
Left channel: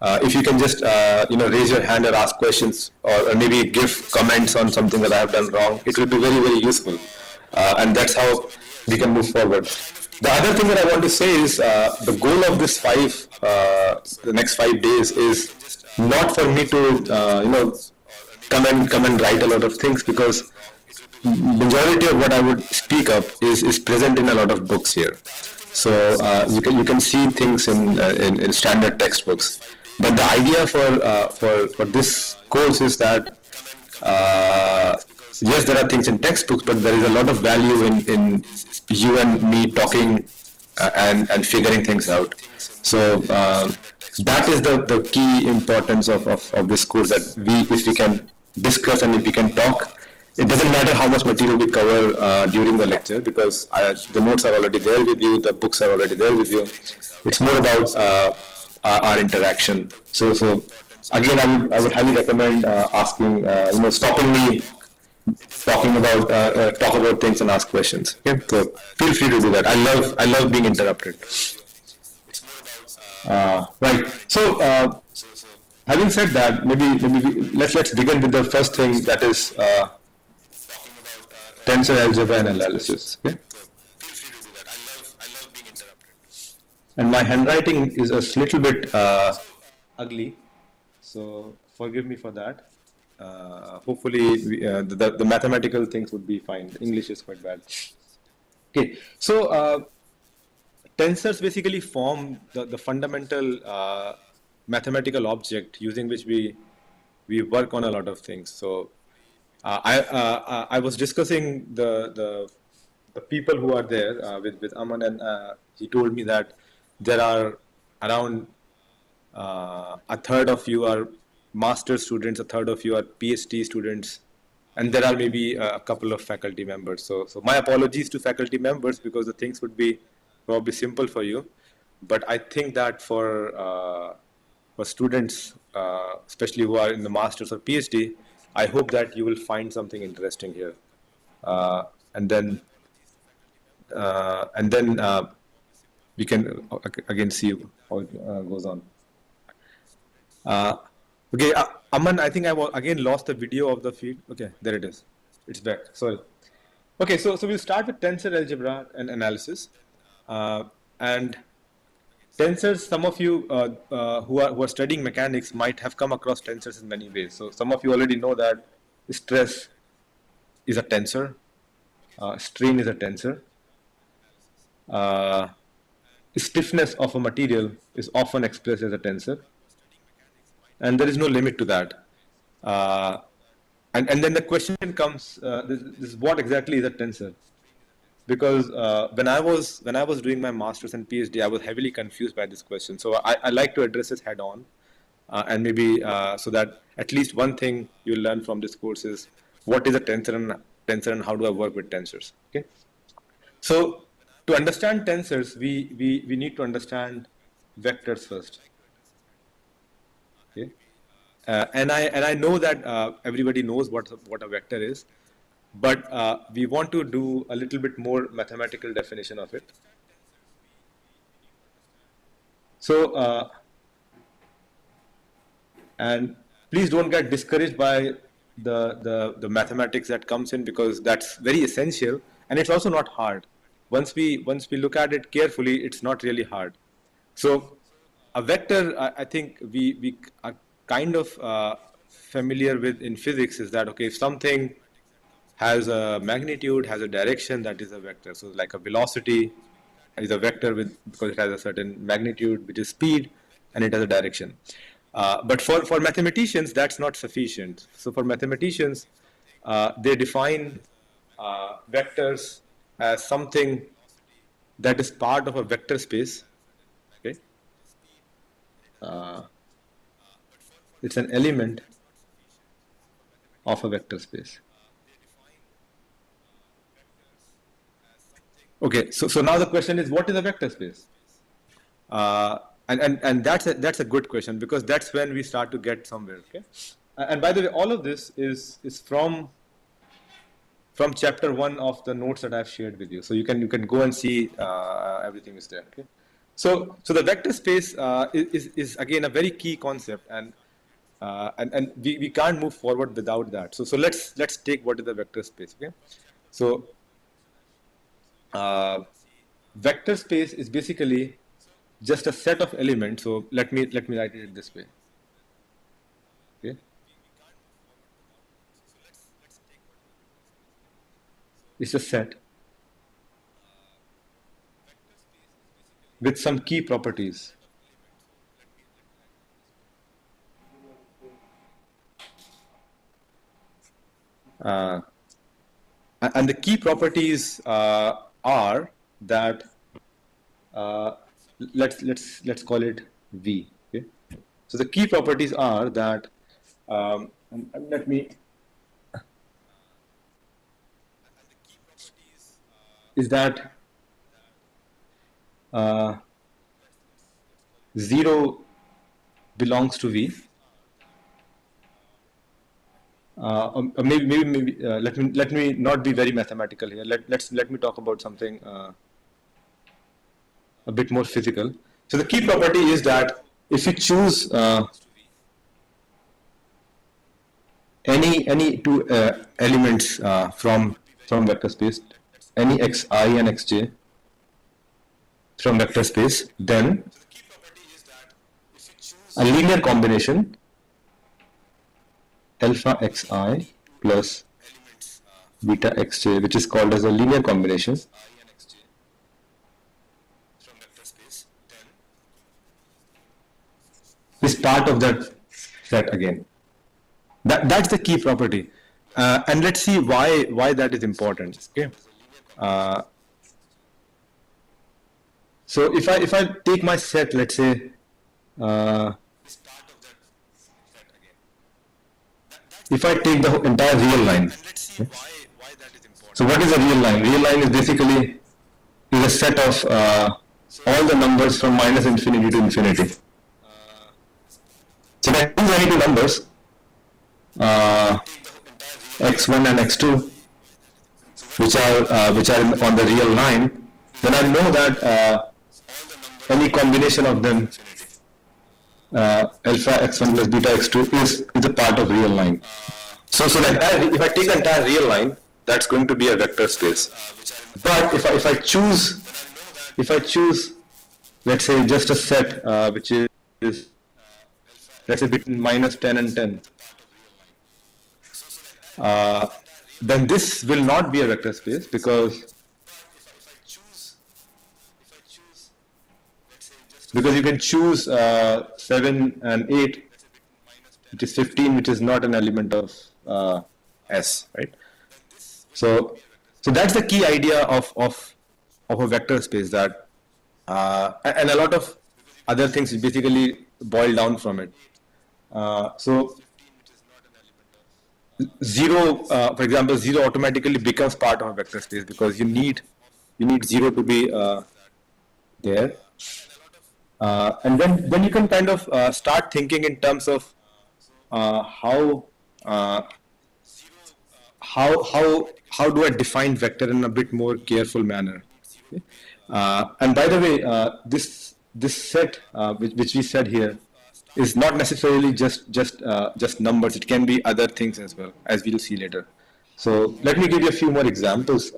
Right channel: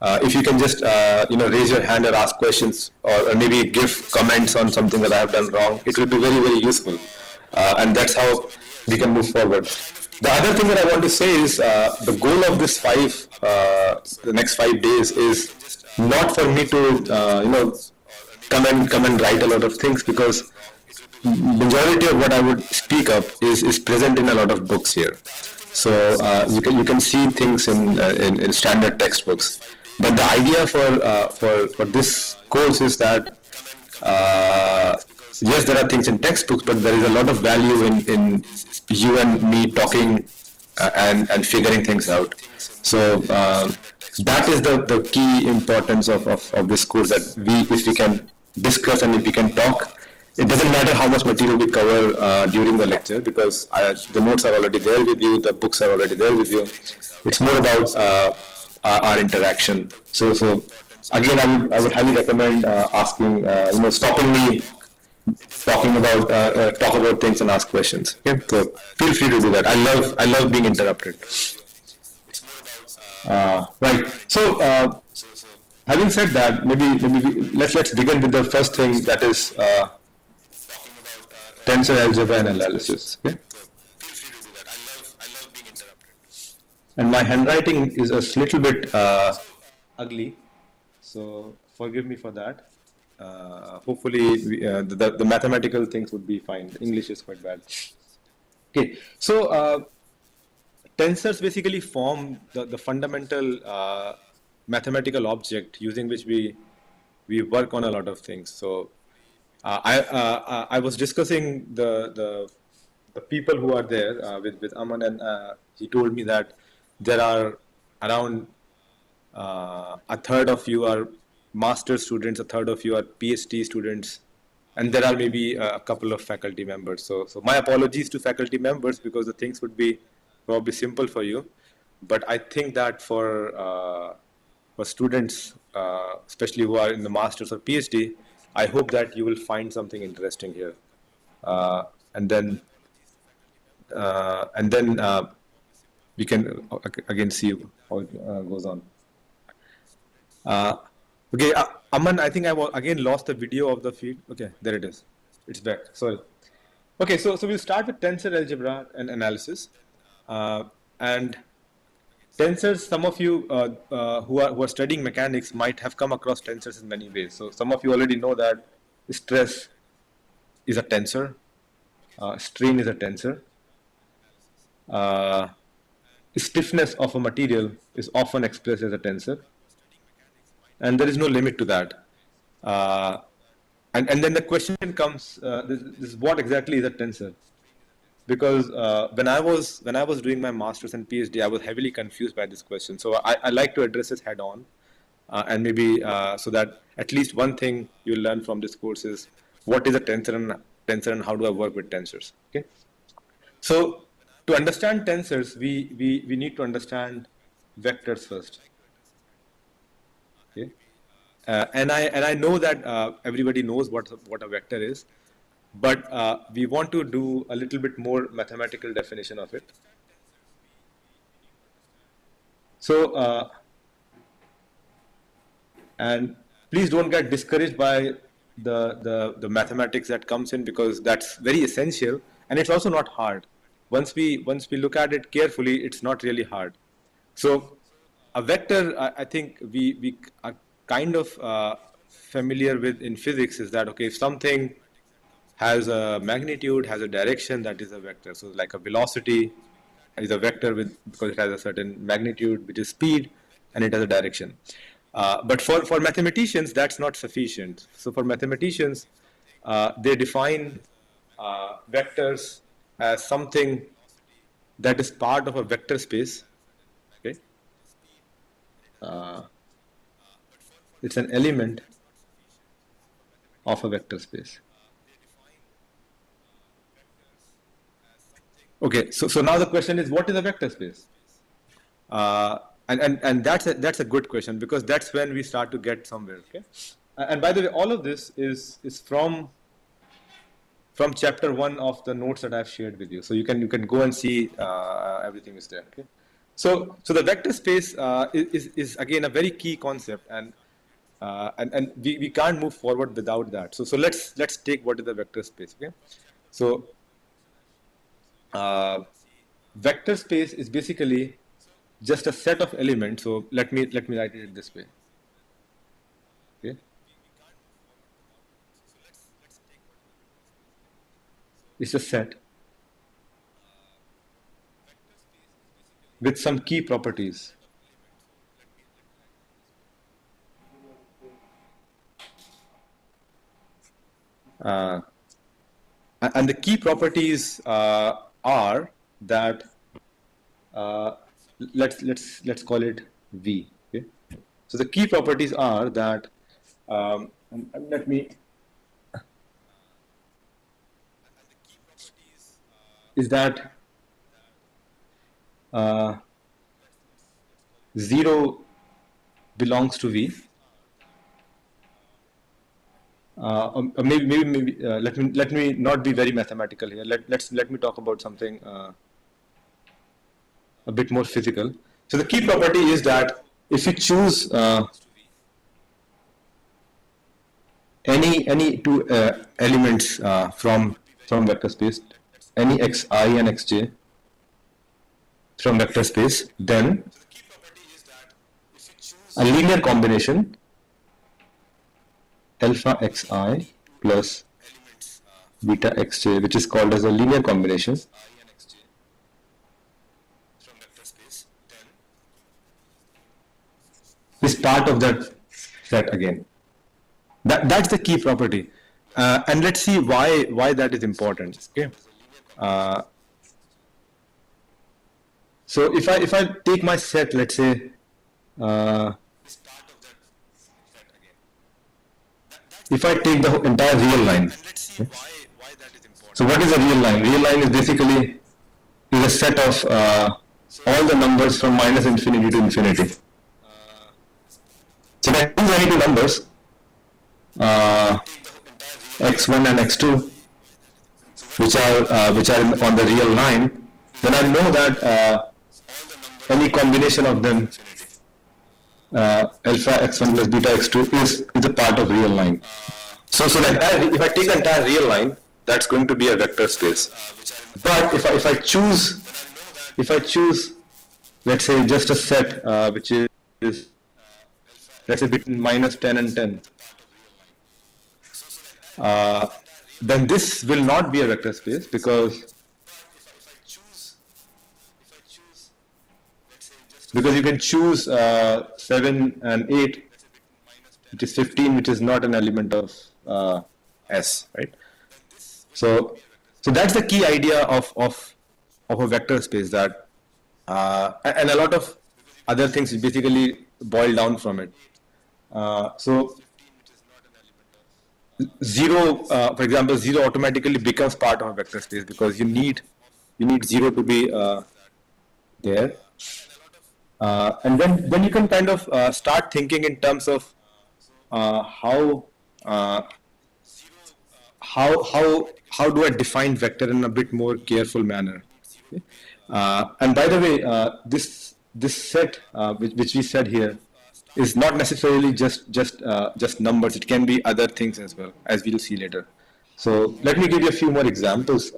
if you can just raise your hand or ask questions, or maybe give comments on something that I have done wrong, it will be very, very useful, and that's how we can move forward. The other thing that I want to say is the goal of this the next 5 days is not for me to come and write a lot of things, because majority of what I would speak up is present in a lot of books here. So you can see things in standard textbooks. But the idea for this course is that yes, there are things in textbooks, but there is a lot of value in you and me talking and figuring things out. So that is the key importance of this course, that if we can discuss and if we can talk. It doesn't matter how much material we cover during the lecture, because the notes are already there with you, the books are already there with you. It's more about our interaction. So again, I would highly recommend asking, stopping me talking about talk about things and ask questions. Okay, so feel free to do that. I love being interrupted. Right. So having said that, maybe let's begin with the first thing, that is tensor algebra and analysis. Okay? And my handwriting is a little bit ugly, so forgive me for that. Hopefully, the mathematical things would be fine. English is quite bad. Okay, so tensors basically form the fundamental mathematical object using which we work on a lot of things. So I was discussing the people who are there with Aman, and he told me that there are around a third of you are master students, a third of you are PhD students, and there are maybe a couple of faculty members. So my apologies to faculty members, because the things would be probably simple for you, but I think that for students, especially who are in the masters or PhD, I hope that you will find something interesting here, and then we can again see how it goes on. Okay, Aman, I think I again lost the video of the feed. Okay, there it is. It's back. Sorry. Okay, so we'll start with tensor algebra and analysis. And tensors, some of you who are studying mechanics might have come across tensors in many ways. So some of you already know that stress is a tensor, strain is a tensor. Stiffness of a material is often expressed as a tensor, and there is no limit to that. And then the question comes: this what exactly is a tensor? Because when I was doing my master's and PhD, I was heavily confused by this question. So I like to address it head on, and maybe so that at least one thing you'll learn from this course is what is a tensor and how do I work with tensors. Okay, so to understand tensors, we need to understand vectors first. Okay, and I know that everybody knows what a vector is, but we want to do a little bit more mathematical definition of it. So, and please don't get discouraged by the mathematics that comes in, because that's very essential, and it's also not hard. Once we look at it carefully, it's not really hard. So a vector, I think we are kind of familiar with in physics is that, okay, if something has a magnitude, has a direction, that is a vector. So like a velocity is a vector because it has a certain magnitude, which is speed, and it has a direction. But for mathematicians, that's not sufficient. So for mathematicians, they define vectors as something that is part of a vector space. Okay, it's an element of a vector space. Okay, so now the question is, what is a vector space? And that's a good question, because that's when we start to get somewhere. Okay, and by the way, all of this is from chapter 1 of the notes that I've shared with you. So you can go and see everything is there. Okay, so the vector space is again a very key concept, and we can't move forward without that. So let's take what is the vector space. Okay, so vector space is basically just a set of elements. So let me write it this way. Okay, it's a set with some key properties. And the key properties are that let's call it V. Okay, so the key properties are that let me is that 0 belongs to V. Maybe let me not be very mathematical here. Let me talk about something a bit more physical. So the key property is that if you choose any two elements from vector space, any xi and xj from vector space, then a linear combination alpha xi plus beta xj, which is called as a linear combination, is part of that set again. That's the key property, and let's see why that is important. Okay, so if I take my set, let's say if I take the entire real line. Okay? So what is a real line? Real line is basically a set of all the numbers from minus infinity to infinity. So if I choose any two numbers, x1 and x2, which are on the real line, then I know that any combination of them, alpha x1 plus beta x2 is a part of real line. So the entire, if I take the entire real line, that's going to be a vector space. But if I choose, let's say just a set which is, let's say between minus 10 and 10, then this will not be a vector space because you can choose 7 and 8, which is 15, which is not an element of S, right? So that's the key idea of a vector space, that and a lot of other things basically boil down from it. So zero, for example, zero automatically becomes part of a vector space because you need zero to be there. And then you can kind of start thinking in terms of how do I define vector in a bit more careful manner. Okay? And by the way, this set which we said here is not necessarily just numbers. It can be other things as well, as we'll see later. So let me give you a few more examples.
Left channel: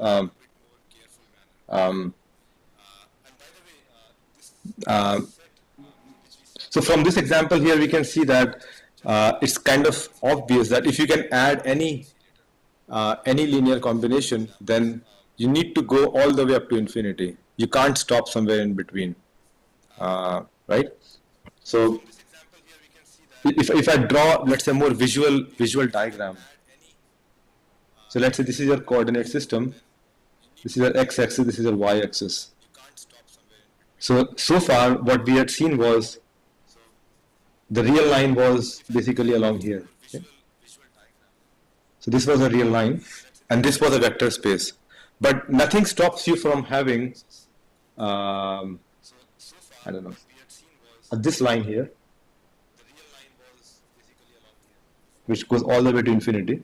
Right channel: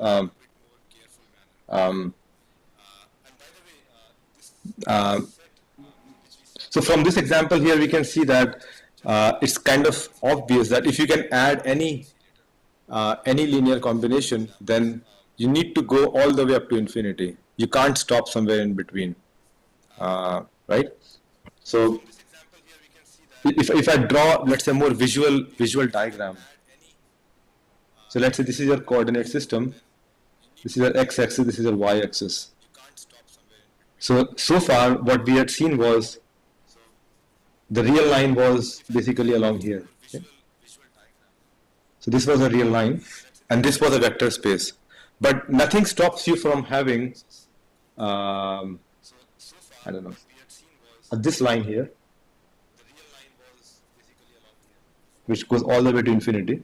So from this example here, we can see that it's kind of obvious that if you can add any linear combination, then you need to go all the way up to infinity. You can't stop somewhere in between, right? So if I draw, let's say, more visual diagram. So let's say this is your coordinate system. This is your x-axis. This is your y-axis. So far, what we had seen was the real line was basically along here. Okay? So this was a real line, and this was a vector space. But nothing stops you from having, I don't know, this line here, which goes all the way to infinity.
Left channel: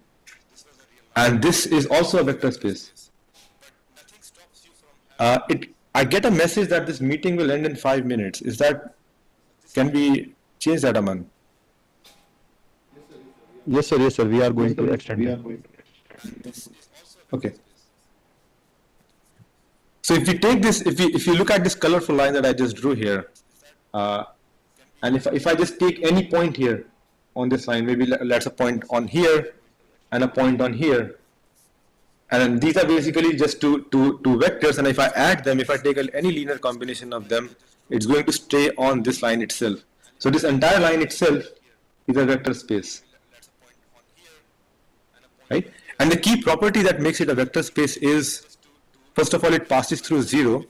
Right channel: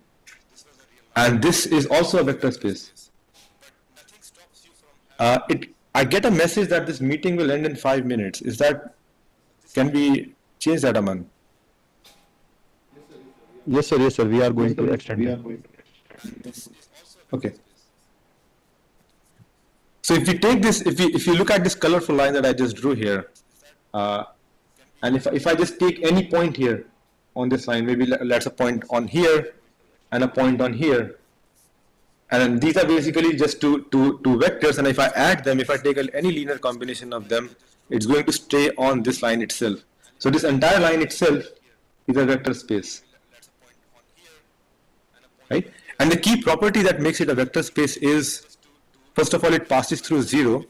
And this is also a vector space. I get a message that this meeting will end in 5 minutes. Can we change that, Aman? Yes, sir. We are going to extend it. Okay. So if we take this, if you look at this colorful line that I just drew here, and if I just take any point here on this line, maybe let's a point on here and a point on here, and these are basically just two vectors, and if I add them, if I take any linear combination of them, it's going to stay on this line itself. So this entire line itself is a vector space, right? And the key property that makes it a vector space is, first of all, it passes through 0,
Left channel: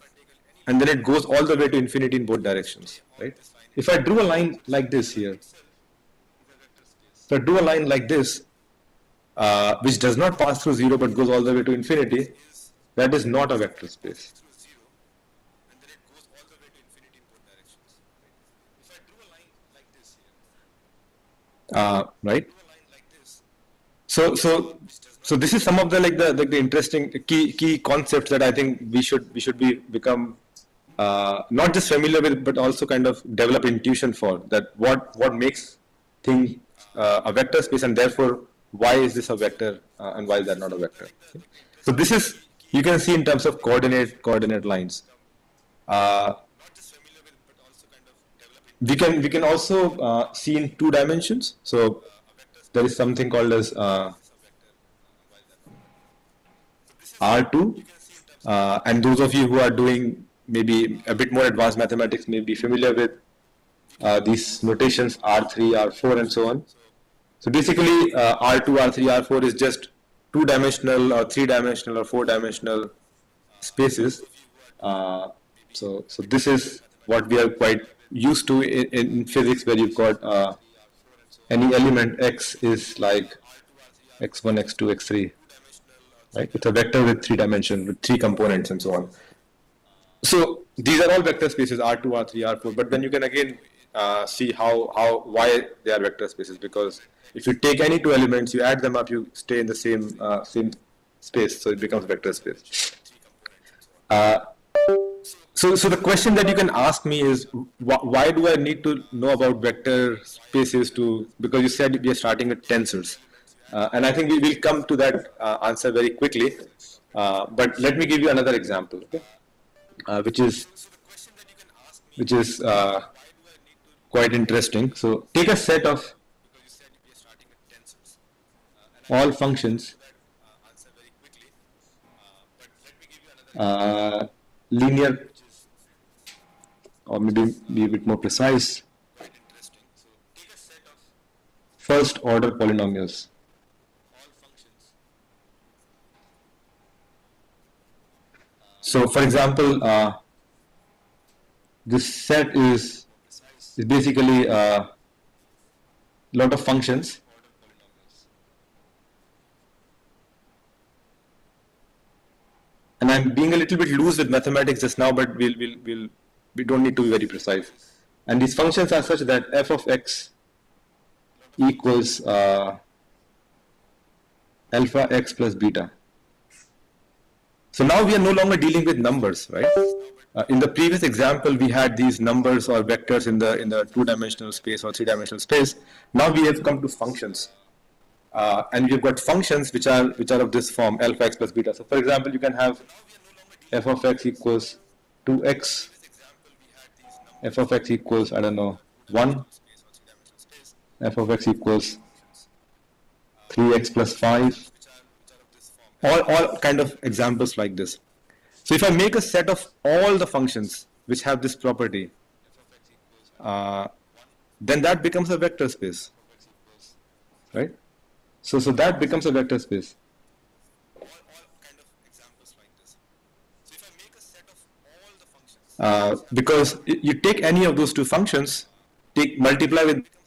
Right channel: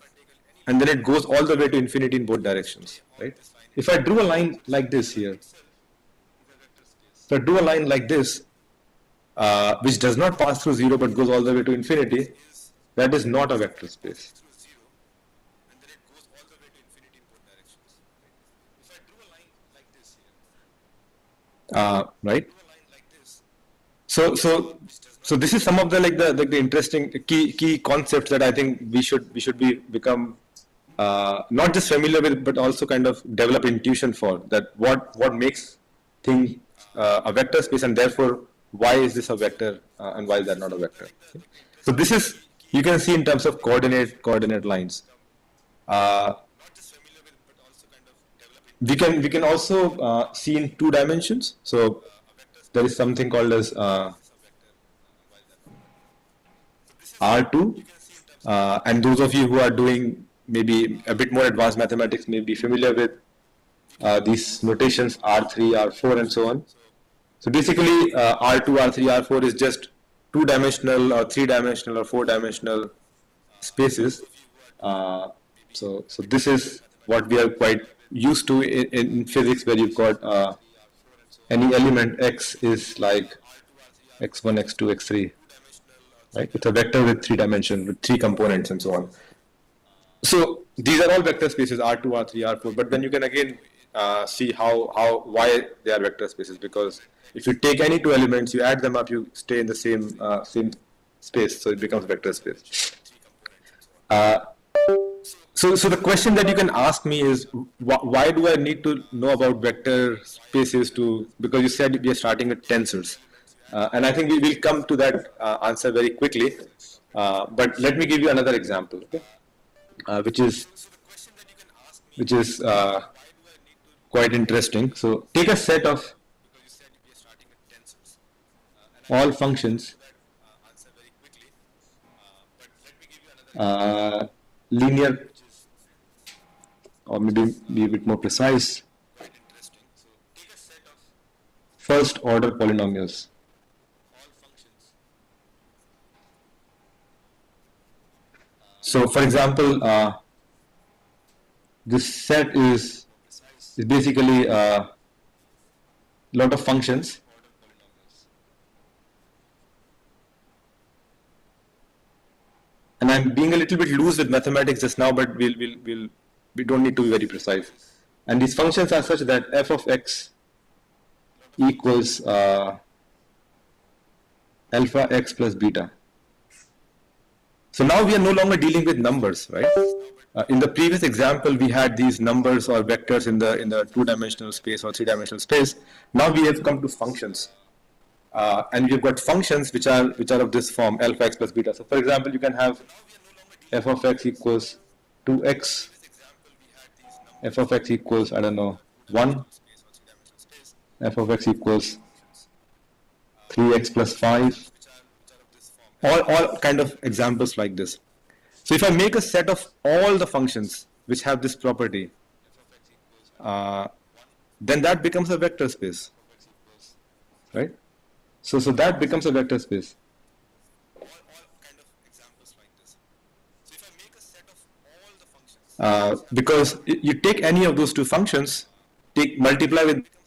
and then it goes all the way to infinity in both directions, right? If I drew a line like this here, which does not pass through 0 but goes all the way to infinity, that is not a vector space. Right? So this is some of the interesting key concepts that I think we should become not just familiar with, but also kind of develop intuition for, that what makes thing a vector space, and therefore why is this a vector and why is that not a vector. Okay? So this is, you can see in terms of coordinate lines. We can also see in 2 dimensions. So there is something called as R2, and those of you who are doing maybe a bit more advanced mathematics may be familiar with these notations, R3, R4, and so on. So basically, R2, R3, R4 is just 2-dimensional or 3-dimensional or 4-dimensional spaces. So this is what we are quite used to in physics, where you've got any element x is like x1, x2, x3. Right? It's a vector with 3 dimensions, with 3 components, and so on. So these are all vector spaces, R2, R3, R4. But then you can again see why they are vector spaces, because if you take any 2 elements, you add them up, you stay in the same space, so it becomes vector space. So the question that you can ask me is, why do I need to know about vector spaces because you said we are starting with tensors. And I think we will come to that answer very quickly. But let me give you another example, okay? Which is quite interesting. So take a set of all functions, linear, or maybe be a bit more precise, first order polynomials. So for example, this set is basically a lot of functions, and I'm being a little bit loose with mathematics just now, but we don't need to be very precise. And these functions are such that f of x equals alpha x plus beta. So now we are no longer dealing with numbers, right? In the previous example, we had these numbers or vectors in the two-dimensional space or three-dimensional space. Now we have come to functions, and we've got functions which are of this form, alpha x plus beta. So for example, you can have f of x equals 2x, f of x equals, I don't know, 1, f of x equals 3x plus 5, all kind of examples like this. So if I make a set of all the functions which have this property, then that becomes a vector space, right? So that becomes a vector space. Because you take any of those two functions, multiply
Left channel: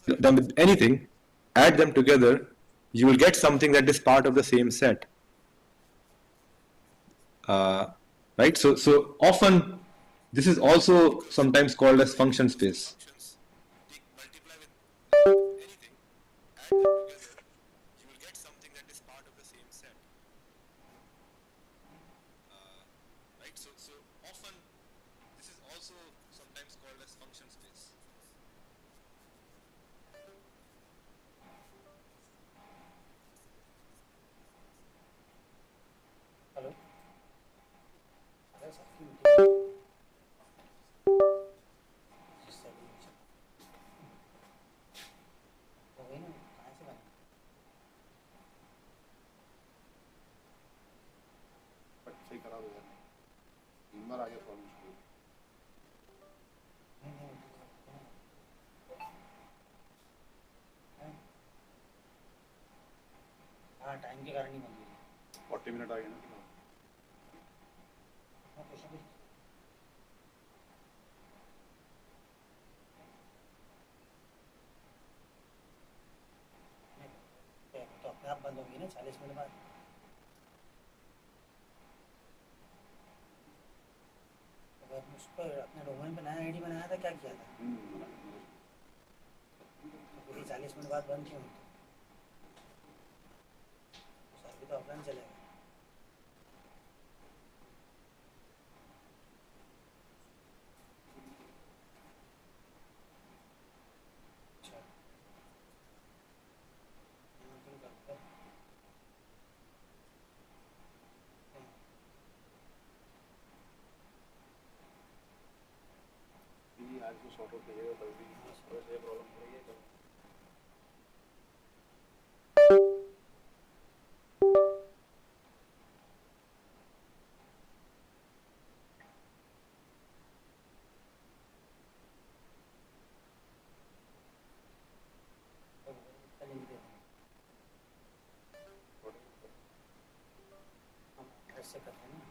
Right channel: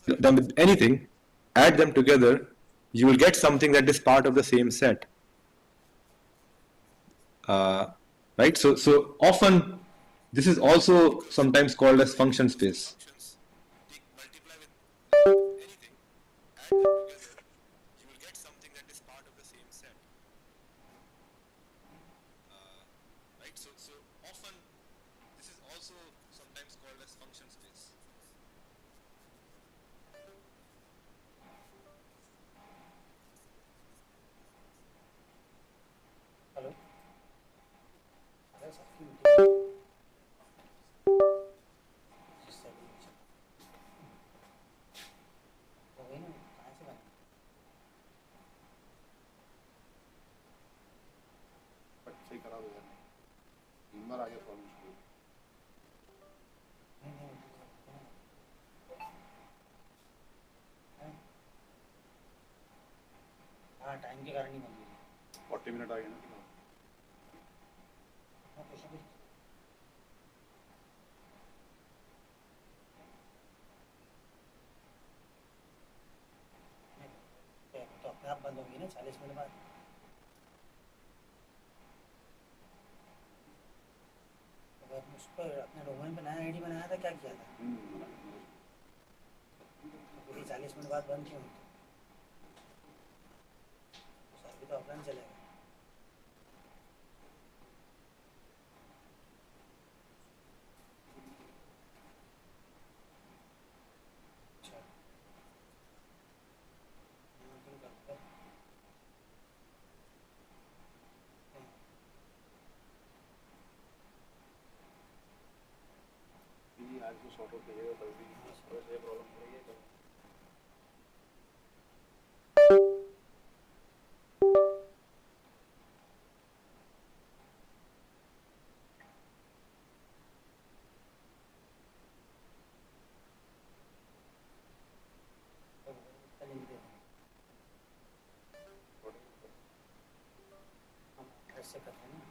them with anything, add them together, you will get something that is part of the same set. Right? So often this is also sometimes called as function space. सही करा दो यार, तीन बार आ गया problem शुरू। हाँ time के कारण ही बंद हुई। 40 मिनट आ गए ना। तो अपने आप बंद होगी ना 40 मिनट बाद। उस पर अपने डोमेन पे नया आईडी बनाया था, क्या किया था? तो 40 मिनट बाद बंद क्यों? अभी तो ऑफलाइन चलेगा। आज को सॉर्ट आउट कीजिएगा, कल भी ये प्रॉब्लम हो रही है। ऐसे करते हैं ना।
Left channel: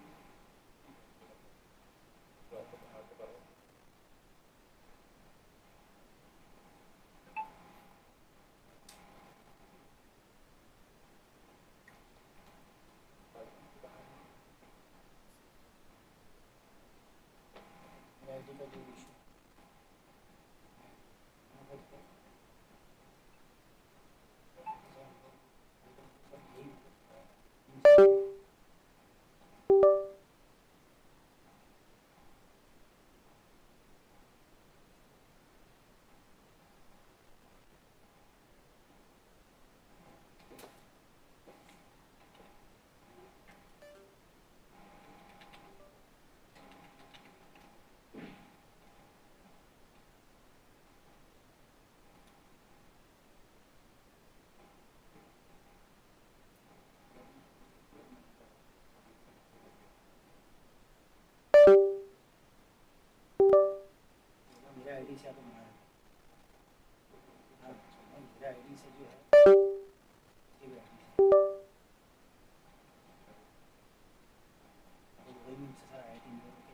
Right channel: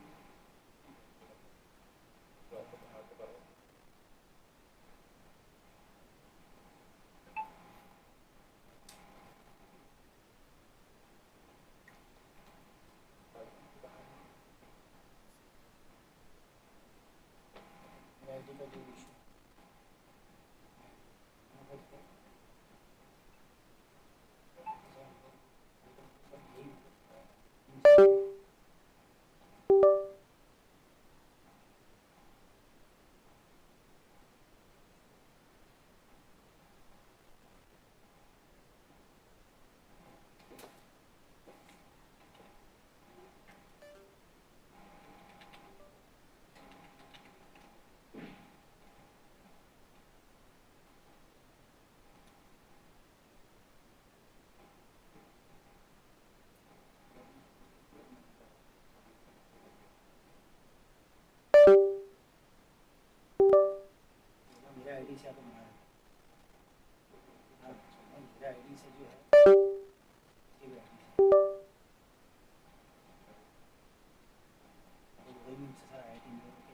Thank you. आईडी से आपको बनाया हाँ मेरा आईडी से जो है ये भी आईडी से वही मुझसे सर आईडी इंदौर के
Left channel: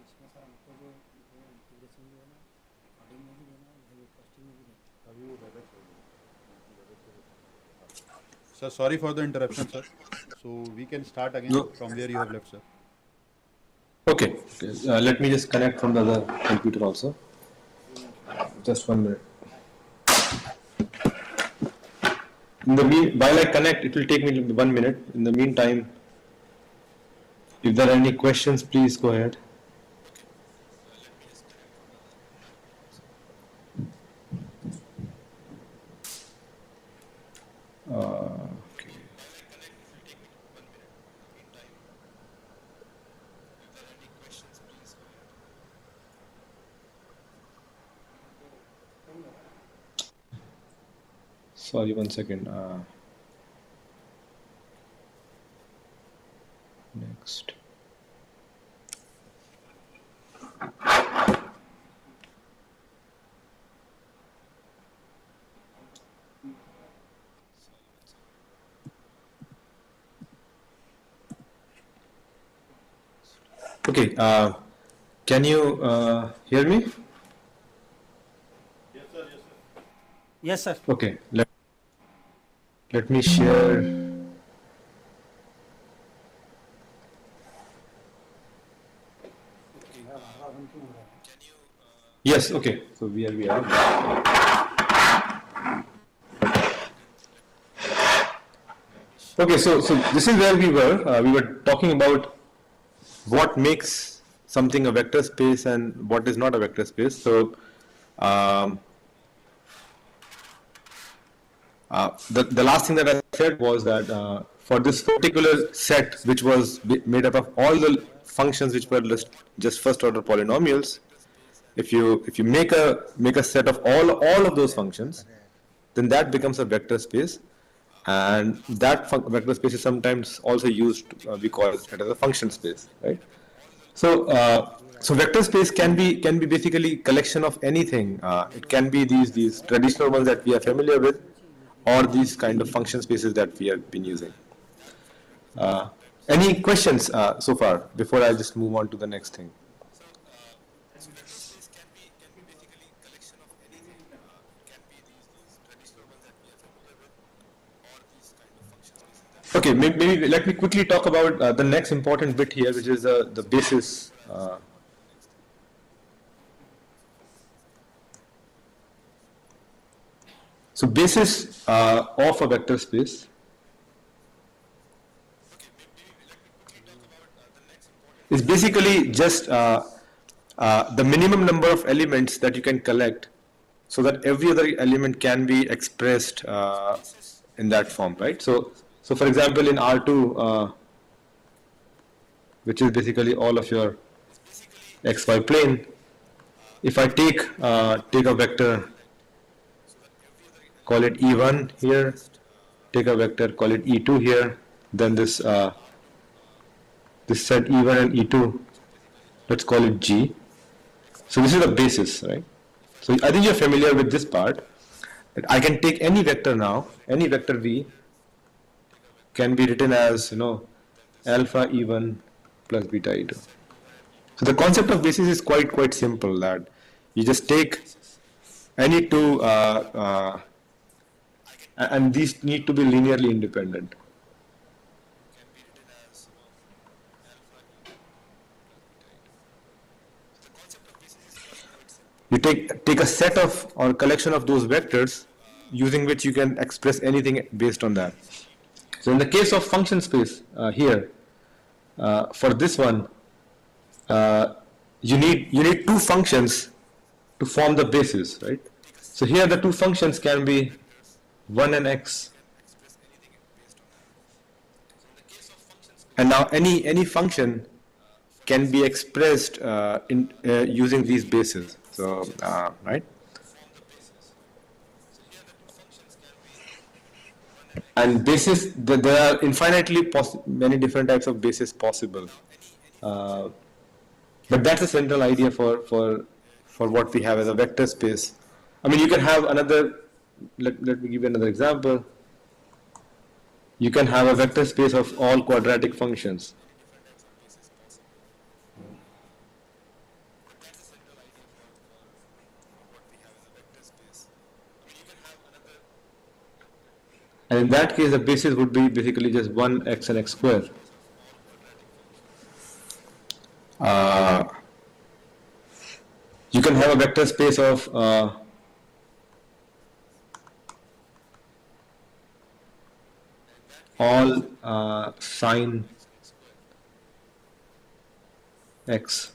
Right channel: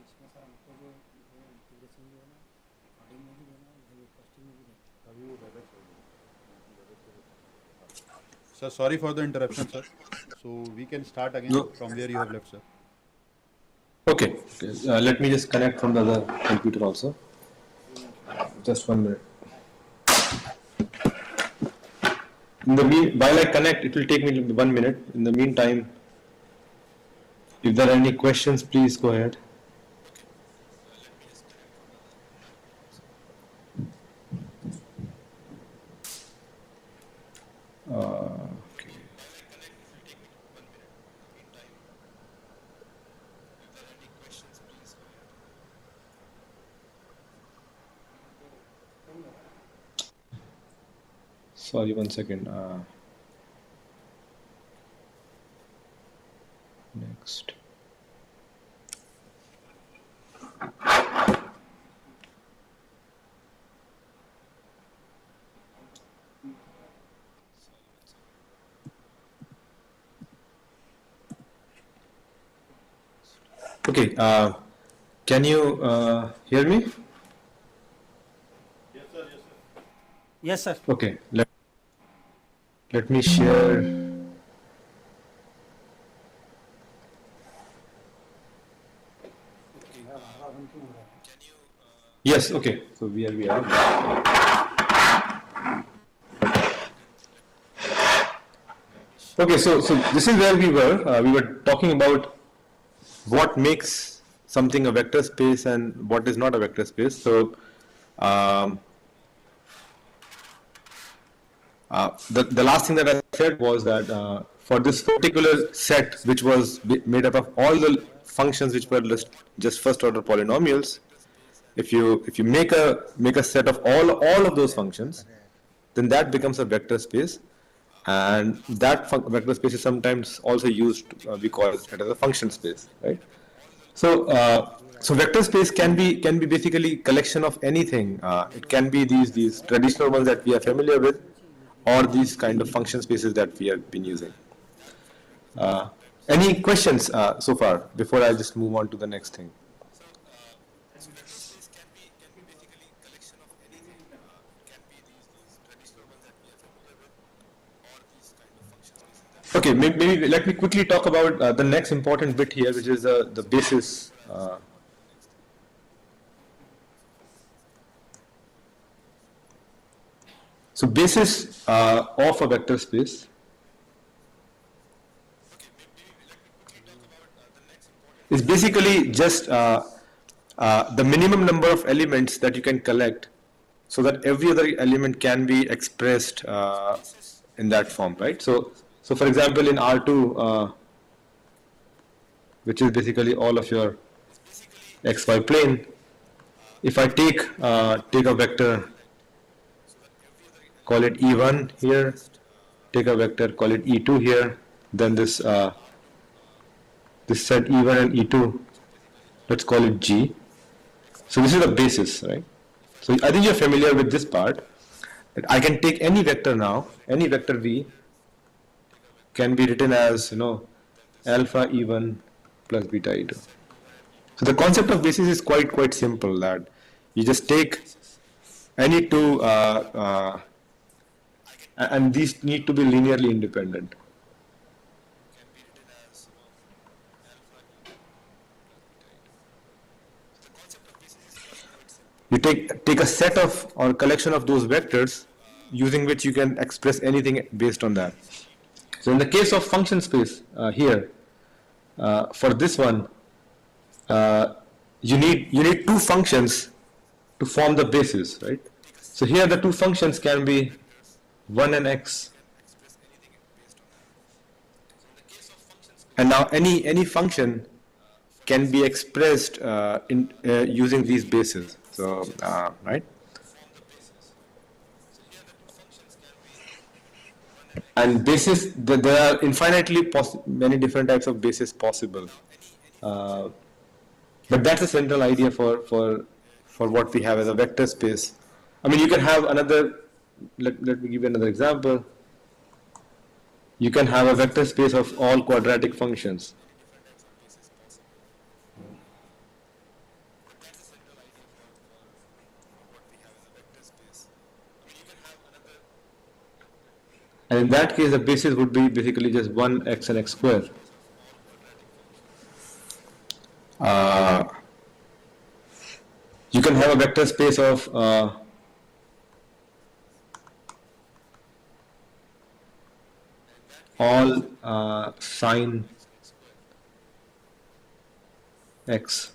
इसमें सर हमको जो इंटीग्रेशन जो है ना कोडिंग में भी देना है वो टेस्टिंग में भी देना अभी वो वेबएक्स हो गया sir sorry for the interruption sir so we can start again from where you have left sir. Okay, let me just connect from the other computer also. Just 1 minute. While I connect, it will take me 1 minute. In the meantime, if there are any questions, please go ahead. Okay. Sorry, 1 second. Next. Okay, can you hear me? Yes sir. Okay, let me share. Yes, okay, so here we are. Okay, so this is where we were. We were talking about what makes something a vector space and what is not a vector space. So the last thing that I said was that for this particular set, which was made up of all the functions which were just first order polynomials, if you make a set of all of those functions, then that becomes a vector space, and that vector space is sometimes also used, we call it as a function space, right? So vector space can be basically collection of anything. It can be these traditional ones that we are familiar with, or these kind of function spaces that we have been using. Any questions so far before I just move on to the next thing? Okay, maybe let me quickly talk about the next important bit here, which is the basis. So basis of a vector space is basically just the minimum number of elements that you can collect, so that every other element can be expressed in that form, right? So for example, in R2, which is basically all of your xy plane, if I take a vector, call it E1 here, take a vector, call it E2 here, then this set E1 and E2, let's call it G. So this is the basis, right? So I think you're familiar with this part. I can take any vector now, any vector V can be written as, alpha E1 plus beta E2. So the concept of basis is quite simple, that you just take any two, and these need to be linearly independent. You take a set of or collection of those vectors using which you can express anything based on that. So in the case of function space here, for this one, you need two functions to form the basis, right? So here the two functions can be 1 and x. And now any function can be expressed in using these bases. So right. And basis, there are infinitely many different types of bases possible. But that's a central idea for what we have as a vector space. I mean, you can have another. Let me give you another example. You can have a vector space of all quadratic functions. And in that case, the basis would be basically just 1x and x square. You can have a vector space of all sine x.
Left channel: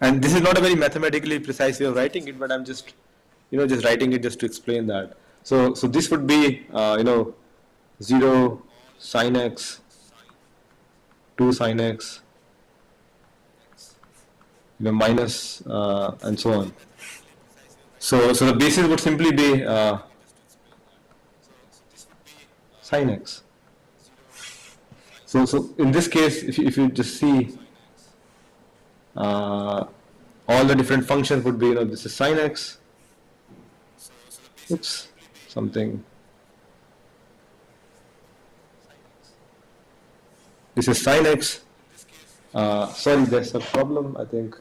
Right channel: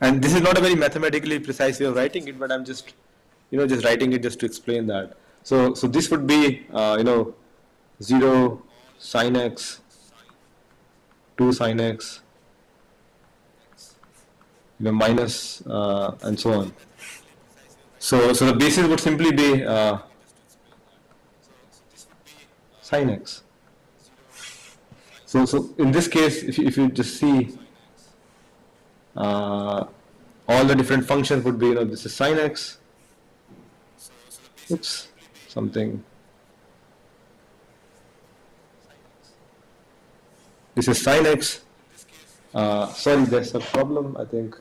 And this is not a very mathematically precise way of writing it, but I'm just writing it just to explain that. So this would be 0 sine x, 2 sine x, minus and so on. So the basis would simply be sine x. So in this case, if you just see all the different functions would be, this is sine x. Oops, something. This is sine x. Sorry, there's a problem, I think,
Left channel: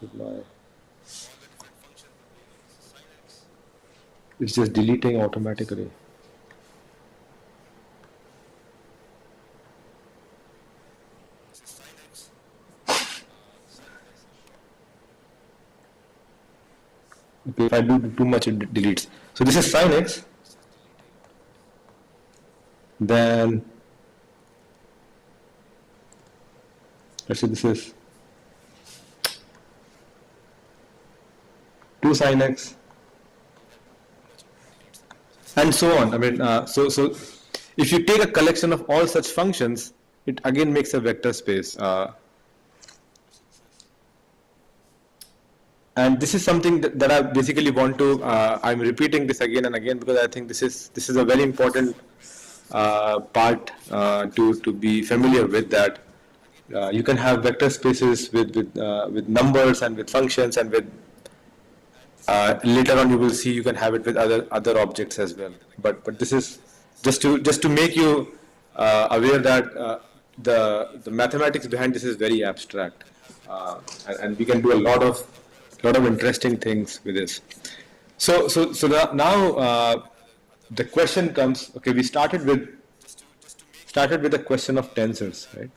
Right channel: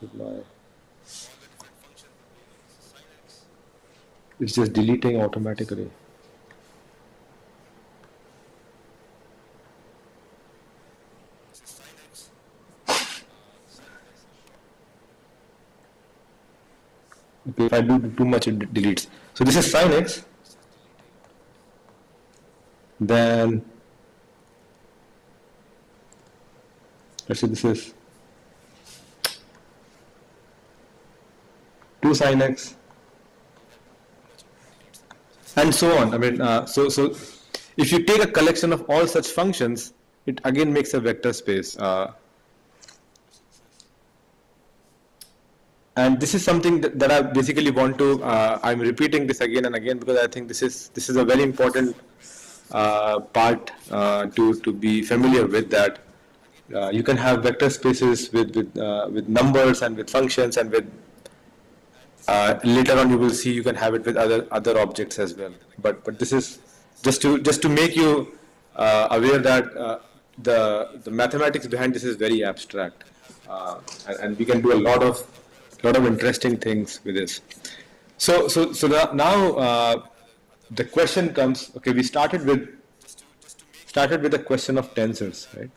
with my. It's just deleting automatically. Okay, if I do too much, it deletes. So this is sine x. Then let's say this is 2 sine x, and so on. I mean, so if you take a collection of all such functions, it again makes a vector space. And this is something that I basically want to. I'm repeating this again and again because I think this is a very important part to be familiar with. That you can have vector spaces with numbers and with functions, and with later on you will see you can have it with other objects as well. But this is just to make you aware that the mathematics behind this is very abstract, and we can do a lot of interesting things with this. So now the question comes. Okay, we started with the question of tensors, right?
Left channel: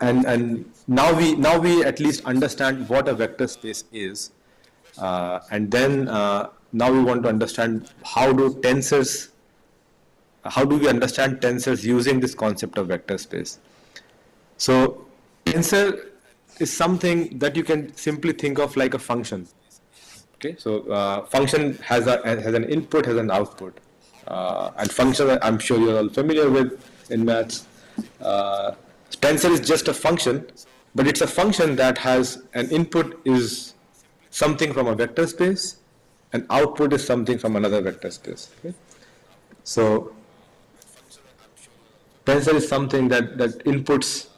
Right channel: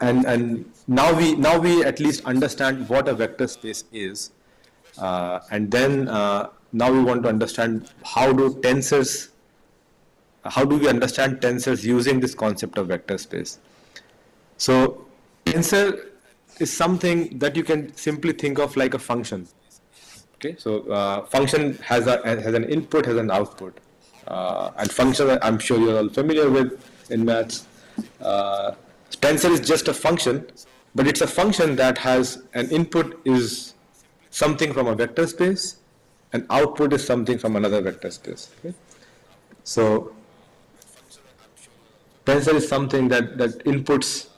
And now we at least understand what a vector space is, and then now we want to understand how do we understand tensors using this concept of vector space. So tensor is something that you can simply think of like a function. Okay, so function has an input, has an output, and function I'm sure you're all familiar with in maths. Tensor is just a function, but it's a function that has an input is something from a vector space, and output is something from another vector space. Okay? So tensor is something that inputs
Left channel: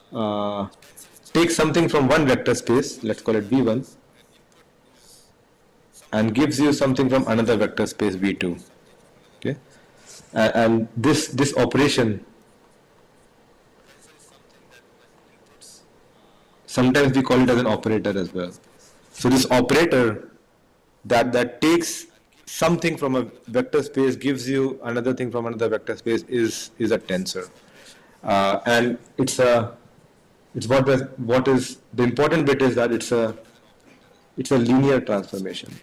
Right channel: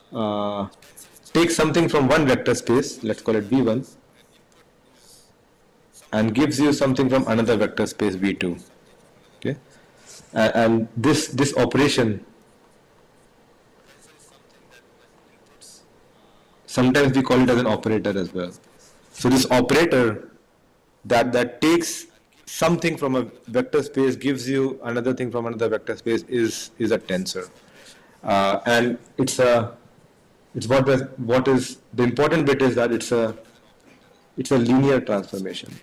takes something from one vector space, let's call it V1, and gives you something from another vector space V2. Okay, and this operation, sometimes we call it as an operator as well. So this operator that takes something from a vector space, gives you another thing from another vector space, is a tensor, and it's what is the important bit is that it's a linear transformation.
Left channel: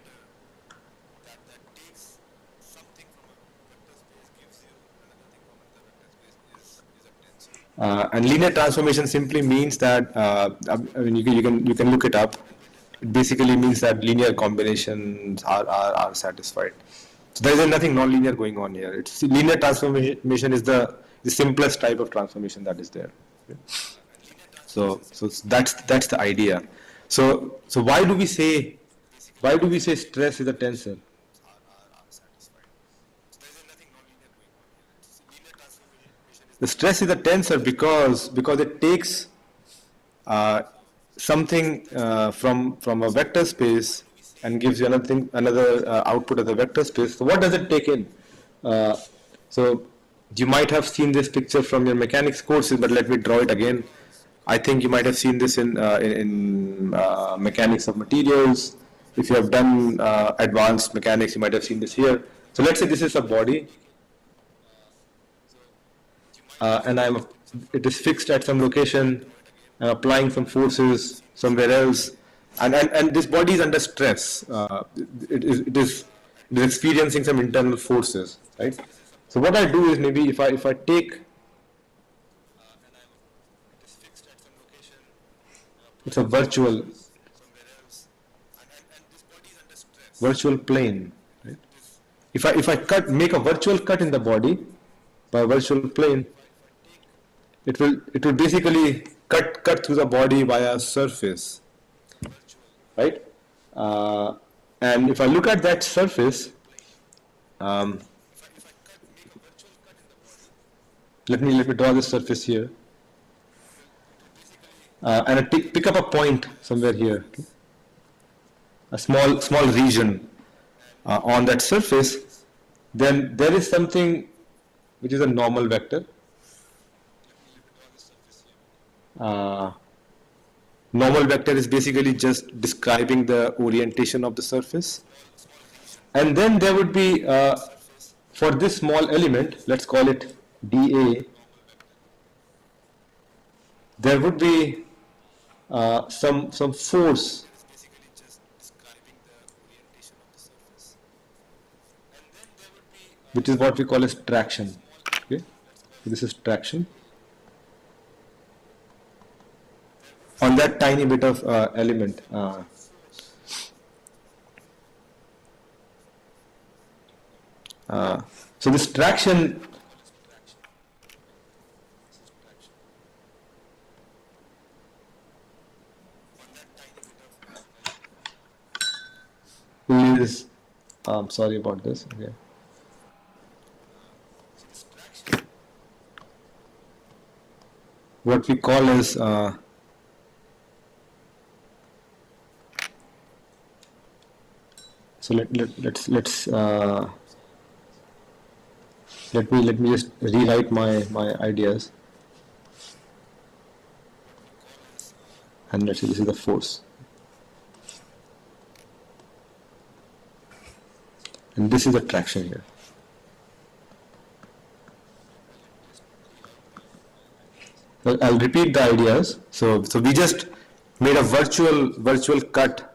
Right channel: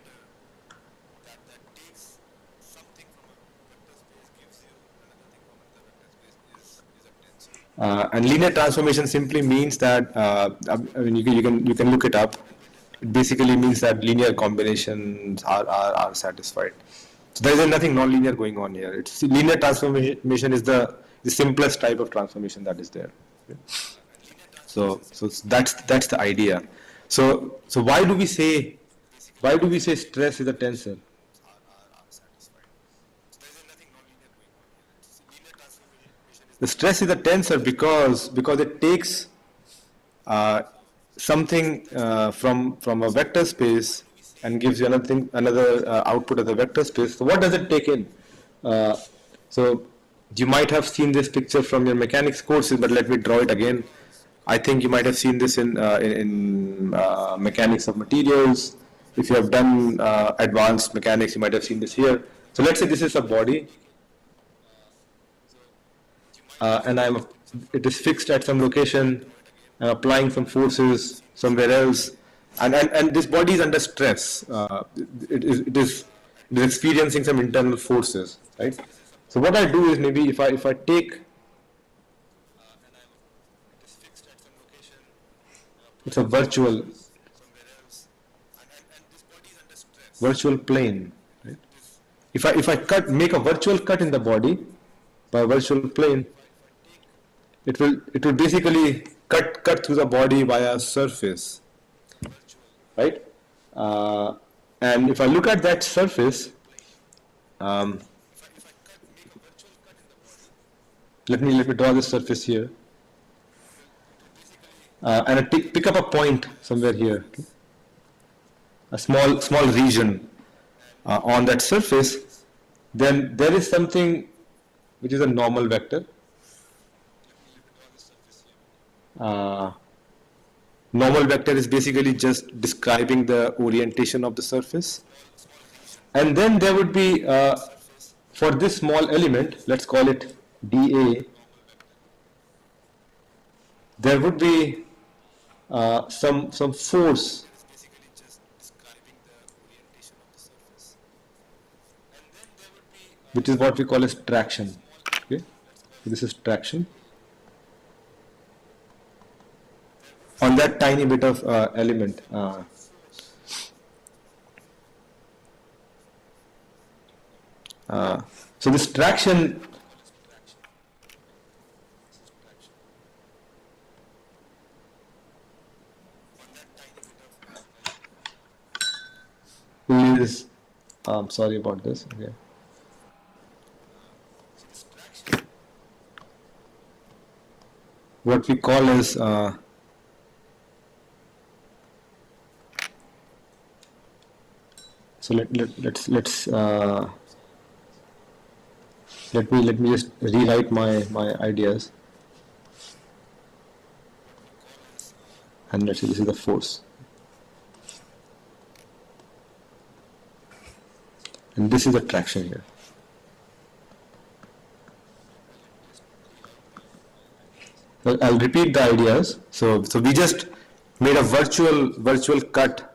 And linear transformation simply means that I mean you can look it up. It basically means that linear combinations are satisfied. So there is nothing non-linear going on here. It's linear transformation is the simplest type of transformation that is there. Okay? So that's the idea. So why do we say stress is a tensor? The stress is a tensor because it takes something from a vector space and gives you another output of the vector space. So what does it take in? So you might have seen this picture from your mechanics courses, but let me draw it again. I think you might have seen this in mechanics of materials. If you have done advanced mechanics, you might have seen this here. So let's say this is a body, and it is fixed at some location. I'm applying some forces somewhere else, and this body is under stress. It is experiencing some internal forces, right? So what I do is maybe if I take, it's a virtual plane, right? If I make a virtual cut in the body by a virtual plane, it will basically cut through the body via a surface, right? And if I look at that surface, let me draw this surface here, and I pick up a point somewhere here, okay? A small region on that surface. Then there is something which is a normal vector. Normal vector is basically just describing the orientation of the surface, and then there would be for this small element, let's call it dA, there would be some force which is what we call as traction. Okay, so this is traction on that tiny bit of element. So this traction is, sorry about this. Okay. What we call as so let's let me just rewrite my ideas, and let's say this is the force, and this is the traction here. So I'll repeat the ideas. So we just made a virtual cut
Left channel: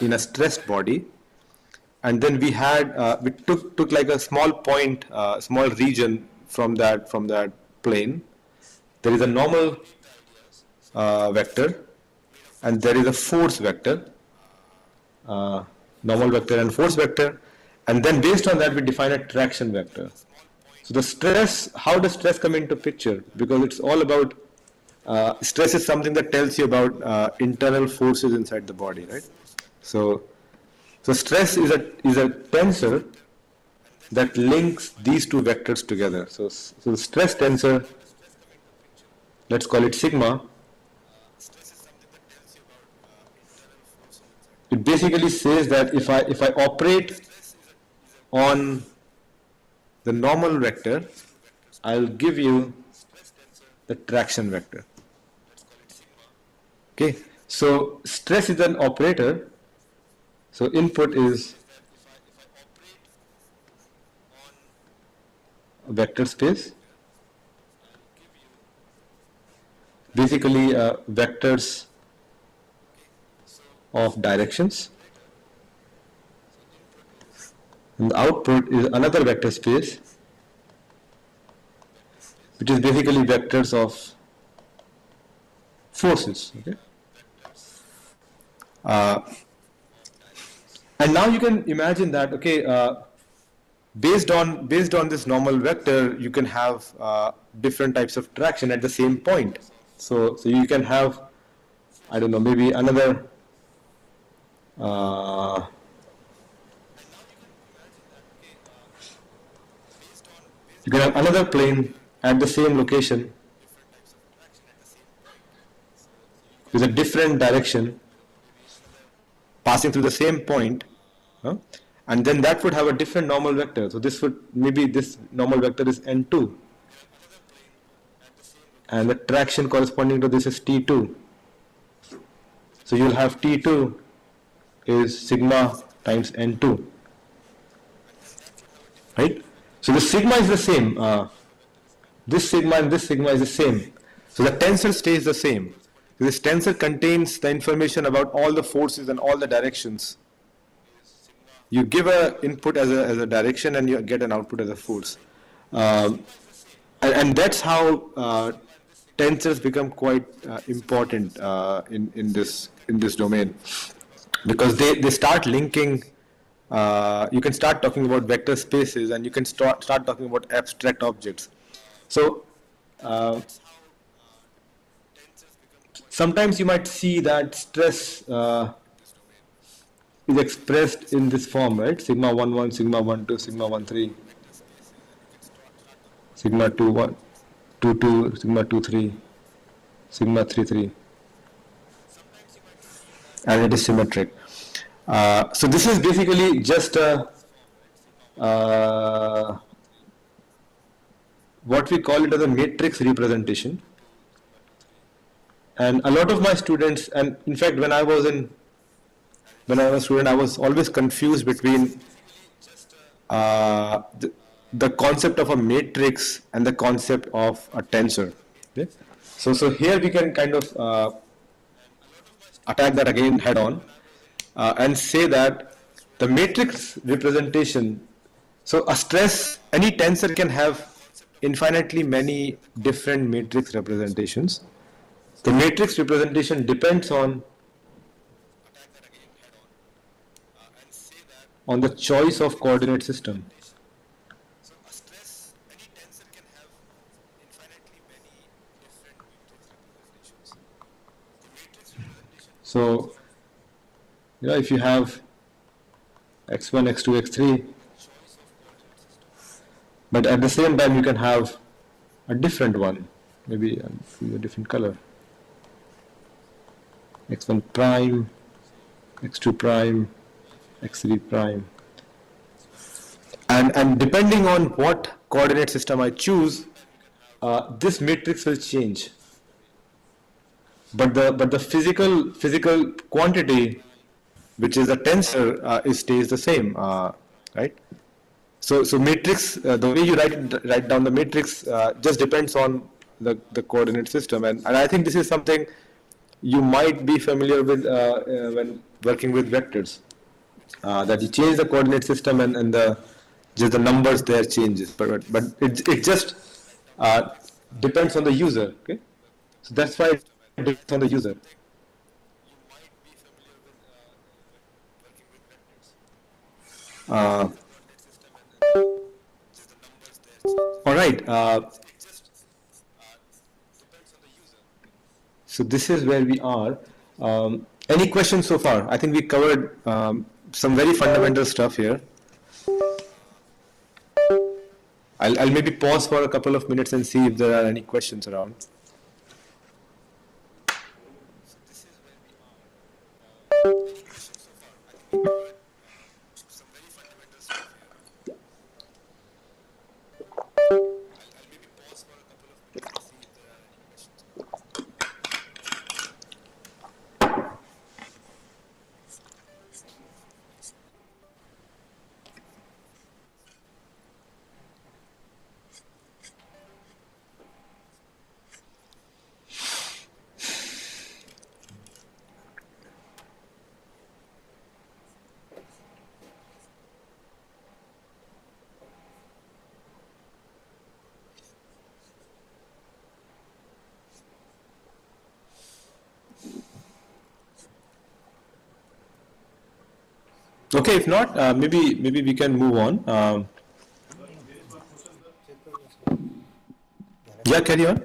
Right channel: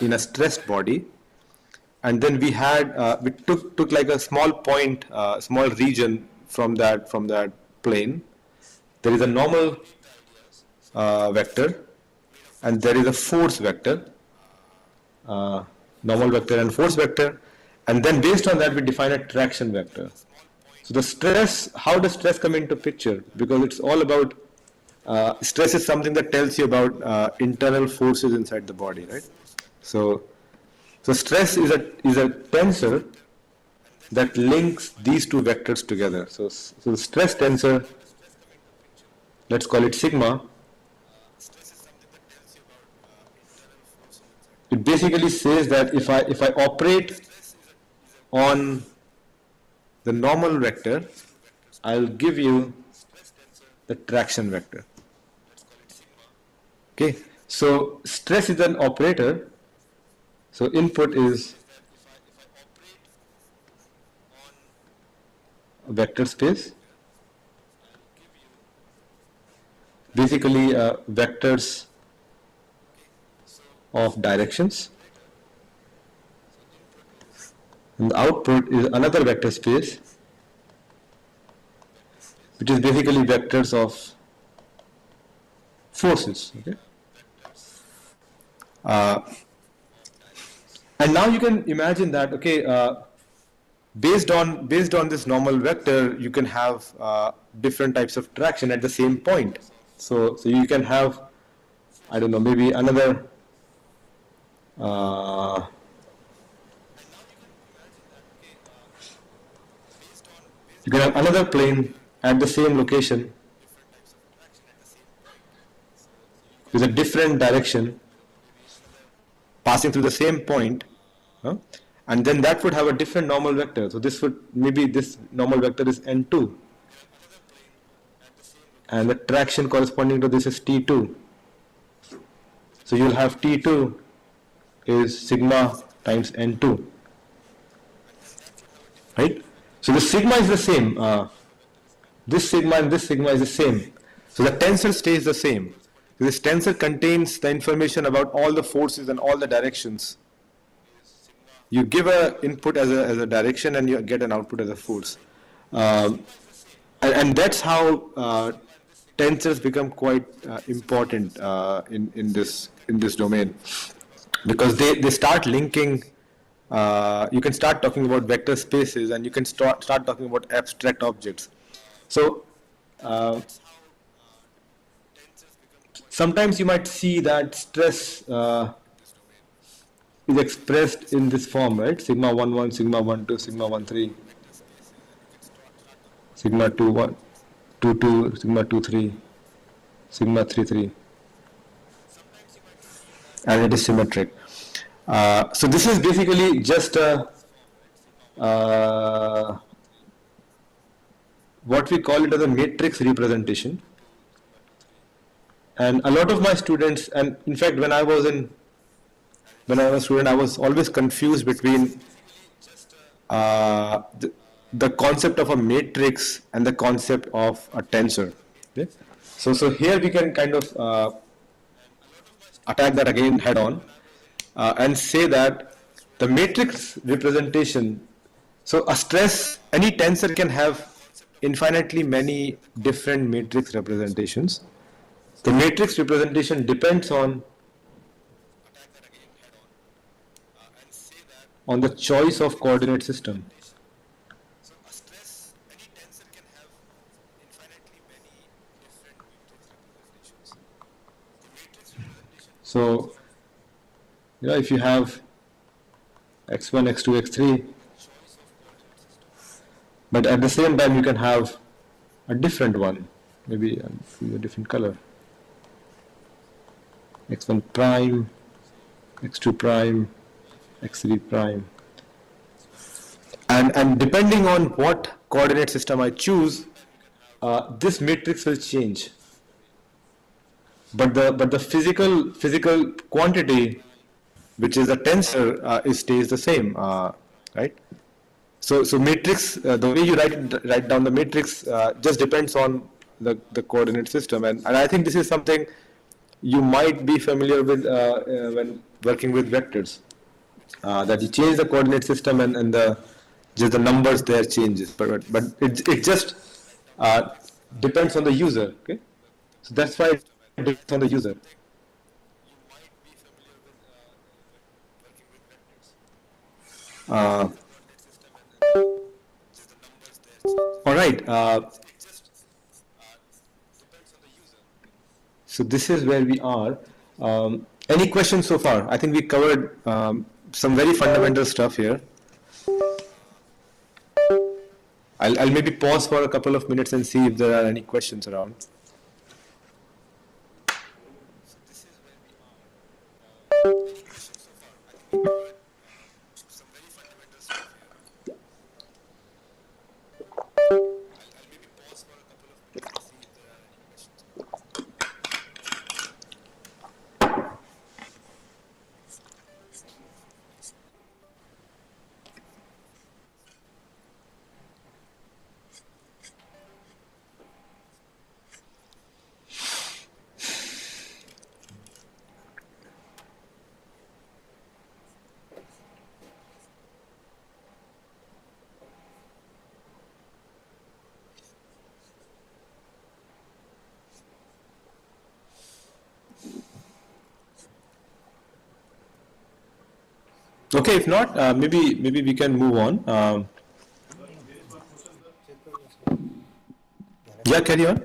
in a stressed body, and then we had we took like a small point, small region from that plane. There is a normal vector, and there is a force vector, normal vector and force vector, and then based on that we define a traction vector. So the stress, how does stress come into picture? Because it's all about, stress is something that tells you about internal forces inside the body, right? So stress is a tensor that links these two vectors together. So the stress tensor, let's call it sigma. It basically says that if I operate on the normal vector, I'll give you the traction vector. Okay, so stress is an operator. So input is a vector space. Basically, vectors of directions. And the output is another vector space, which is basically vectors of forces. Okay. And now you can imagine that, okay, based on this normal vector, you can have different types of traction at the same point. So you can have, I don't know, maybe another you can have another plane at the same location with a different direction passing through the same point, and then that would have a different normal vector. So this would, maybe this normal vector is n2, and the traction corresponding to this is t2. So you'll have t2 is sigma times n2, right? So the sigma is the same. This sigma and this sigma is the same. So the tensor stays the same. This tensor contains the information about all the forces and all the directions. You give an input as a direction and you get an output as a force. And that's how tensors become quite important in this domain, because they start linking. You can start talking about vector spaces, and you can start talking about abstract objects. So sometimes you might see that stress is expressed in this form, right? Sigma 11, sigma 12, sigma 13, sigma 21, 22, sigma 23, sigma 33, and it is symmetric. So this is basically just what we call it as a matrix representation. And a lot of my students, and in fact when I was a student, I was always confused between the concept of a matrix and the concept of a tensor. Okay? So here we can kind of attack that again head on, and say that the matrix representation, so a stress, any tensor can have infinitely many different matrix representations. The matrix representation depends on the choice of coordinate system. So, if you have x1, x2, x3, but at the same time you can have a different one, maybe a different color. x1 prime, x2 prime, x3 prime. And depending on what coordinate system I choose, this matrix will change. But the physical quantity, which is a tensor, it stays the same, right? So matrix, the way you write down the matrix just depends on the coordinate system, and I think this is something you might be familiar with when working with vectors. That you change the coordinate system and just the numbers there changes, but it just depends on the user. Okay, so that's why depends on the user. Uh, all right. So this is where we are. Any questions so far? I think we covered some very fundamental stuff here. I'll maybe pause for a couple of minutes and see if there are any questions around. Okay, if not, maybe we can move on. Yeah, carry on.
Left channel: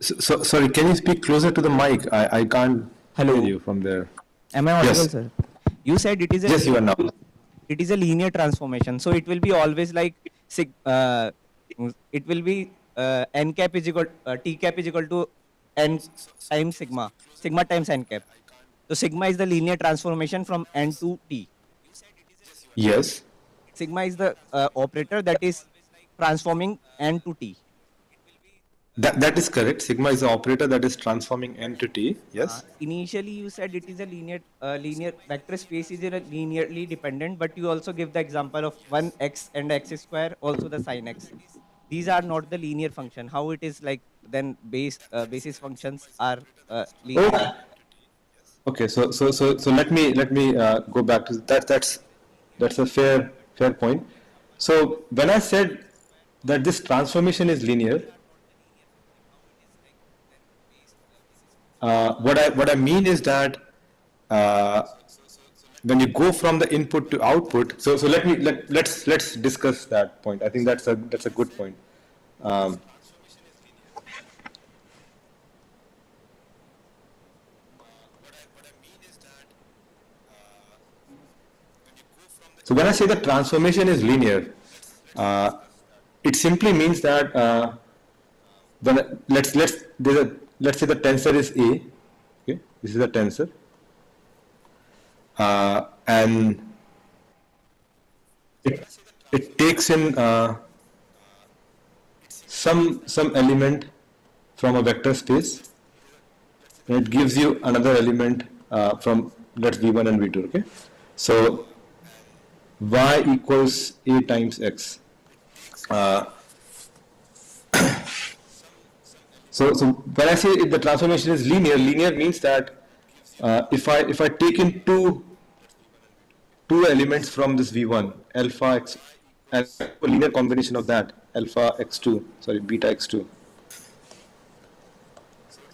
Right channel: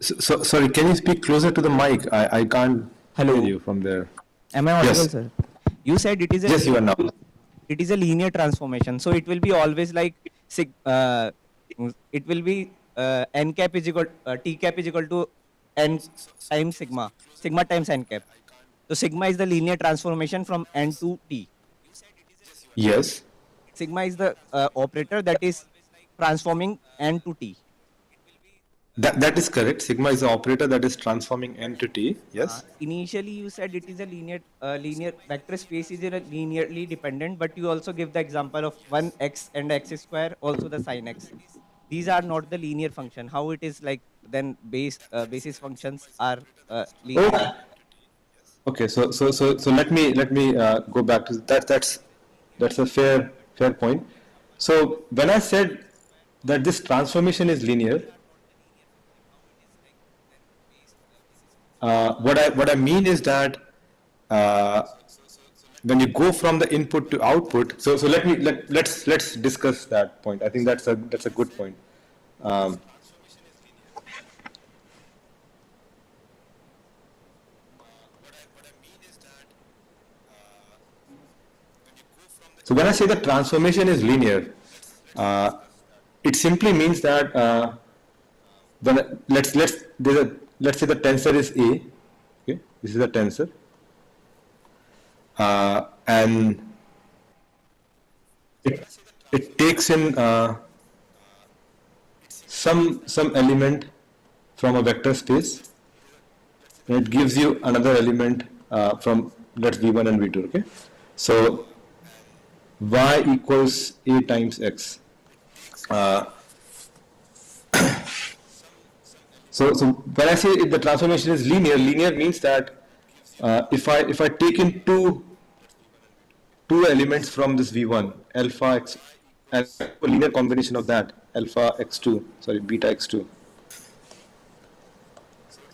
So, sorry, can you speak closer to the mic? I can't hear you from there. Am I audible, Yes. sir? You said it is a Yes, you are now. it is a linear transformation, so it will be always like it will be n cap is equal t cap is equal to n times sigma times n cap. So sigma is the linear transformation from n to t. Yes. Sigma is the operator that is transforming n to t. That is correct. Sigma is the operator that is transforming n to t. Yes. Initially, you said it is a linear vector space is a linearly dependent, but you also give the example of 1x and x square, also the sin x. These are not the linear function. How it is like then basis functions are linear? Okay. So let me go back to that. That's a fair point. So when I said that this transformation is linear, what I mean is that when you go from the input to output, so let's discuss that point. I think that's a good point. So when I say the transformation is linear, it simply means that let's say the tensor is A. Okay, this is the tensor, and it takes in some element from a vector space, and it gives you another element from, let's V1 and V2. Okay, so y equals A times x. So when I say if the transformation is linear means that if I take in two elements from this V1, alpha x, and a linear combination of that, alpha x2, sorry, beta x2,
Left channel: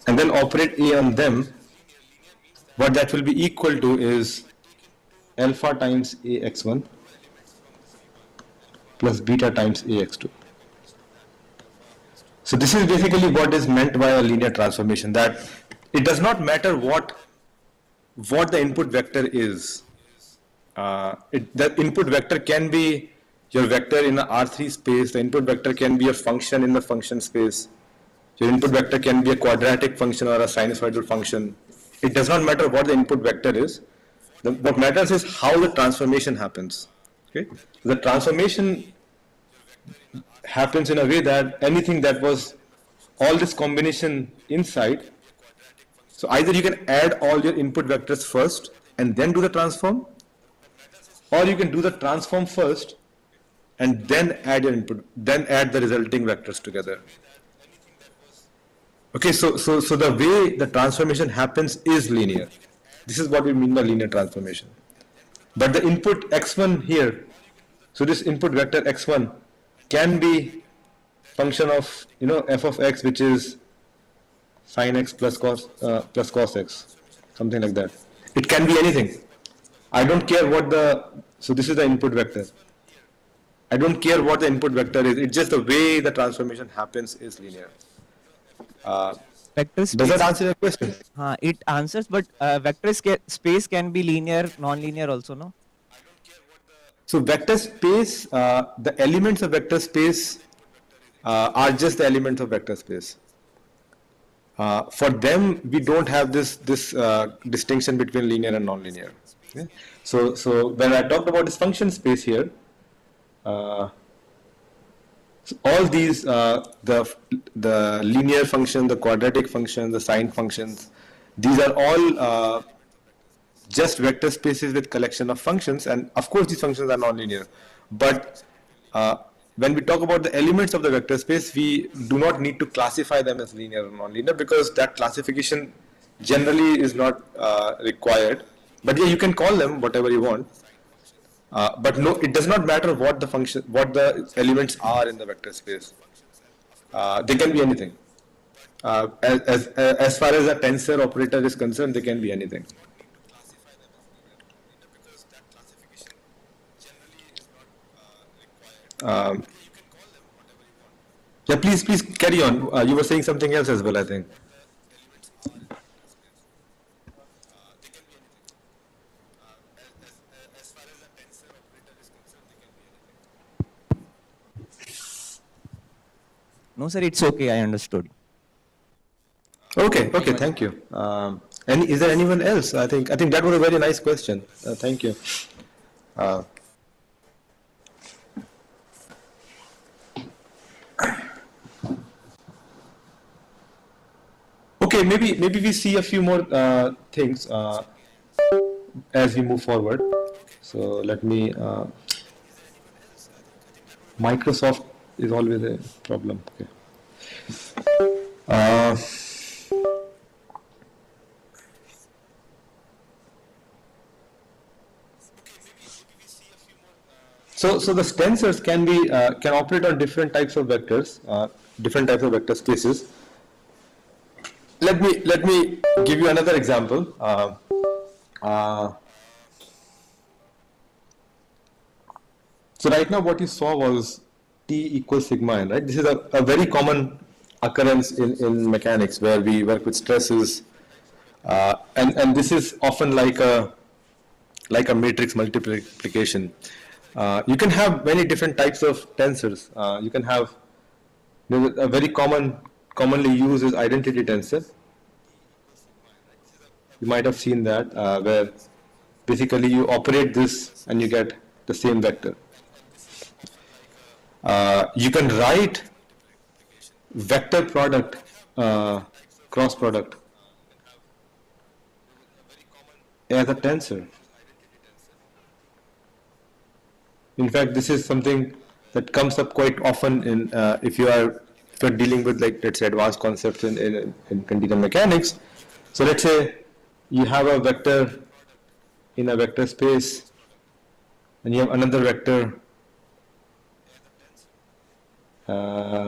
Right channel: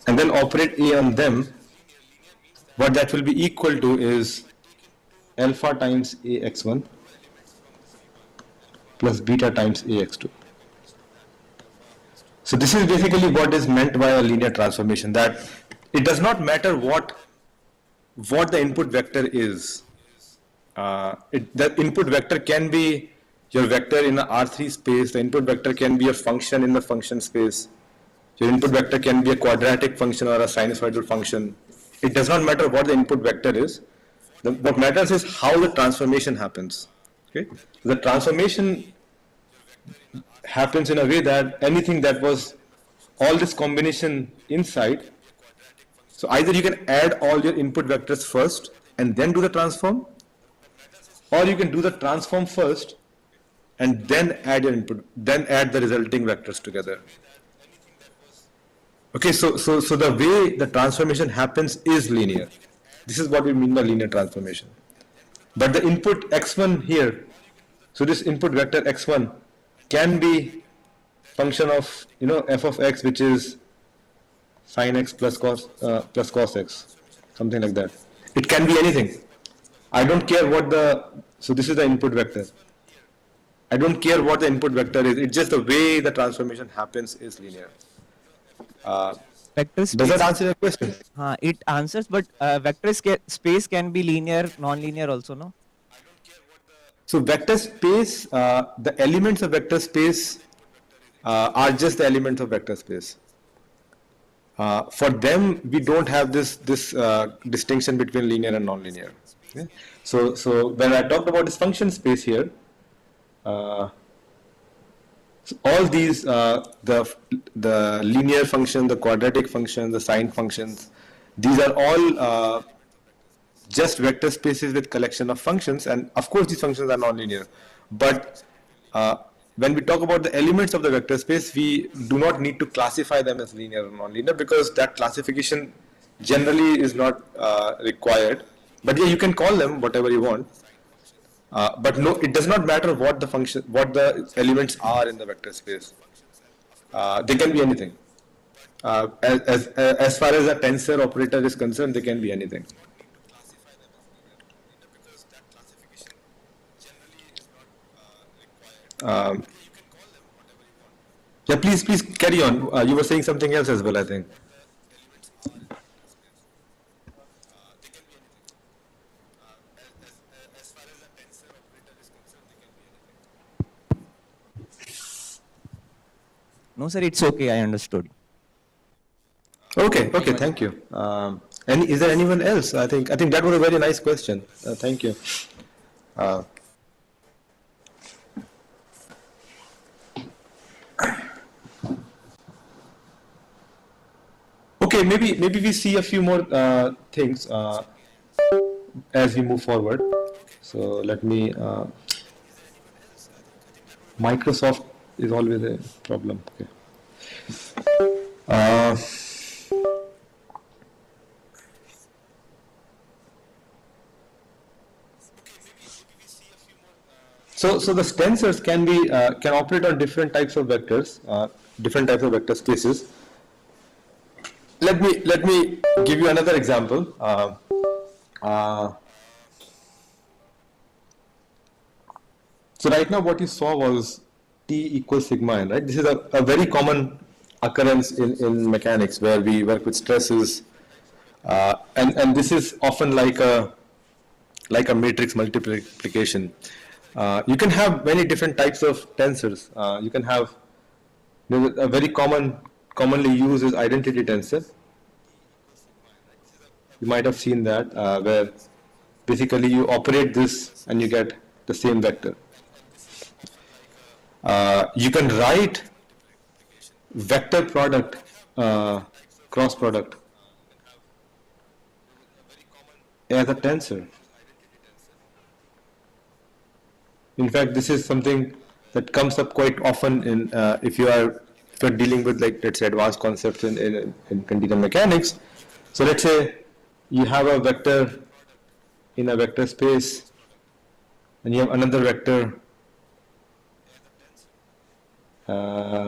and then operate A on them, what that will be equal to is alpha times ax1 plus beta times ax2. So this is basically what is meant by a linear transformation, that it does not matter what the input vector is. The input vector can be your vector in the R3 space, the input vector can be a function in the function space, your input vector can be a quadratic function or a sinusoidal function. It does not matter what the input vector is. What matters is how the transformation happens. Okay? The transformation happens in a way that anything that was all this combination inside, so either you can add all your input vectors first and then do the transform, or you can do the transform first and then add your input, then add the resulting vectors together. Okay, so the way the transformation happens is linear. This is what we mean by linear transformation. But the input x1 here, so this input vector x1 can be function of, f of x, which is sine x plus cos x, something like that. It can be anything. I don't care what so this is the input vector. I don't care what the input vector is. It's just the way the transformation happens is linear. Vector Does space. that answer your question? It answers, but space can be linear, non-linear also, no? So vector space, the elements of vector space are just the elements of vector space. For them, we don't have this distinction between linear and non-linear. Okay? So when I talked about this function space here, so all these the linear function, the quadratic function, the sine functions, these are all just vector spaces with collection of functions, and of course these functions are non-linear. But when we talk about the elements of the vector space, we do not need to classify them as linear or non-linear, because that classification generally is not required. But yeah, you can call them whatever you want. But no, it does not matter what the elements are in the vector space. They can be anything. As far as a tensor operator is concerned, they can be anything. Yeah, please carry on. You were saying something else as well, I think. No, sir, it's okay. I understood. Okay, thank you. Is there anyone else? I think that was a very nice question. Thank you. Okay, maybe we see a few more things as we move forward. So let me. Microsoft is always a problem. Okay. So the tensors can operate on different types of vectors, different types of vector spaces. Let me give you another example. So right now what you saw was T equals sigma n, right? This is a very common occurrence in mechanics, where we work with stresses, and this is often like a matrix multiplication. You can have many different types of tensors. You can have a very commonly used is identity tensor. You might have seen that, where basically you operate this and you get the same vector. You can write vector product, cross product, as a tensor. In fact, this is something that comes up quite often in if you are dealing with, like, let's say, advanced concepts in continuum mechanics. So let's say you have a vector in a vector space, and you have another vector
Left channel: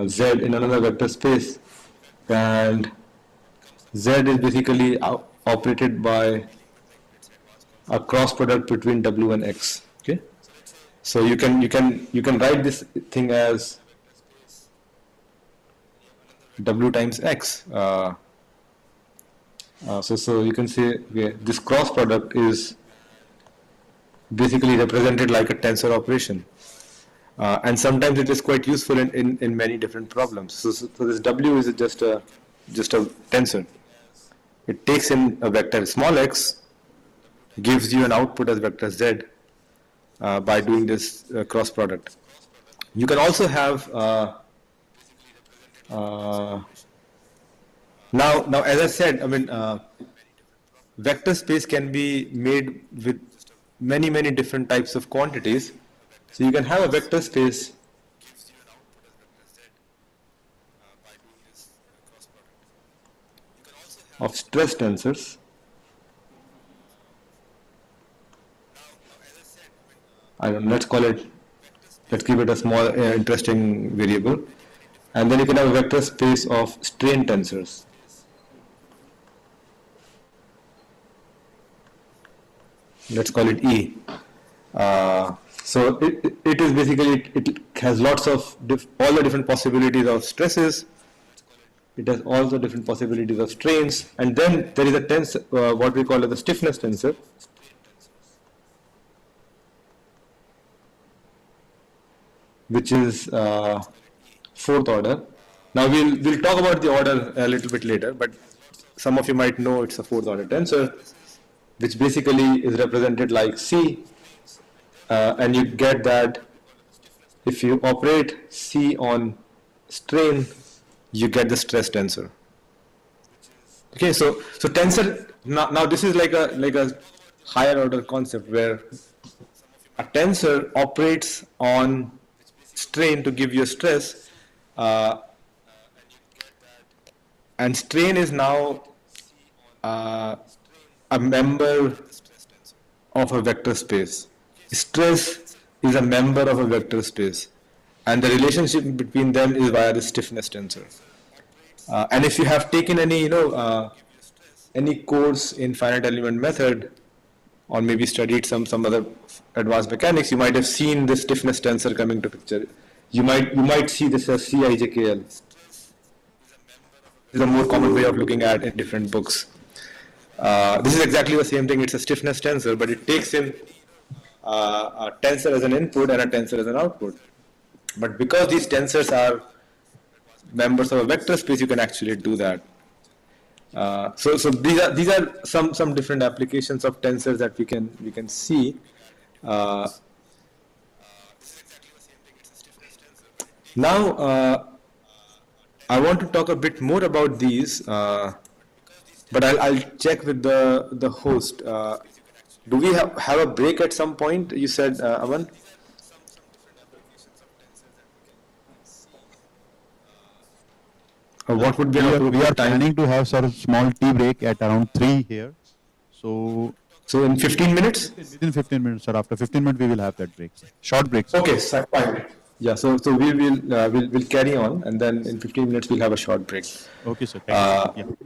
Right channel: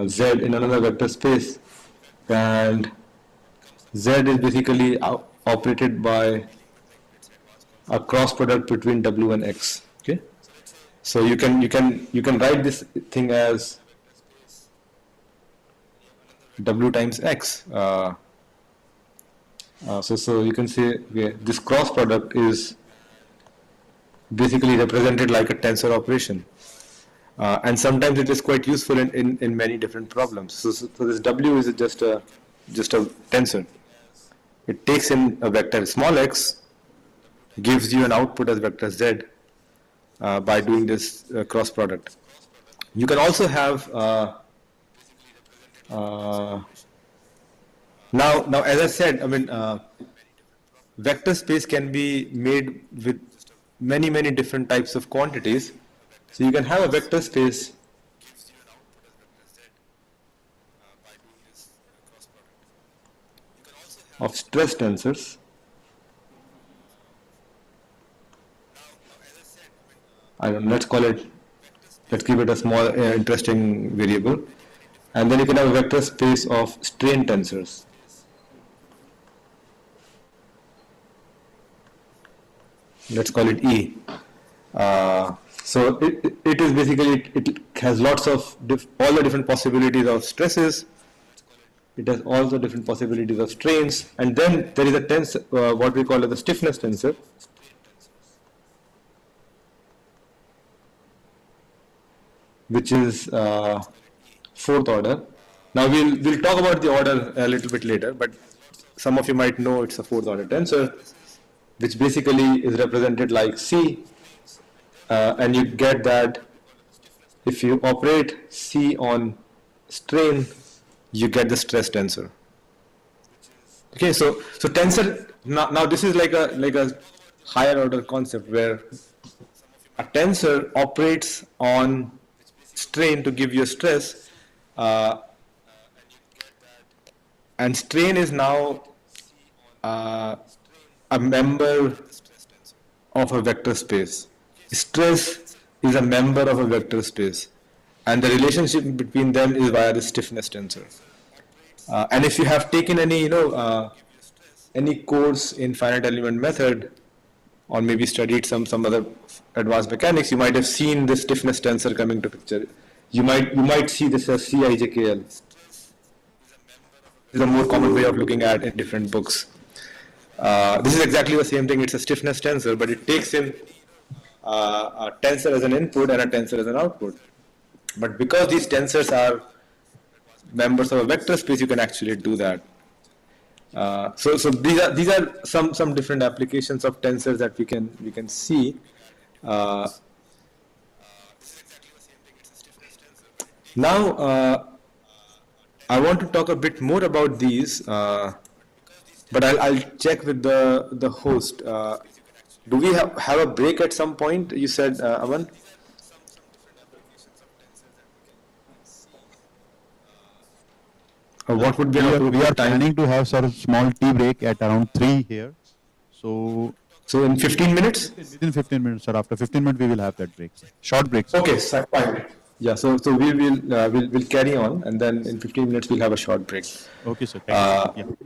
z in another vector space, and z is basically operated by a cross product between w and x. Okay, so you can write this thing as w times x. So you can say, okay, this cross product is basically represented like a tensor operation, and sometimes it is quite useful in many different problems. So this w is just a tensor. It takes in a vector small x, gives you an output as vector z by doing this cross product. You can also have now, as I said, I mean, vector space can be made with many different types of quantities. So you can have a vector space of stress tensors. I don't know, let's give it a small interesting variable. And then you can have a vector space of strain tensors. Let's call it E. So it is basically, it has lots of, all the different possibilities of stresses. It has all the different possibilities of strains. And then there is a tensor, what we call as the stiffness tensor. Which is fourth order. Now we'll talk about the order a little bit later, but some of you might know it's a fourth order tensor, which basically is represented like C, and you get that if you operate C on strain, you get the stress tensor. Okay, so tensor, now this is like a higher order concept where a tensor operates on strain to give you stress, and strain is now a member of a vector space. Stress is a member of a vector space, and the relationship between them is via the stiffness tensor. And if you have taken any any course in finite element method, or maybe studied some other advanced mechanics, you might have seen this stiffness tensor coming to picture. You might see this as CIJKL. This is a more common way of looking at in different books. This is exactly the same thing. It's a stiffness tensor, but it takes in a tensor as an input and a tensor as an output. But because these tensors are members of a vector space, you can actually do that. So these are some different applications of tensors that we can see. Now I want to talk a bit more about these, but I'll check with the host. Do we have a break at some point? You said, Aman? What would be we are planning to have sort of small tea break at around 3 here. So in 15 minutes? Within 15 minutes, sir. After 15 minutes, we will have that break. Short break. Sir. Okay, fine. Yeah, so we will we'll carry on, and then in 15 minutes we'll have a short break. Okay, sir. Thank you.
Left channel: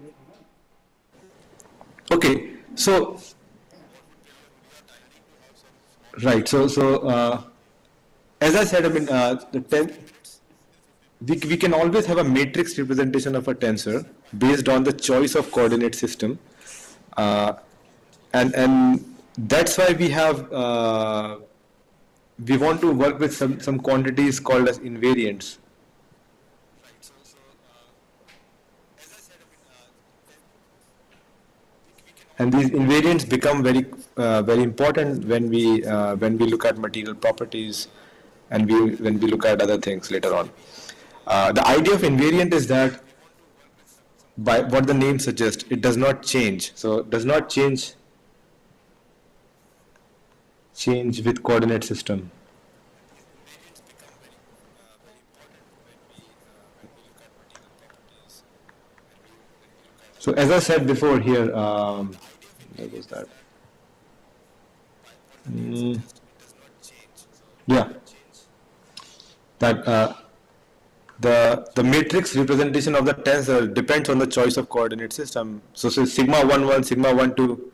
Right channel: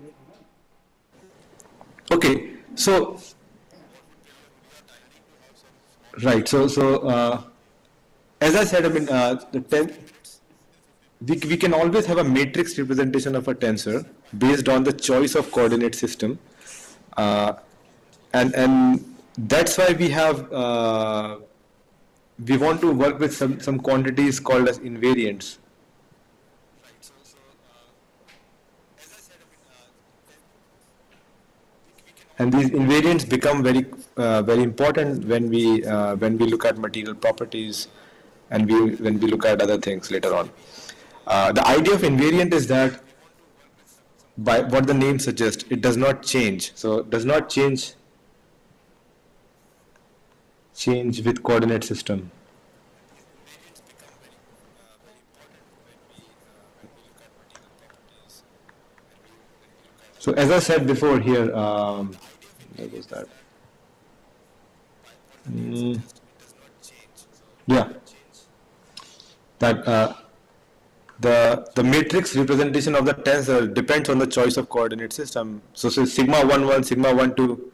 Yeah. Okay, so right, so as I said, I mean we can always have a matrix representation of a tensor based on the choice of coordinate system, and that's why we have we want to work with some quantities called as invariants. And these invariants become very important when we look at material properties, and when we look at other things later on. The idea of invariant is that, by what the name suggests, it does not change. So it does not change with coordinate system. So as I said before here, where was that? Yeah, that the matrix representation of the tensor depends on the choice of coordinate system. So sigma 1, sigma 1, 2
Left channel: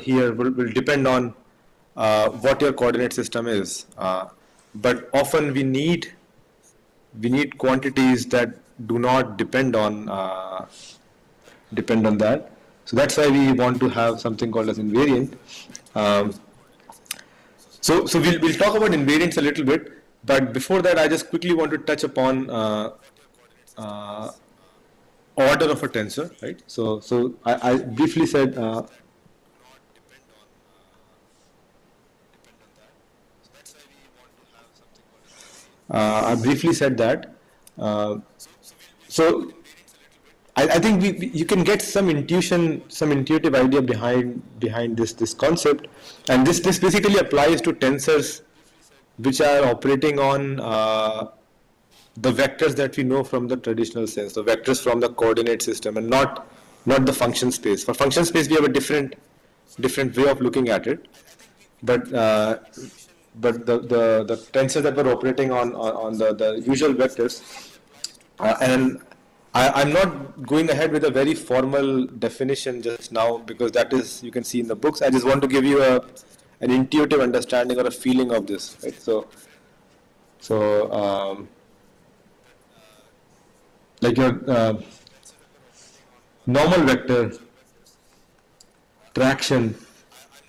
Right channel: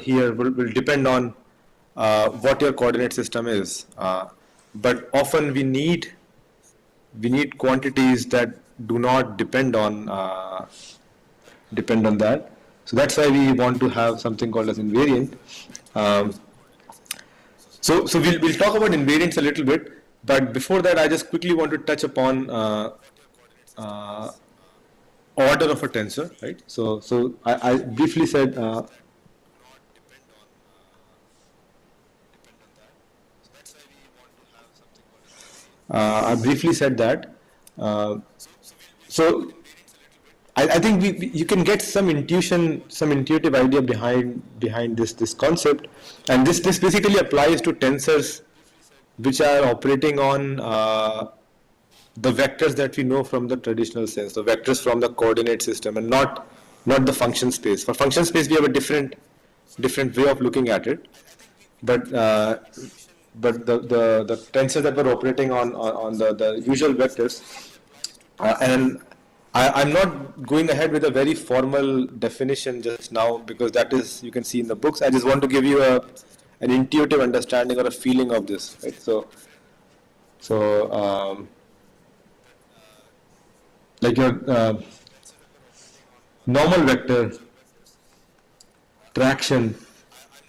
here will depend on what your coordinate system is. But often we need quantities that do not depend on that. So that's why we want to have something called as invariant. So we'll talk about invariants a little bit. But before that, I just quickly want to touch upon order of a tensor, right? So I briefly said that. So I think you can get some intuitive idea behind this concept, and this basically applies to tensors which are operating on the vectors that we know from the traditional sense, the vectors from the coordinate system, and not the function space. For function space, we have a different way of looking at it. But the tensors that were operating on the usual vectors. And I'm not going ahead with a very formal definition just now because that is, you can see in the books. I just want to give you an intuitive understanding or a feeling of this, right? So like your normal vector, traction,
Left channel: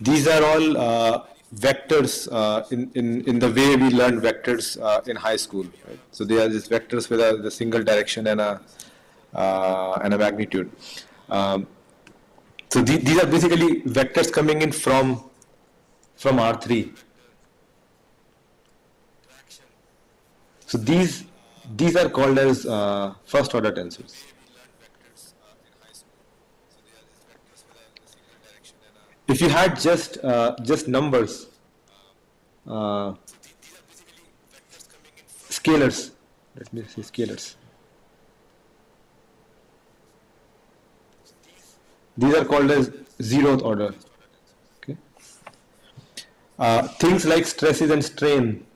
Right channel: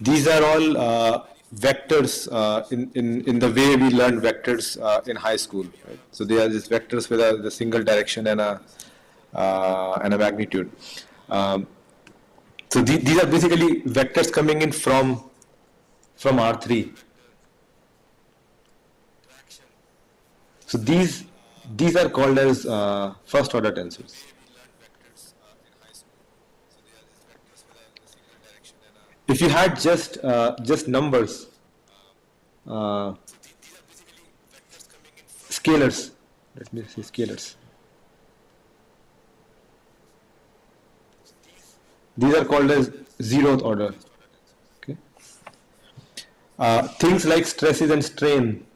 these are all vectors in the way we learn vectors in high school. Right? So they are just vectors with a single direction and a magnitude. So these are basically vectors coming in from R3. So these are called as first order tensors. If you had just numbers, scalars, let me say scalars. These are called as zeroth order. Okay. Things like stresses and strain,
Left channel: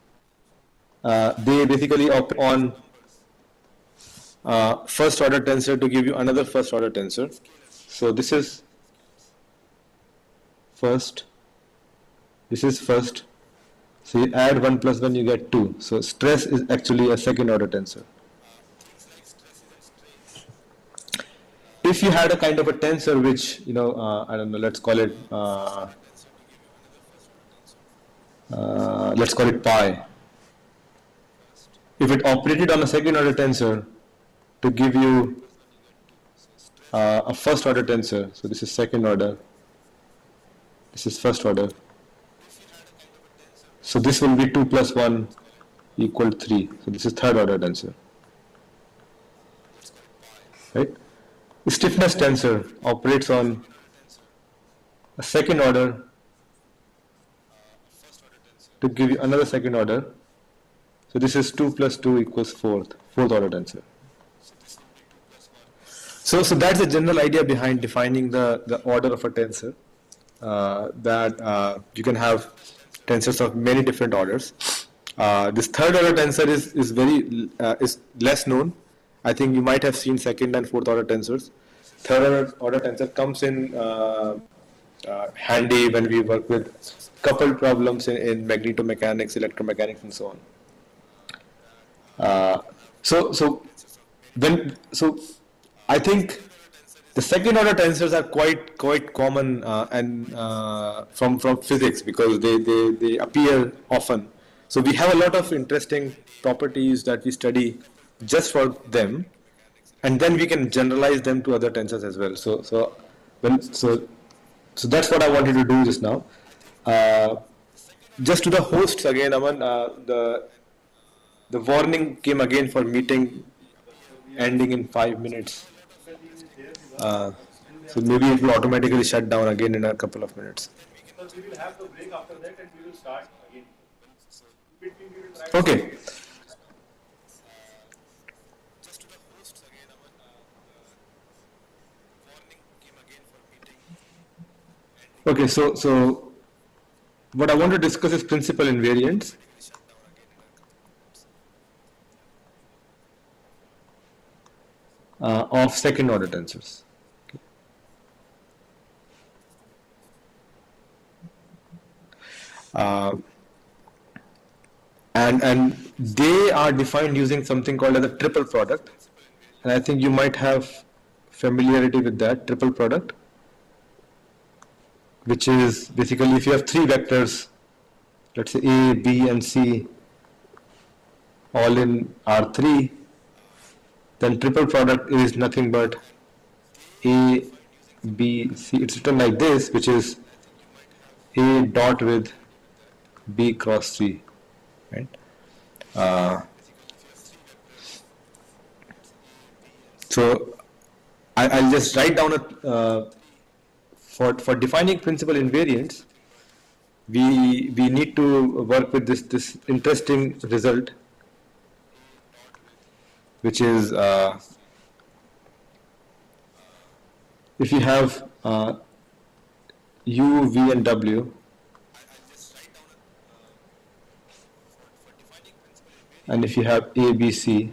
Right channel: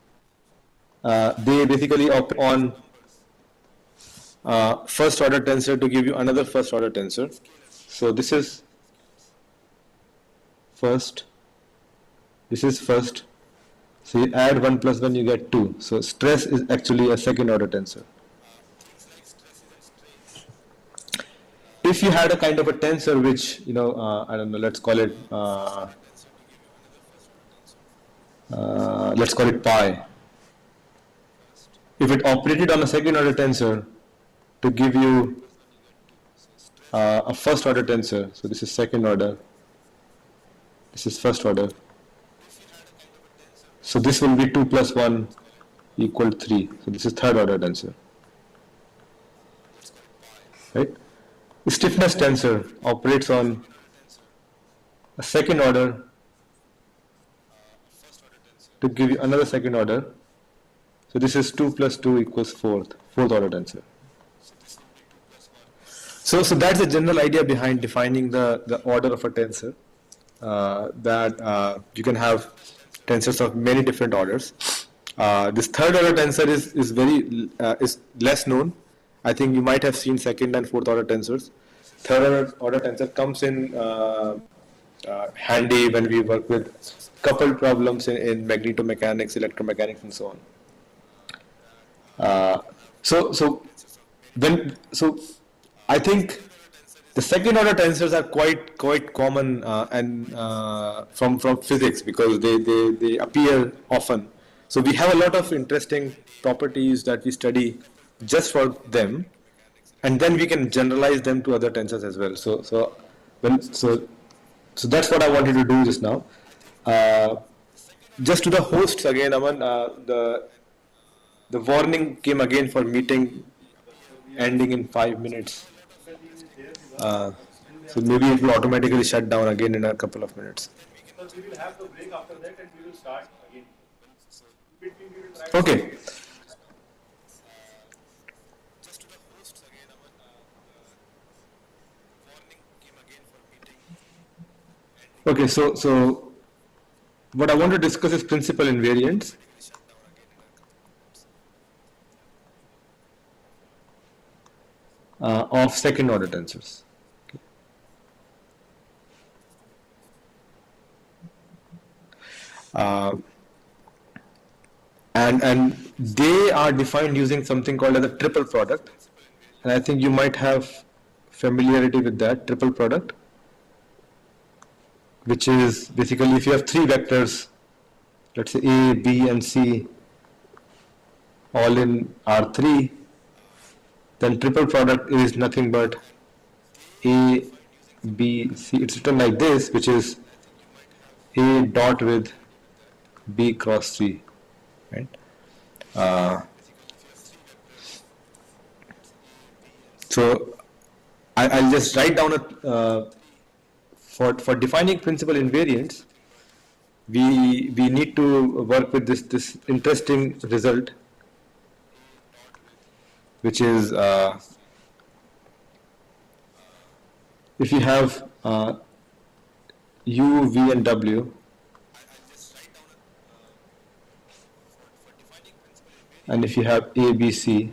they basically operate on first order tensor to give you another first order tensor. So this is first, this is first. So you add 1 plus 1, you get 2. So stress is actually a second order tensor. If you had a kind of a tensor which, I don't know, let's call it pi. If it operated on a second order tensor to give you a first order tensor, so this is second order, this is first order. So this will be 2 plus 1 equal 3. So this is third order tensor. Right? The stiffness tensor operates on a second order to give you another second order. So this is 2 plus 2 equals fourth order tensor. So that's the general idea behind defining the order of a tensor. That you can have tensors of many different orders. This third order tensor is less known. I think you might have seen second and fourth order tensors. Third order tensor comes in handy when we work with coupled problems in magnetomechanics, electromechanics, and so on. So I think the second order tensors are quite common and from physics because they appear often. So we have a lot of interesting properties that we study just for them, and then we can generalize them to other tensors as well. So that's what I wanted to do just now. Just to the hosts again, Aman, the warning came again for meeting ending in 5 minutes. So maybe it will automatically shut down again in a couple of minutes. So we will have the break after that and we will start again. Okay. Okay, so what I want to discuss is principal invariants. Of second order tensors. And they are defined using something called as a triple product, and I think you might have familiarity with that triple product, which is basically if you have three vectors, let's say A, B, and C, all in R3, then triple product is nothing but A, B, C. It's written like this, which is A dot with B cross C, right? So I'll just write down for defining principal invariants. We need to work with this interesting result, which is if you have U, V, and W, and if you have A, B, C,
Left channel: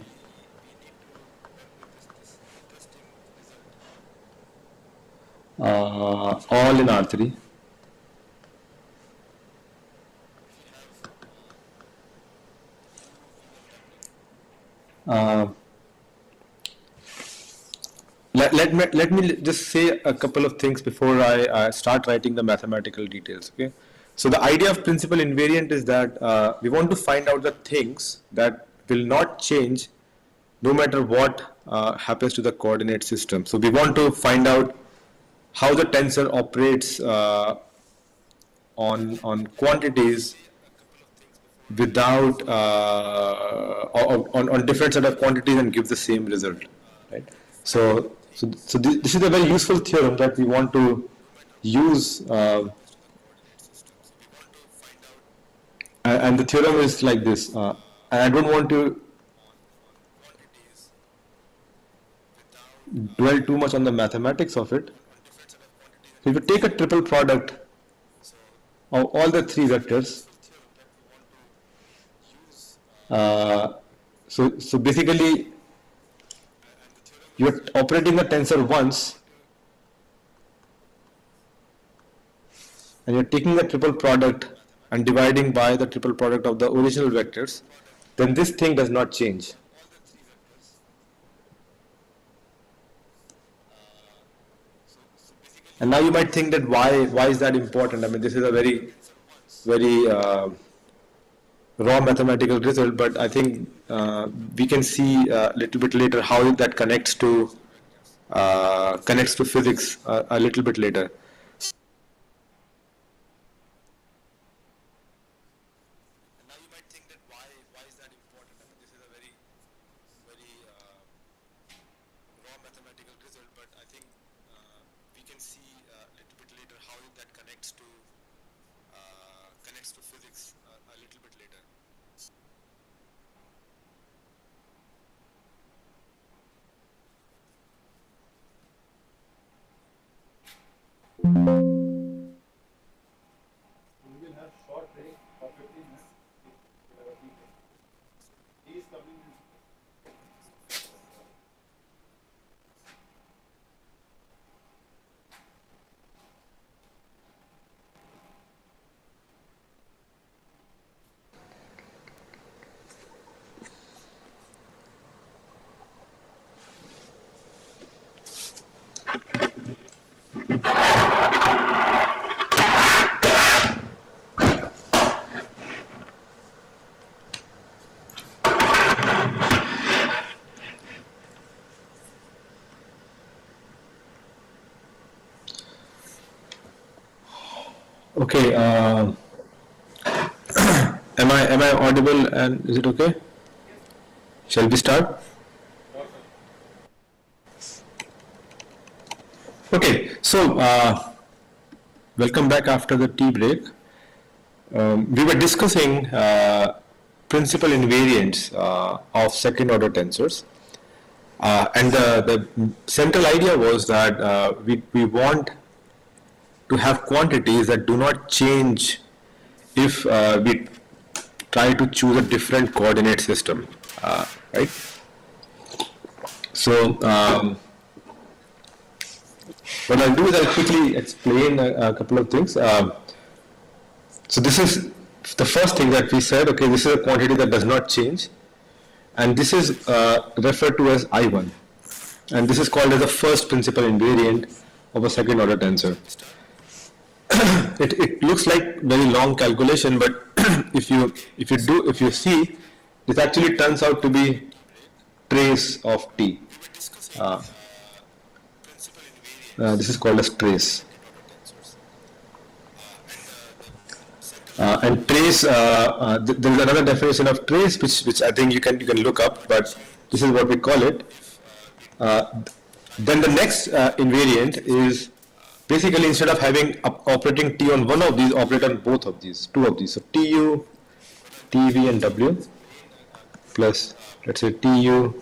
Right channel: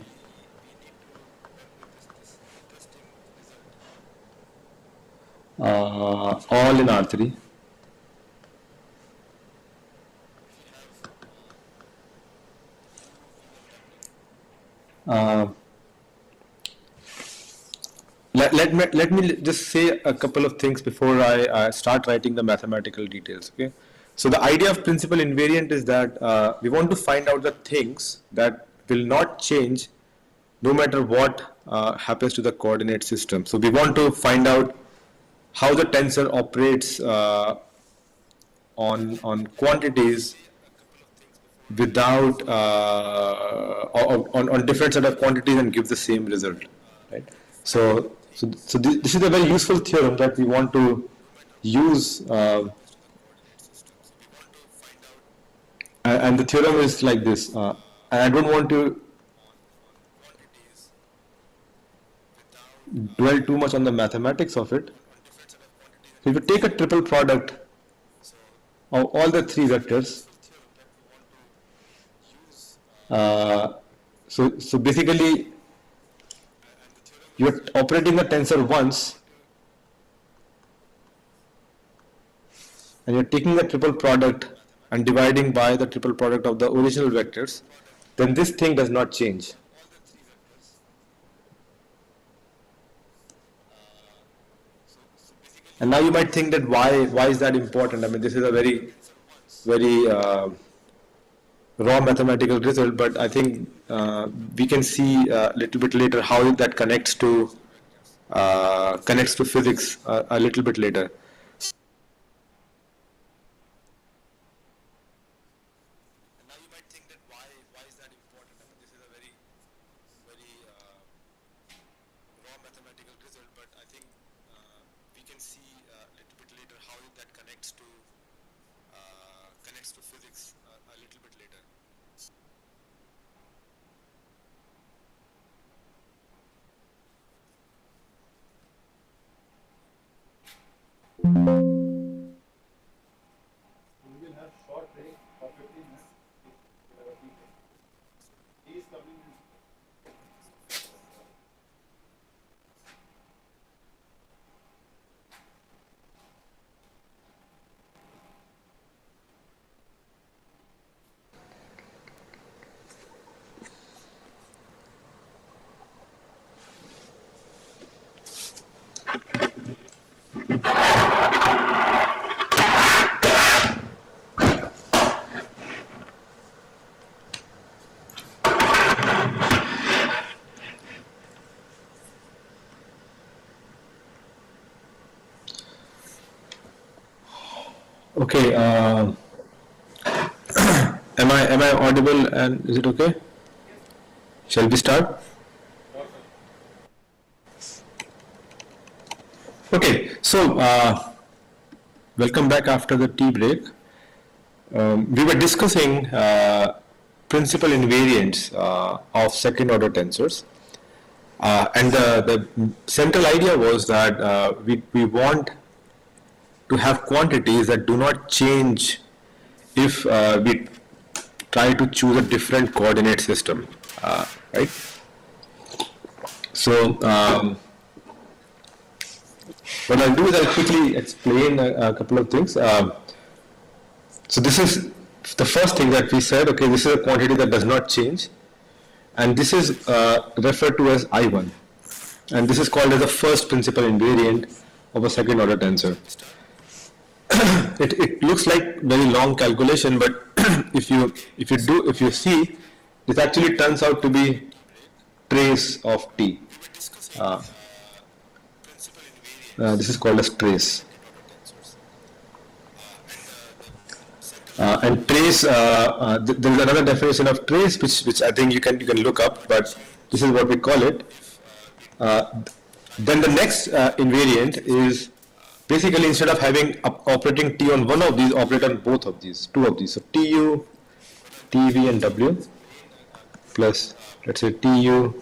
all in R3, let me just say a couple of things before I start writing the mathematical details. Okay, so the idea of principal invariant is that we want to find out the things that will not change no matter what happens to the coordinate system. So we want to find out how the tensor operates on quantities without on different set of quantities and give the same result, right? So this is a very useful theorem that we want to use, and the theorem is like this, and I don't want to dwell too much on the mathematics of it. So if you take a triple product of all the three vectors, so basically you're operating the tensor once and you're taking the triple product and dividing by the triple product of the original vectors, then this thing does not change. And now you might think that why is that important? I mean, this is a very raw mathematical result, but I think we can see a little bit later how that connects to physics a little bit later. We will have short break for 15 minutes. We have a tea break. He is coming in. Okay, am I audible and is it okay? Shall we start? Okay, so welcome back after the tea break. We were discussing principal invariants of second order tensors, and the central idea was that we want to have quantities that do not change if we try to choose a different coordinate system, right? So what I'll do is I'll quickly explain a couple of things. So this is the first thing that we said, okay, this is a quantity that does not change, and this is referred to as I1, and this is called as the first principal invariant of a second order tensor. It looks like very long calculation, but if you see, this actually turns out to be trace of t. This is called as trace. And trace, there is another definition of trace which I think you can look up, but this is what we call it. Then the next invariant is basically instead of having operating t on one of these, operate on both of these, two of these. So tu, tv and w plus, let's say, tu,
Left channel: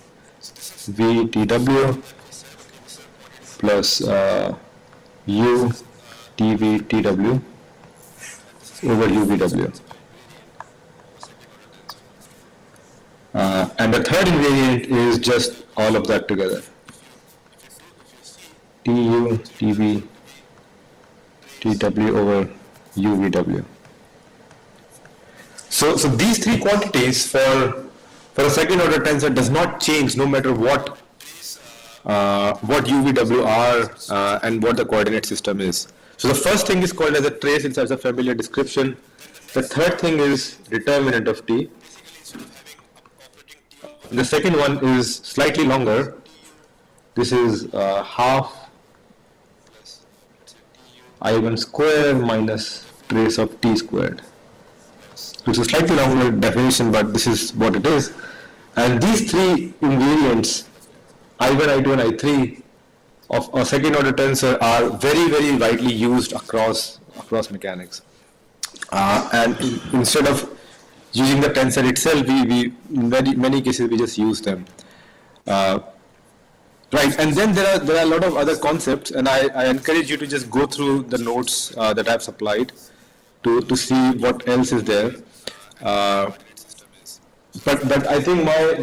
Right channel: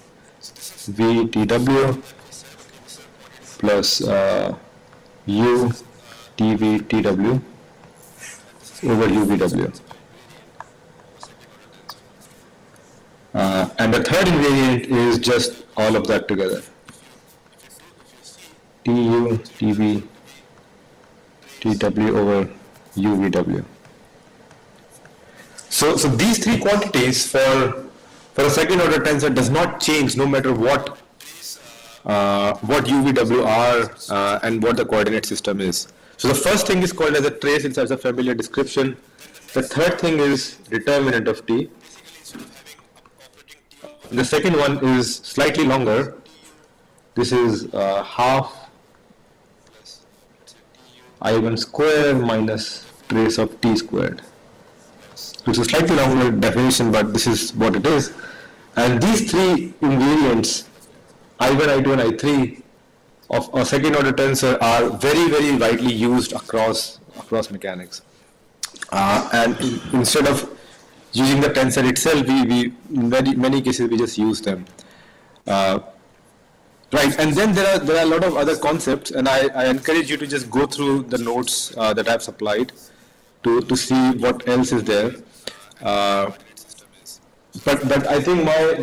v, tw plus u, tv, tw over uvw. And the third invariant is just all of that together. TU, TB, TW over UVW. So these three quantities for a second order tensor does not change no matter what UVW are and what the coordinate system is. So the first thing is called as a trace inside a familiar description. The third thing is determinant of T. The second one is slightly longer. This is half I1 square minus trace of T squared. It's a slightly longer definition, but this is what it is. And these three invariants, I1, I2, and I3 of a second order tensor are very, very widely used across mechanics. And instead of using the tensor itself, we in many cases we just use them. Right, and then there are a lot of other concepts, and I encourage you to just go through the notes that I've supplied to see what else is there. But I think my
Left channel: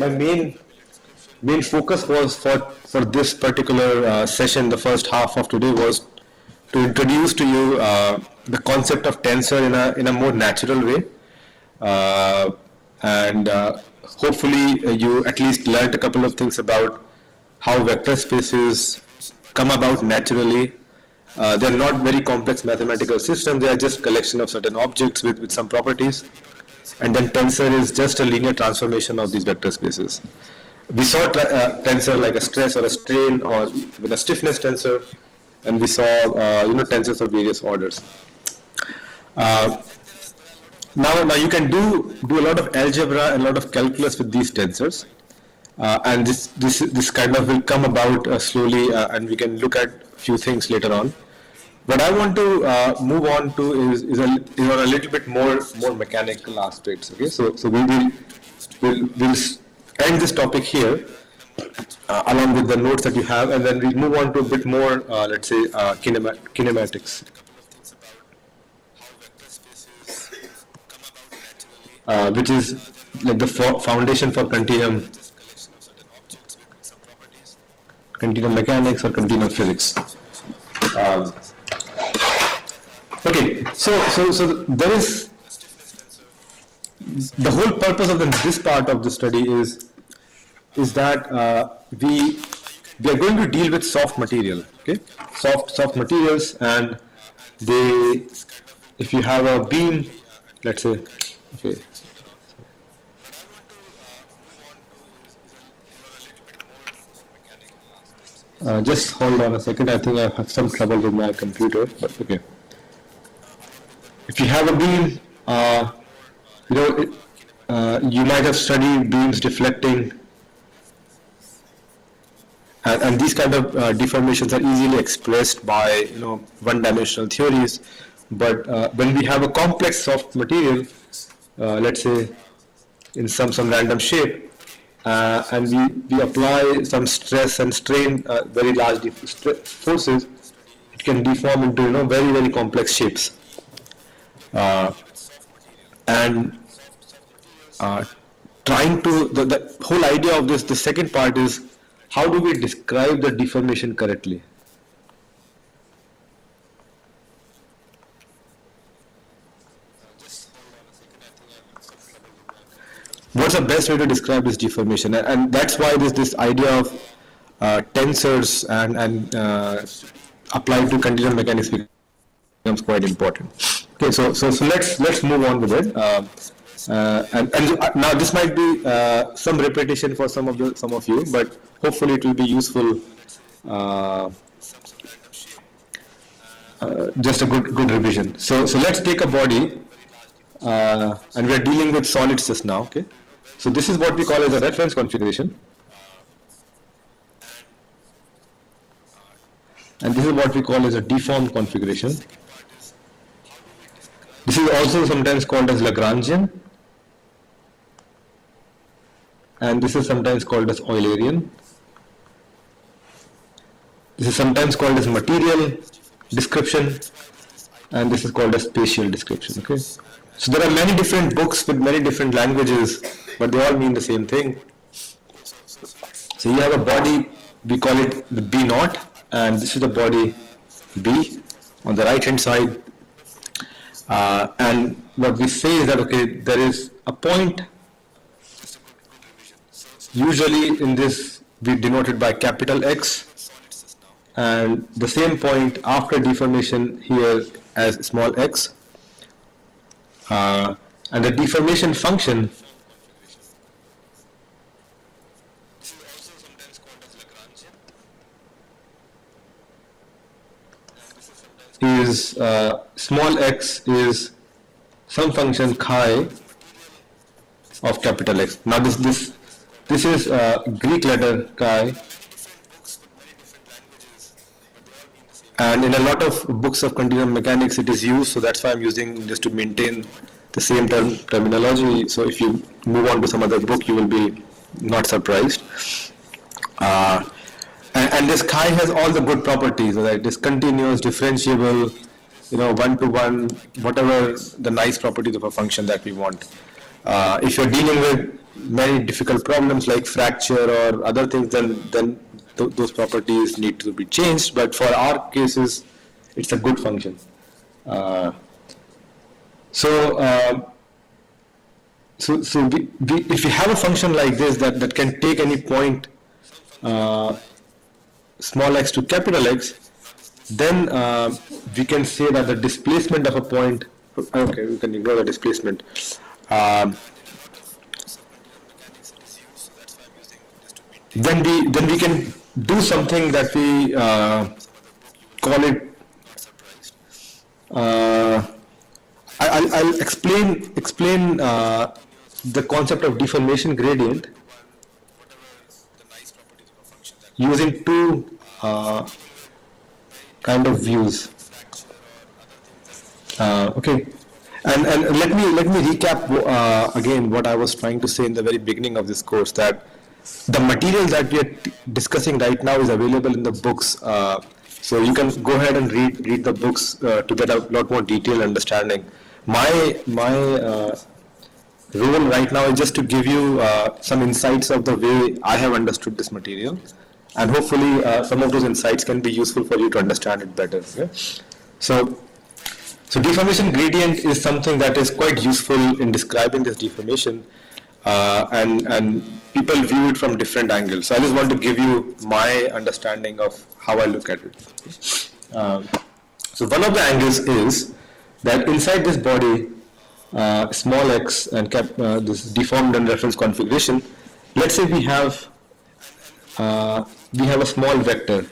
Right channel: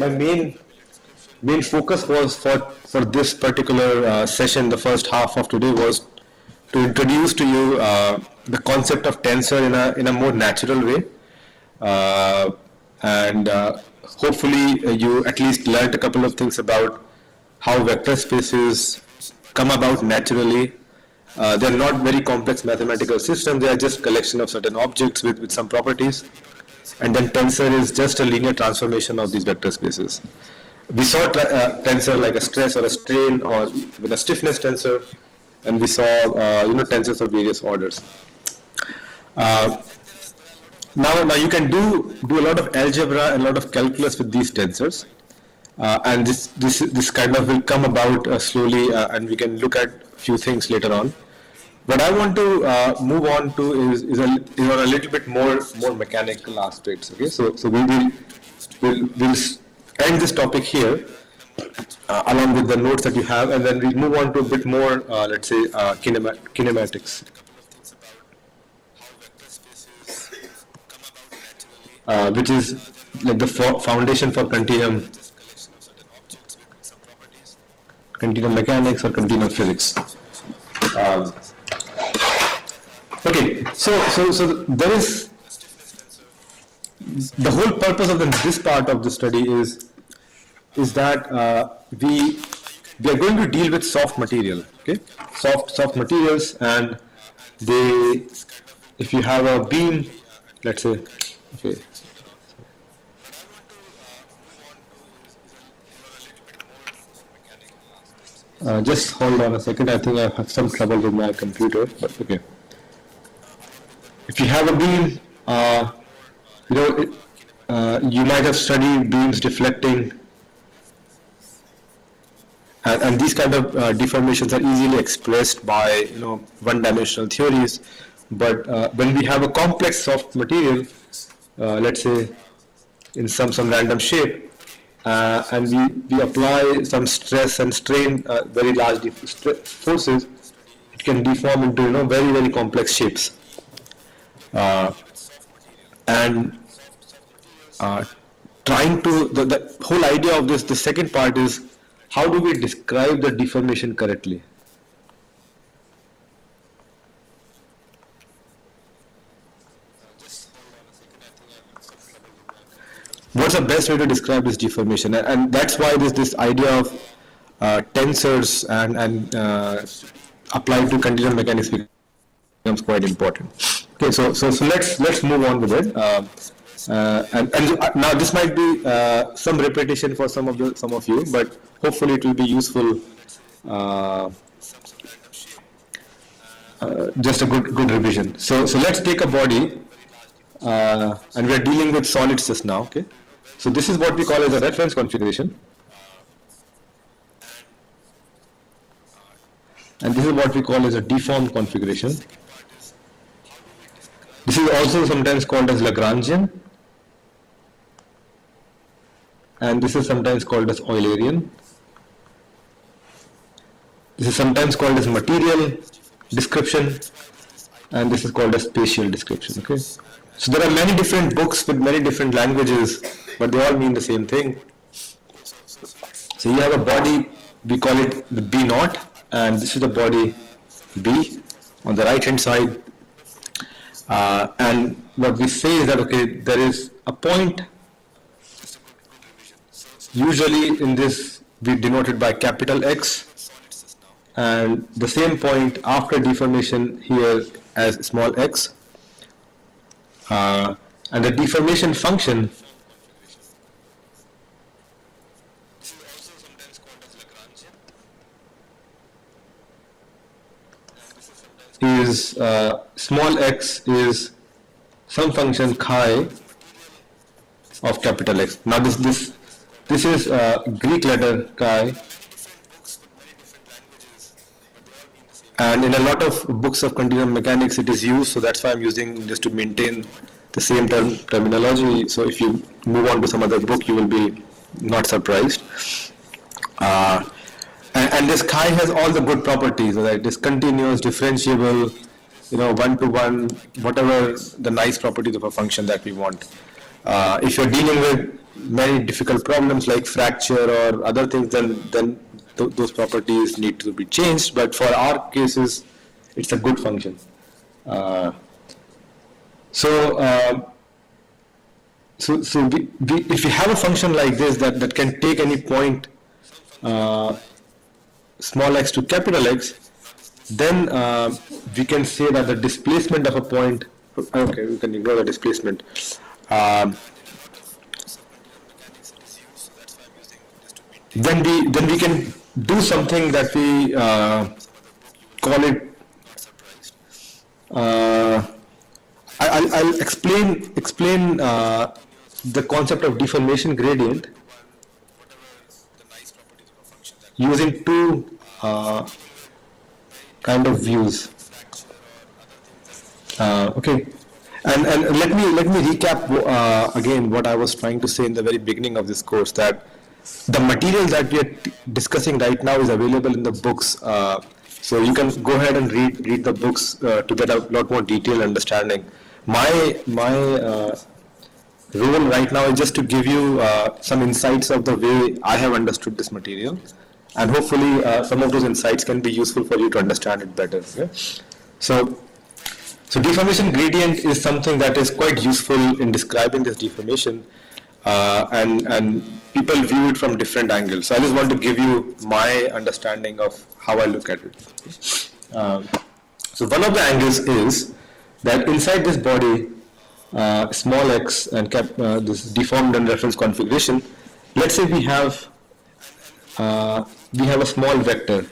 main focus was for this particular session, the first half of today, was to introduce to you the concept of tensor in a more natural way, and hopefully you at least learned a couple of things about how vector spaces come about naturally. They're not very complex mathematical systems, they are just collection of certain objects with some properties. And then tensor is just a linear transformation of these vector spaces. We saw tensor like a stress or a strain or with a stiffness tensor, and we saw tensors of various orders. Now you can do a lot of algebra and a lot of calculus with these tensors. And this kind of will come about slowly, and we can look at a few things later on. What I want to move on to is on a little bit more mechanical aspects. Okay, so we'll end this topic here along with the notes that you have, and then we'll move on to a bit more, let's say, kinematics. Which is like the foundation for continuum mechanics or continuum physics. Okay, so there is the whole purpose of this part of the study is that we are going to deal with soft material. Okay, soft materials, and if you have a beam, let's say, okay. Just hold on a second. I think I have some trouble with my computer, but okay. If you have a beam, you might have studied beams deflecting, and these kind of deformations are easily expressed by one-dimensional theories. But when we have a complex soft material, let's say in some random shape, and we apply some stress and strain, very large forces, it can deform into very, very complex shapes. And trying to the whole idea of this, the second part is, how do we describe the deformation correctly? What's the best way to describe this deformation? And that's why this idea of tensors and applied to continuum mechanics becomes quite important. Okay, so let's move on with it. And now this might be some repetition for some of you, but hopefully it will be useful. Just a good revision. So let's take a body, and we are dealing with solids just now. Okay, so this is what we call as a reference configuration, and this is what we call as a deformed configuration. This is also sometimes called as Lagrangian, and this is sometimes called as Eulerian. This is sometimes called as material description, and this is called as spatial description. Okay, so there are many different books with many different languages but they all mean the same thing. So you have a body, we call it the B naught, and this is the body B on the right hand side. And what we say is that, okay, there is a point, usually in this we denote it by capital X, and the same point after deformation here as small x. And the deformation function is small x is some function chi of capital X. Now this is Greek letter chi, and in a lot of books of continuum mechanics it is used, so that's why I'm using just to maintain the same terminology. So if you move on to some other book, you will be not surprised. And this chi has all the good properties, right? It is continuous, differentiable, one-to-one, whatever the nice properties of a function that we want. If you're dealing with many difficult problems like fracture or other things, then those properties need to be changed. But for our cases, it's a good function. So if you have a function like this that can take any point small x to capital X, then we can say that the displacement of a point, okay, we can ignore the displacement. Then we can do something that we call it. I'll explain the concept of deformation gradient using two kind of views. Okay, and let me recap again what I was trying to say in the very beginning of this course, that the material that we are discussing right now is available in the books. So you can go ahead and read the books to get a lot more detailed understanding. My role right now is just to give you some insights of the way I have understood this material, and hopefully some of those insights can be useful for you to understand it better. Okay? So deformation gradient is something that is quite useful in describing this deformation, and people view it from different angles. So I just want to give you my understanding of how I look at it. So one of the angles is that inside this body, small x and this deformed and reference configuration, let's say we have a small vector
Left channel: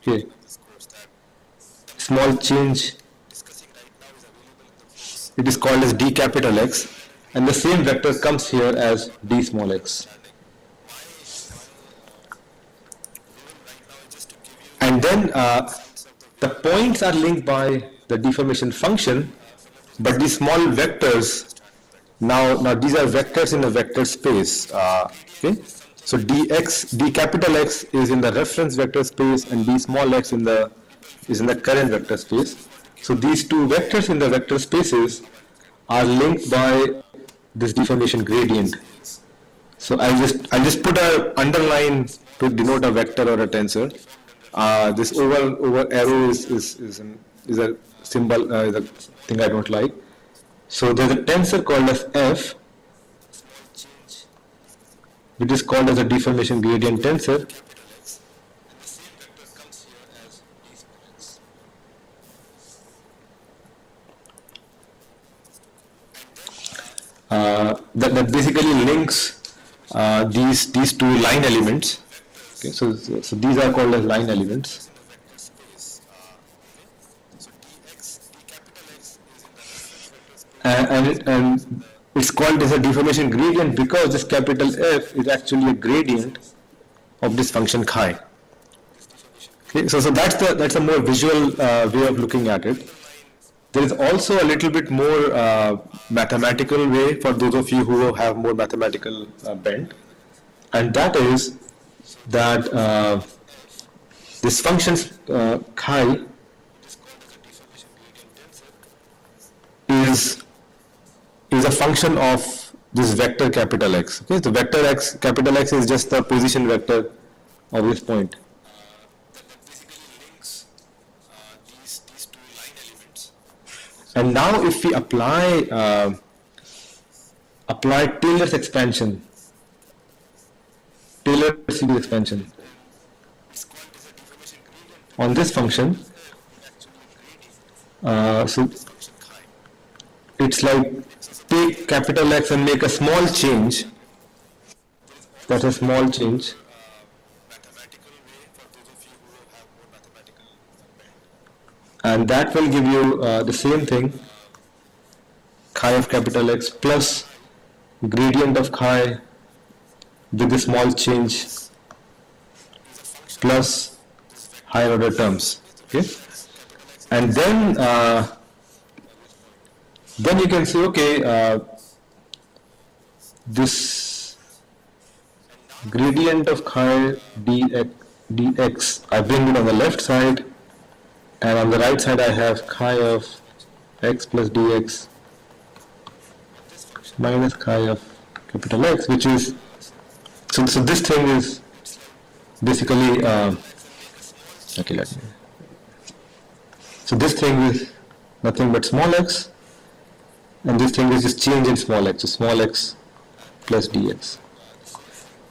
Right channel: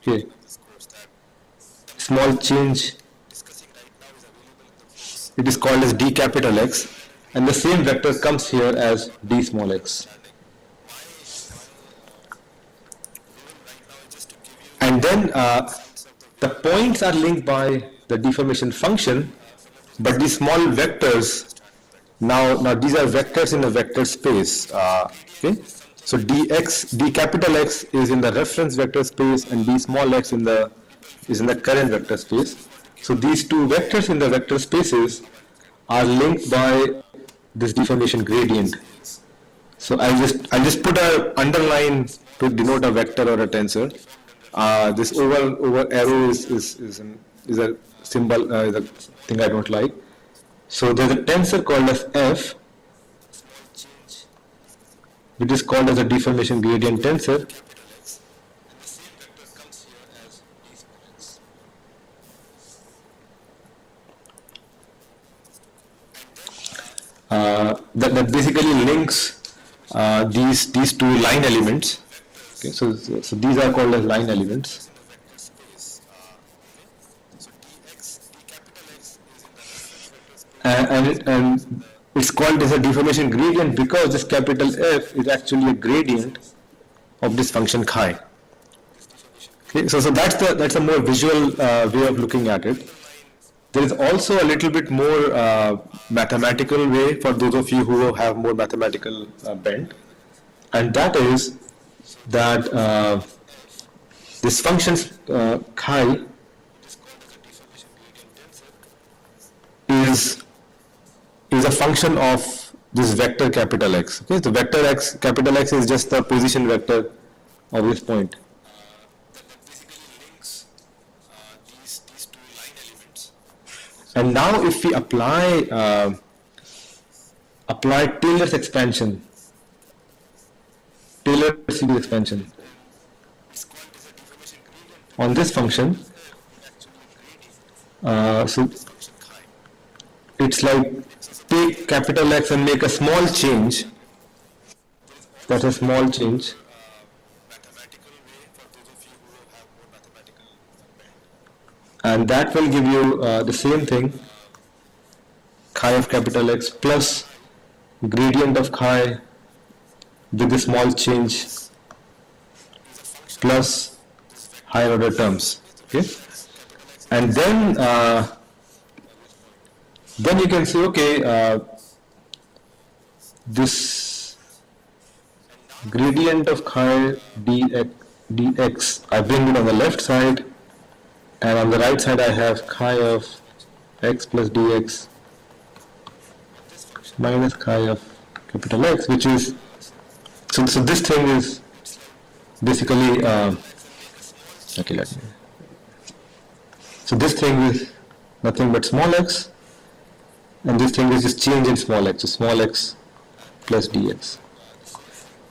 here, small change, it is called as d capital X, and the same vector comes here as d small x. And then the points are linked by the deformation function, but these small vectors, now these are vectors in a vector space. Okay, so d capital X is in the reference vector space, and d small x is in the current vector space. So these two vectors in the vector spaces are linked by this deformation gradient. So I'll just put a underline to denote a vector or a tensor. This over arrow is a symbol, is a thing I don't like. So there's a tensor called as F, which is called as a deformation gradient tensor. That basically links these two line elements. Okay, so these are called as line elements. And it's called as a deformation gradient because this capital F is actually a gradient of this function chi. Okay, so that's a more visual way of looking at it. There is also a little bit more mathematical way for those of you who have more mathematical bent, and that is that this function chi is a function of this vector capital X. Okay, so vector X, capital X is just the position vector of this point. And now if we apply Taylor's expansion, Taylor series expansion on this function, so it's like take capital X and make a small change. That's a small change. And that will give you the same thing, chi of capital X plus gradient of chi with the small change plus higher order terms. Okay, and then you can say, okay, this gradient of chi dx, I bring it on the left side, and on the right side I have chi of x plus dx minus chi of capital X, which is, so this thing is basically, okay, so this thing is nothing but small x, and this thing is just change in small x, so small x plus dx.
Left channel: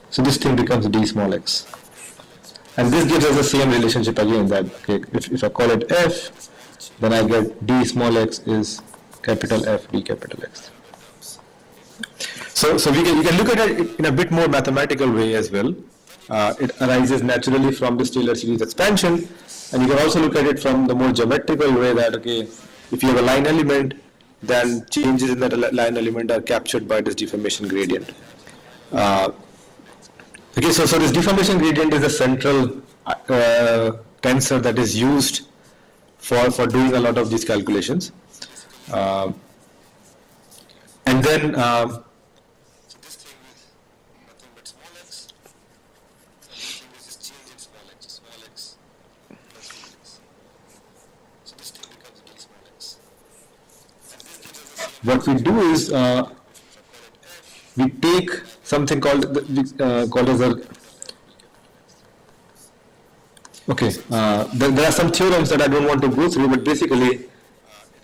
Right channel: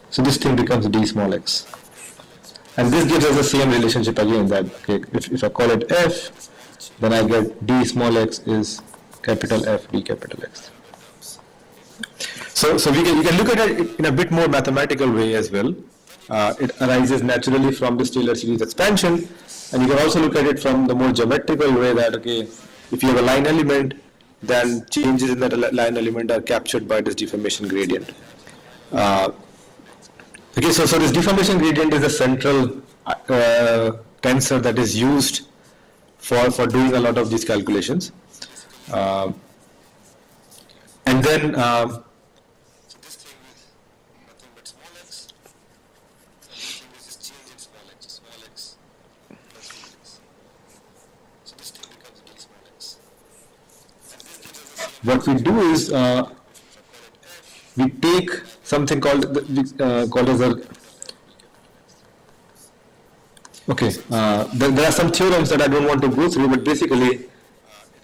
So this thing becomes d small x. And this gives us the same relationship again, that okay, if I call it f, then I get d small x is capital F d capital X. So you can look at it in a bit more mathematical way as well. It arises naturally from this Taylor series expansion, and you can also look at it from the more geometrical way that, okay, if you have a line element, then changes in that line element are captured by this deformation gradient. Okay, so this deformation gradient is a central tensor that is used for doing a lot of these calculations. And then what we do is we take something called as a, okay, there are some theorems that I don't want to go through, but basically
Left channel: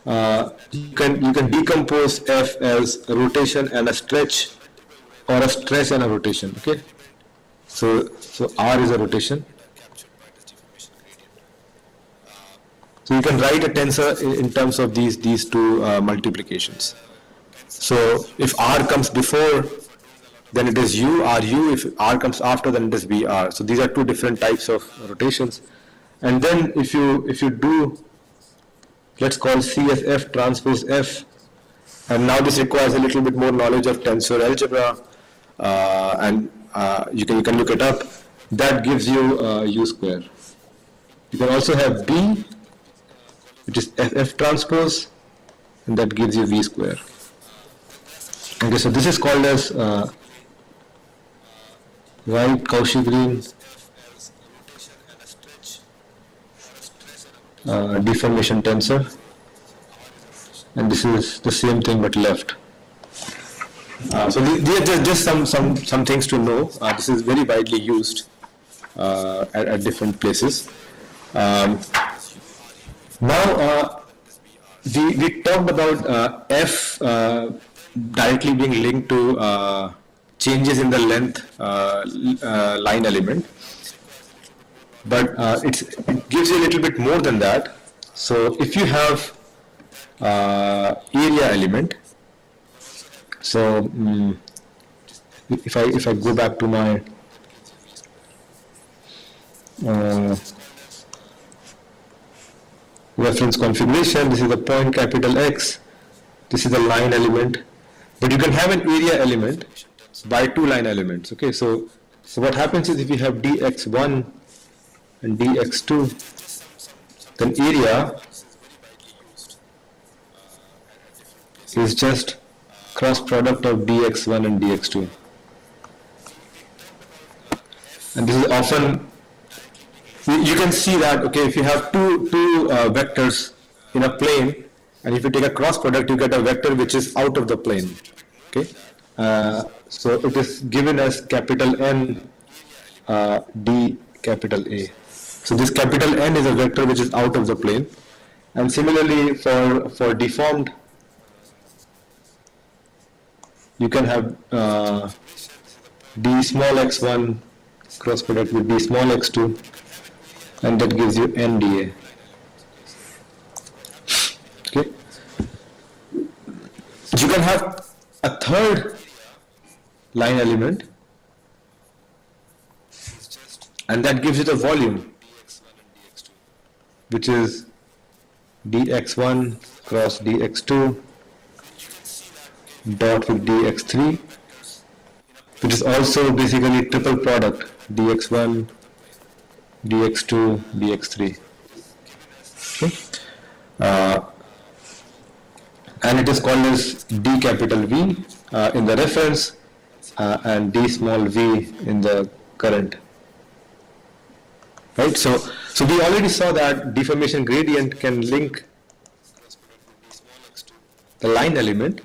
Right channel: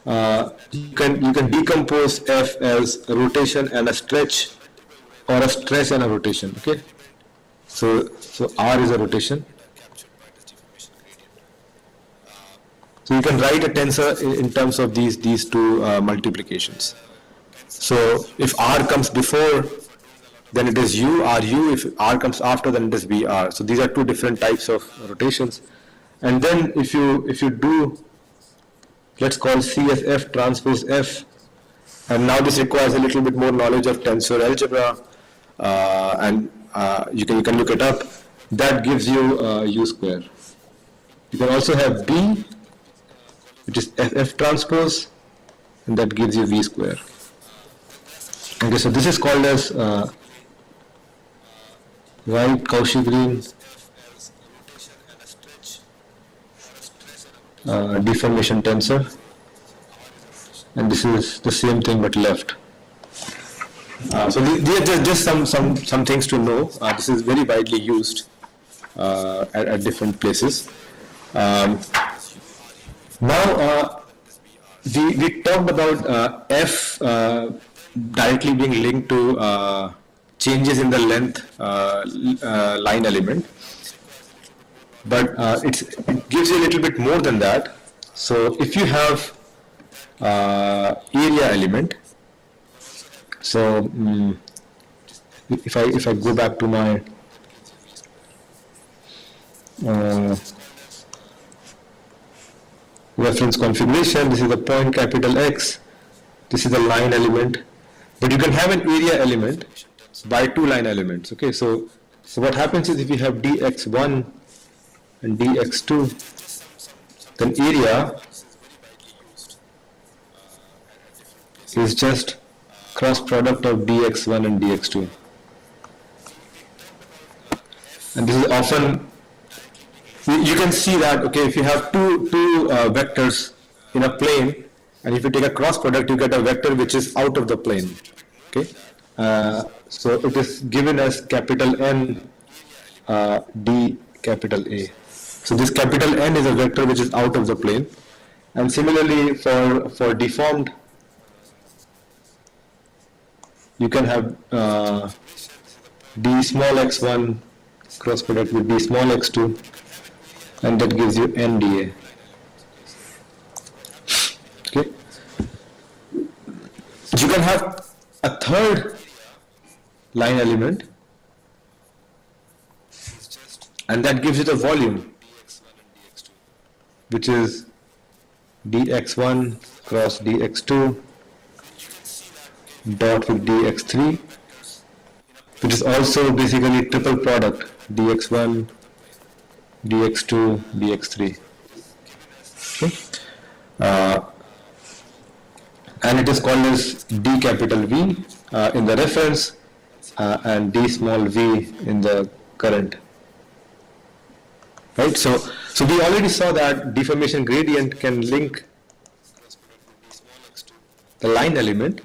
you can decompose F as a rotation and a stretch, or a stretch and a rotation. Okay, so R is a rotation. So you can write a tensor in terms of these two multiplications. So if R comes before, then it is RU. If R comes after, then it is BR. So these are two different types of rotations. And then if you do, let's call C as F transpose F, and now this requires a little bit more knowledge of tensor algebra, and you can look it up. That gives you U square. You can also have B, which is F transpose, and that gives you V square. Okay, so this is called as Wright-Cauchy-Green deformation tensor, and this is the same thing but left. So these are just some things to know. This is very widely used at different places. Now we talked about F directly being linked to changes in the length line element, but it gives you a little bit more than that. So if you have area element, so if I go back to my reference configuration, this is the point capital X, this is the line element, but you can have an area element by two line elements. Okay, so what happens is if you have dx1 and dx2, then area is just cross product of dx1 and dx2, and this is often, you can see that, okay, if you have two vectors in a plane, and if you take a cross product, you get a vector which is out of the plane. Okay, So it is given as capital N D capital A. So this capital N is a vector which is out of the plane. And similarly for deformed, you can have d small x1 cross product with d small x2, and that gives you NDA. Okay. You can have a third line element, and that gives you the volume, which is dx1 cross dx2 dot with dx3, which is also basically triple product dx1, dx2, dx3. Okay. And it is called as d capital V in the reference and d small v in the current. Right, so we already saw that deformation gradient can link the line element,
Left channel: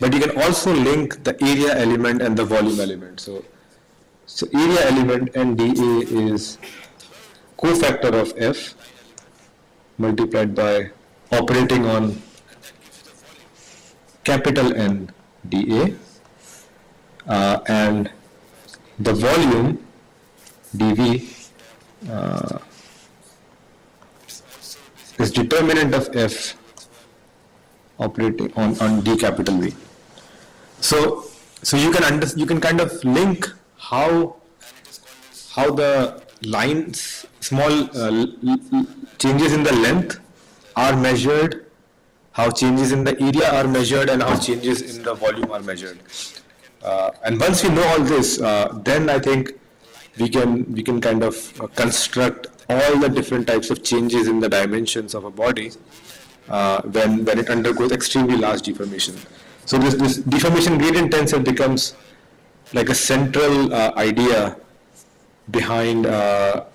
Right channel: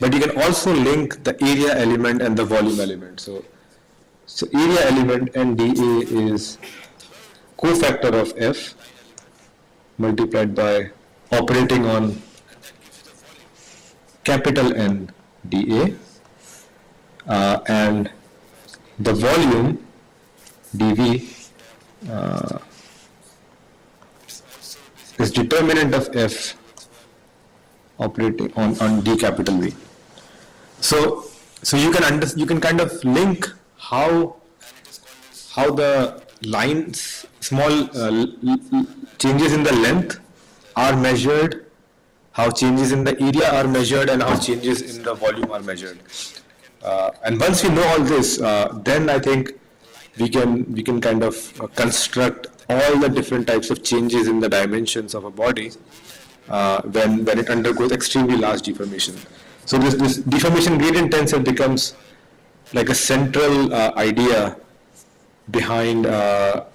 but you can also link the area element and the volume element. So area element NDA is cofactor of F multiplied by operating on capital N dA, and the volume dV is determinant of F operating on D capital V. So you can kind of link how the lines, small changes in the length are measured, how changes in the area are measured, and how changes in the volume are measured. And once we know all this, then I think we can kind of construct all the different types of changes in the dimensions of a body when it undergoes extremely large deformation. So this deformation gradient tensor becomes like a central idea behind all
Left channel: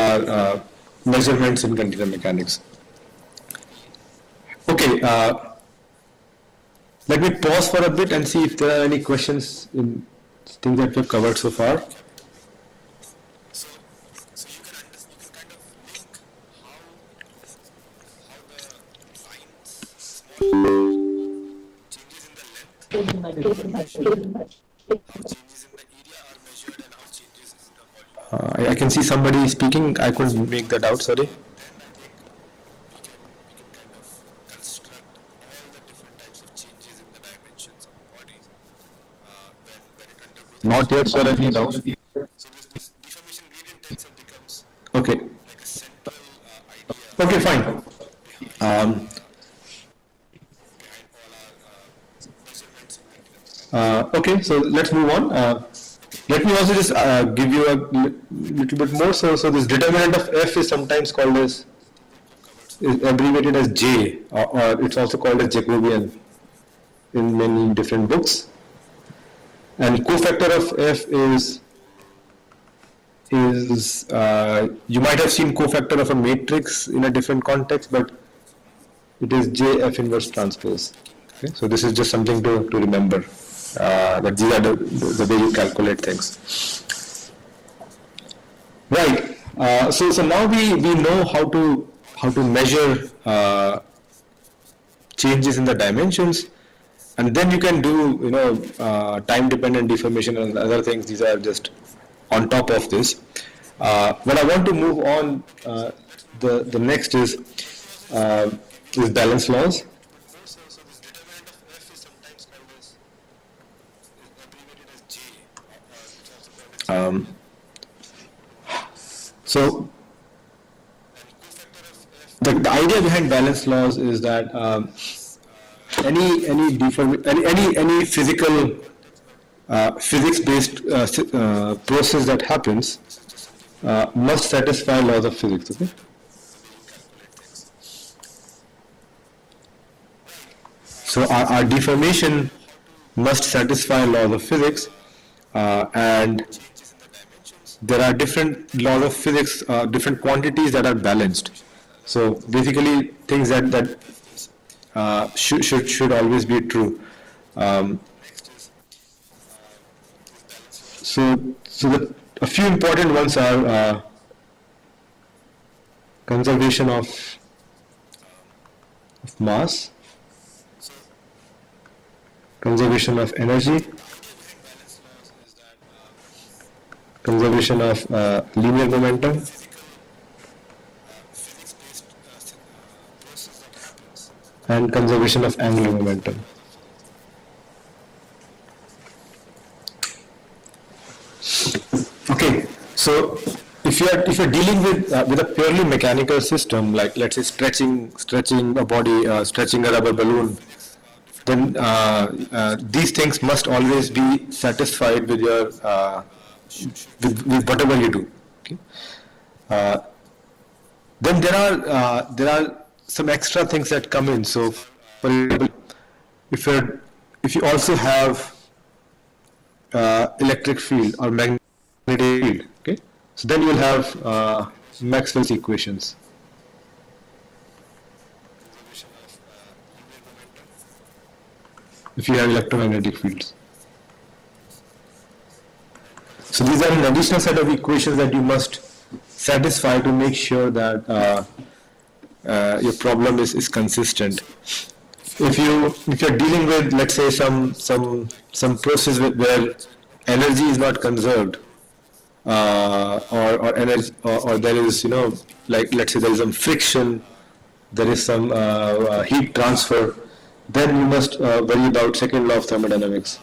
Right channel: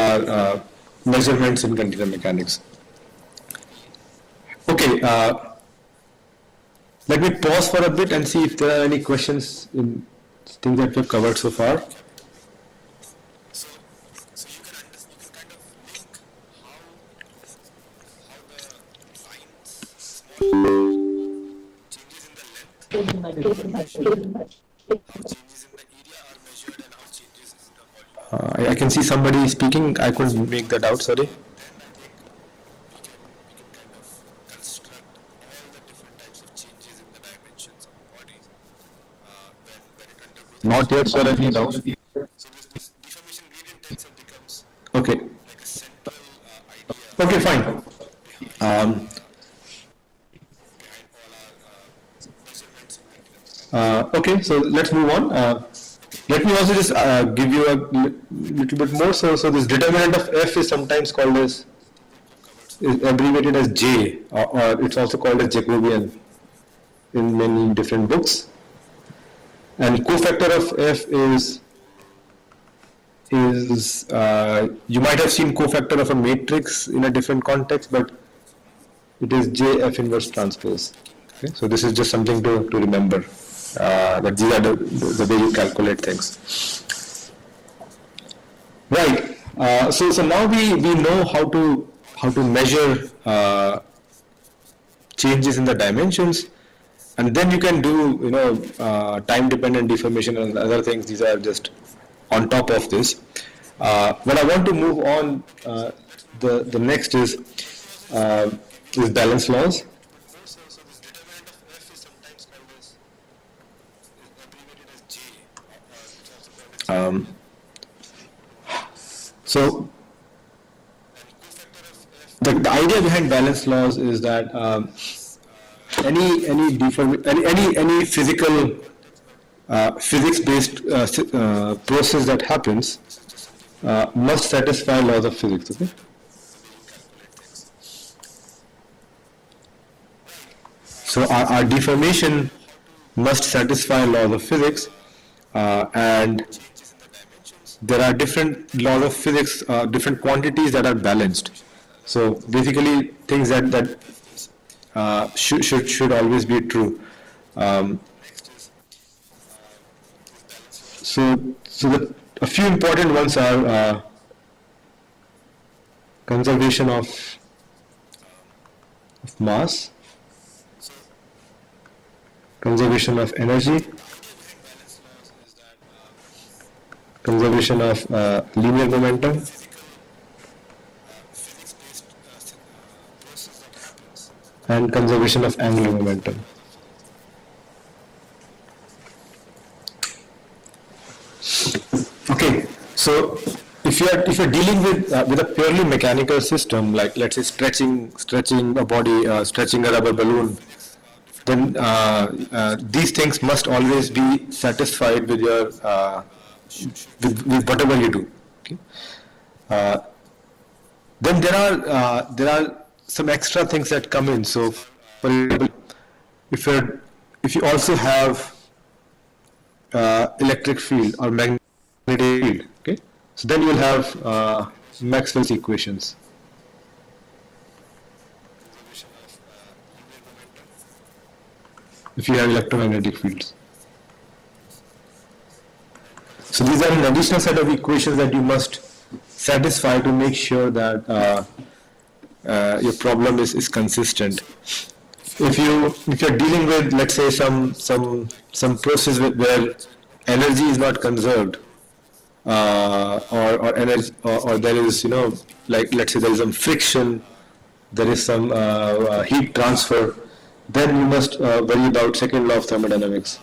our measurements in continuum mechanics. Okay, let me pause for a bit and see if there are any questions in things that we've covered so far. I can see somebody speaking. I couldn't make that out, sorry. Not yet, sir, any doubt. Okay. Okay, fine. Okay, so let's move on. Let me also just give you a little bit more. So this determinant of F is sometimes called as, is abbreviated as J, or it's also called as Jacobian in many different books. And cofactor of F is you might have seen cofactor of a matrix in a different context, but it is JF inverse transpose. Okay? So this is just something to remember. That these are the way you calculate things. Right. So now we know how to measure changes in the dimensions, and then you can do time dependent deformation and other things. These are just on top of this. What I want to move on, the next is balance laws. So the idea behind balance laws is that any physical physics-based process that happens must satisfy laws of physics. Okay. So our deformation must satisfy laws of physics, and there are different laws of physics, different quantities that are balanced. So basically, things that should always be true. Um, a few important ones are conservation of mass, conservation of energy, conservation of linear momentum, and conservation of angular momentum. Okay, so if you're dealing with a purely mechanical system, like let's say stretching a body, stretching a rubber balloon, then these things must always be satisfied with your with whatever you do. Okay? Uh, then there are some extra things that come in. So, for example, if you also have electric field or magnetic field, okay, so then you'll have Maxwell's equations. If you have electromagnetic fields. So these are an additional set of equations that you must satisfy to make sure that your problem is consistent. If you're dealing with, let's say, some process where energy is not conserved, or energy, or there is, like let's say there is some friction, there is some heat transfer, then you must worry about second law of thermodynamics.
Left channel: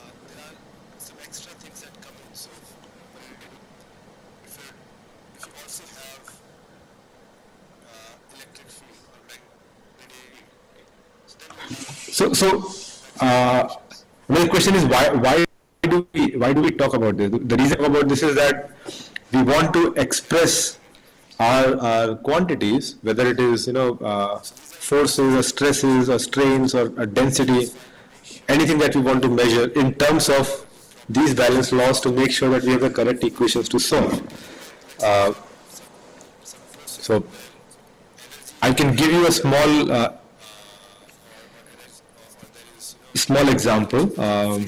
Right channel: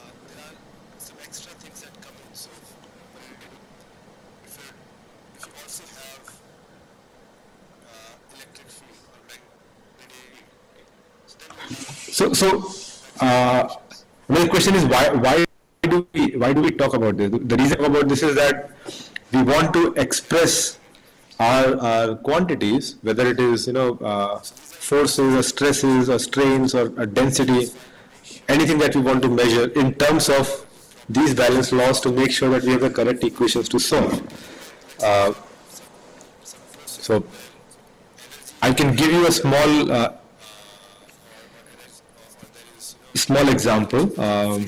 My question is, why do we talk about this? The reason about this is that we want to express our quantities, whether it is forces or stresses or strains or density, anything that we want to measure in terms of these balance laws, to make sure that we have the correct equations to solve. So I can give you a small example. Or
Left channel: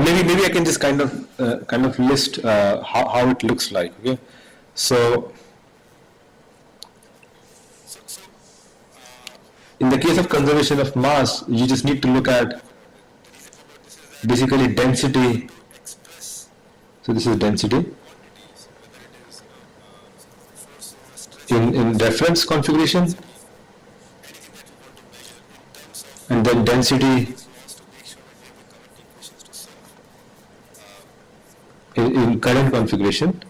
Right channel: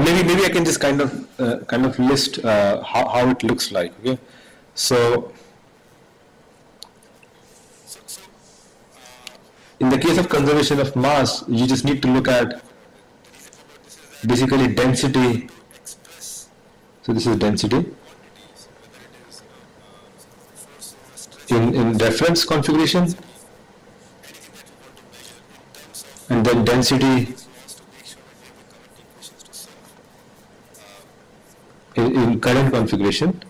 maybe I can just kind of list how it looks like. Okay, so in the case of conservation of mass, you just need to look at basically density. So this is density in reference configuration, and then density in current configuration,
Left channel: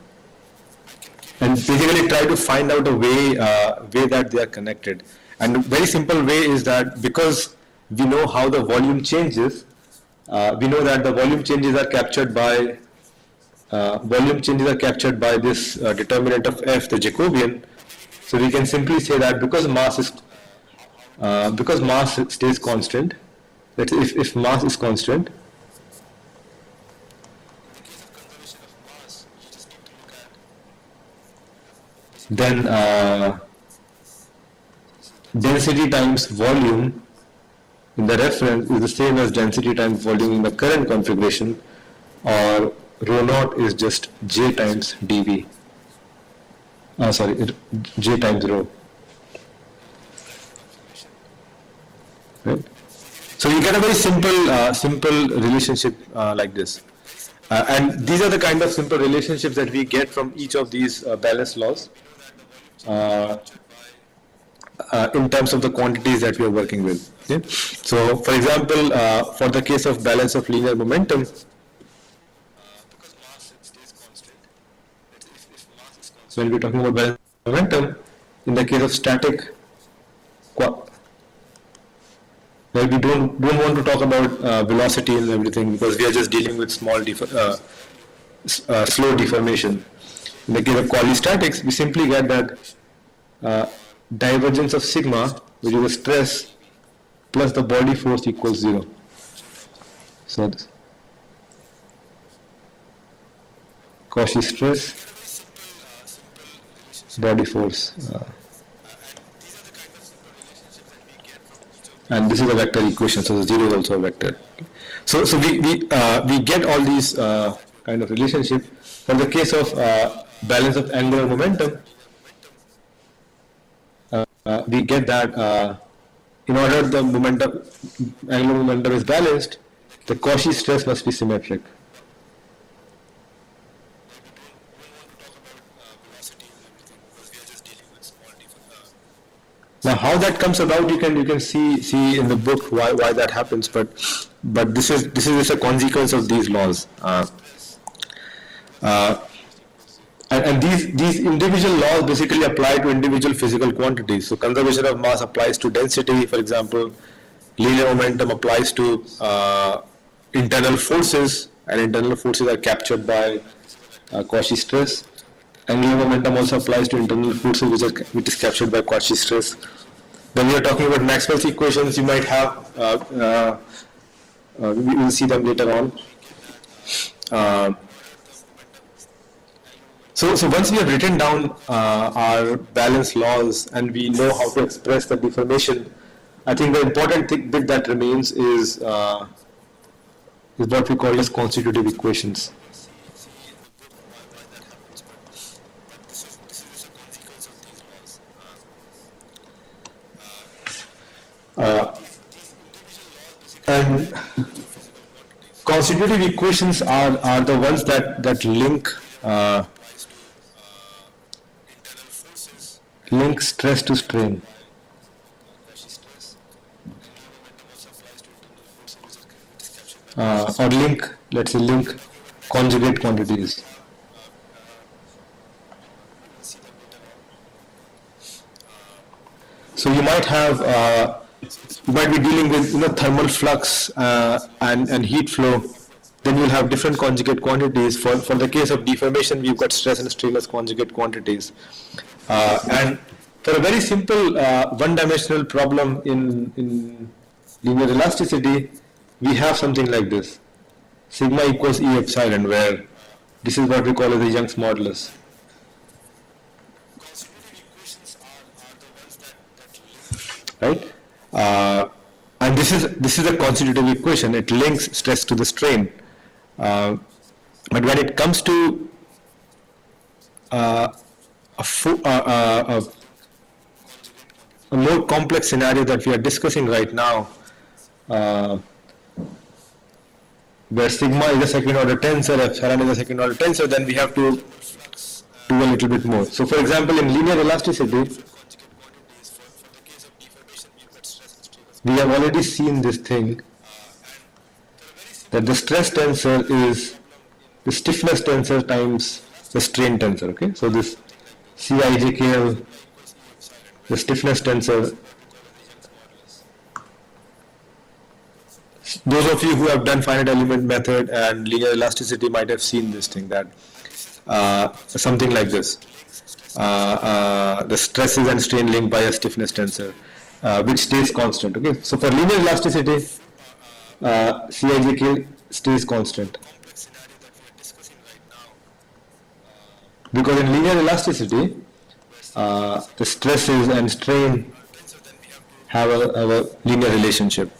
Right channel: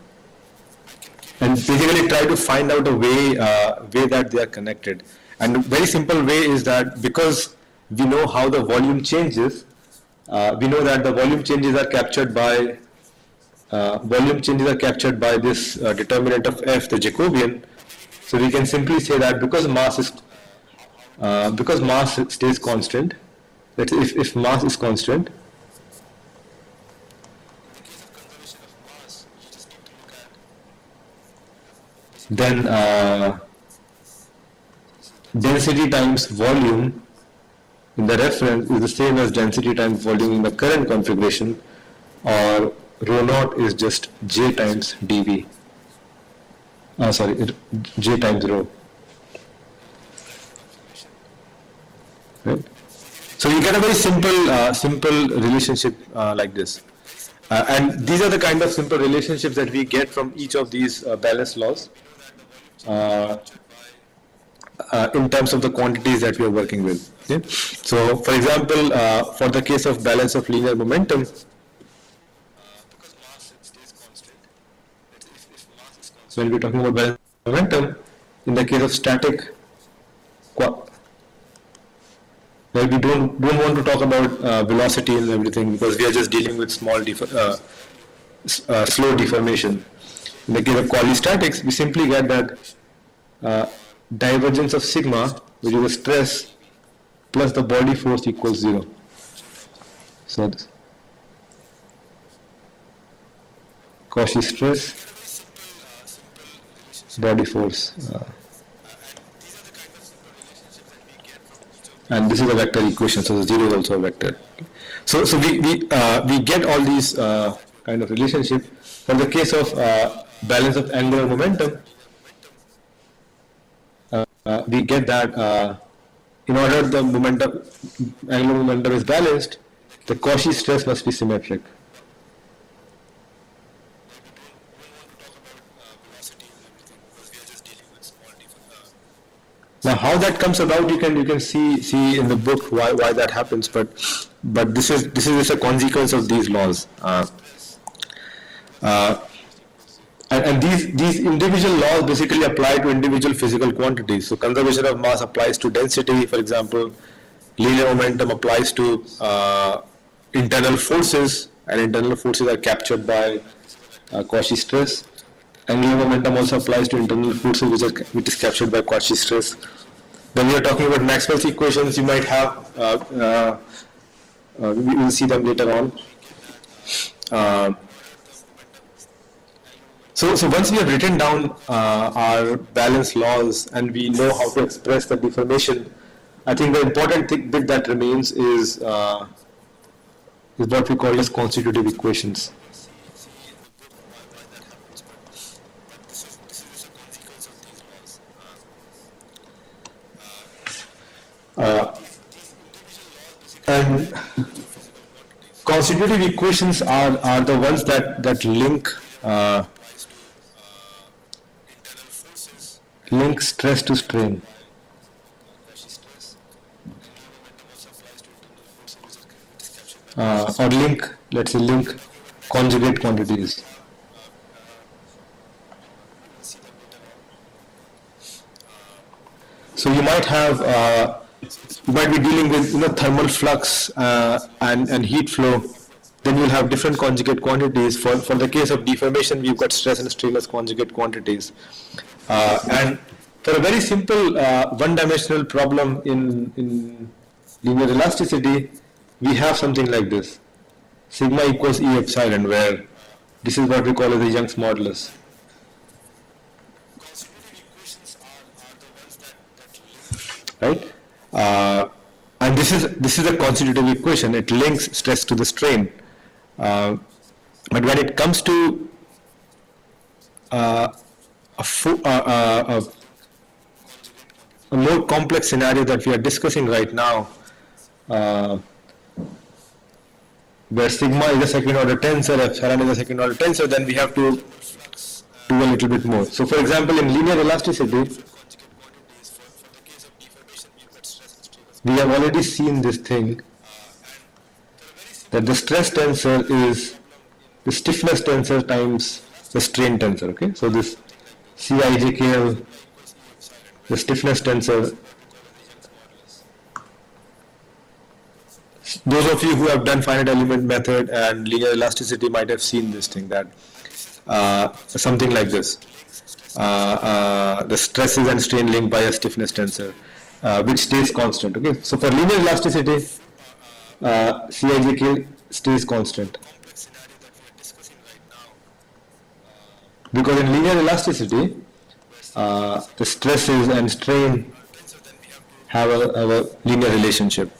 and basically try to find out a way that they are connected. And a very simple way is that because we know how the volume changes, we know that the volume changes are captured by this determinant of f, the Jacobian. So we can simply say that because mass stays constant, that if mass is constant, then density times volume in the reference is the same as density times volume in the current configuration, or rho naught is just J times dV. J times rho. Right? So you get a very simple relationship like this. And these are the kind of simple relationships that we get from each of these balance laws in terms of the quantities that we are working with. Okay? So, for example, for the case of balance of linear momentum, when we're talking about balance of momentum, in the case of static, well, we don't want to talk about velocity and everything, because we are just dealing with slow deformation. In the case of quasi-statics, we simply get that divergence of sigma, which is the stress, plus the body force equals 0. So Cauchy stress, body force. And this is a vector equation, so the zero is also a vector. So we get all these kind of relationship. For the case of balance of angular momentum, we get that in order the momentum, angular momentum is balanced, the Cauchy stress must be symmetric. Now, how that comes about, you can see in the book why that happens, but this is just a consequence of these laws. And these individual laws basically apply to individual physical quantities. So conservation of mass applies to density, for example. Linear momentum applies to internal forces, and internal forces are captured by Cauchy stress. Angular momentum also applies to internal forces, which is captured by Cauchy stress. When we are talking about Maxwell's equations, you might have, we will see them later on. So once we have written down our balance laws and we know how to express the deformation, I think the important bit that remains is what we call as constitutive equations. And constitutive equations are the ones that link stress to strain. Or let's say link conjugate quantities. So you might be dealing with thermal flux and heat flow. Then you'll have different conjugate quantities. For the case of deformation, we've got stress and strain as conjugate quantities. And for a very simple one-dimensional problem in linear elasticity, we have something like this. Sigma equals E epsilon, where this is what we call as the Young's modulus. Right? And this is a constitutive equation. It links stress to the strain. But when it comes to a more complex scenario that we are discussing right now, where sigma is a second order tensor, epsilon is a second order tensor, then we have to do a little bit more. So for example, in linear elasticity, we have already seen this thing, that the stress tensor is the stiffness tensor times the strain tensor, okay? So thisCijkl, the stiffness tensor. Those of you who have done finite element method and linear elasticity might have seen this thing, that something like this. The stresses and strain linked by a stiffness tensor, which stays constant, okay? So for linear elasticity,Cijkl stays constant. Because in linear elasticity, the stresses and strain have a linear relationship.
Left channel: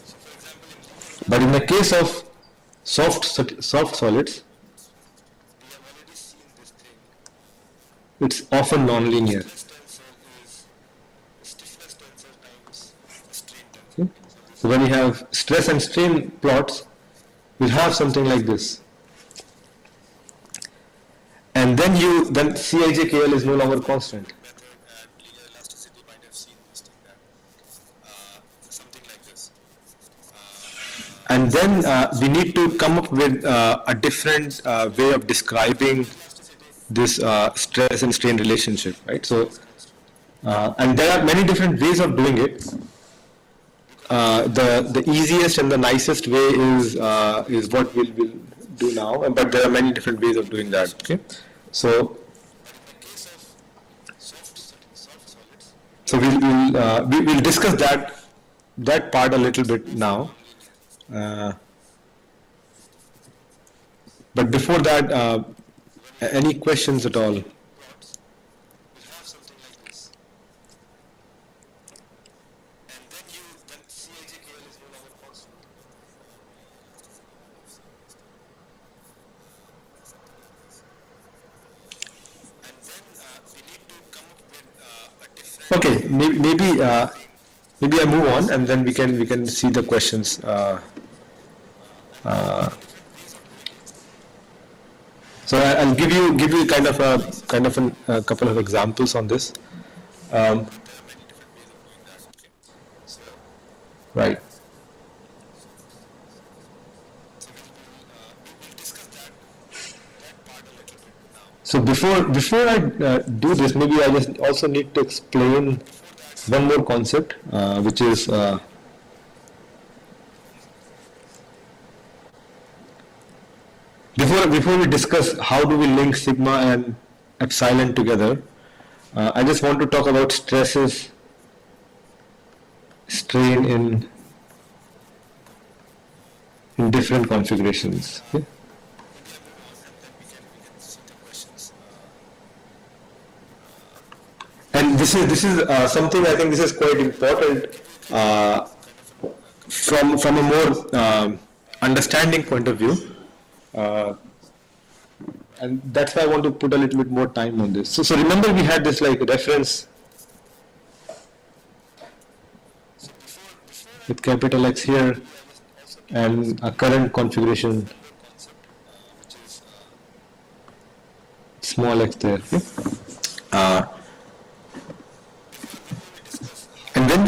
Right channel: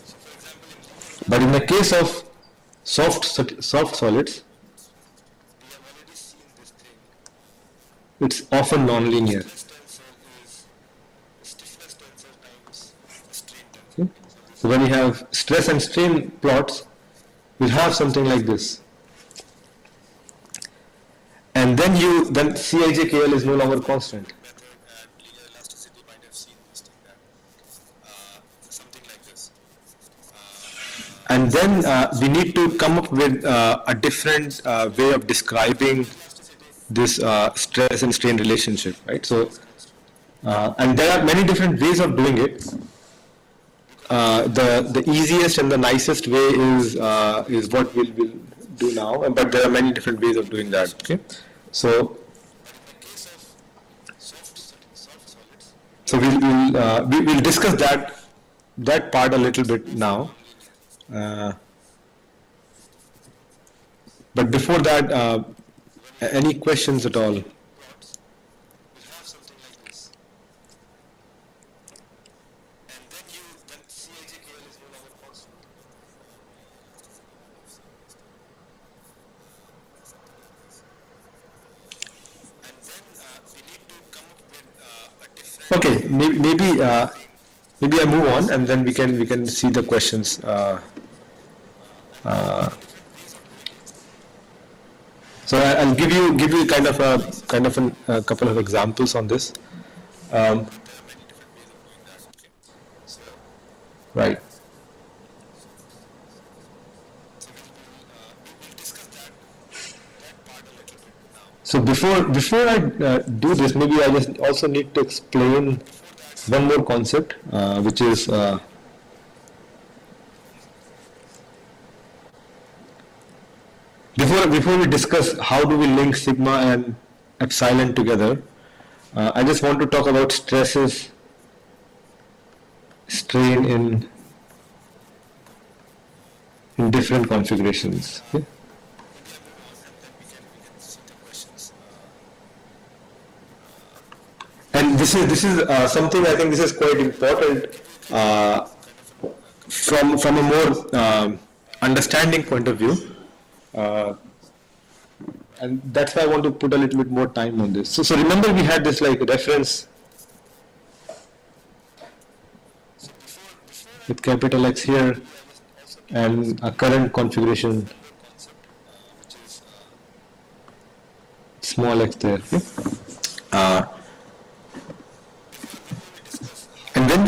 But in the case of soft solids, it's often non-linear. Okay? So when you have stress and strain plots, we'll have something like this. And thenCijkl is no longer constant. And then we need to come up with a different way of describing this stress and strain relationship, right? So, and there are many different ways of doing it. The easiest and the nicest way is what we'll do now, but there are many different ways of doing that. Okay, so we'll discuss that part a little bit now. But before that, Any questions at all? Okay, maybe I move on, and then we can see the questions. So I'll give you a couple of examples on this. Um, right. So before I do this, maybe I just also need to explain one more concept, which is before we discuss how do we link sigma and epsilon together, I just want to talk about strain in different configurations. Okay? And this is something I think this is quite important from a more understanding point of view, and that's why I want to put a little bit more time on this. So remember we had this like reference with capital X here and a current configuration small x there. Okay? And when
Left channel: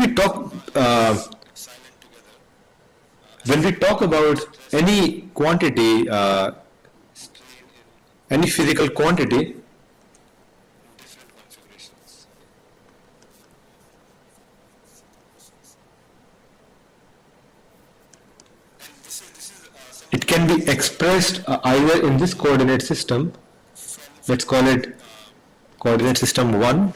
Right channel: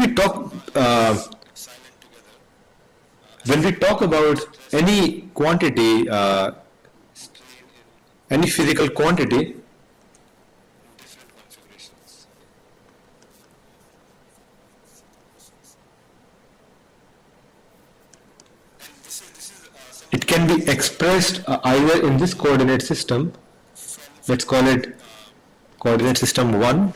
we talk about any quantity, any physical quantity, it can be expressed either in this coordinate system, let's call it coordinate system 1,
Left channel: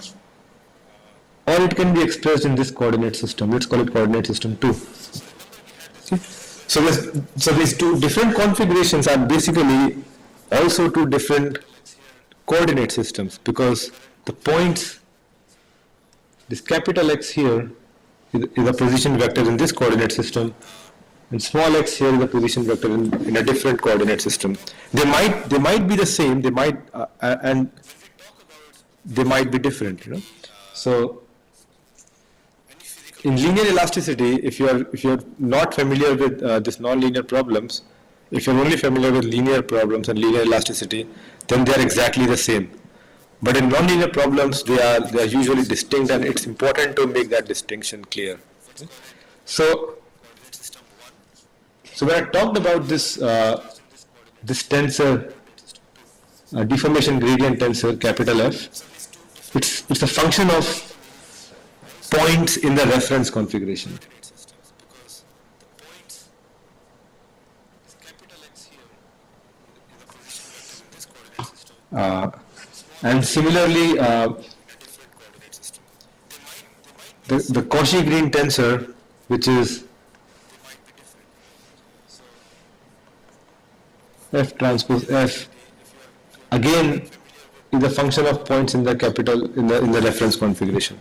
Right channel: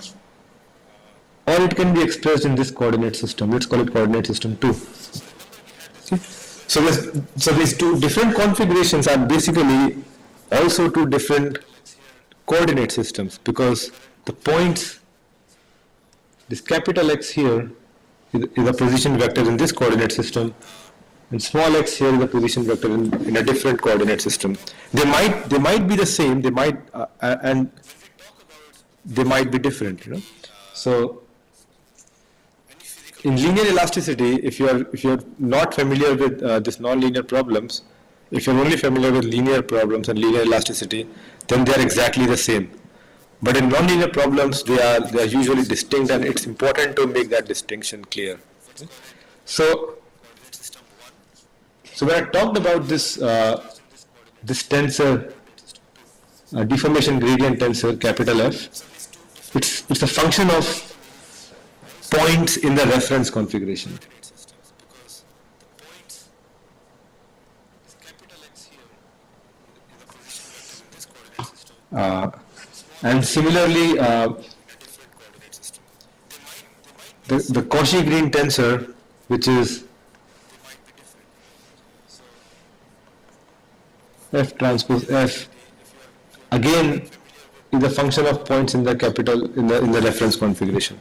or it can be expressed in this coordinate system, let's call it coordinate system 2. Okay? So these two different configurations are basically also two different coordinate systems, because the points, this capital X here is a position vector in this coordinate system, and small x here is a position vector in a different coordinate system. They might be the same, they might and they might be different, you know. So in linear elasticity, if you're not familiar with this nonlinear problems, if you're only familiar with linear problems and linear elasticity, then they are exactly the same. But in nonlinear problems, they are usually distinct, and it's important to make that distinction clear. Okay? So when I talked about this this tensor, deformation gradient tensor, capital F, it's a function of points in the reference configuration. And similarly, the Cauchy-Green tensor, which is F transpose F, again is a function of points in the capital in the reference configuration.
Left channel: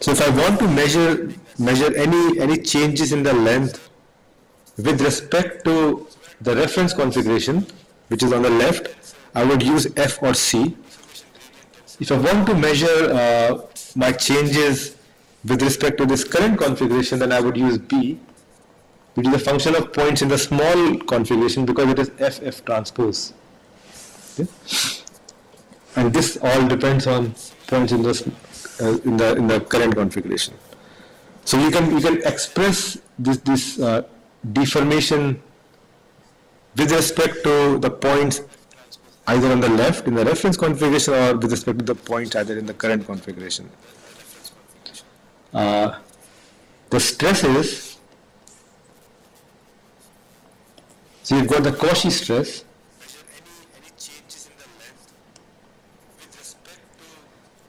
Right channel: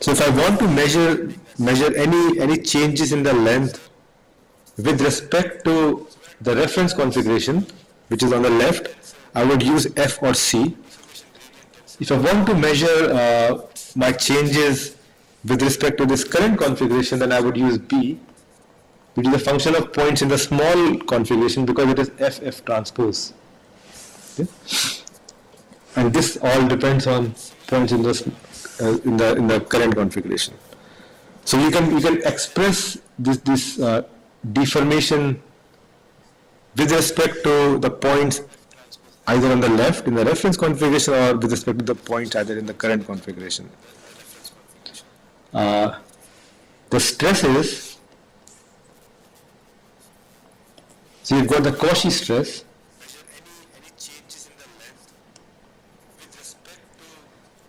So if I want to measure any changes in the length with respect to the reference configuration, which is on the left, I would use F or C. If I want to measure my changes with respect to this current configuration, then I would use B, which is a function of points in the small configuration, because it is FF transpose. Okay? And this all depends on points in the current configuration. So you can express this deformation with respect to the points either on the left in the reference configuration, or with respect to the points either in the current configuration. The stresses, so you've got the Cauchy stress,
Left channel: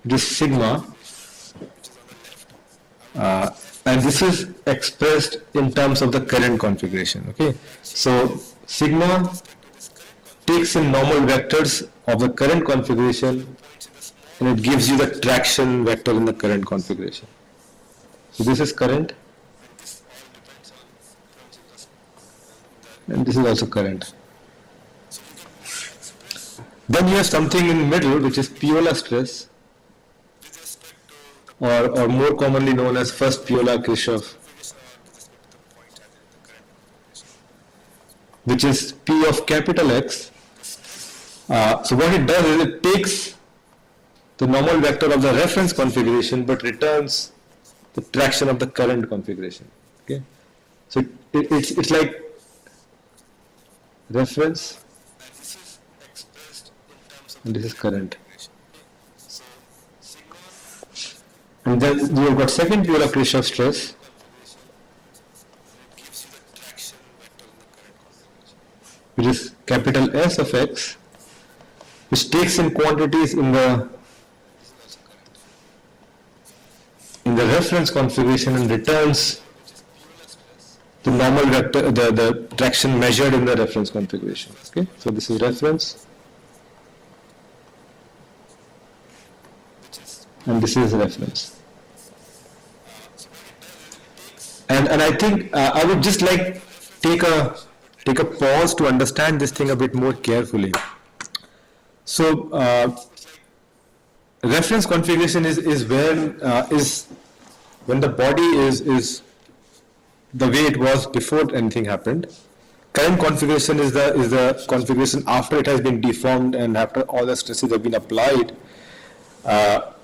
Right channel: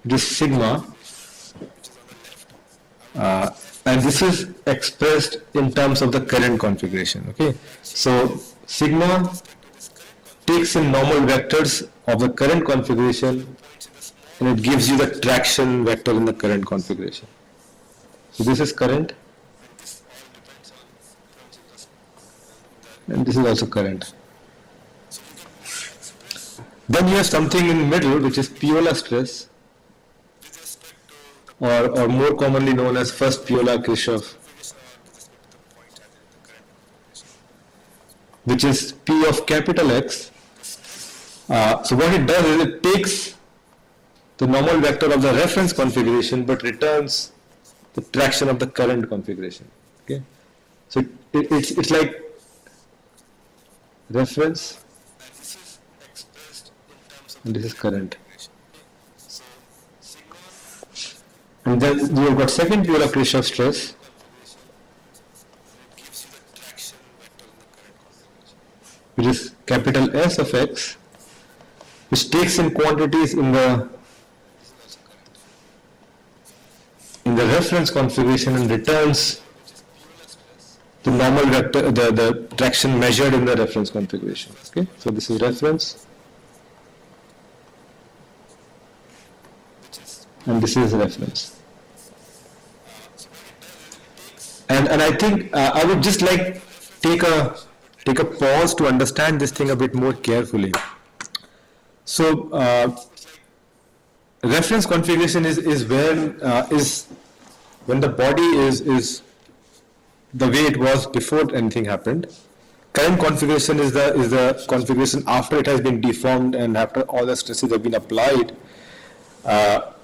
this sigma, and this is expressed in terms of the current configuration. Okay, so sigma takes in normal vectors of the current configuration and it gives you the traction vector in the current configuration. So this is current and this is also current. Then you have something in the middle which is Piola stress, or more commonly known as first Piola-Kirchhoff, which is P of capital X. So what it does is it takes the normal vector of the reference configuration but returns the traction of the current configuration. Okay, so it's like reference and this is current. And then you have got second Piola-Kirchhoff stress, which is capital S of X, which takes in quantities in the reference configuration and returns the normal vector, the traction measured in the reference configuration. Okay, so this is reference, and this is reference. And I think I would just like take a pause to understand this thing a bit more carefully. So reference configuration is when the body is the way it was before anything happened. Current configuration is the configuration after it has been deformed and after all the stresses have been applied. But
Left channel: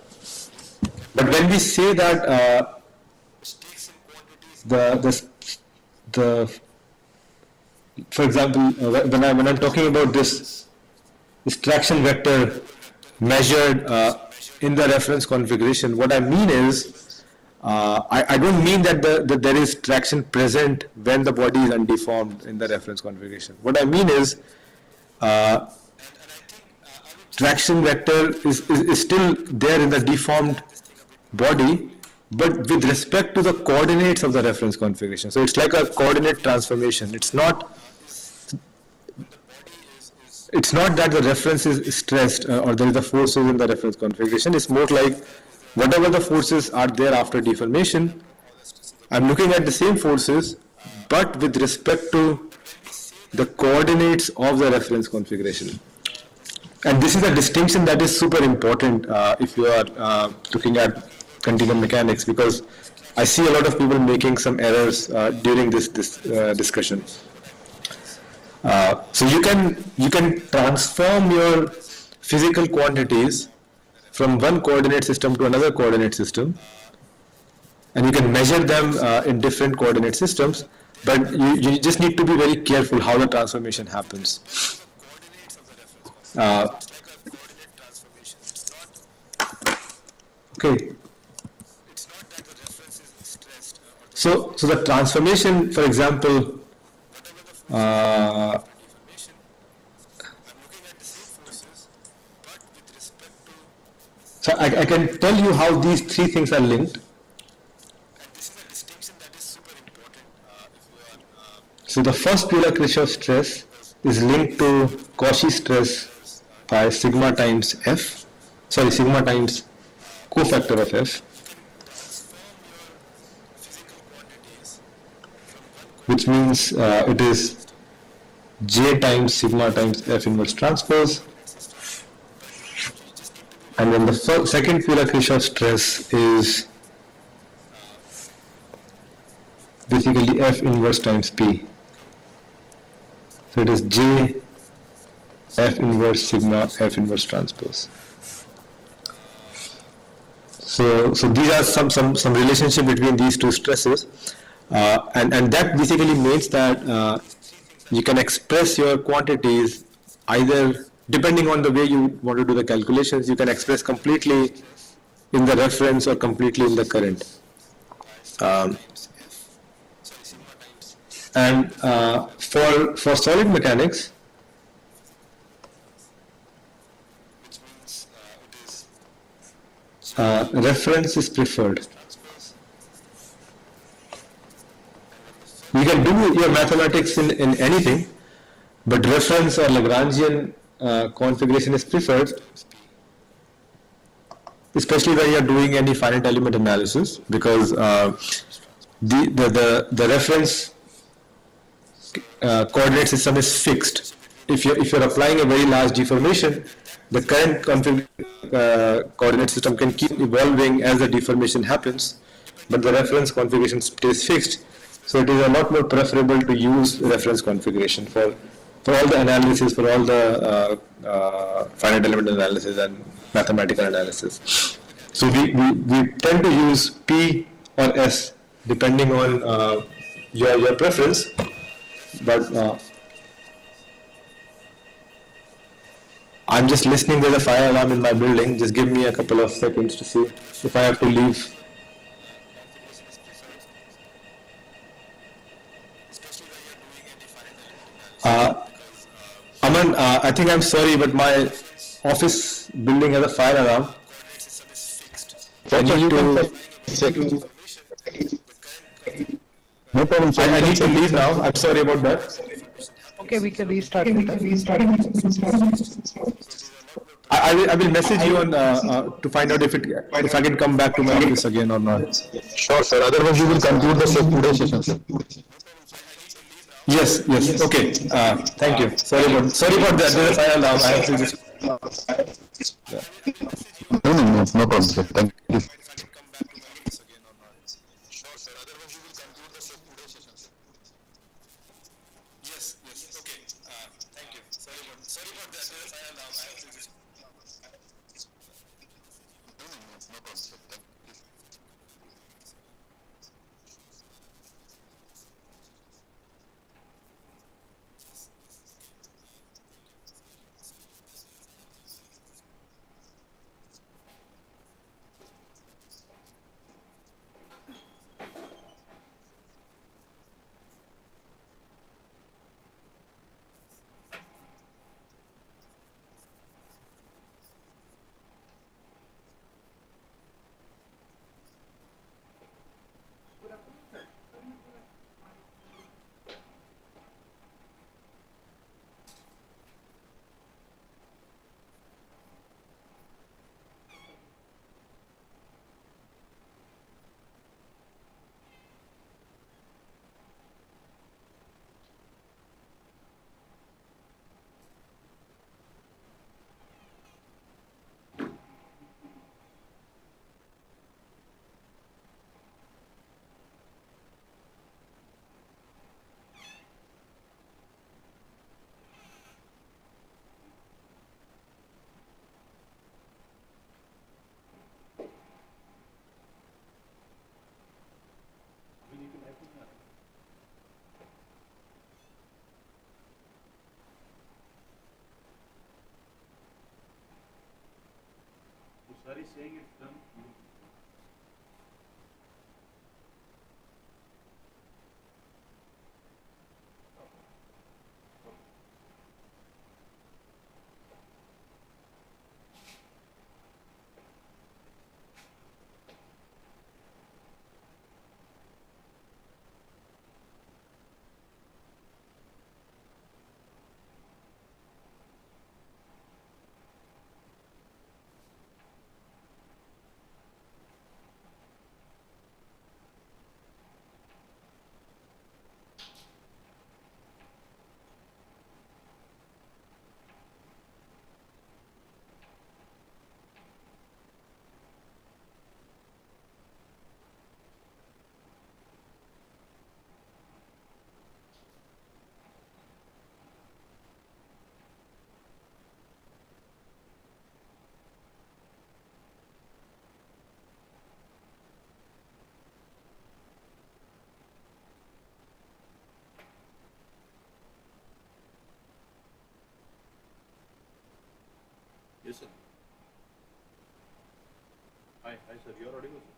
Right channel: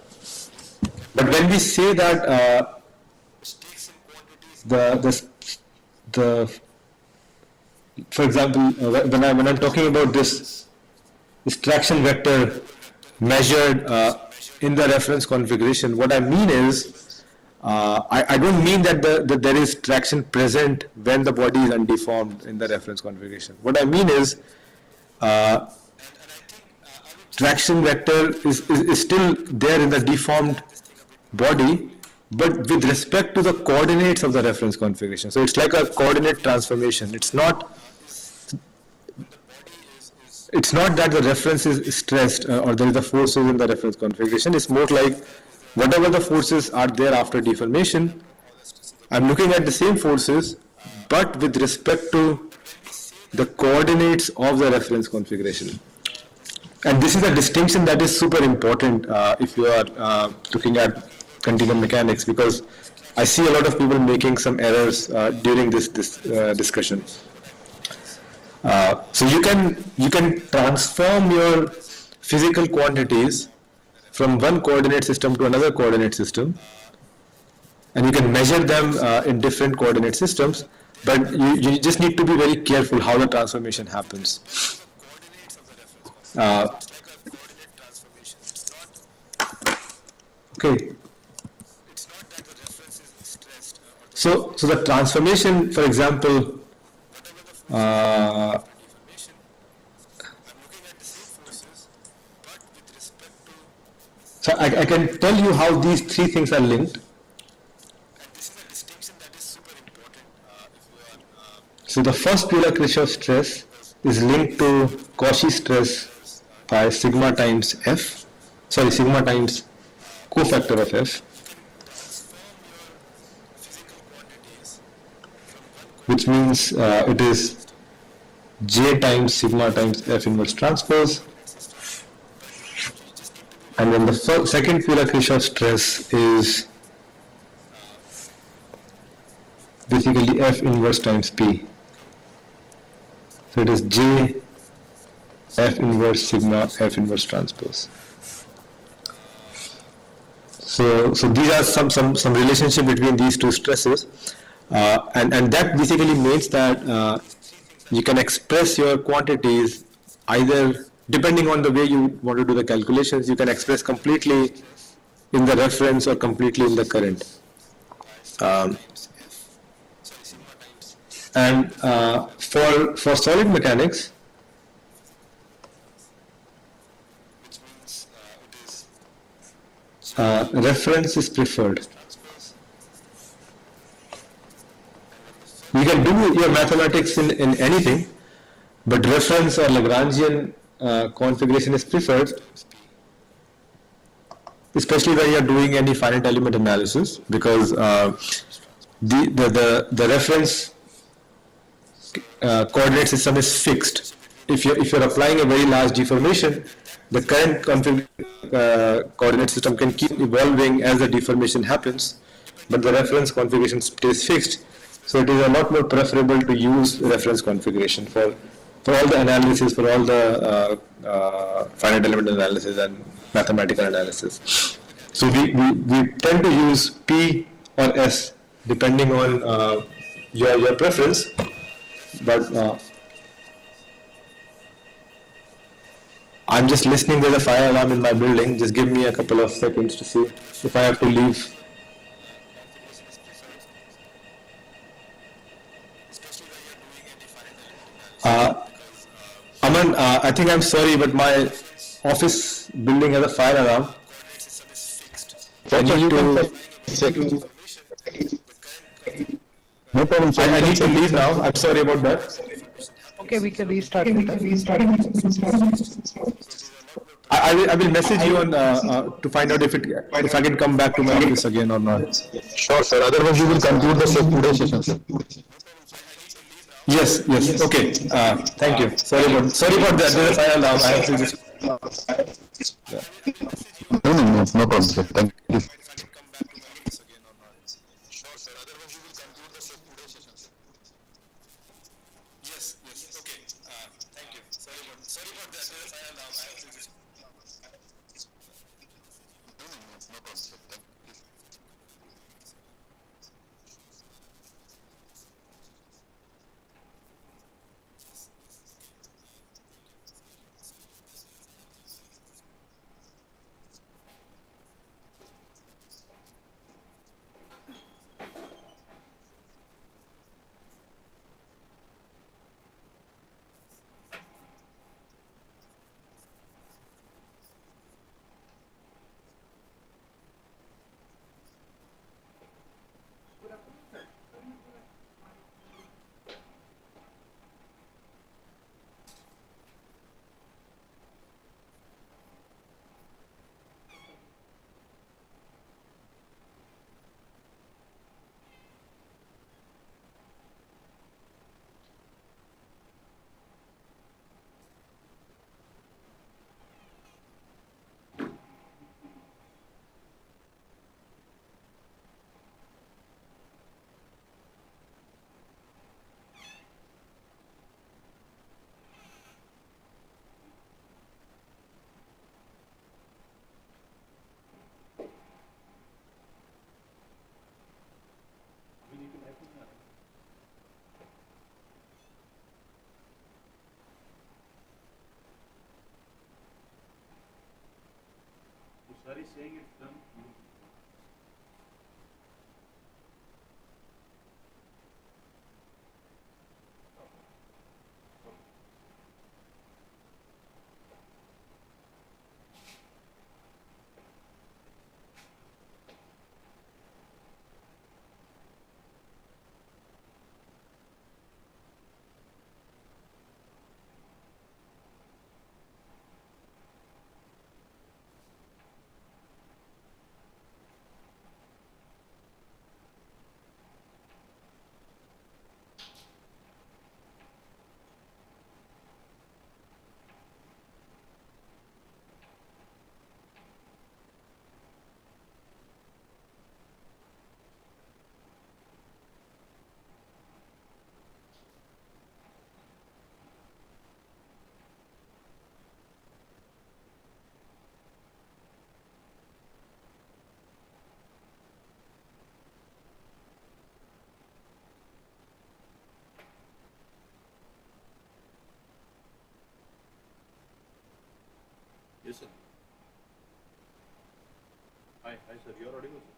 when we say that for example, when I'm talking about this traction vector measured in the reference configuration, what I mean is I don't mean that there is traction present when the body is undeformed in the reference configuration. What I mean is traction vector is still there in the deformed body, but with respect to the coordinates of the reference configuration. So it's like a coordinate transformation. It's not that the reference is stressed or there is the forces in the reference configuration. It's more like whatever the forces are there after deformation, I'm looking at the same forces, but with respect to the coordinates of the reference configuration. And this is a distinction that is super important if you are looking at continuum mechanics, because I see a lot of people making some errors during this discussion. So you can transform your physical quantities from one coordinate system to another coordinate system, and you can measure them in different coordinate systems, but you just need to be very careful how the transformation happens. Okay. So the transformation, for example, so I can tell you how these three things are linked. So the first Piola-Kirchhoff stress is linked to Cauchy stress by sigma times cofactor of F, which means it is J times sigma times F inverse transpose. And then the second Piola-Kirchhoff stress is basically F inverse times P. So it is J F inverse sigma F inverse transpose. So these are some relationship between these two stresses, and that basically means that you can express your quantities either, depending on the way you want to do the calculations, you can express completely in the reference or completely in the current. And for solid mechanics, reference is preferred. You can do your mathematics in anything, but reference or Lagrangian configuration is preferred, especially when you're doing any finite element analysis, because the reference coordinate system is fixed. If you're applying a very large deformation, the current coordinate system can keep evolving as the deformation happens, but the reference configuration stays fixed. So it is a lot more preferable to use reference configuration for all the analysis, for all the finite element analysis and mathematical analysis. So we tend to use P or S depending on your preference, but I'm just listening. There's a fire alarm in my building. Just give me a couple of seconds to see if I have to leave. Aman, I think I'm sorry, but my office building has a fire alarm. I need to check. No problem, sir. I need to leave now. I'm sorry about that. Okay, we can restart later. I will message you on to find out if I can come back to my office again or not. Sure, sir. Otherwise, we will conclude the today's session, sir. Yes. Okay. Thank you. Sorry about that. There's a fire alarm. I have to just. No problem, sir. Thank you. Sir is saying it's done. Yes, sir. Hi, sir. You are audible, sir.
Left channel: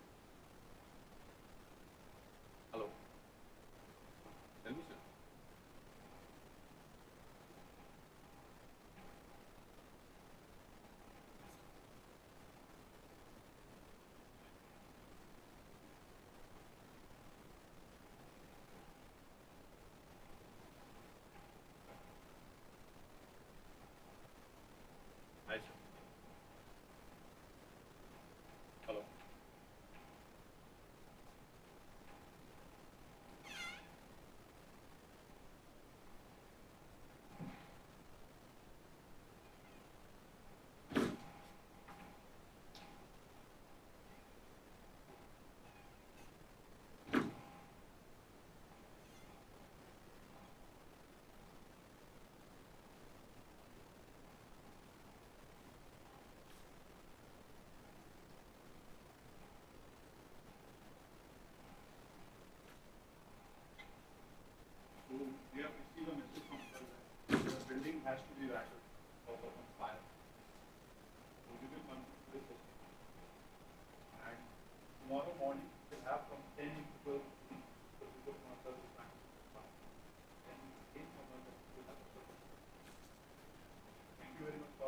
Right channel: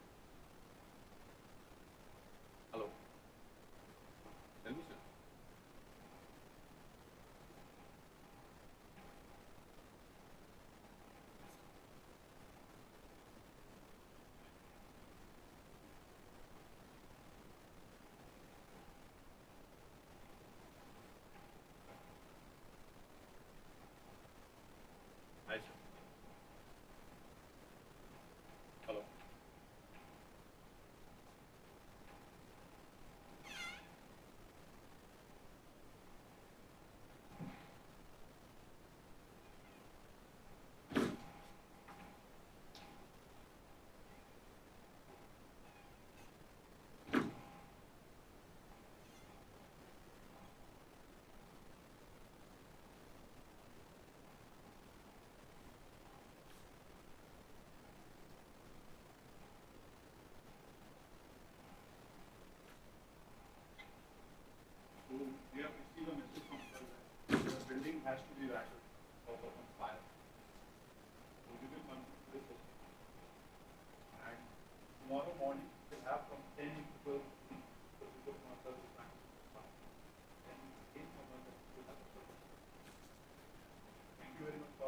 Hello. Tell me, sir.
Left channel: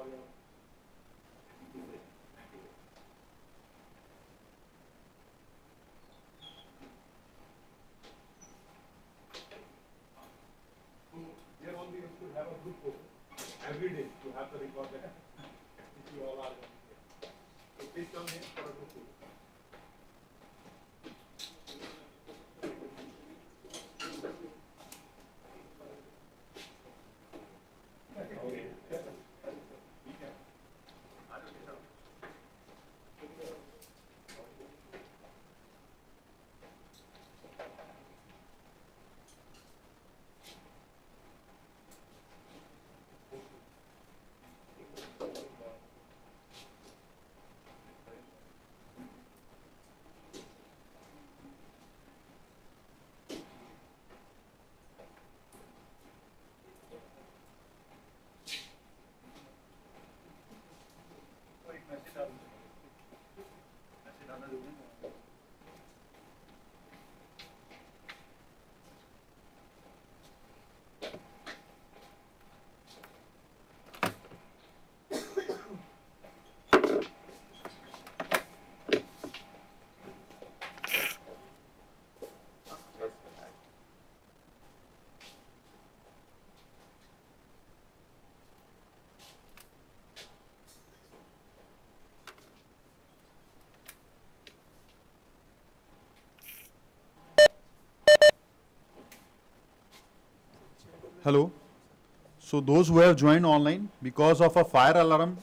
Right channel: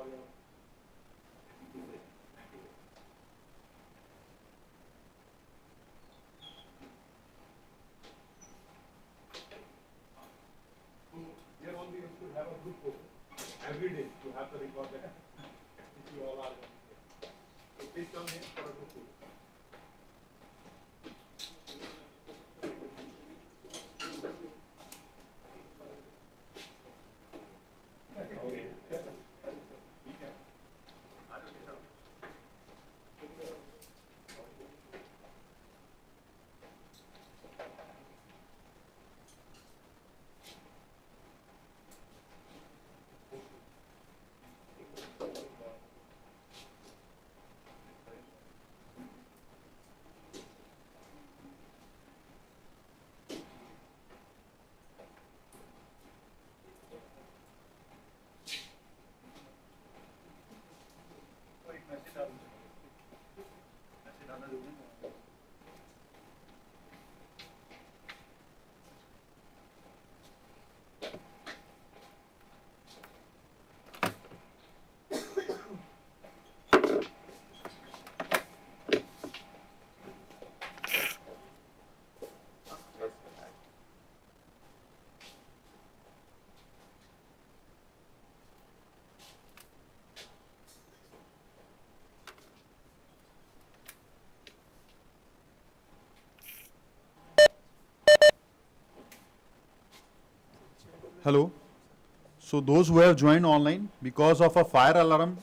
Here only you should have a group photo. Every day you have to record that if you all are here. So please come here for a group photo. Hello. So those who have joined online, because of a fire alarm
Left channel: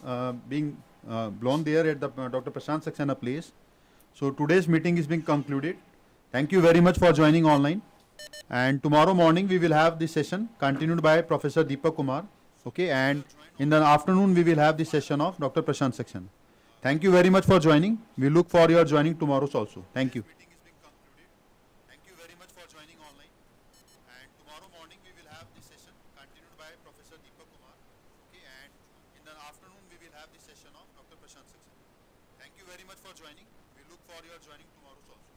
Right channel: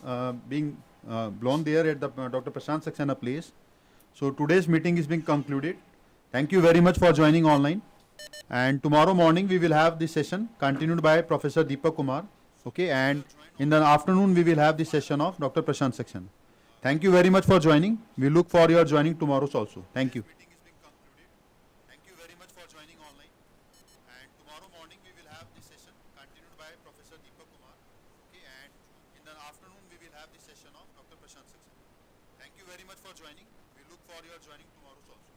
being blown there at the Dr. Prashant Saxena place, so today's meeting is being concluded. Thank you very much for joining online. And tomorrow morning we will have the session continued by Professor Deepak Kumar. Okay, and in the afternoon we will have the session of Dr. Prashant Saxena. Thank you very much for joining. We look for your joining tomorrow also. Thank you. Thank you very much for joining online. And tomorrow morning we will have the session continued by Professor Deepak Kumar. Okay, and in the afternoon we will have the session of Dr. Prashant Saxena. Thank you very much for joining. We look for your joining tomorrow also.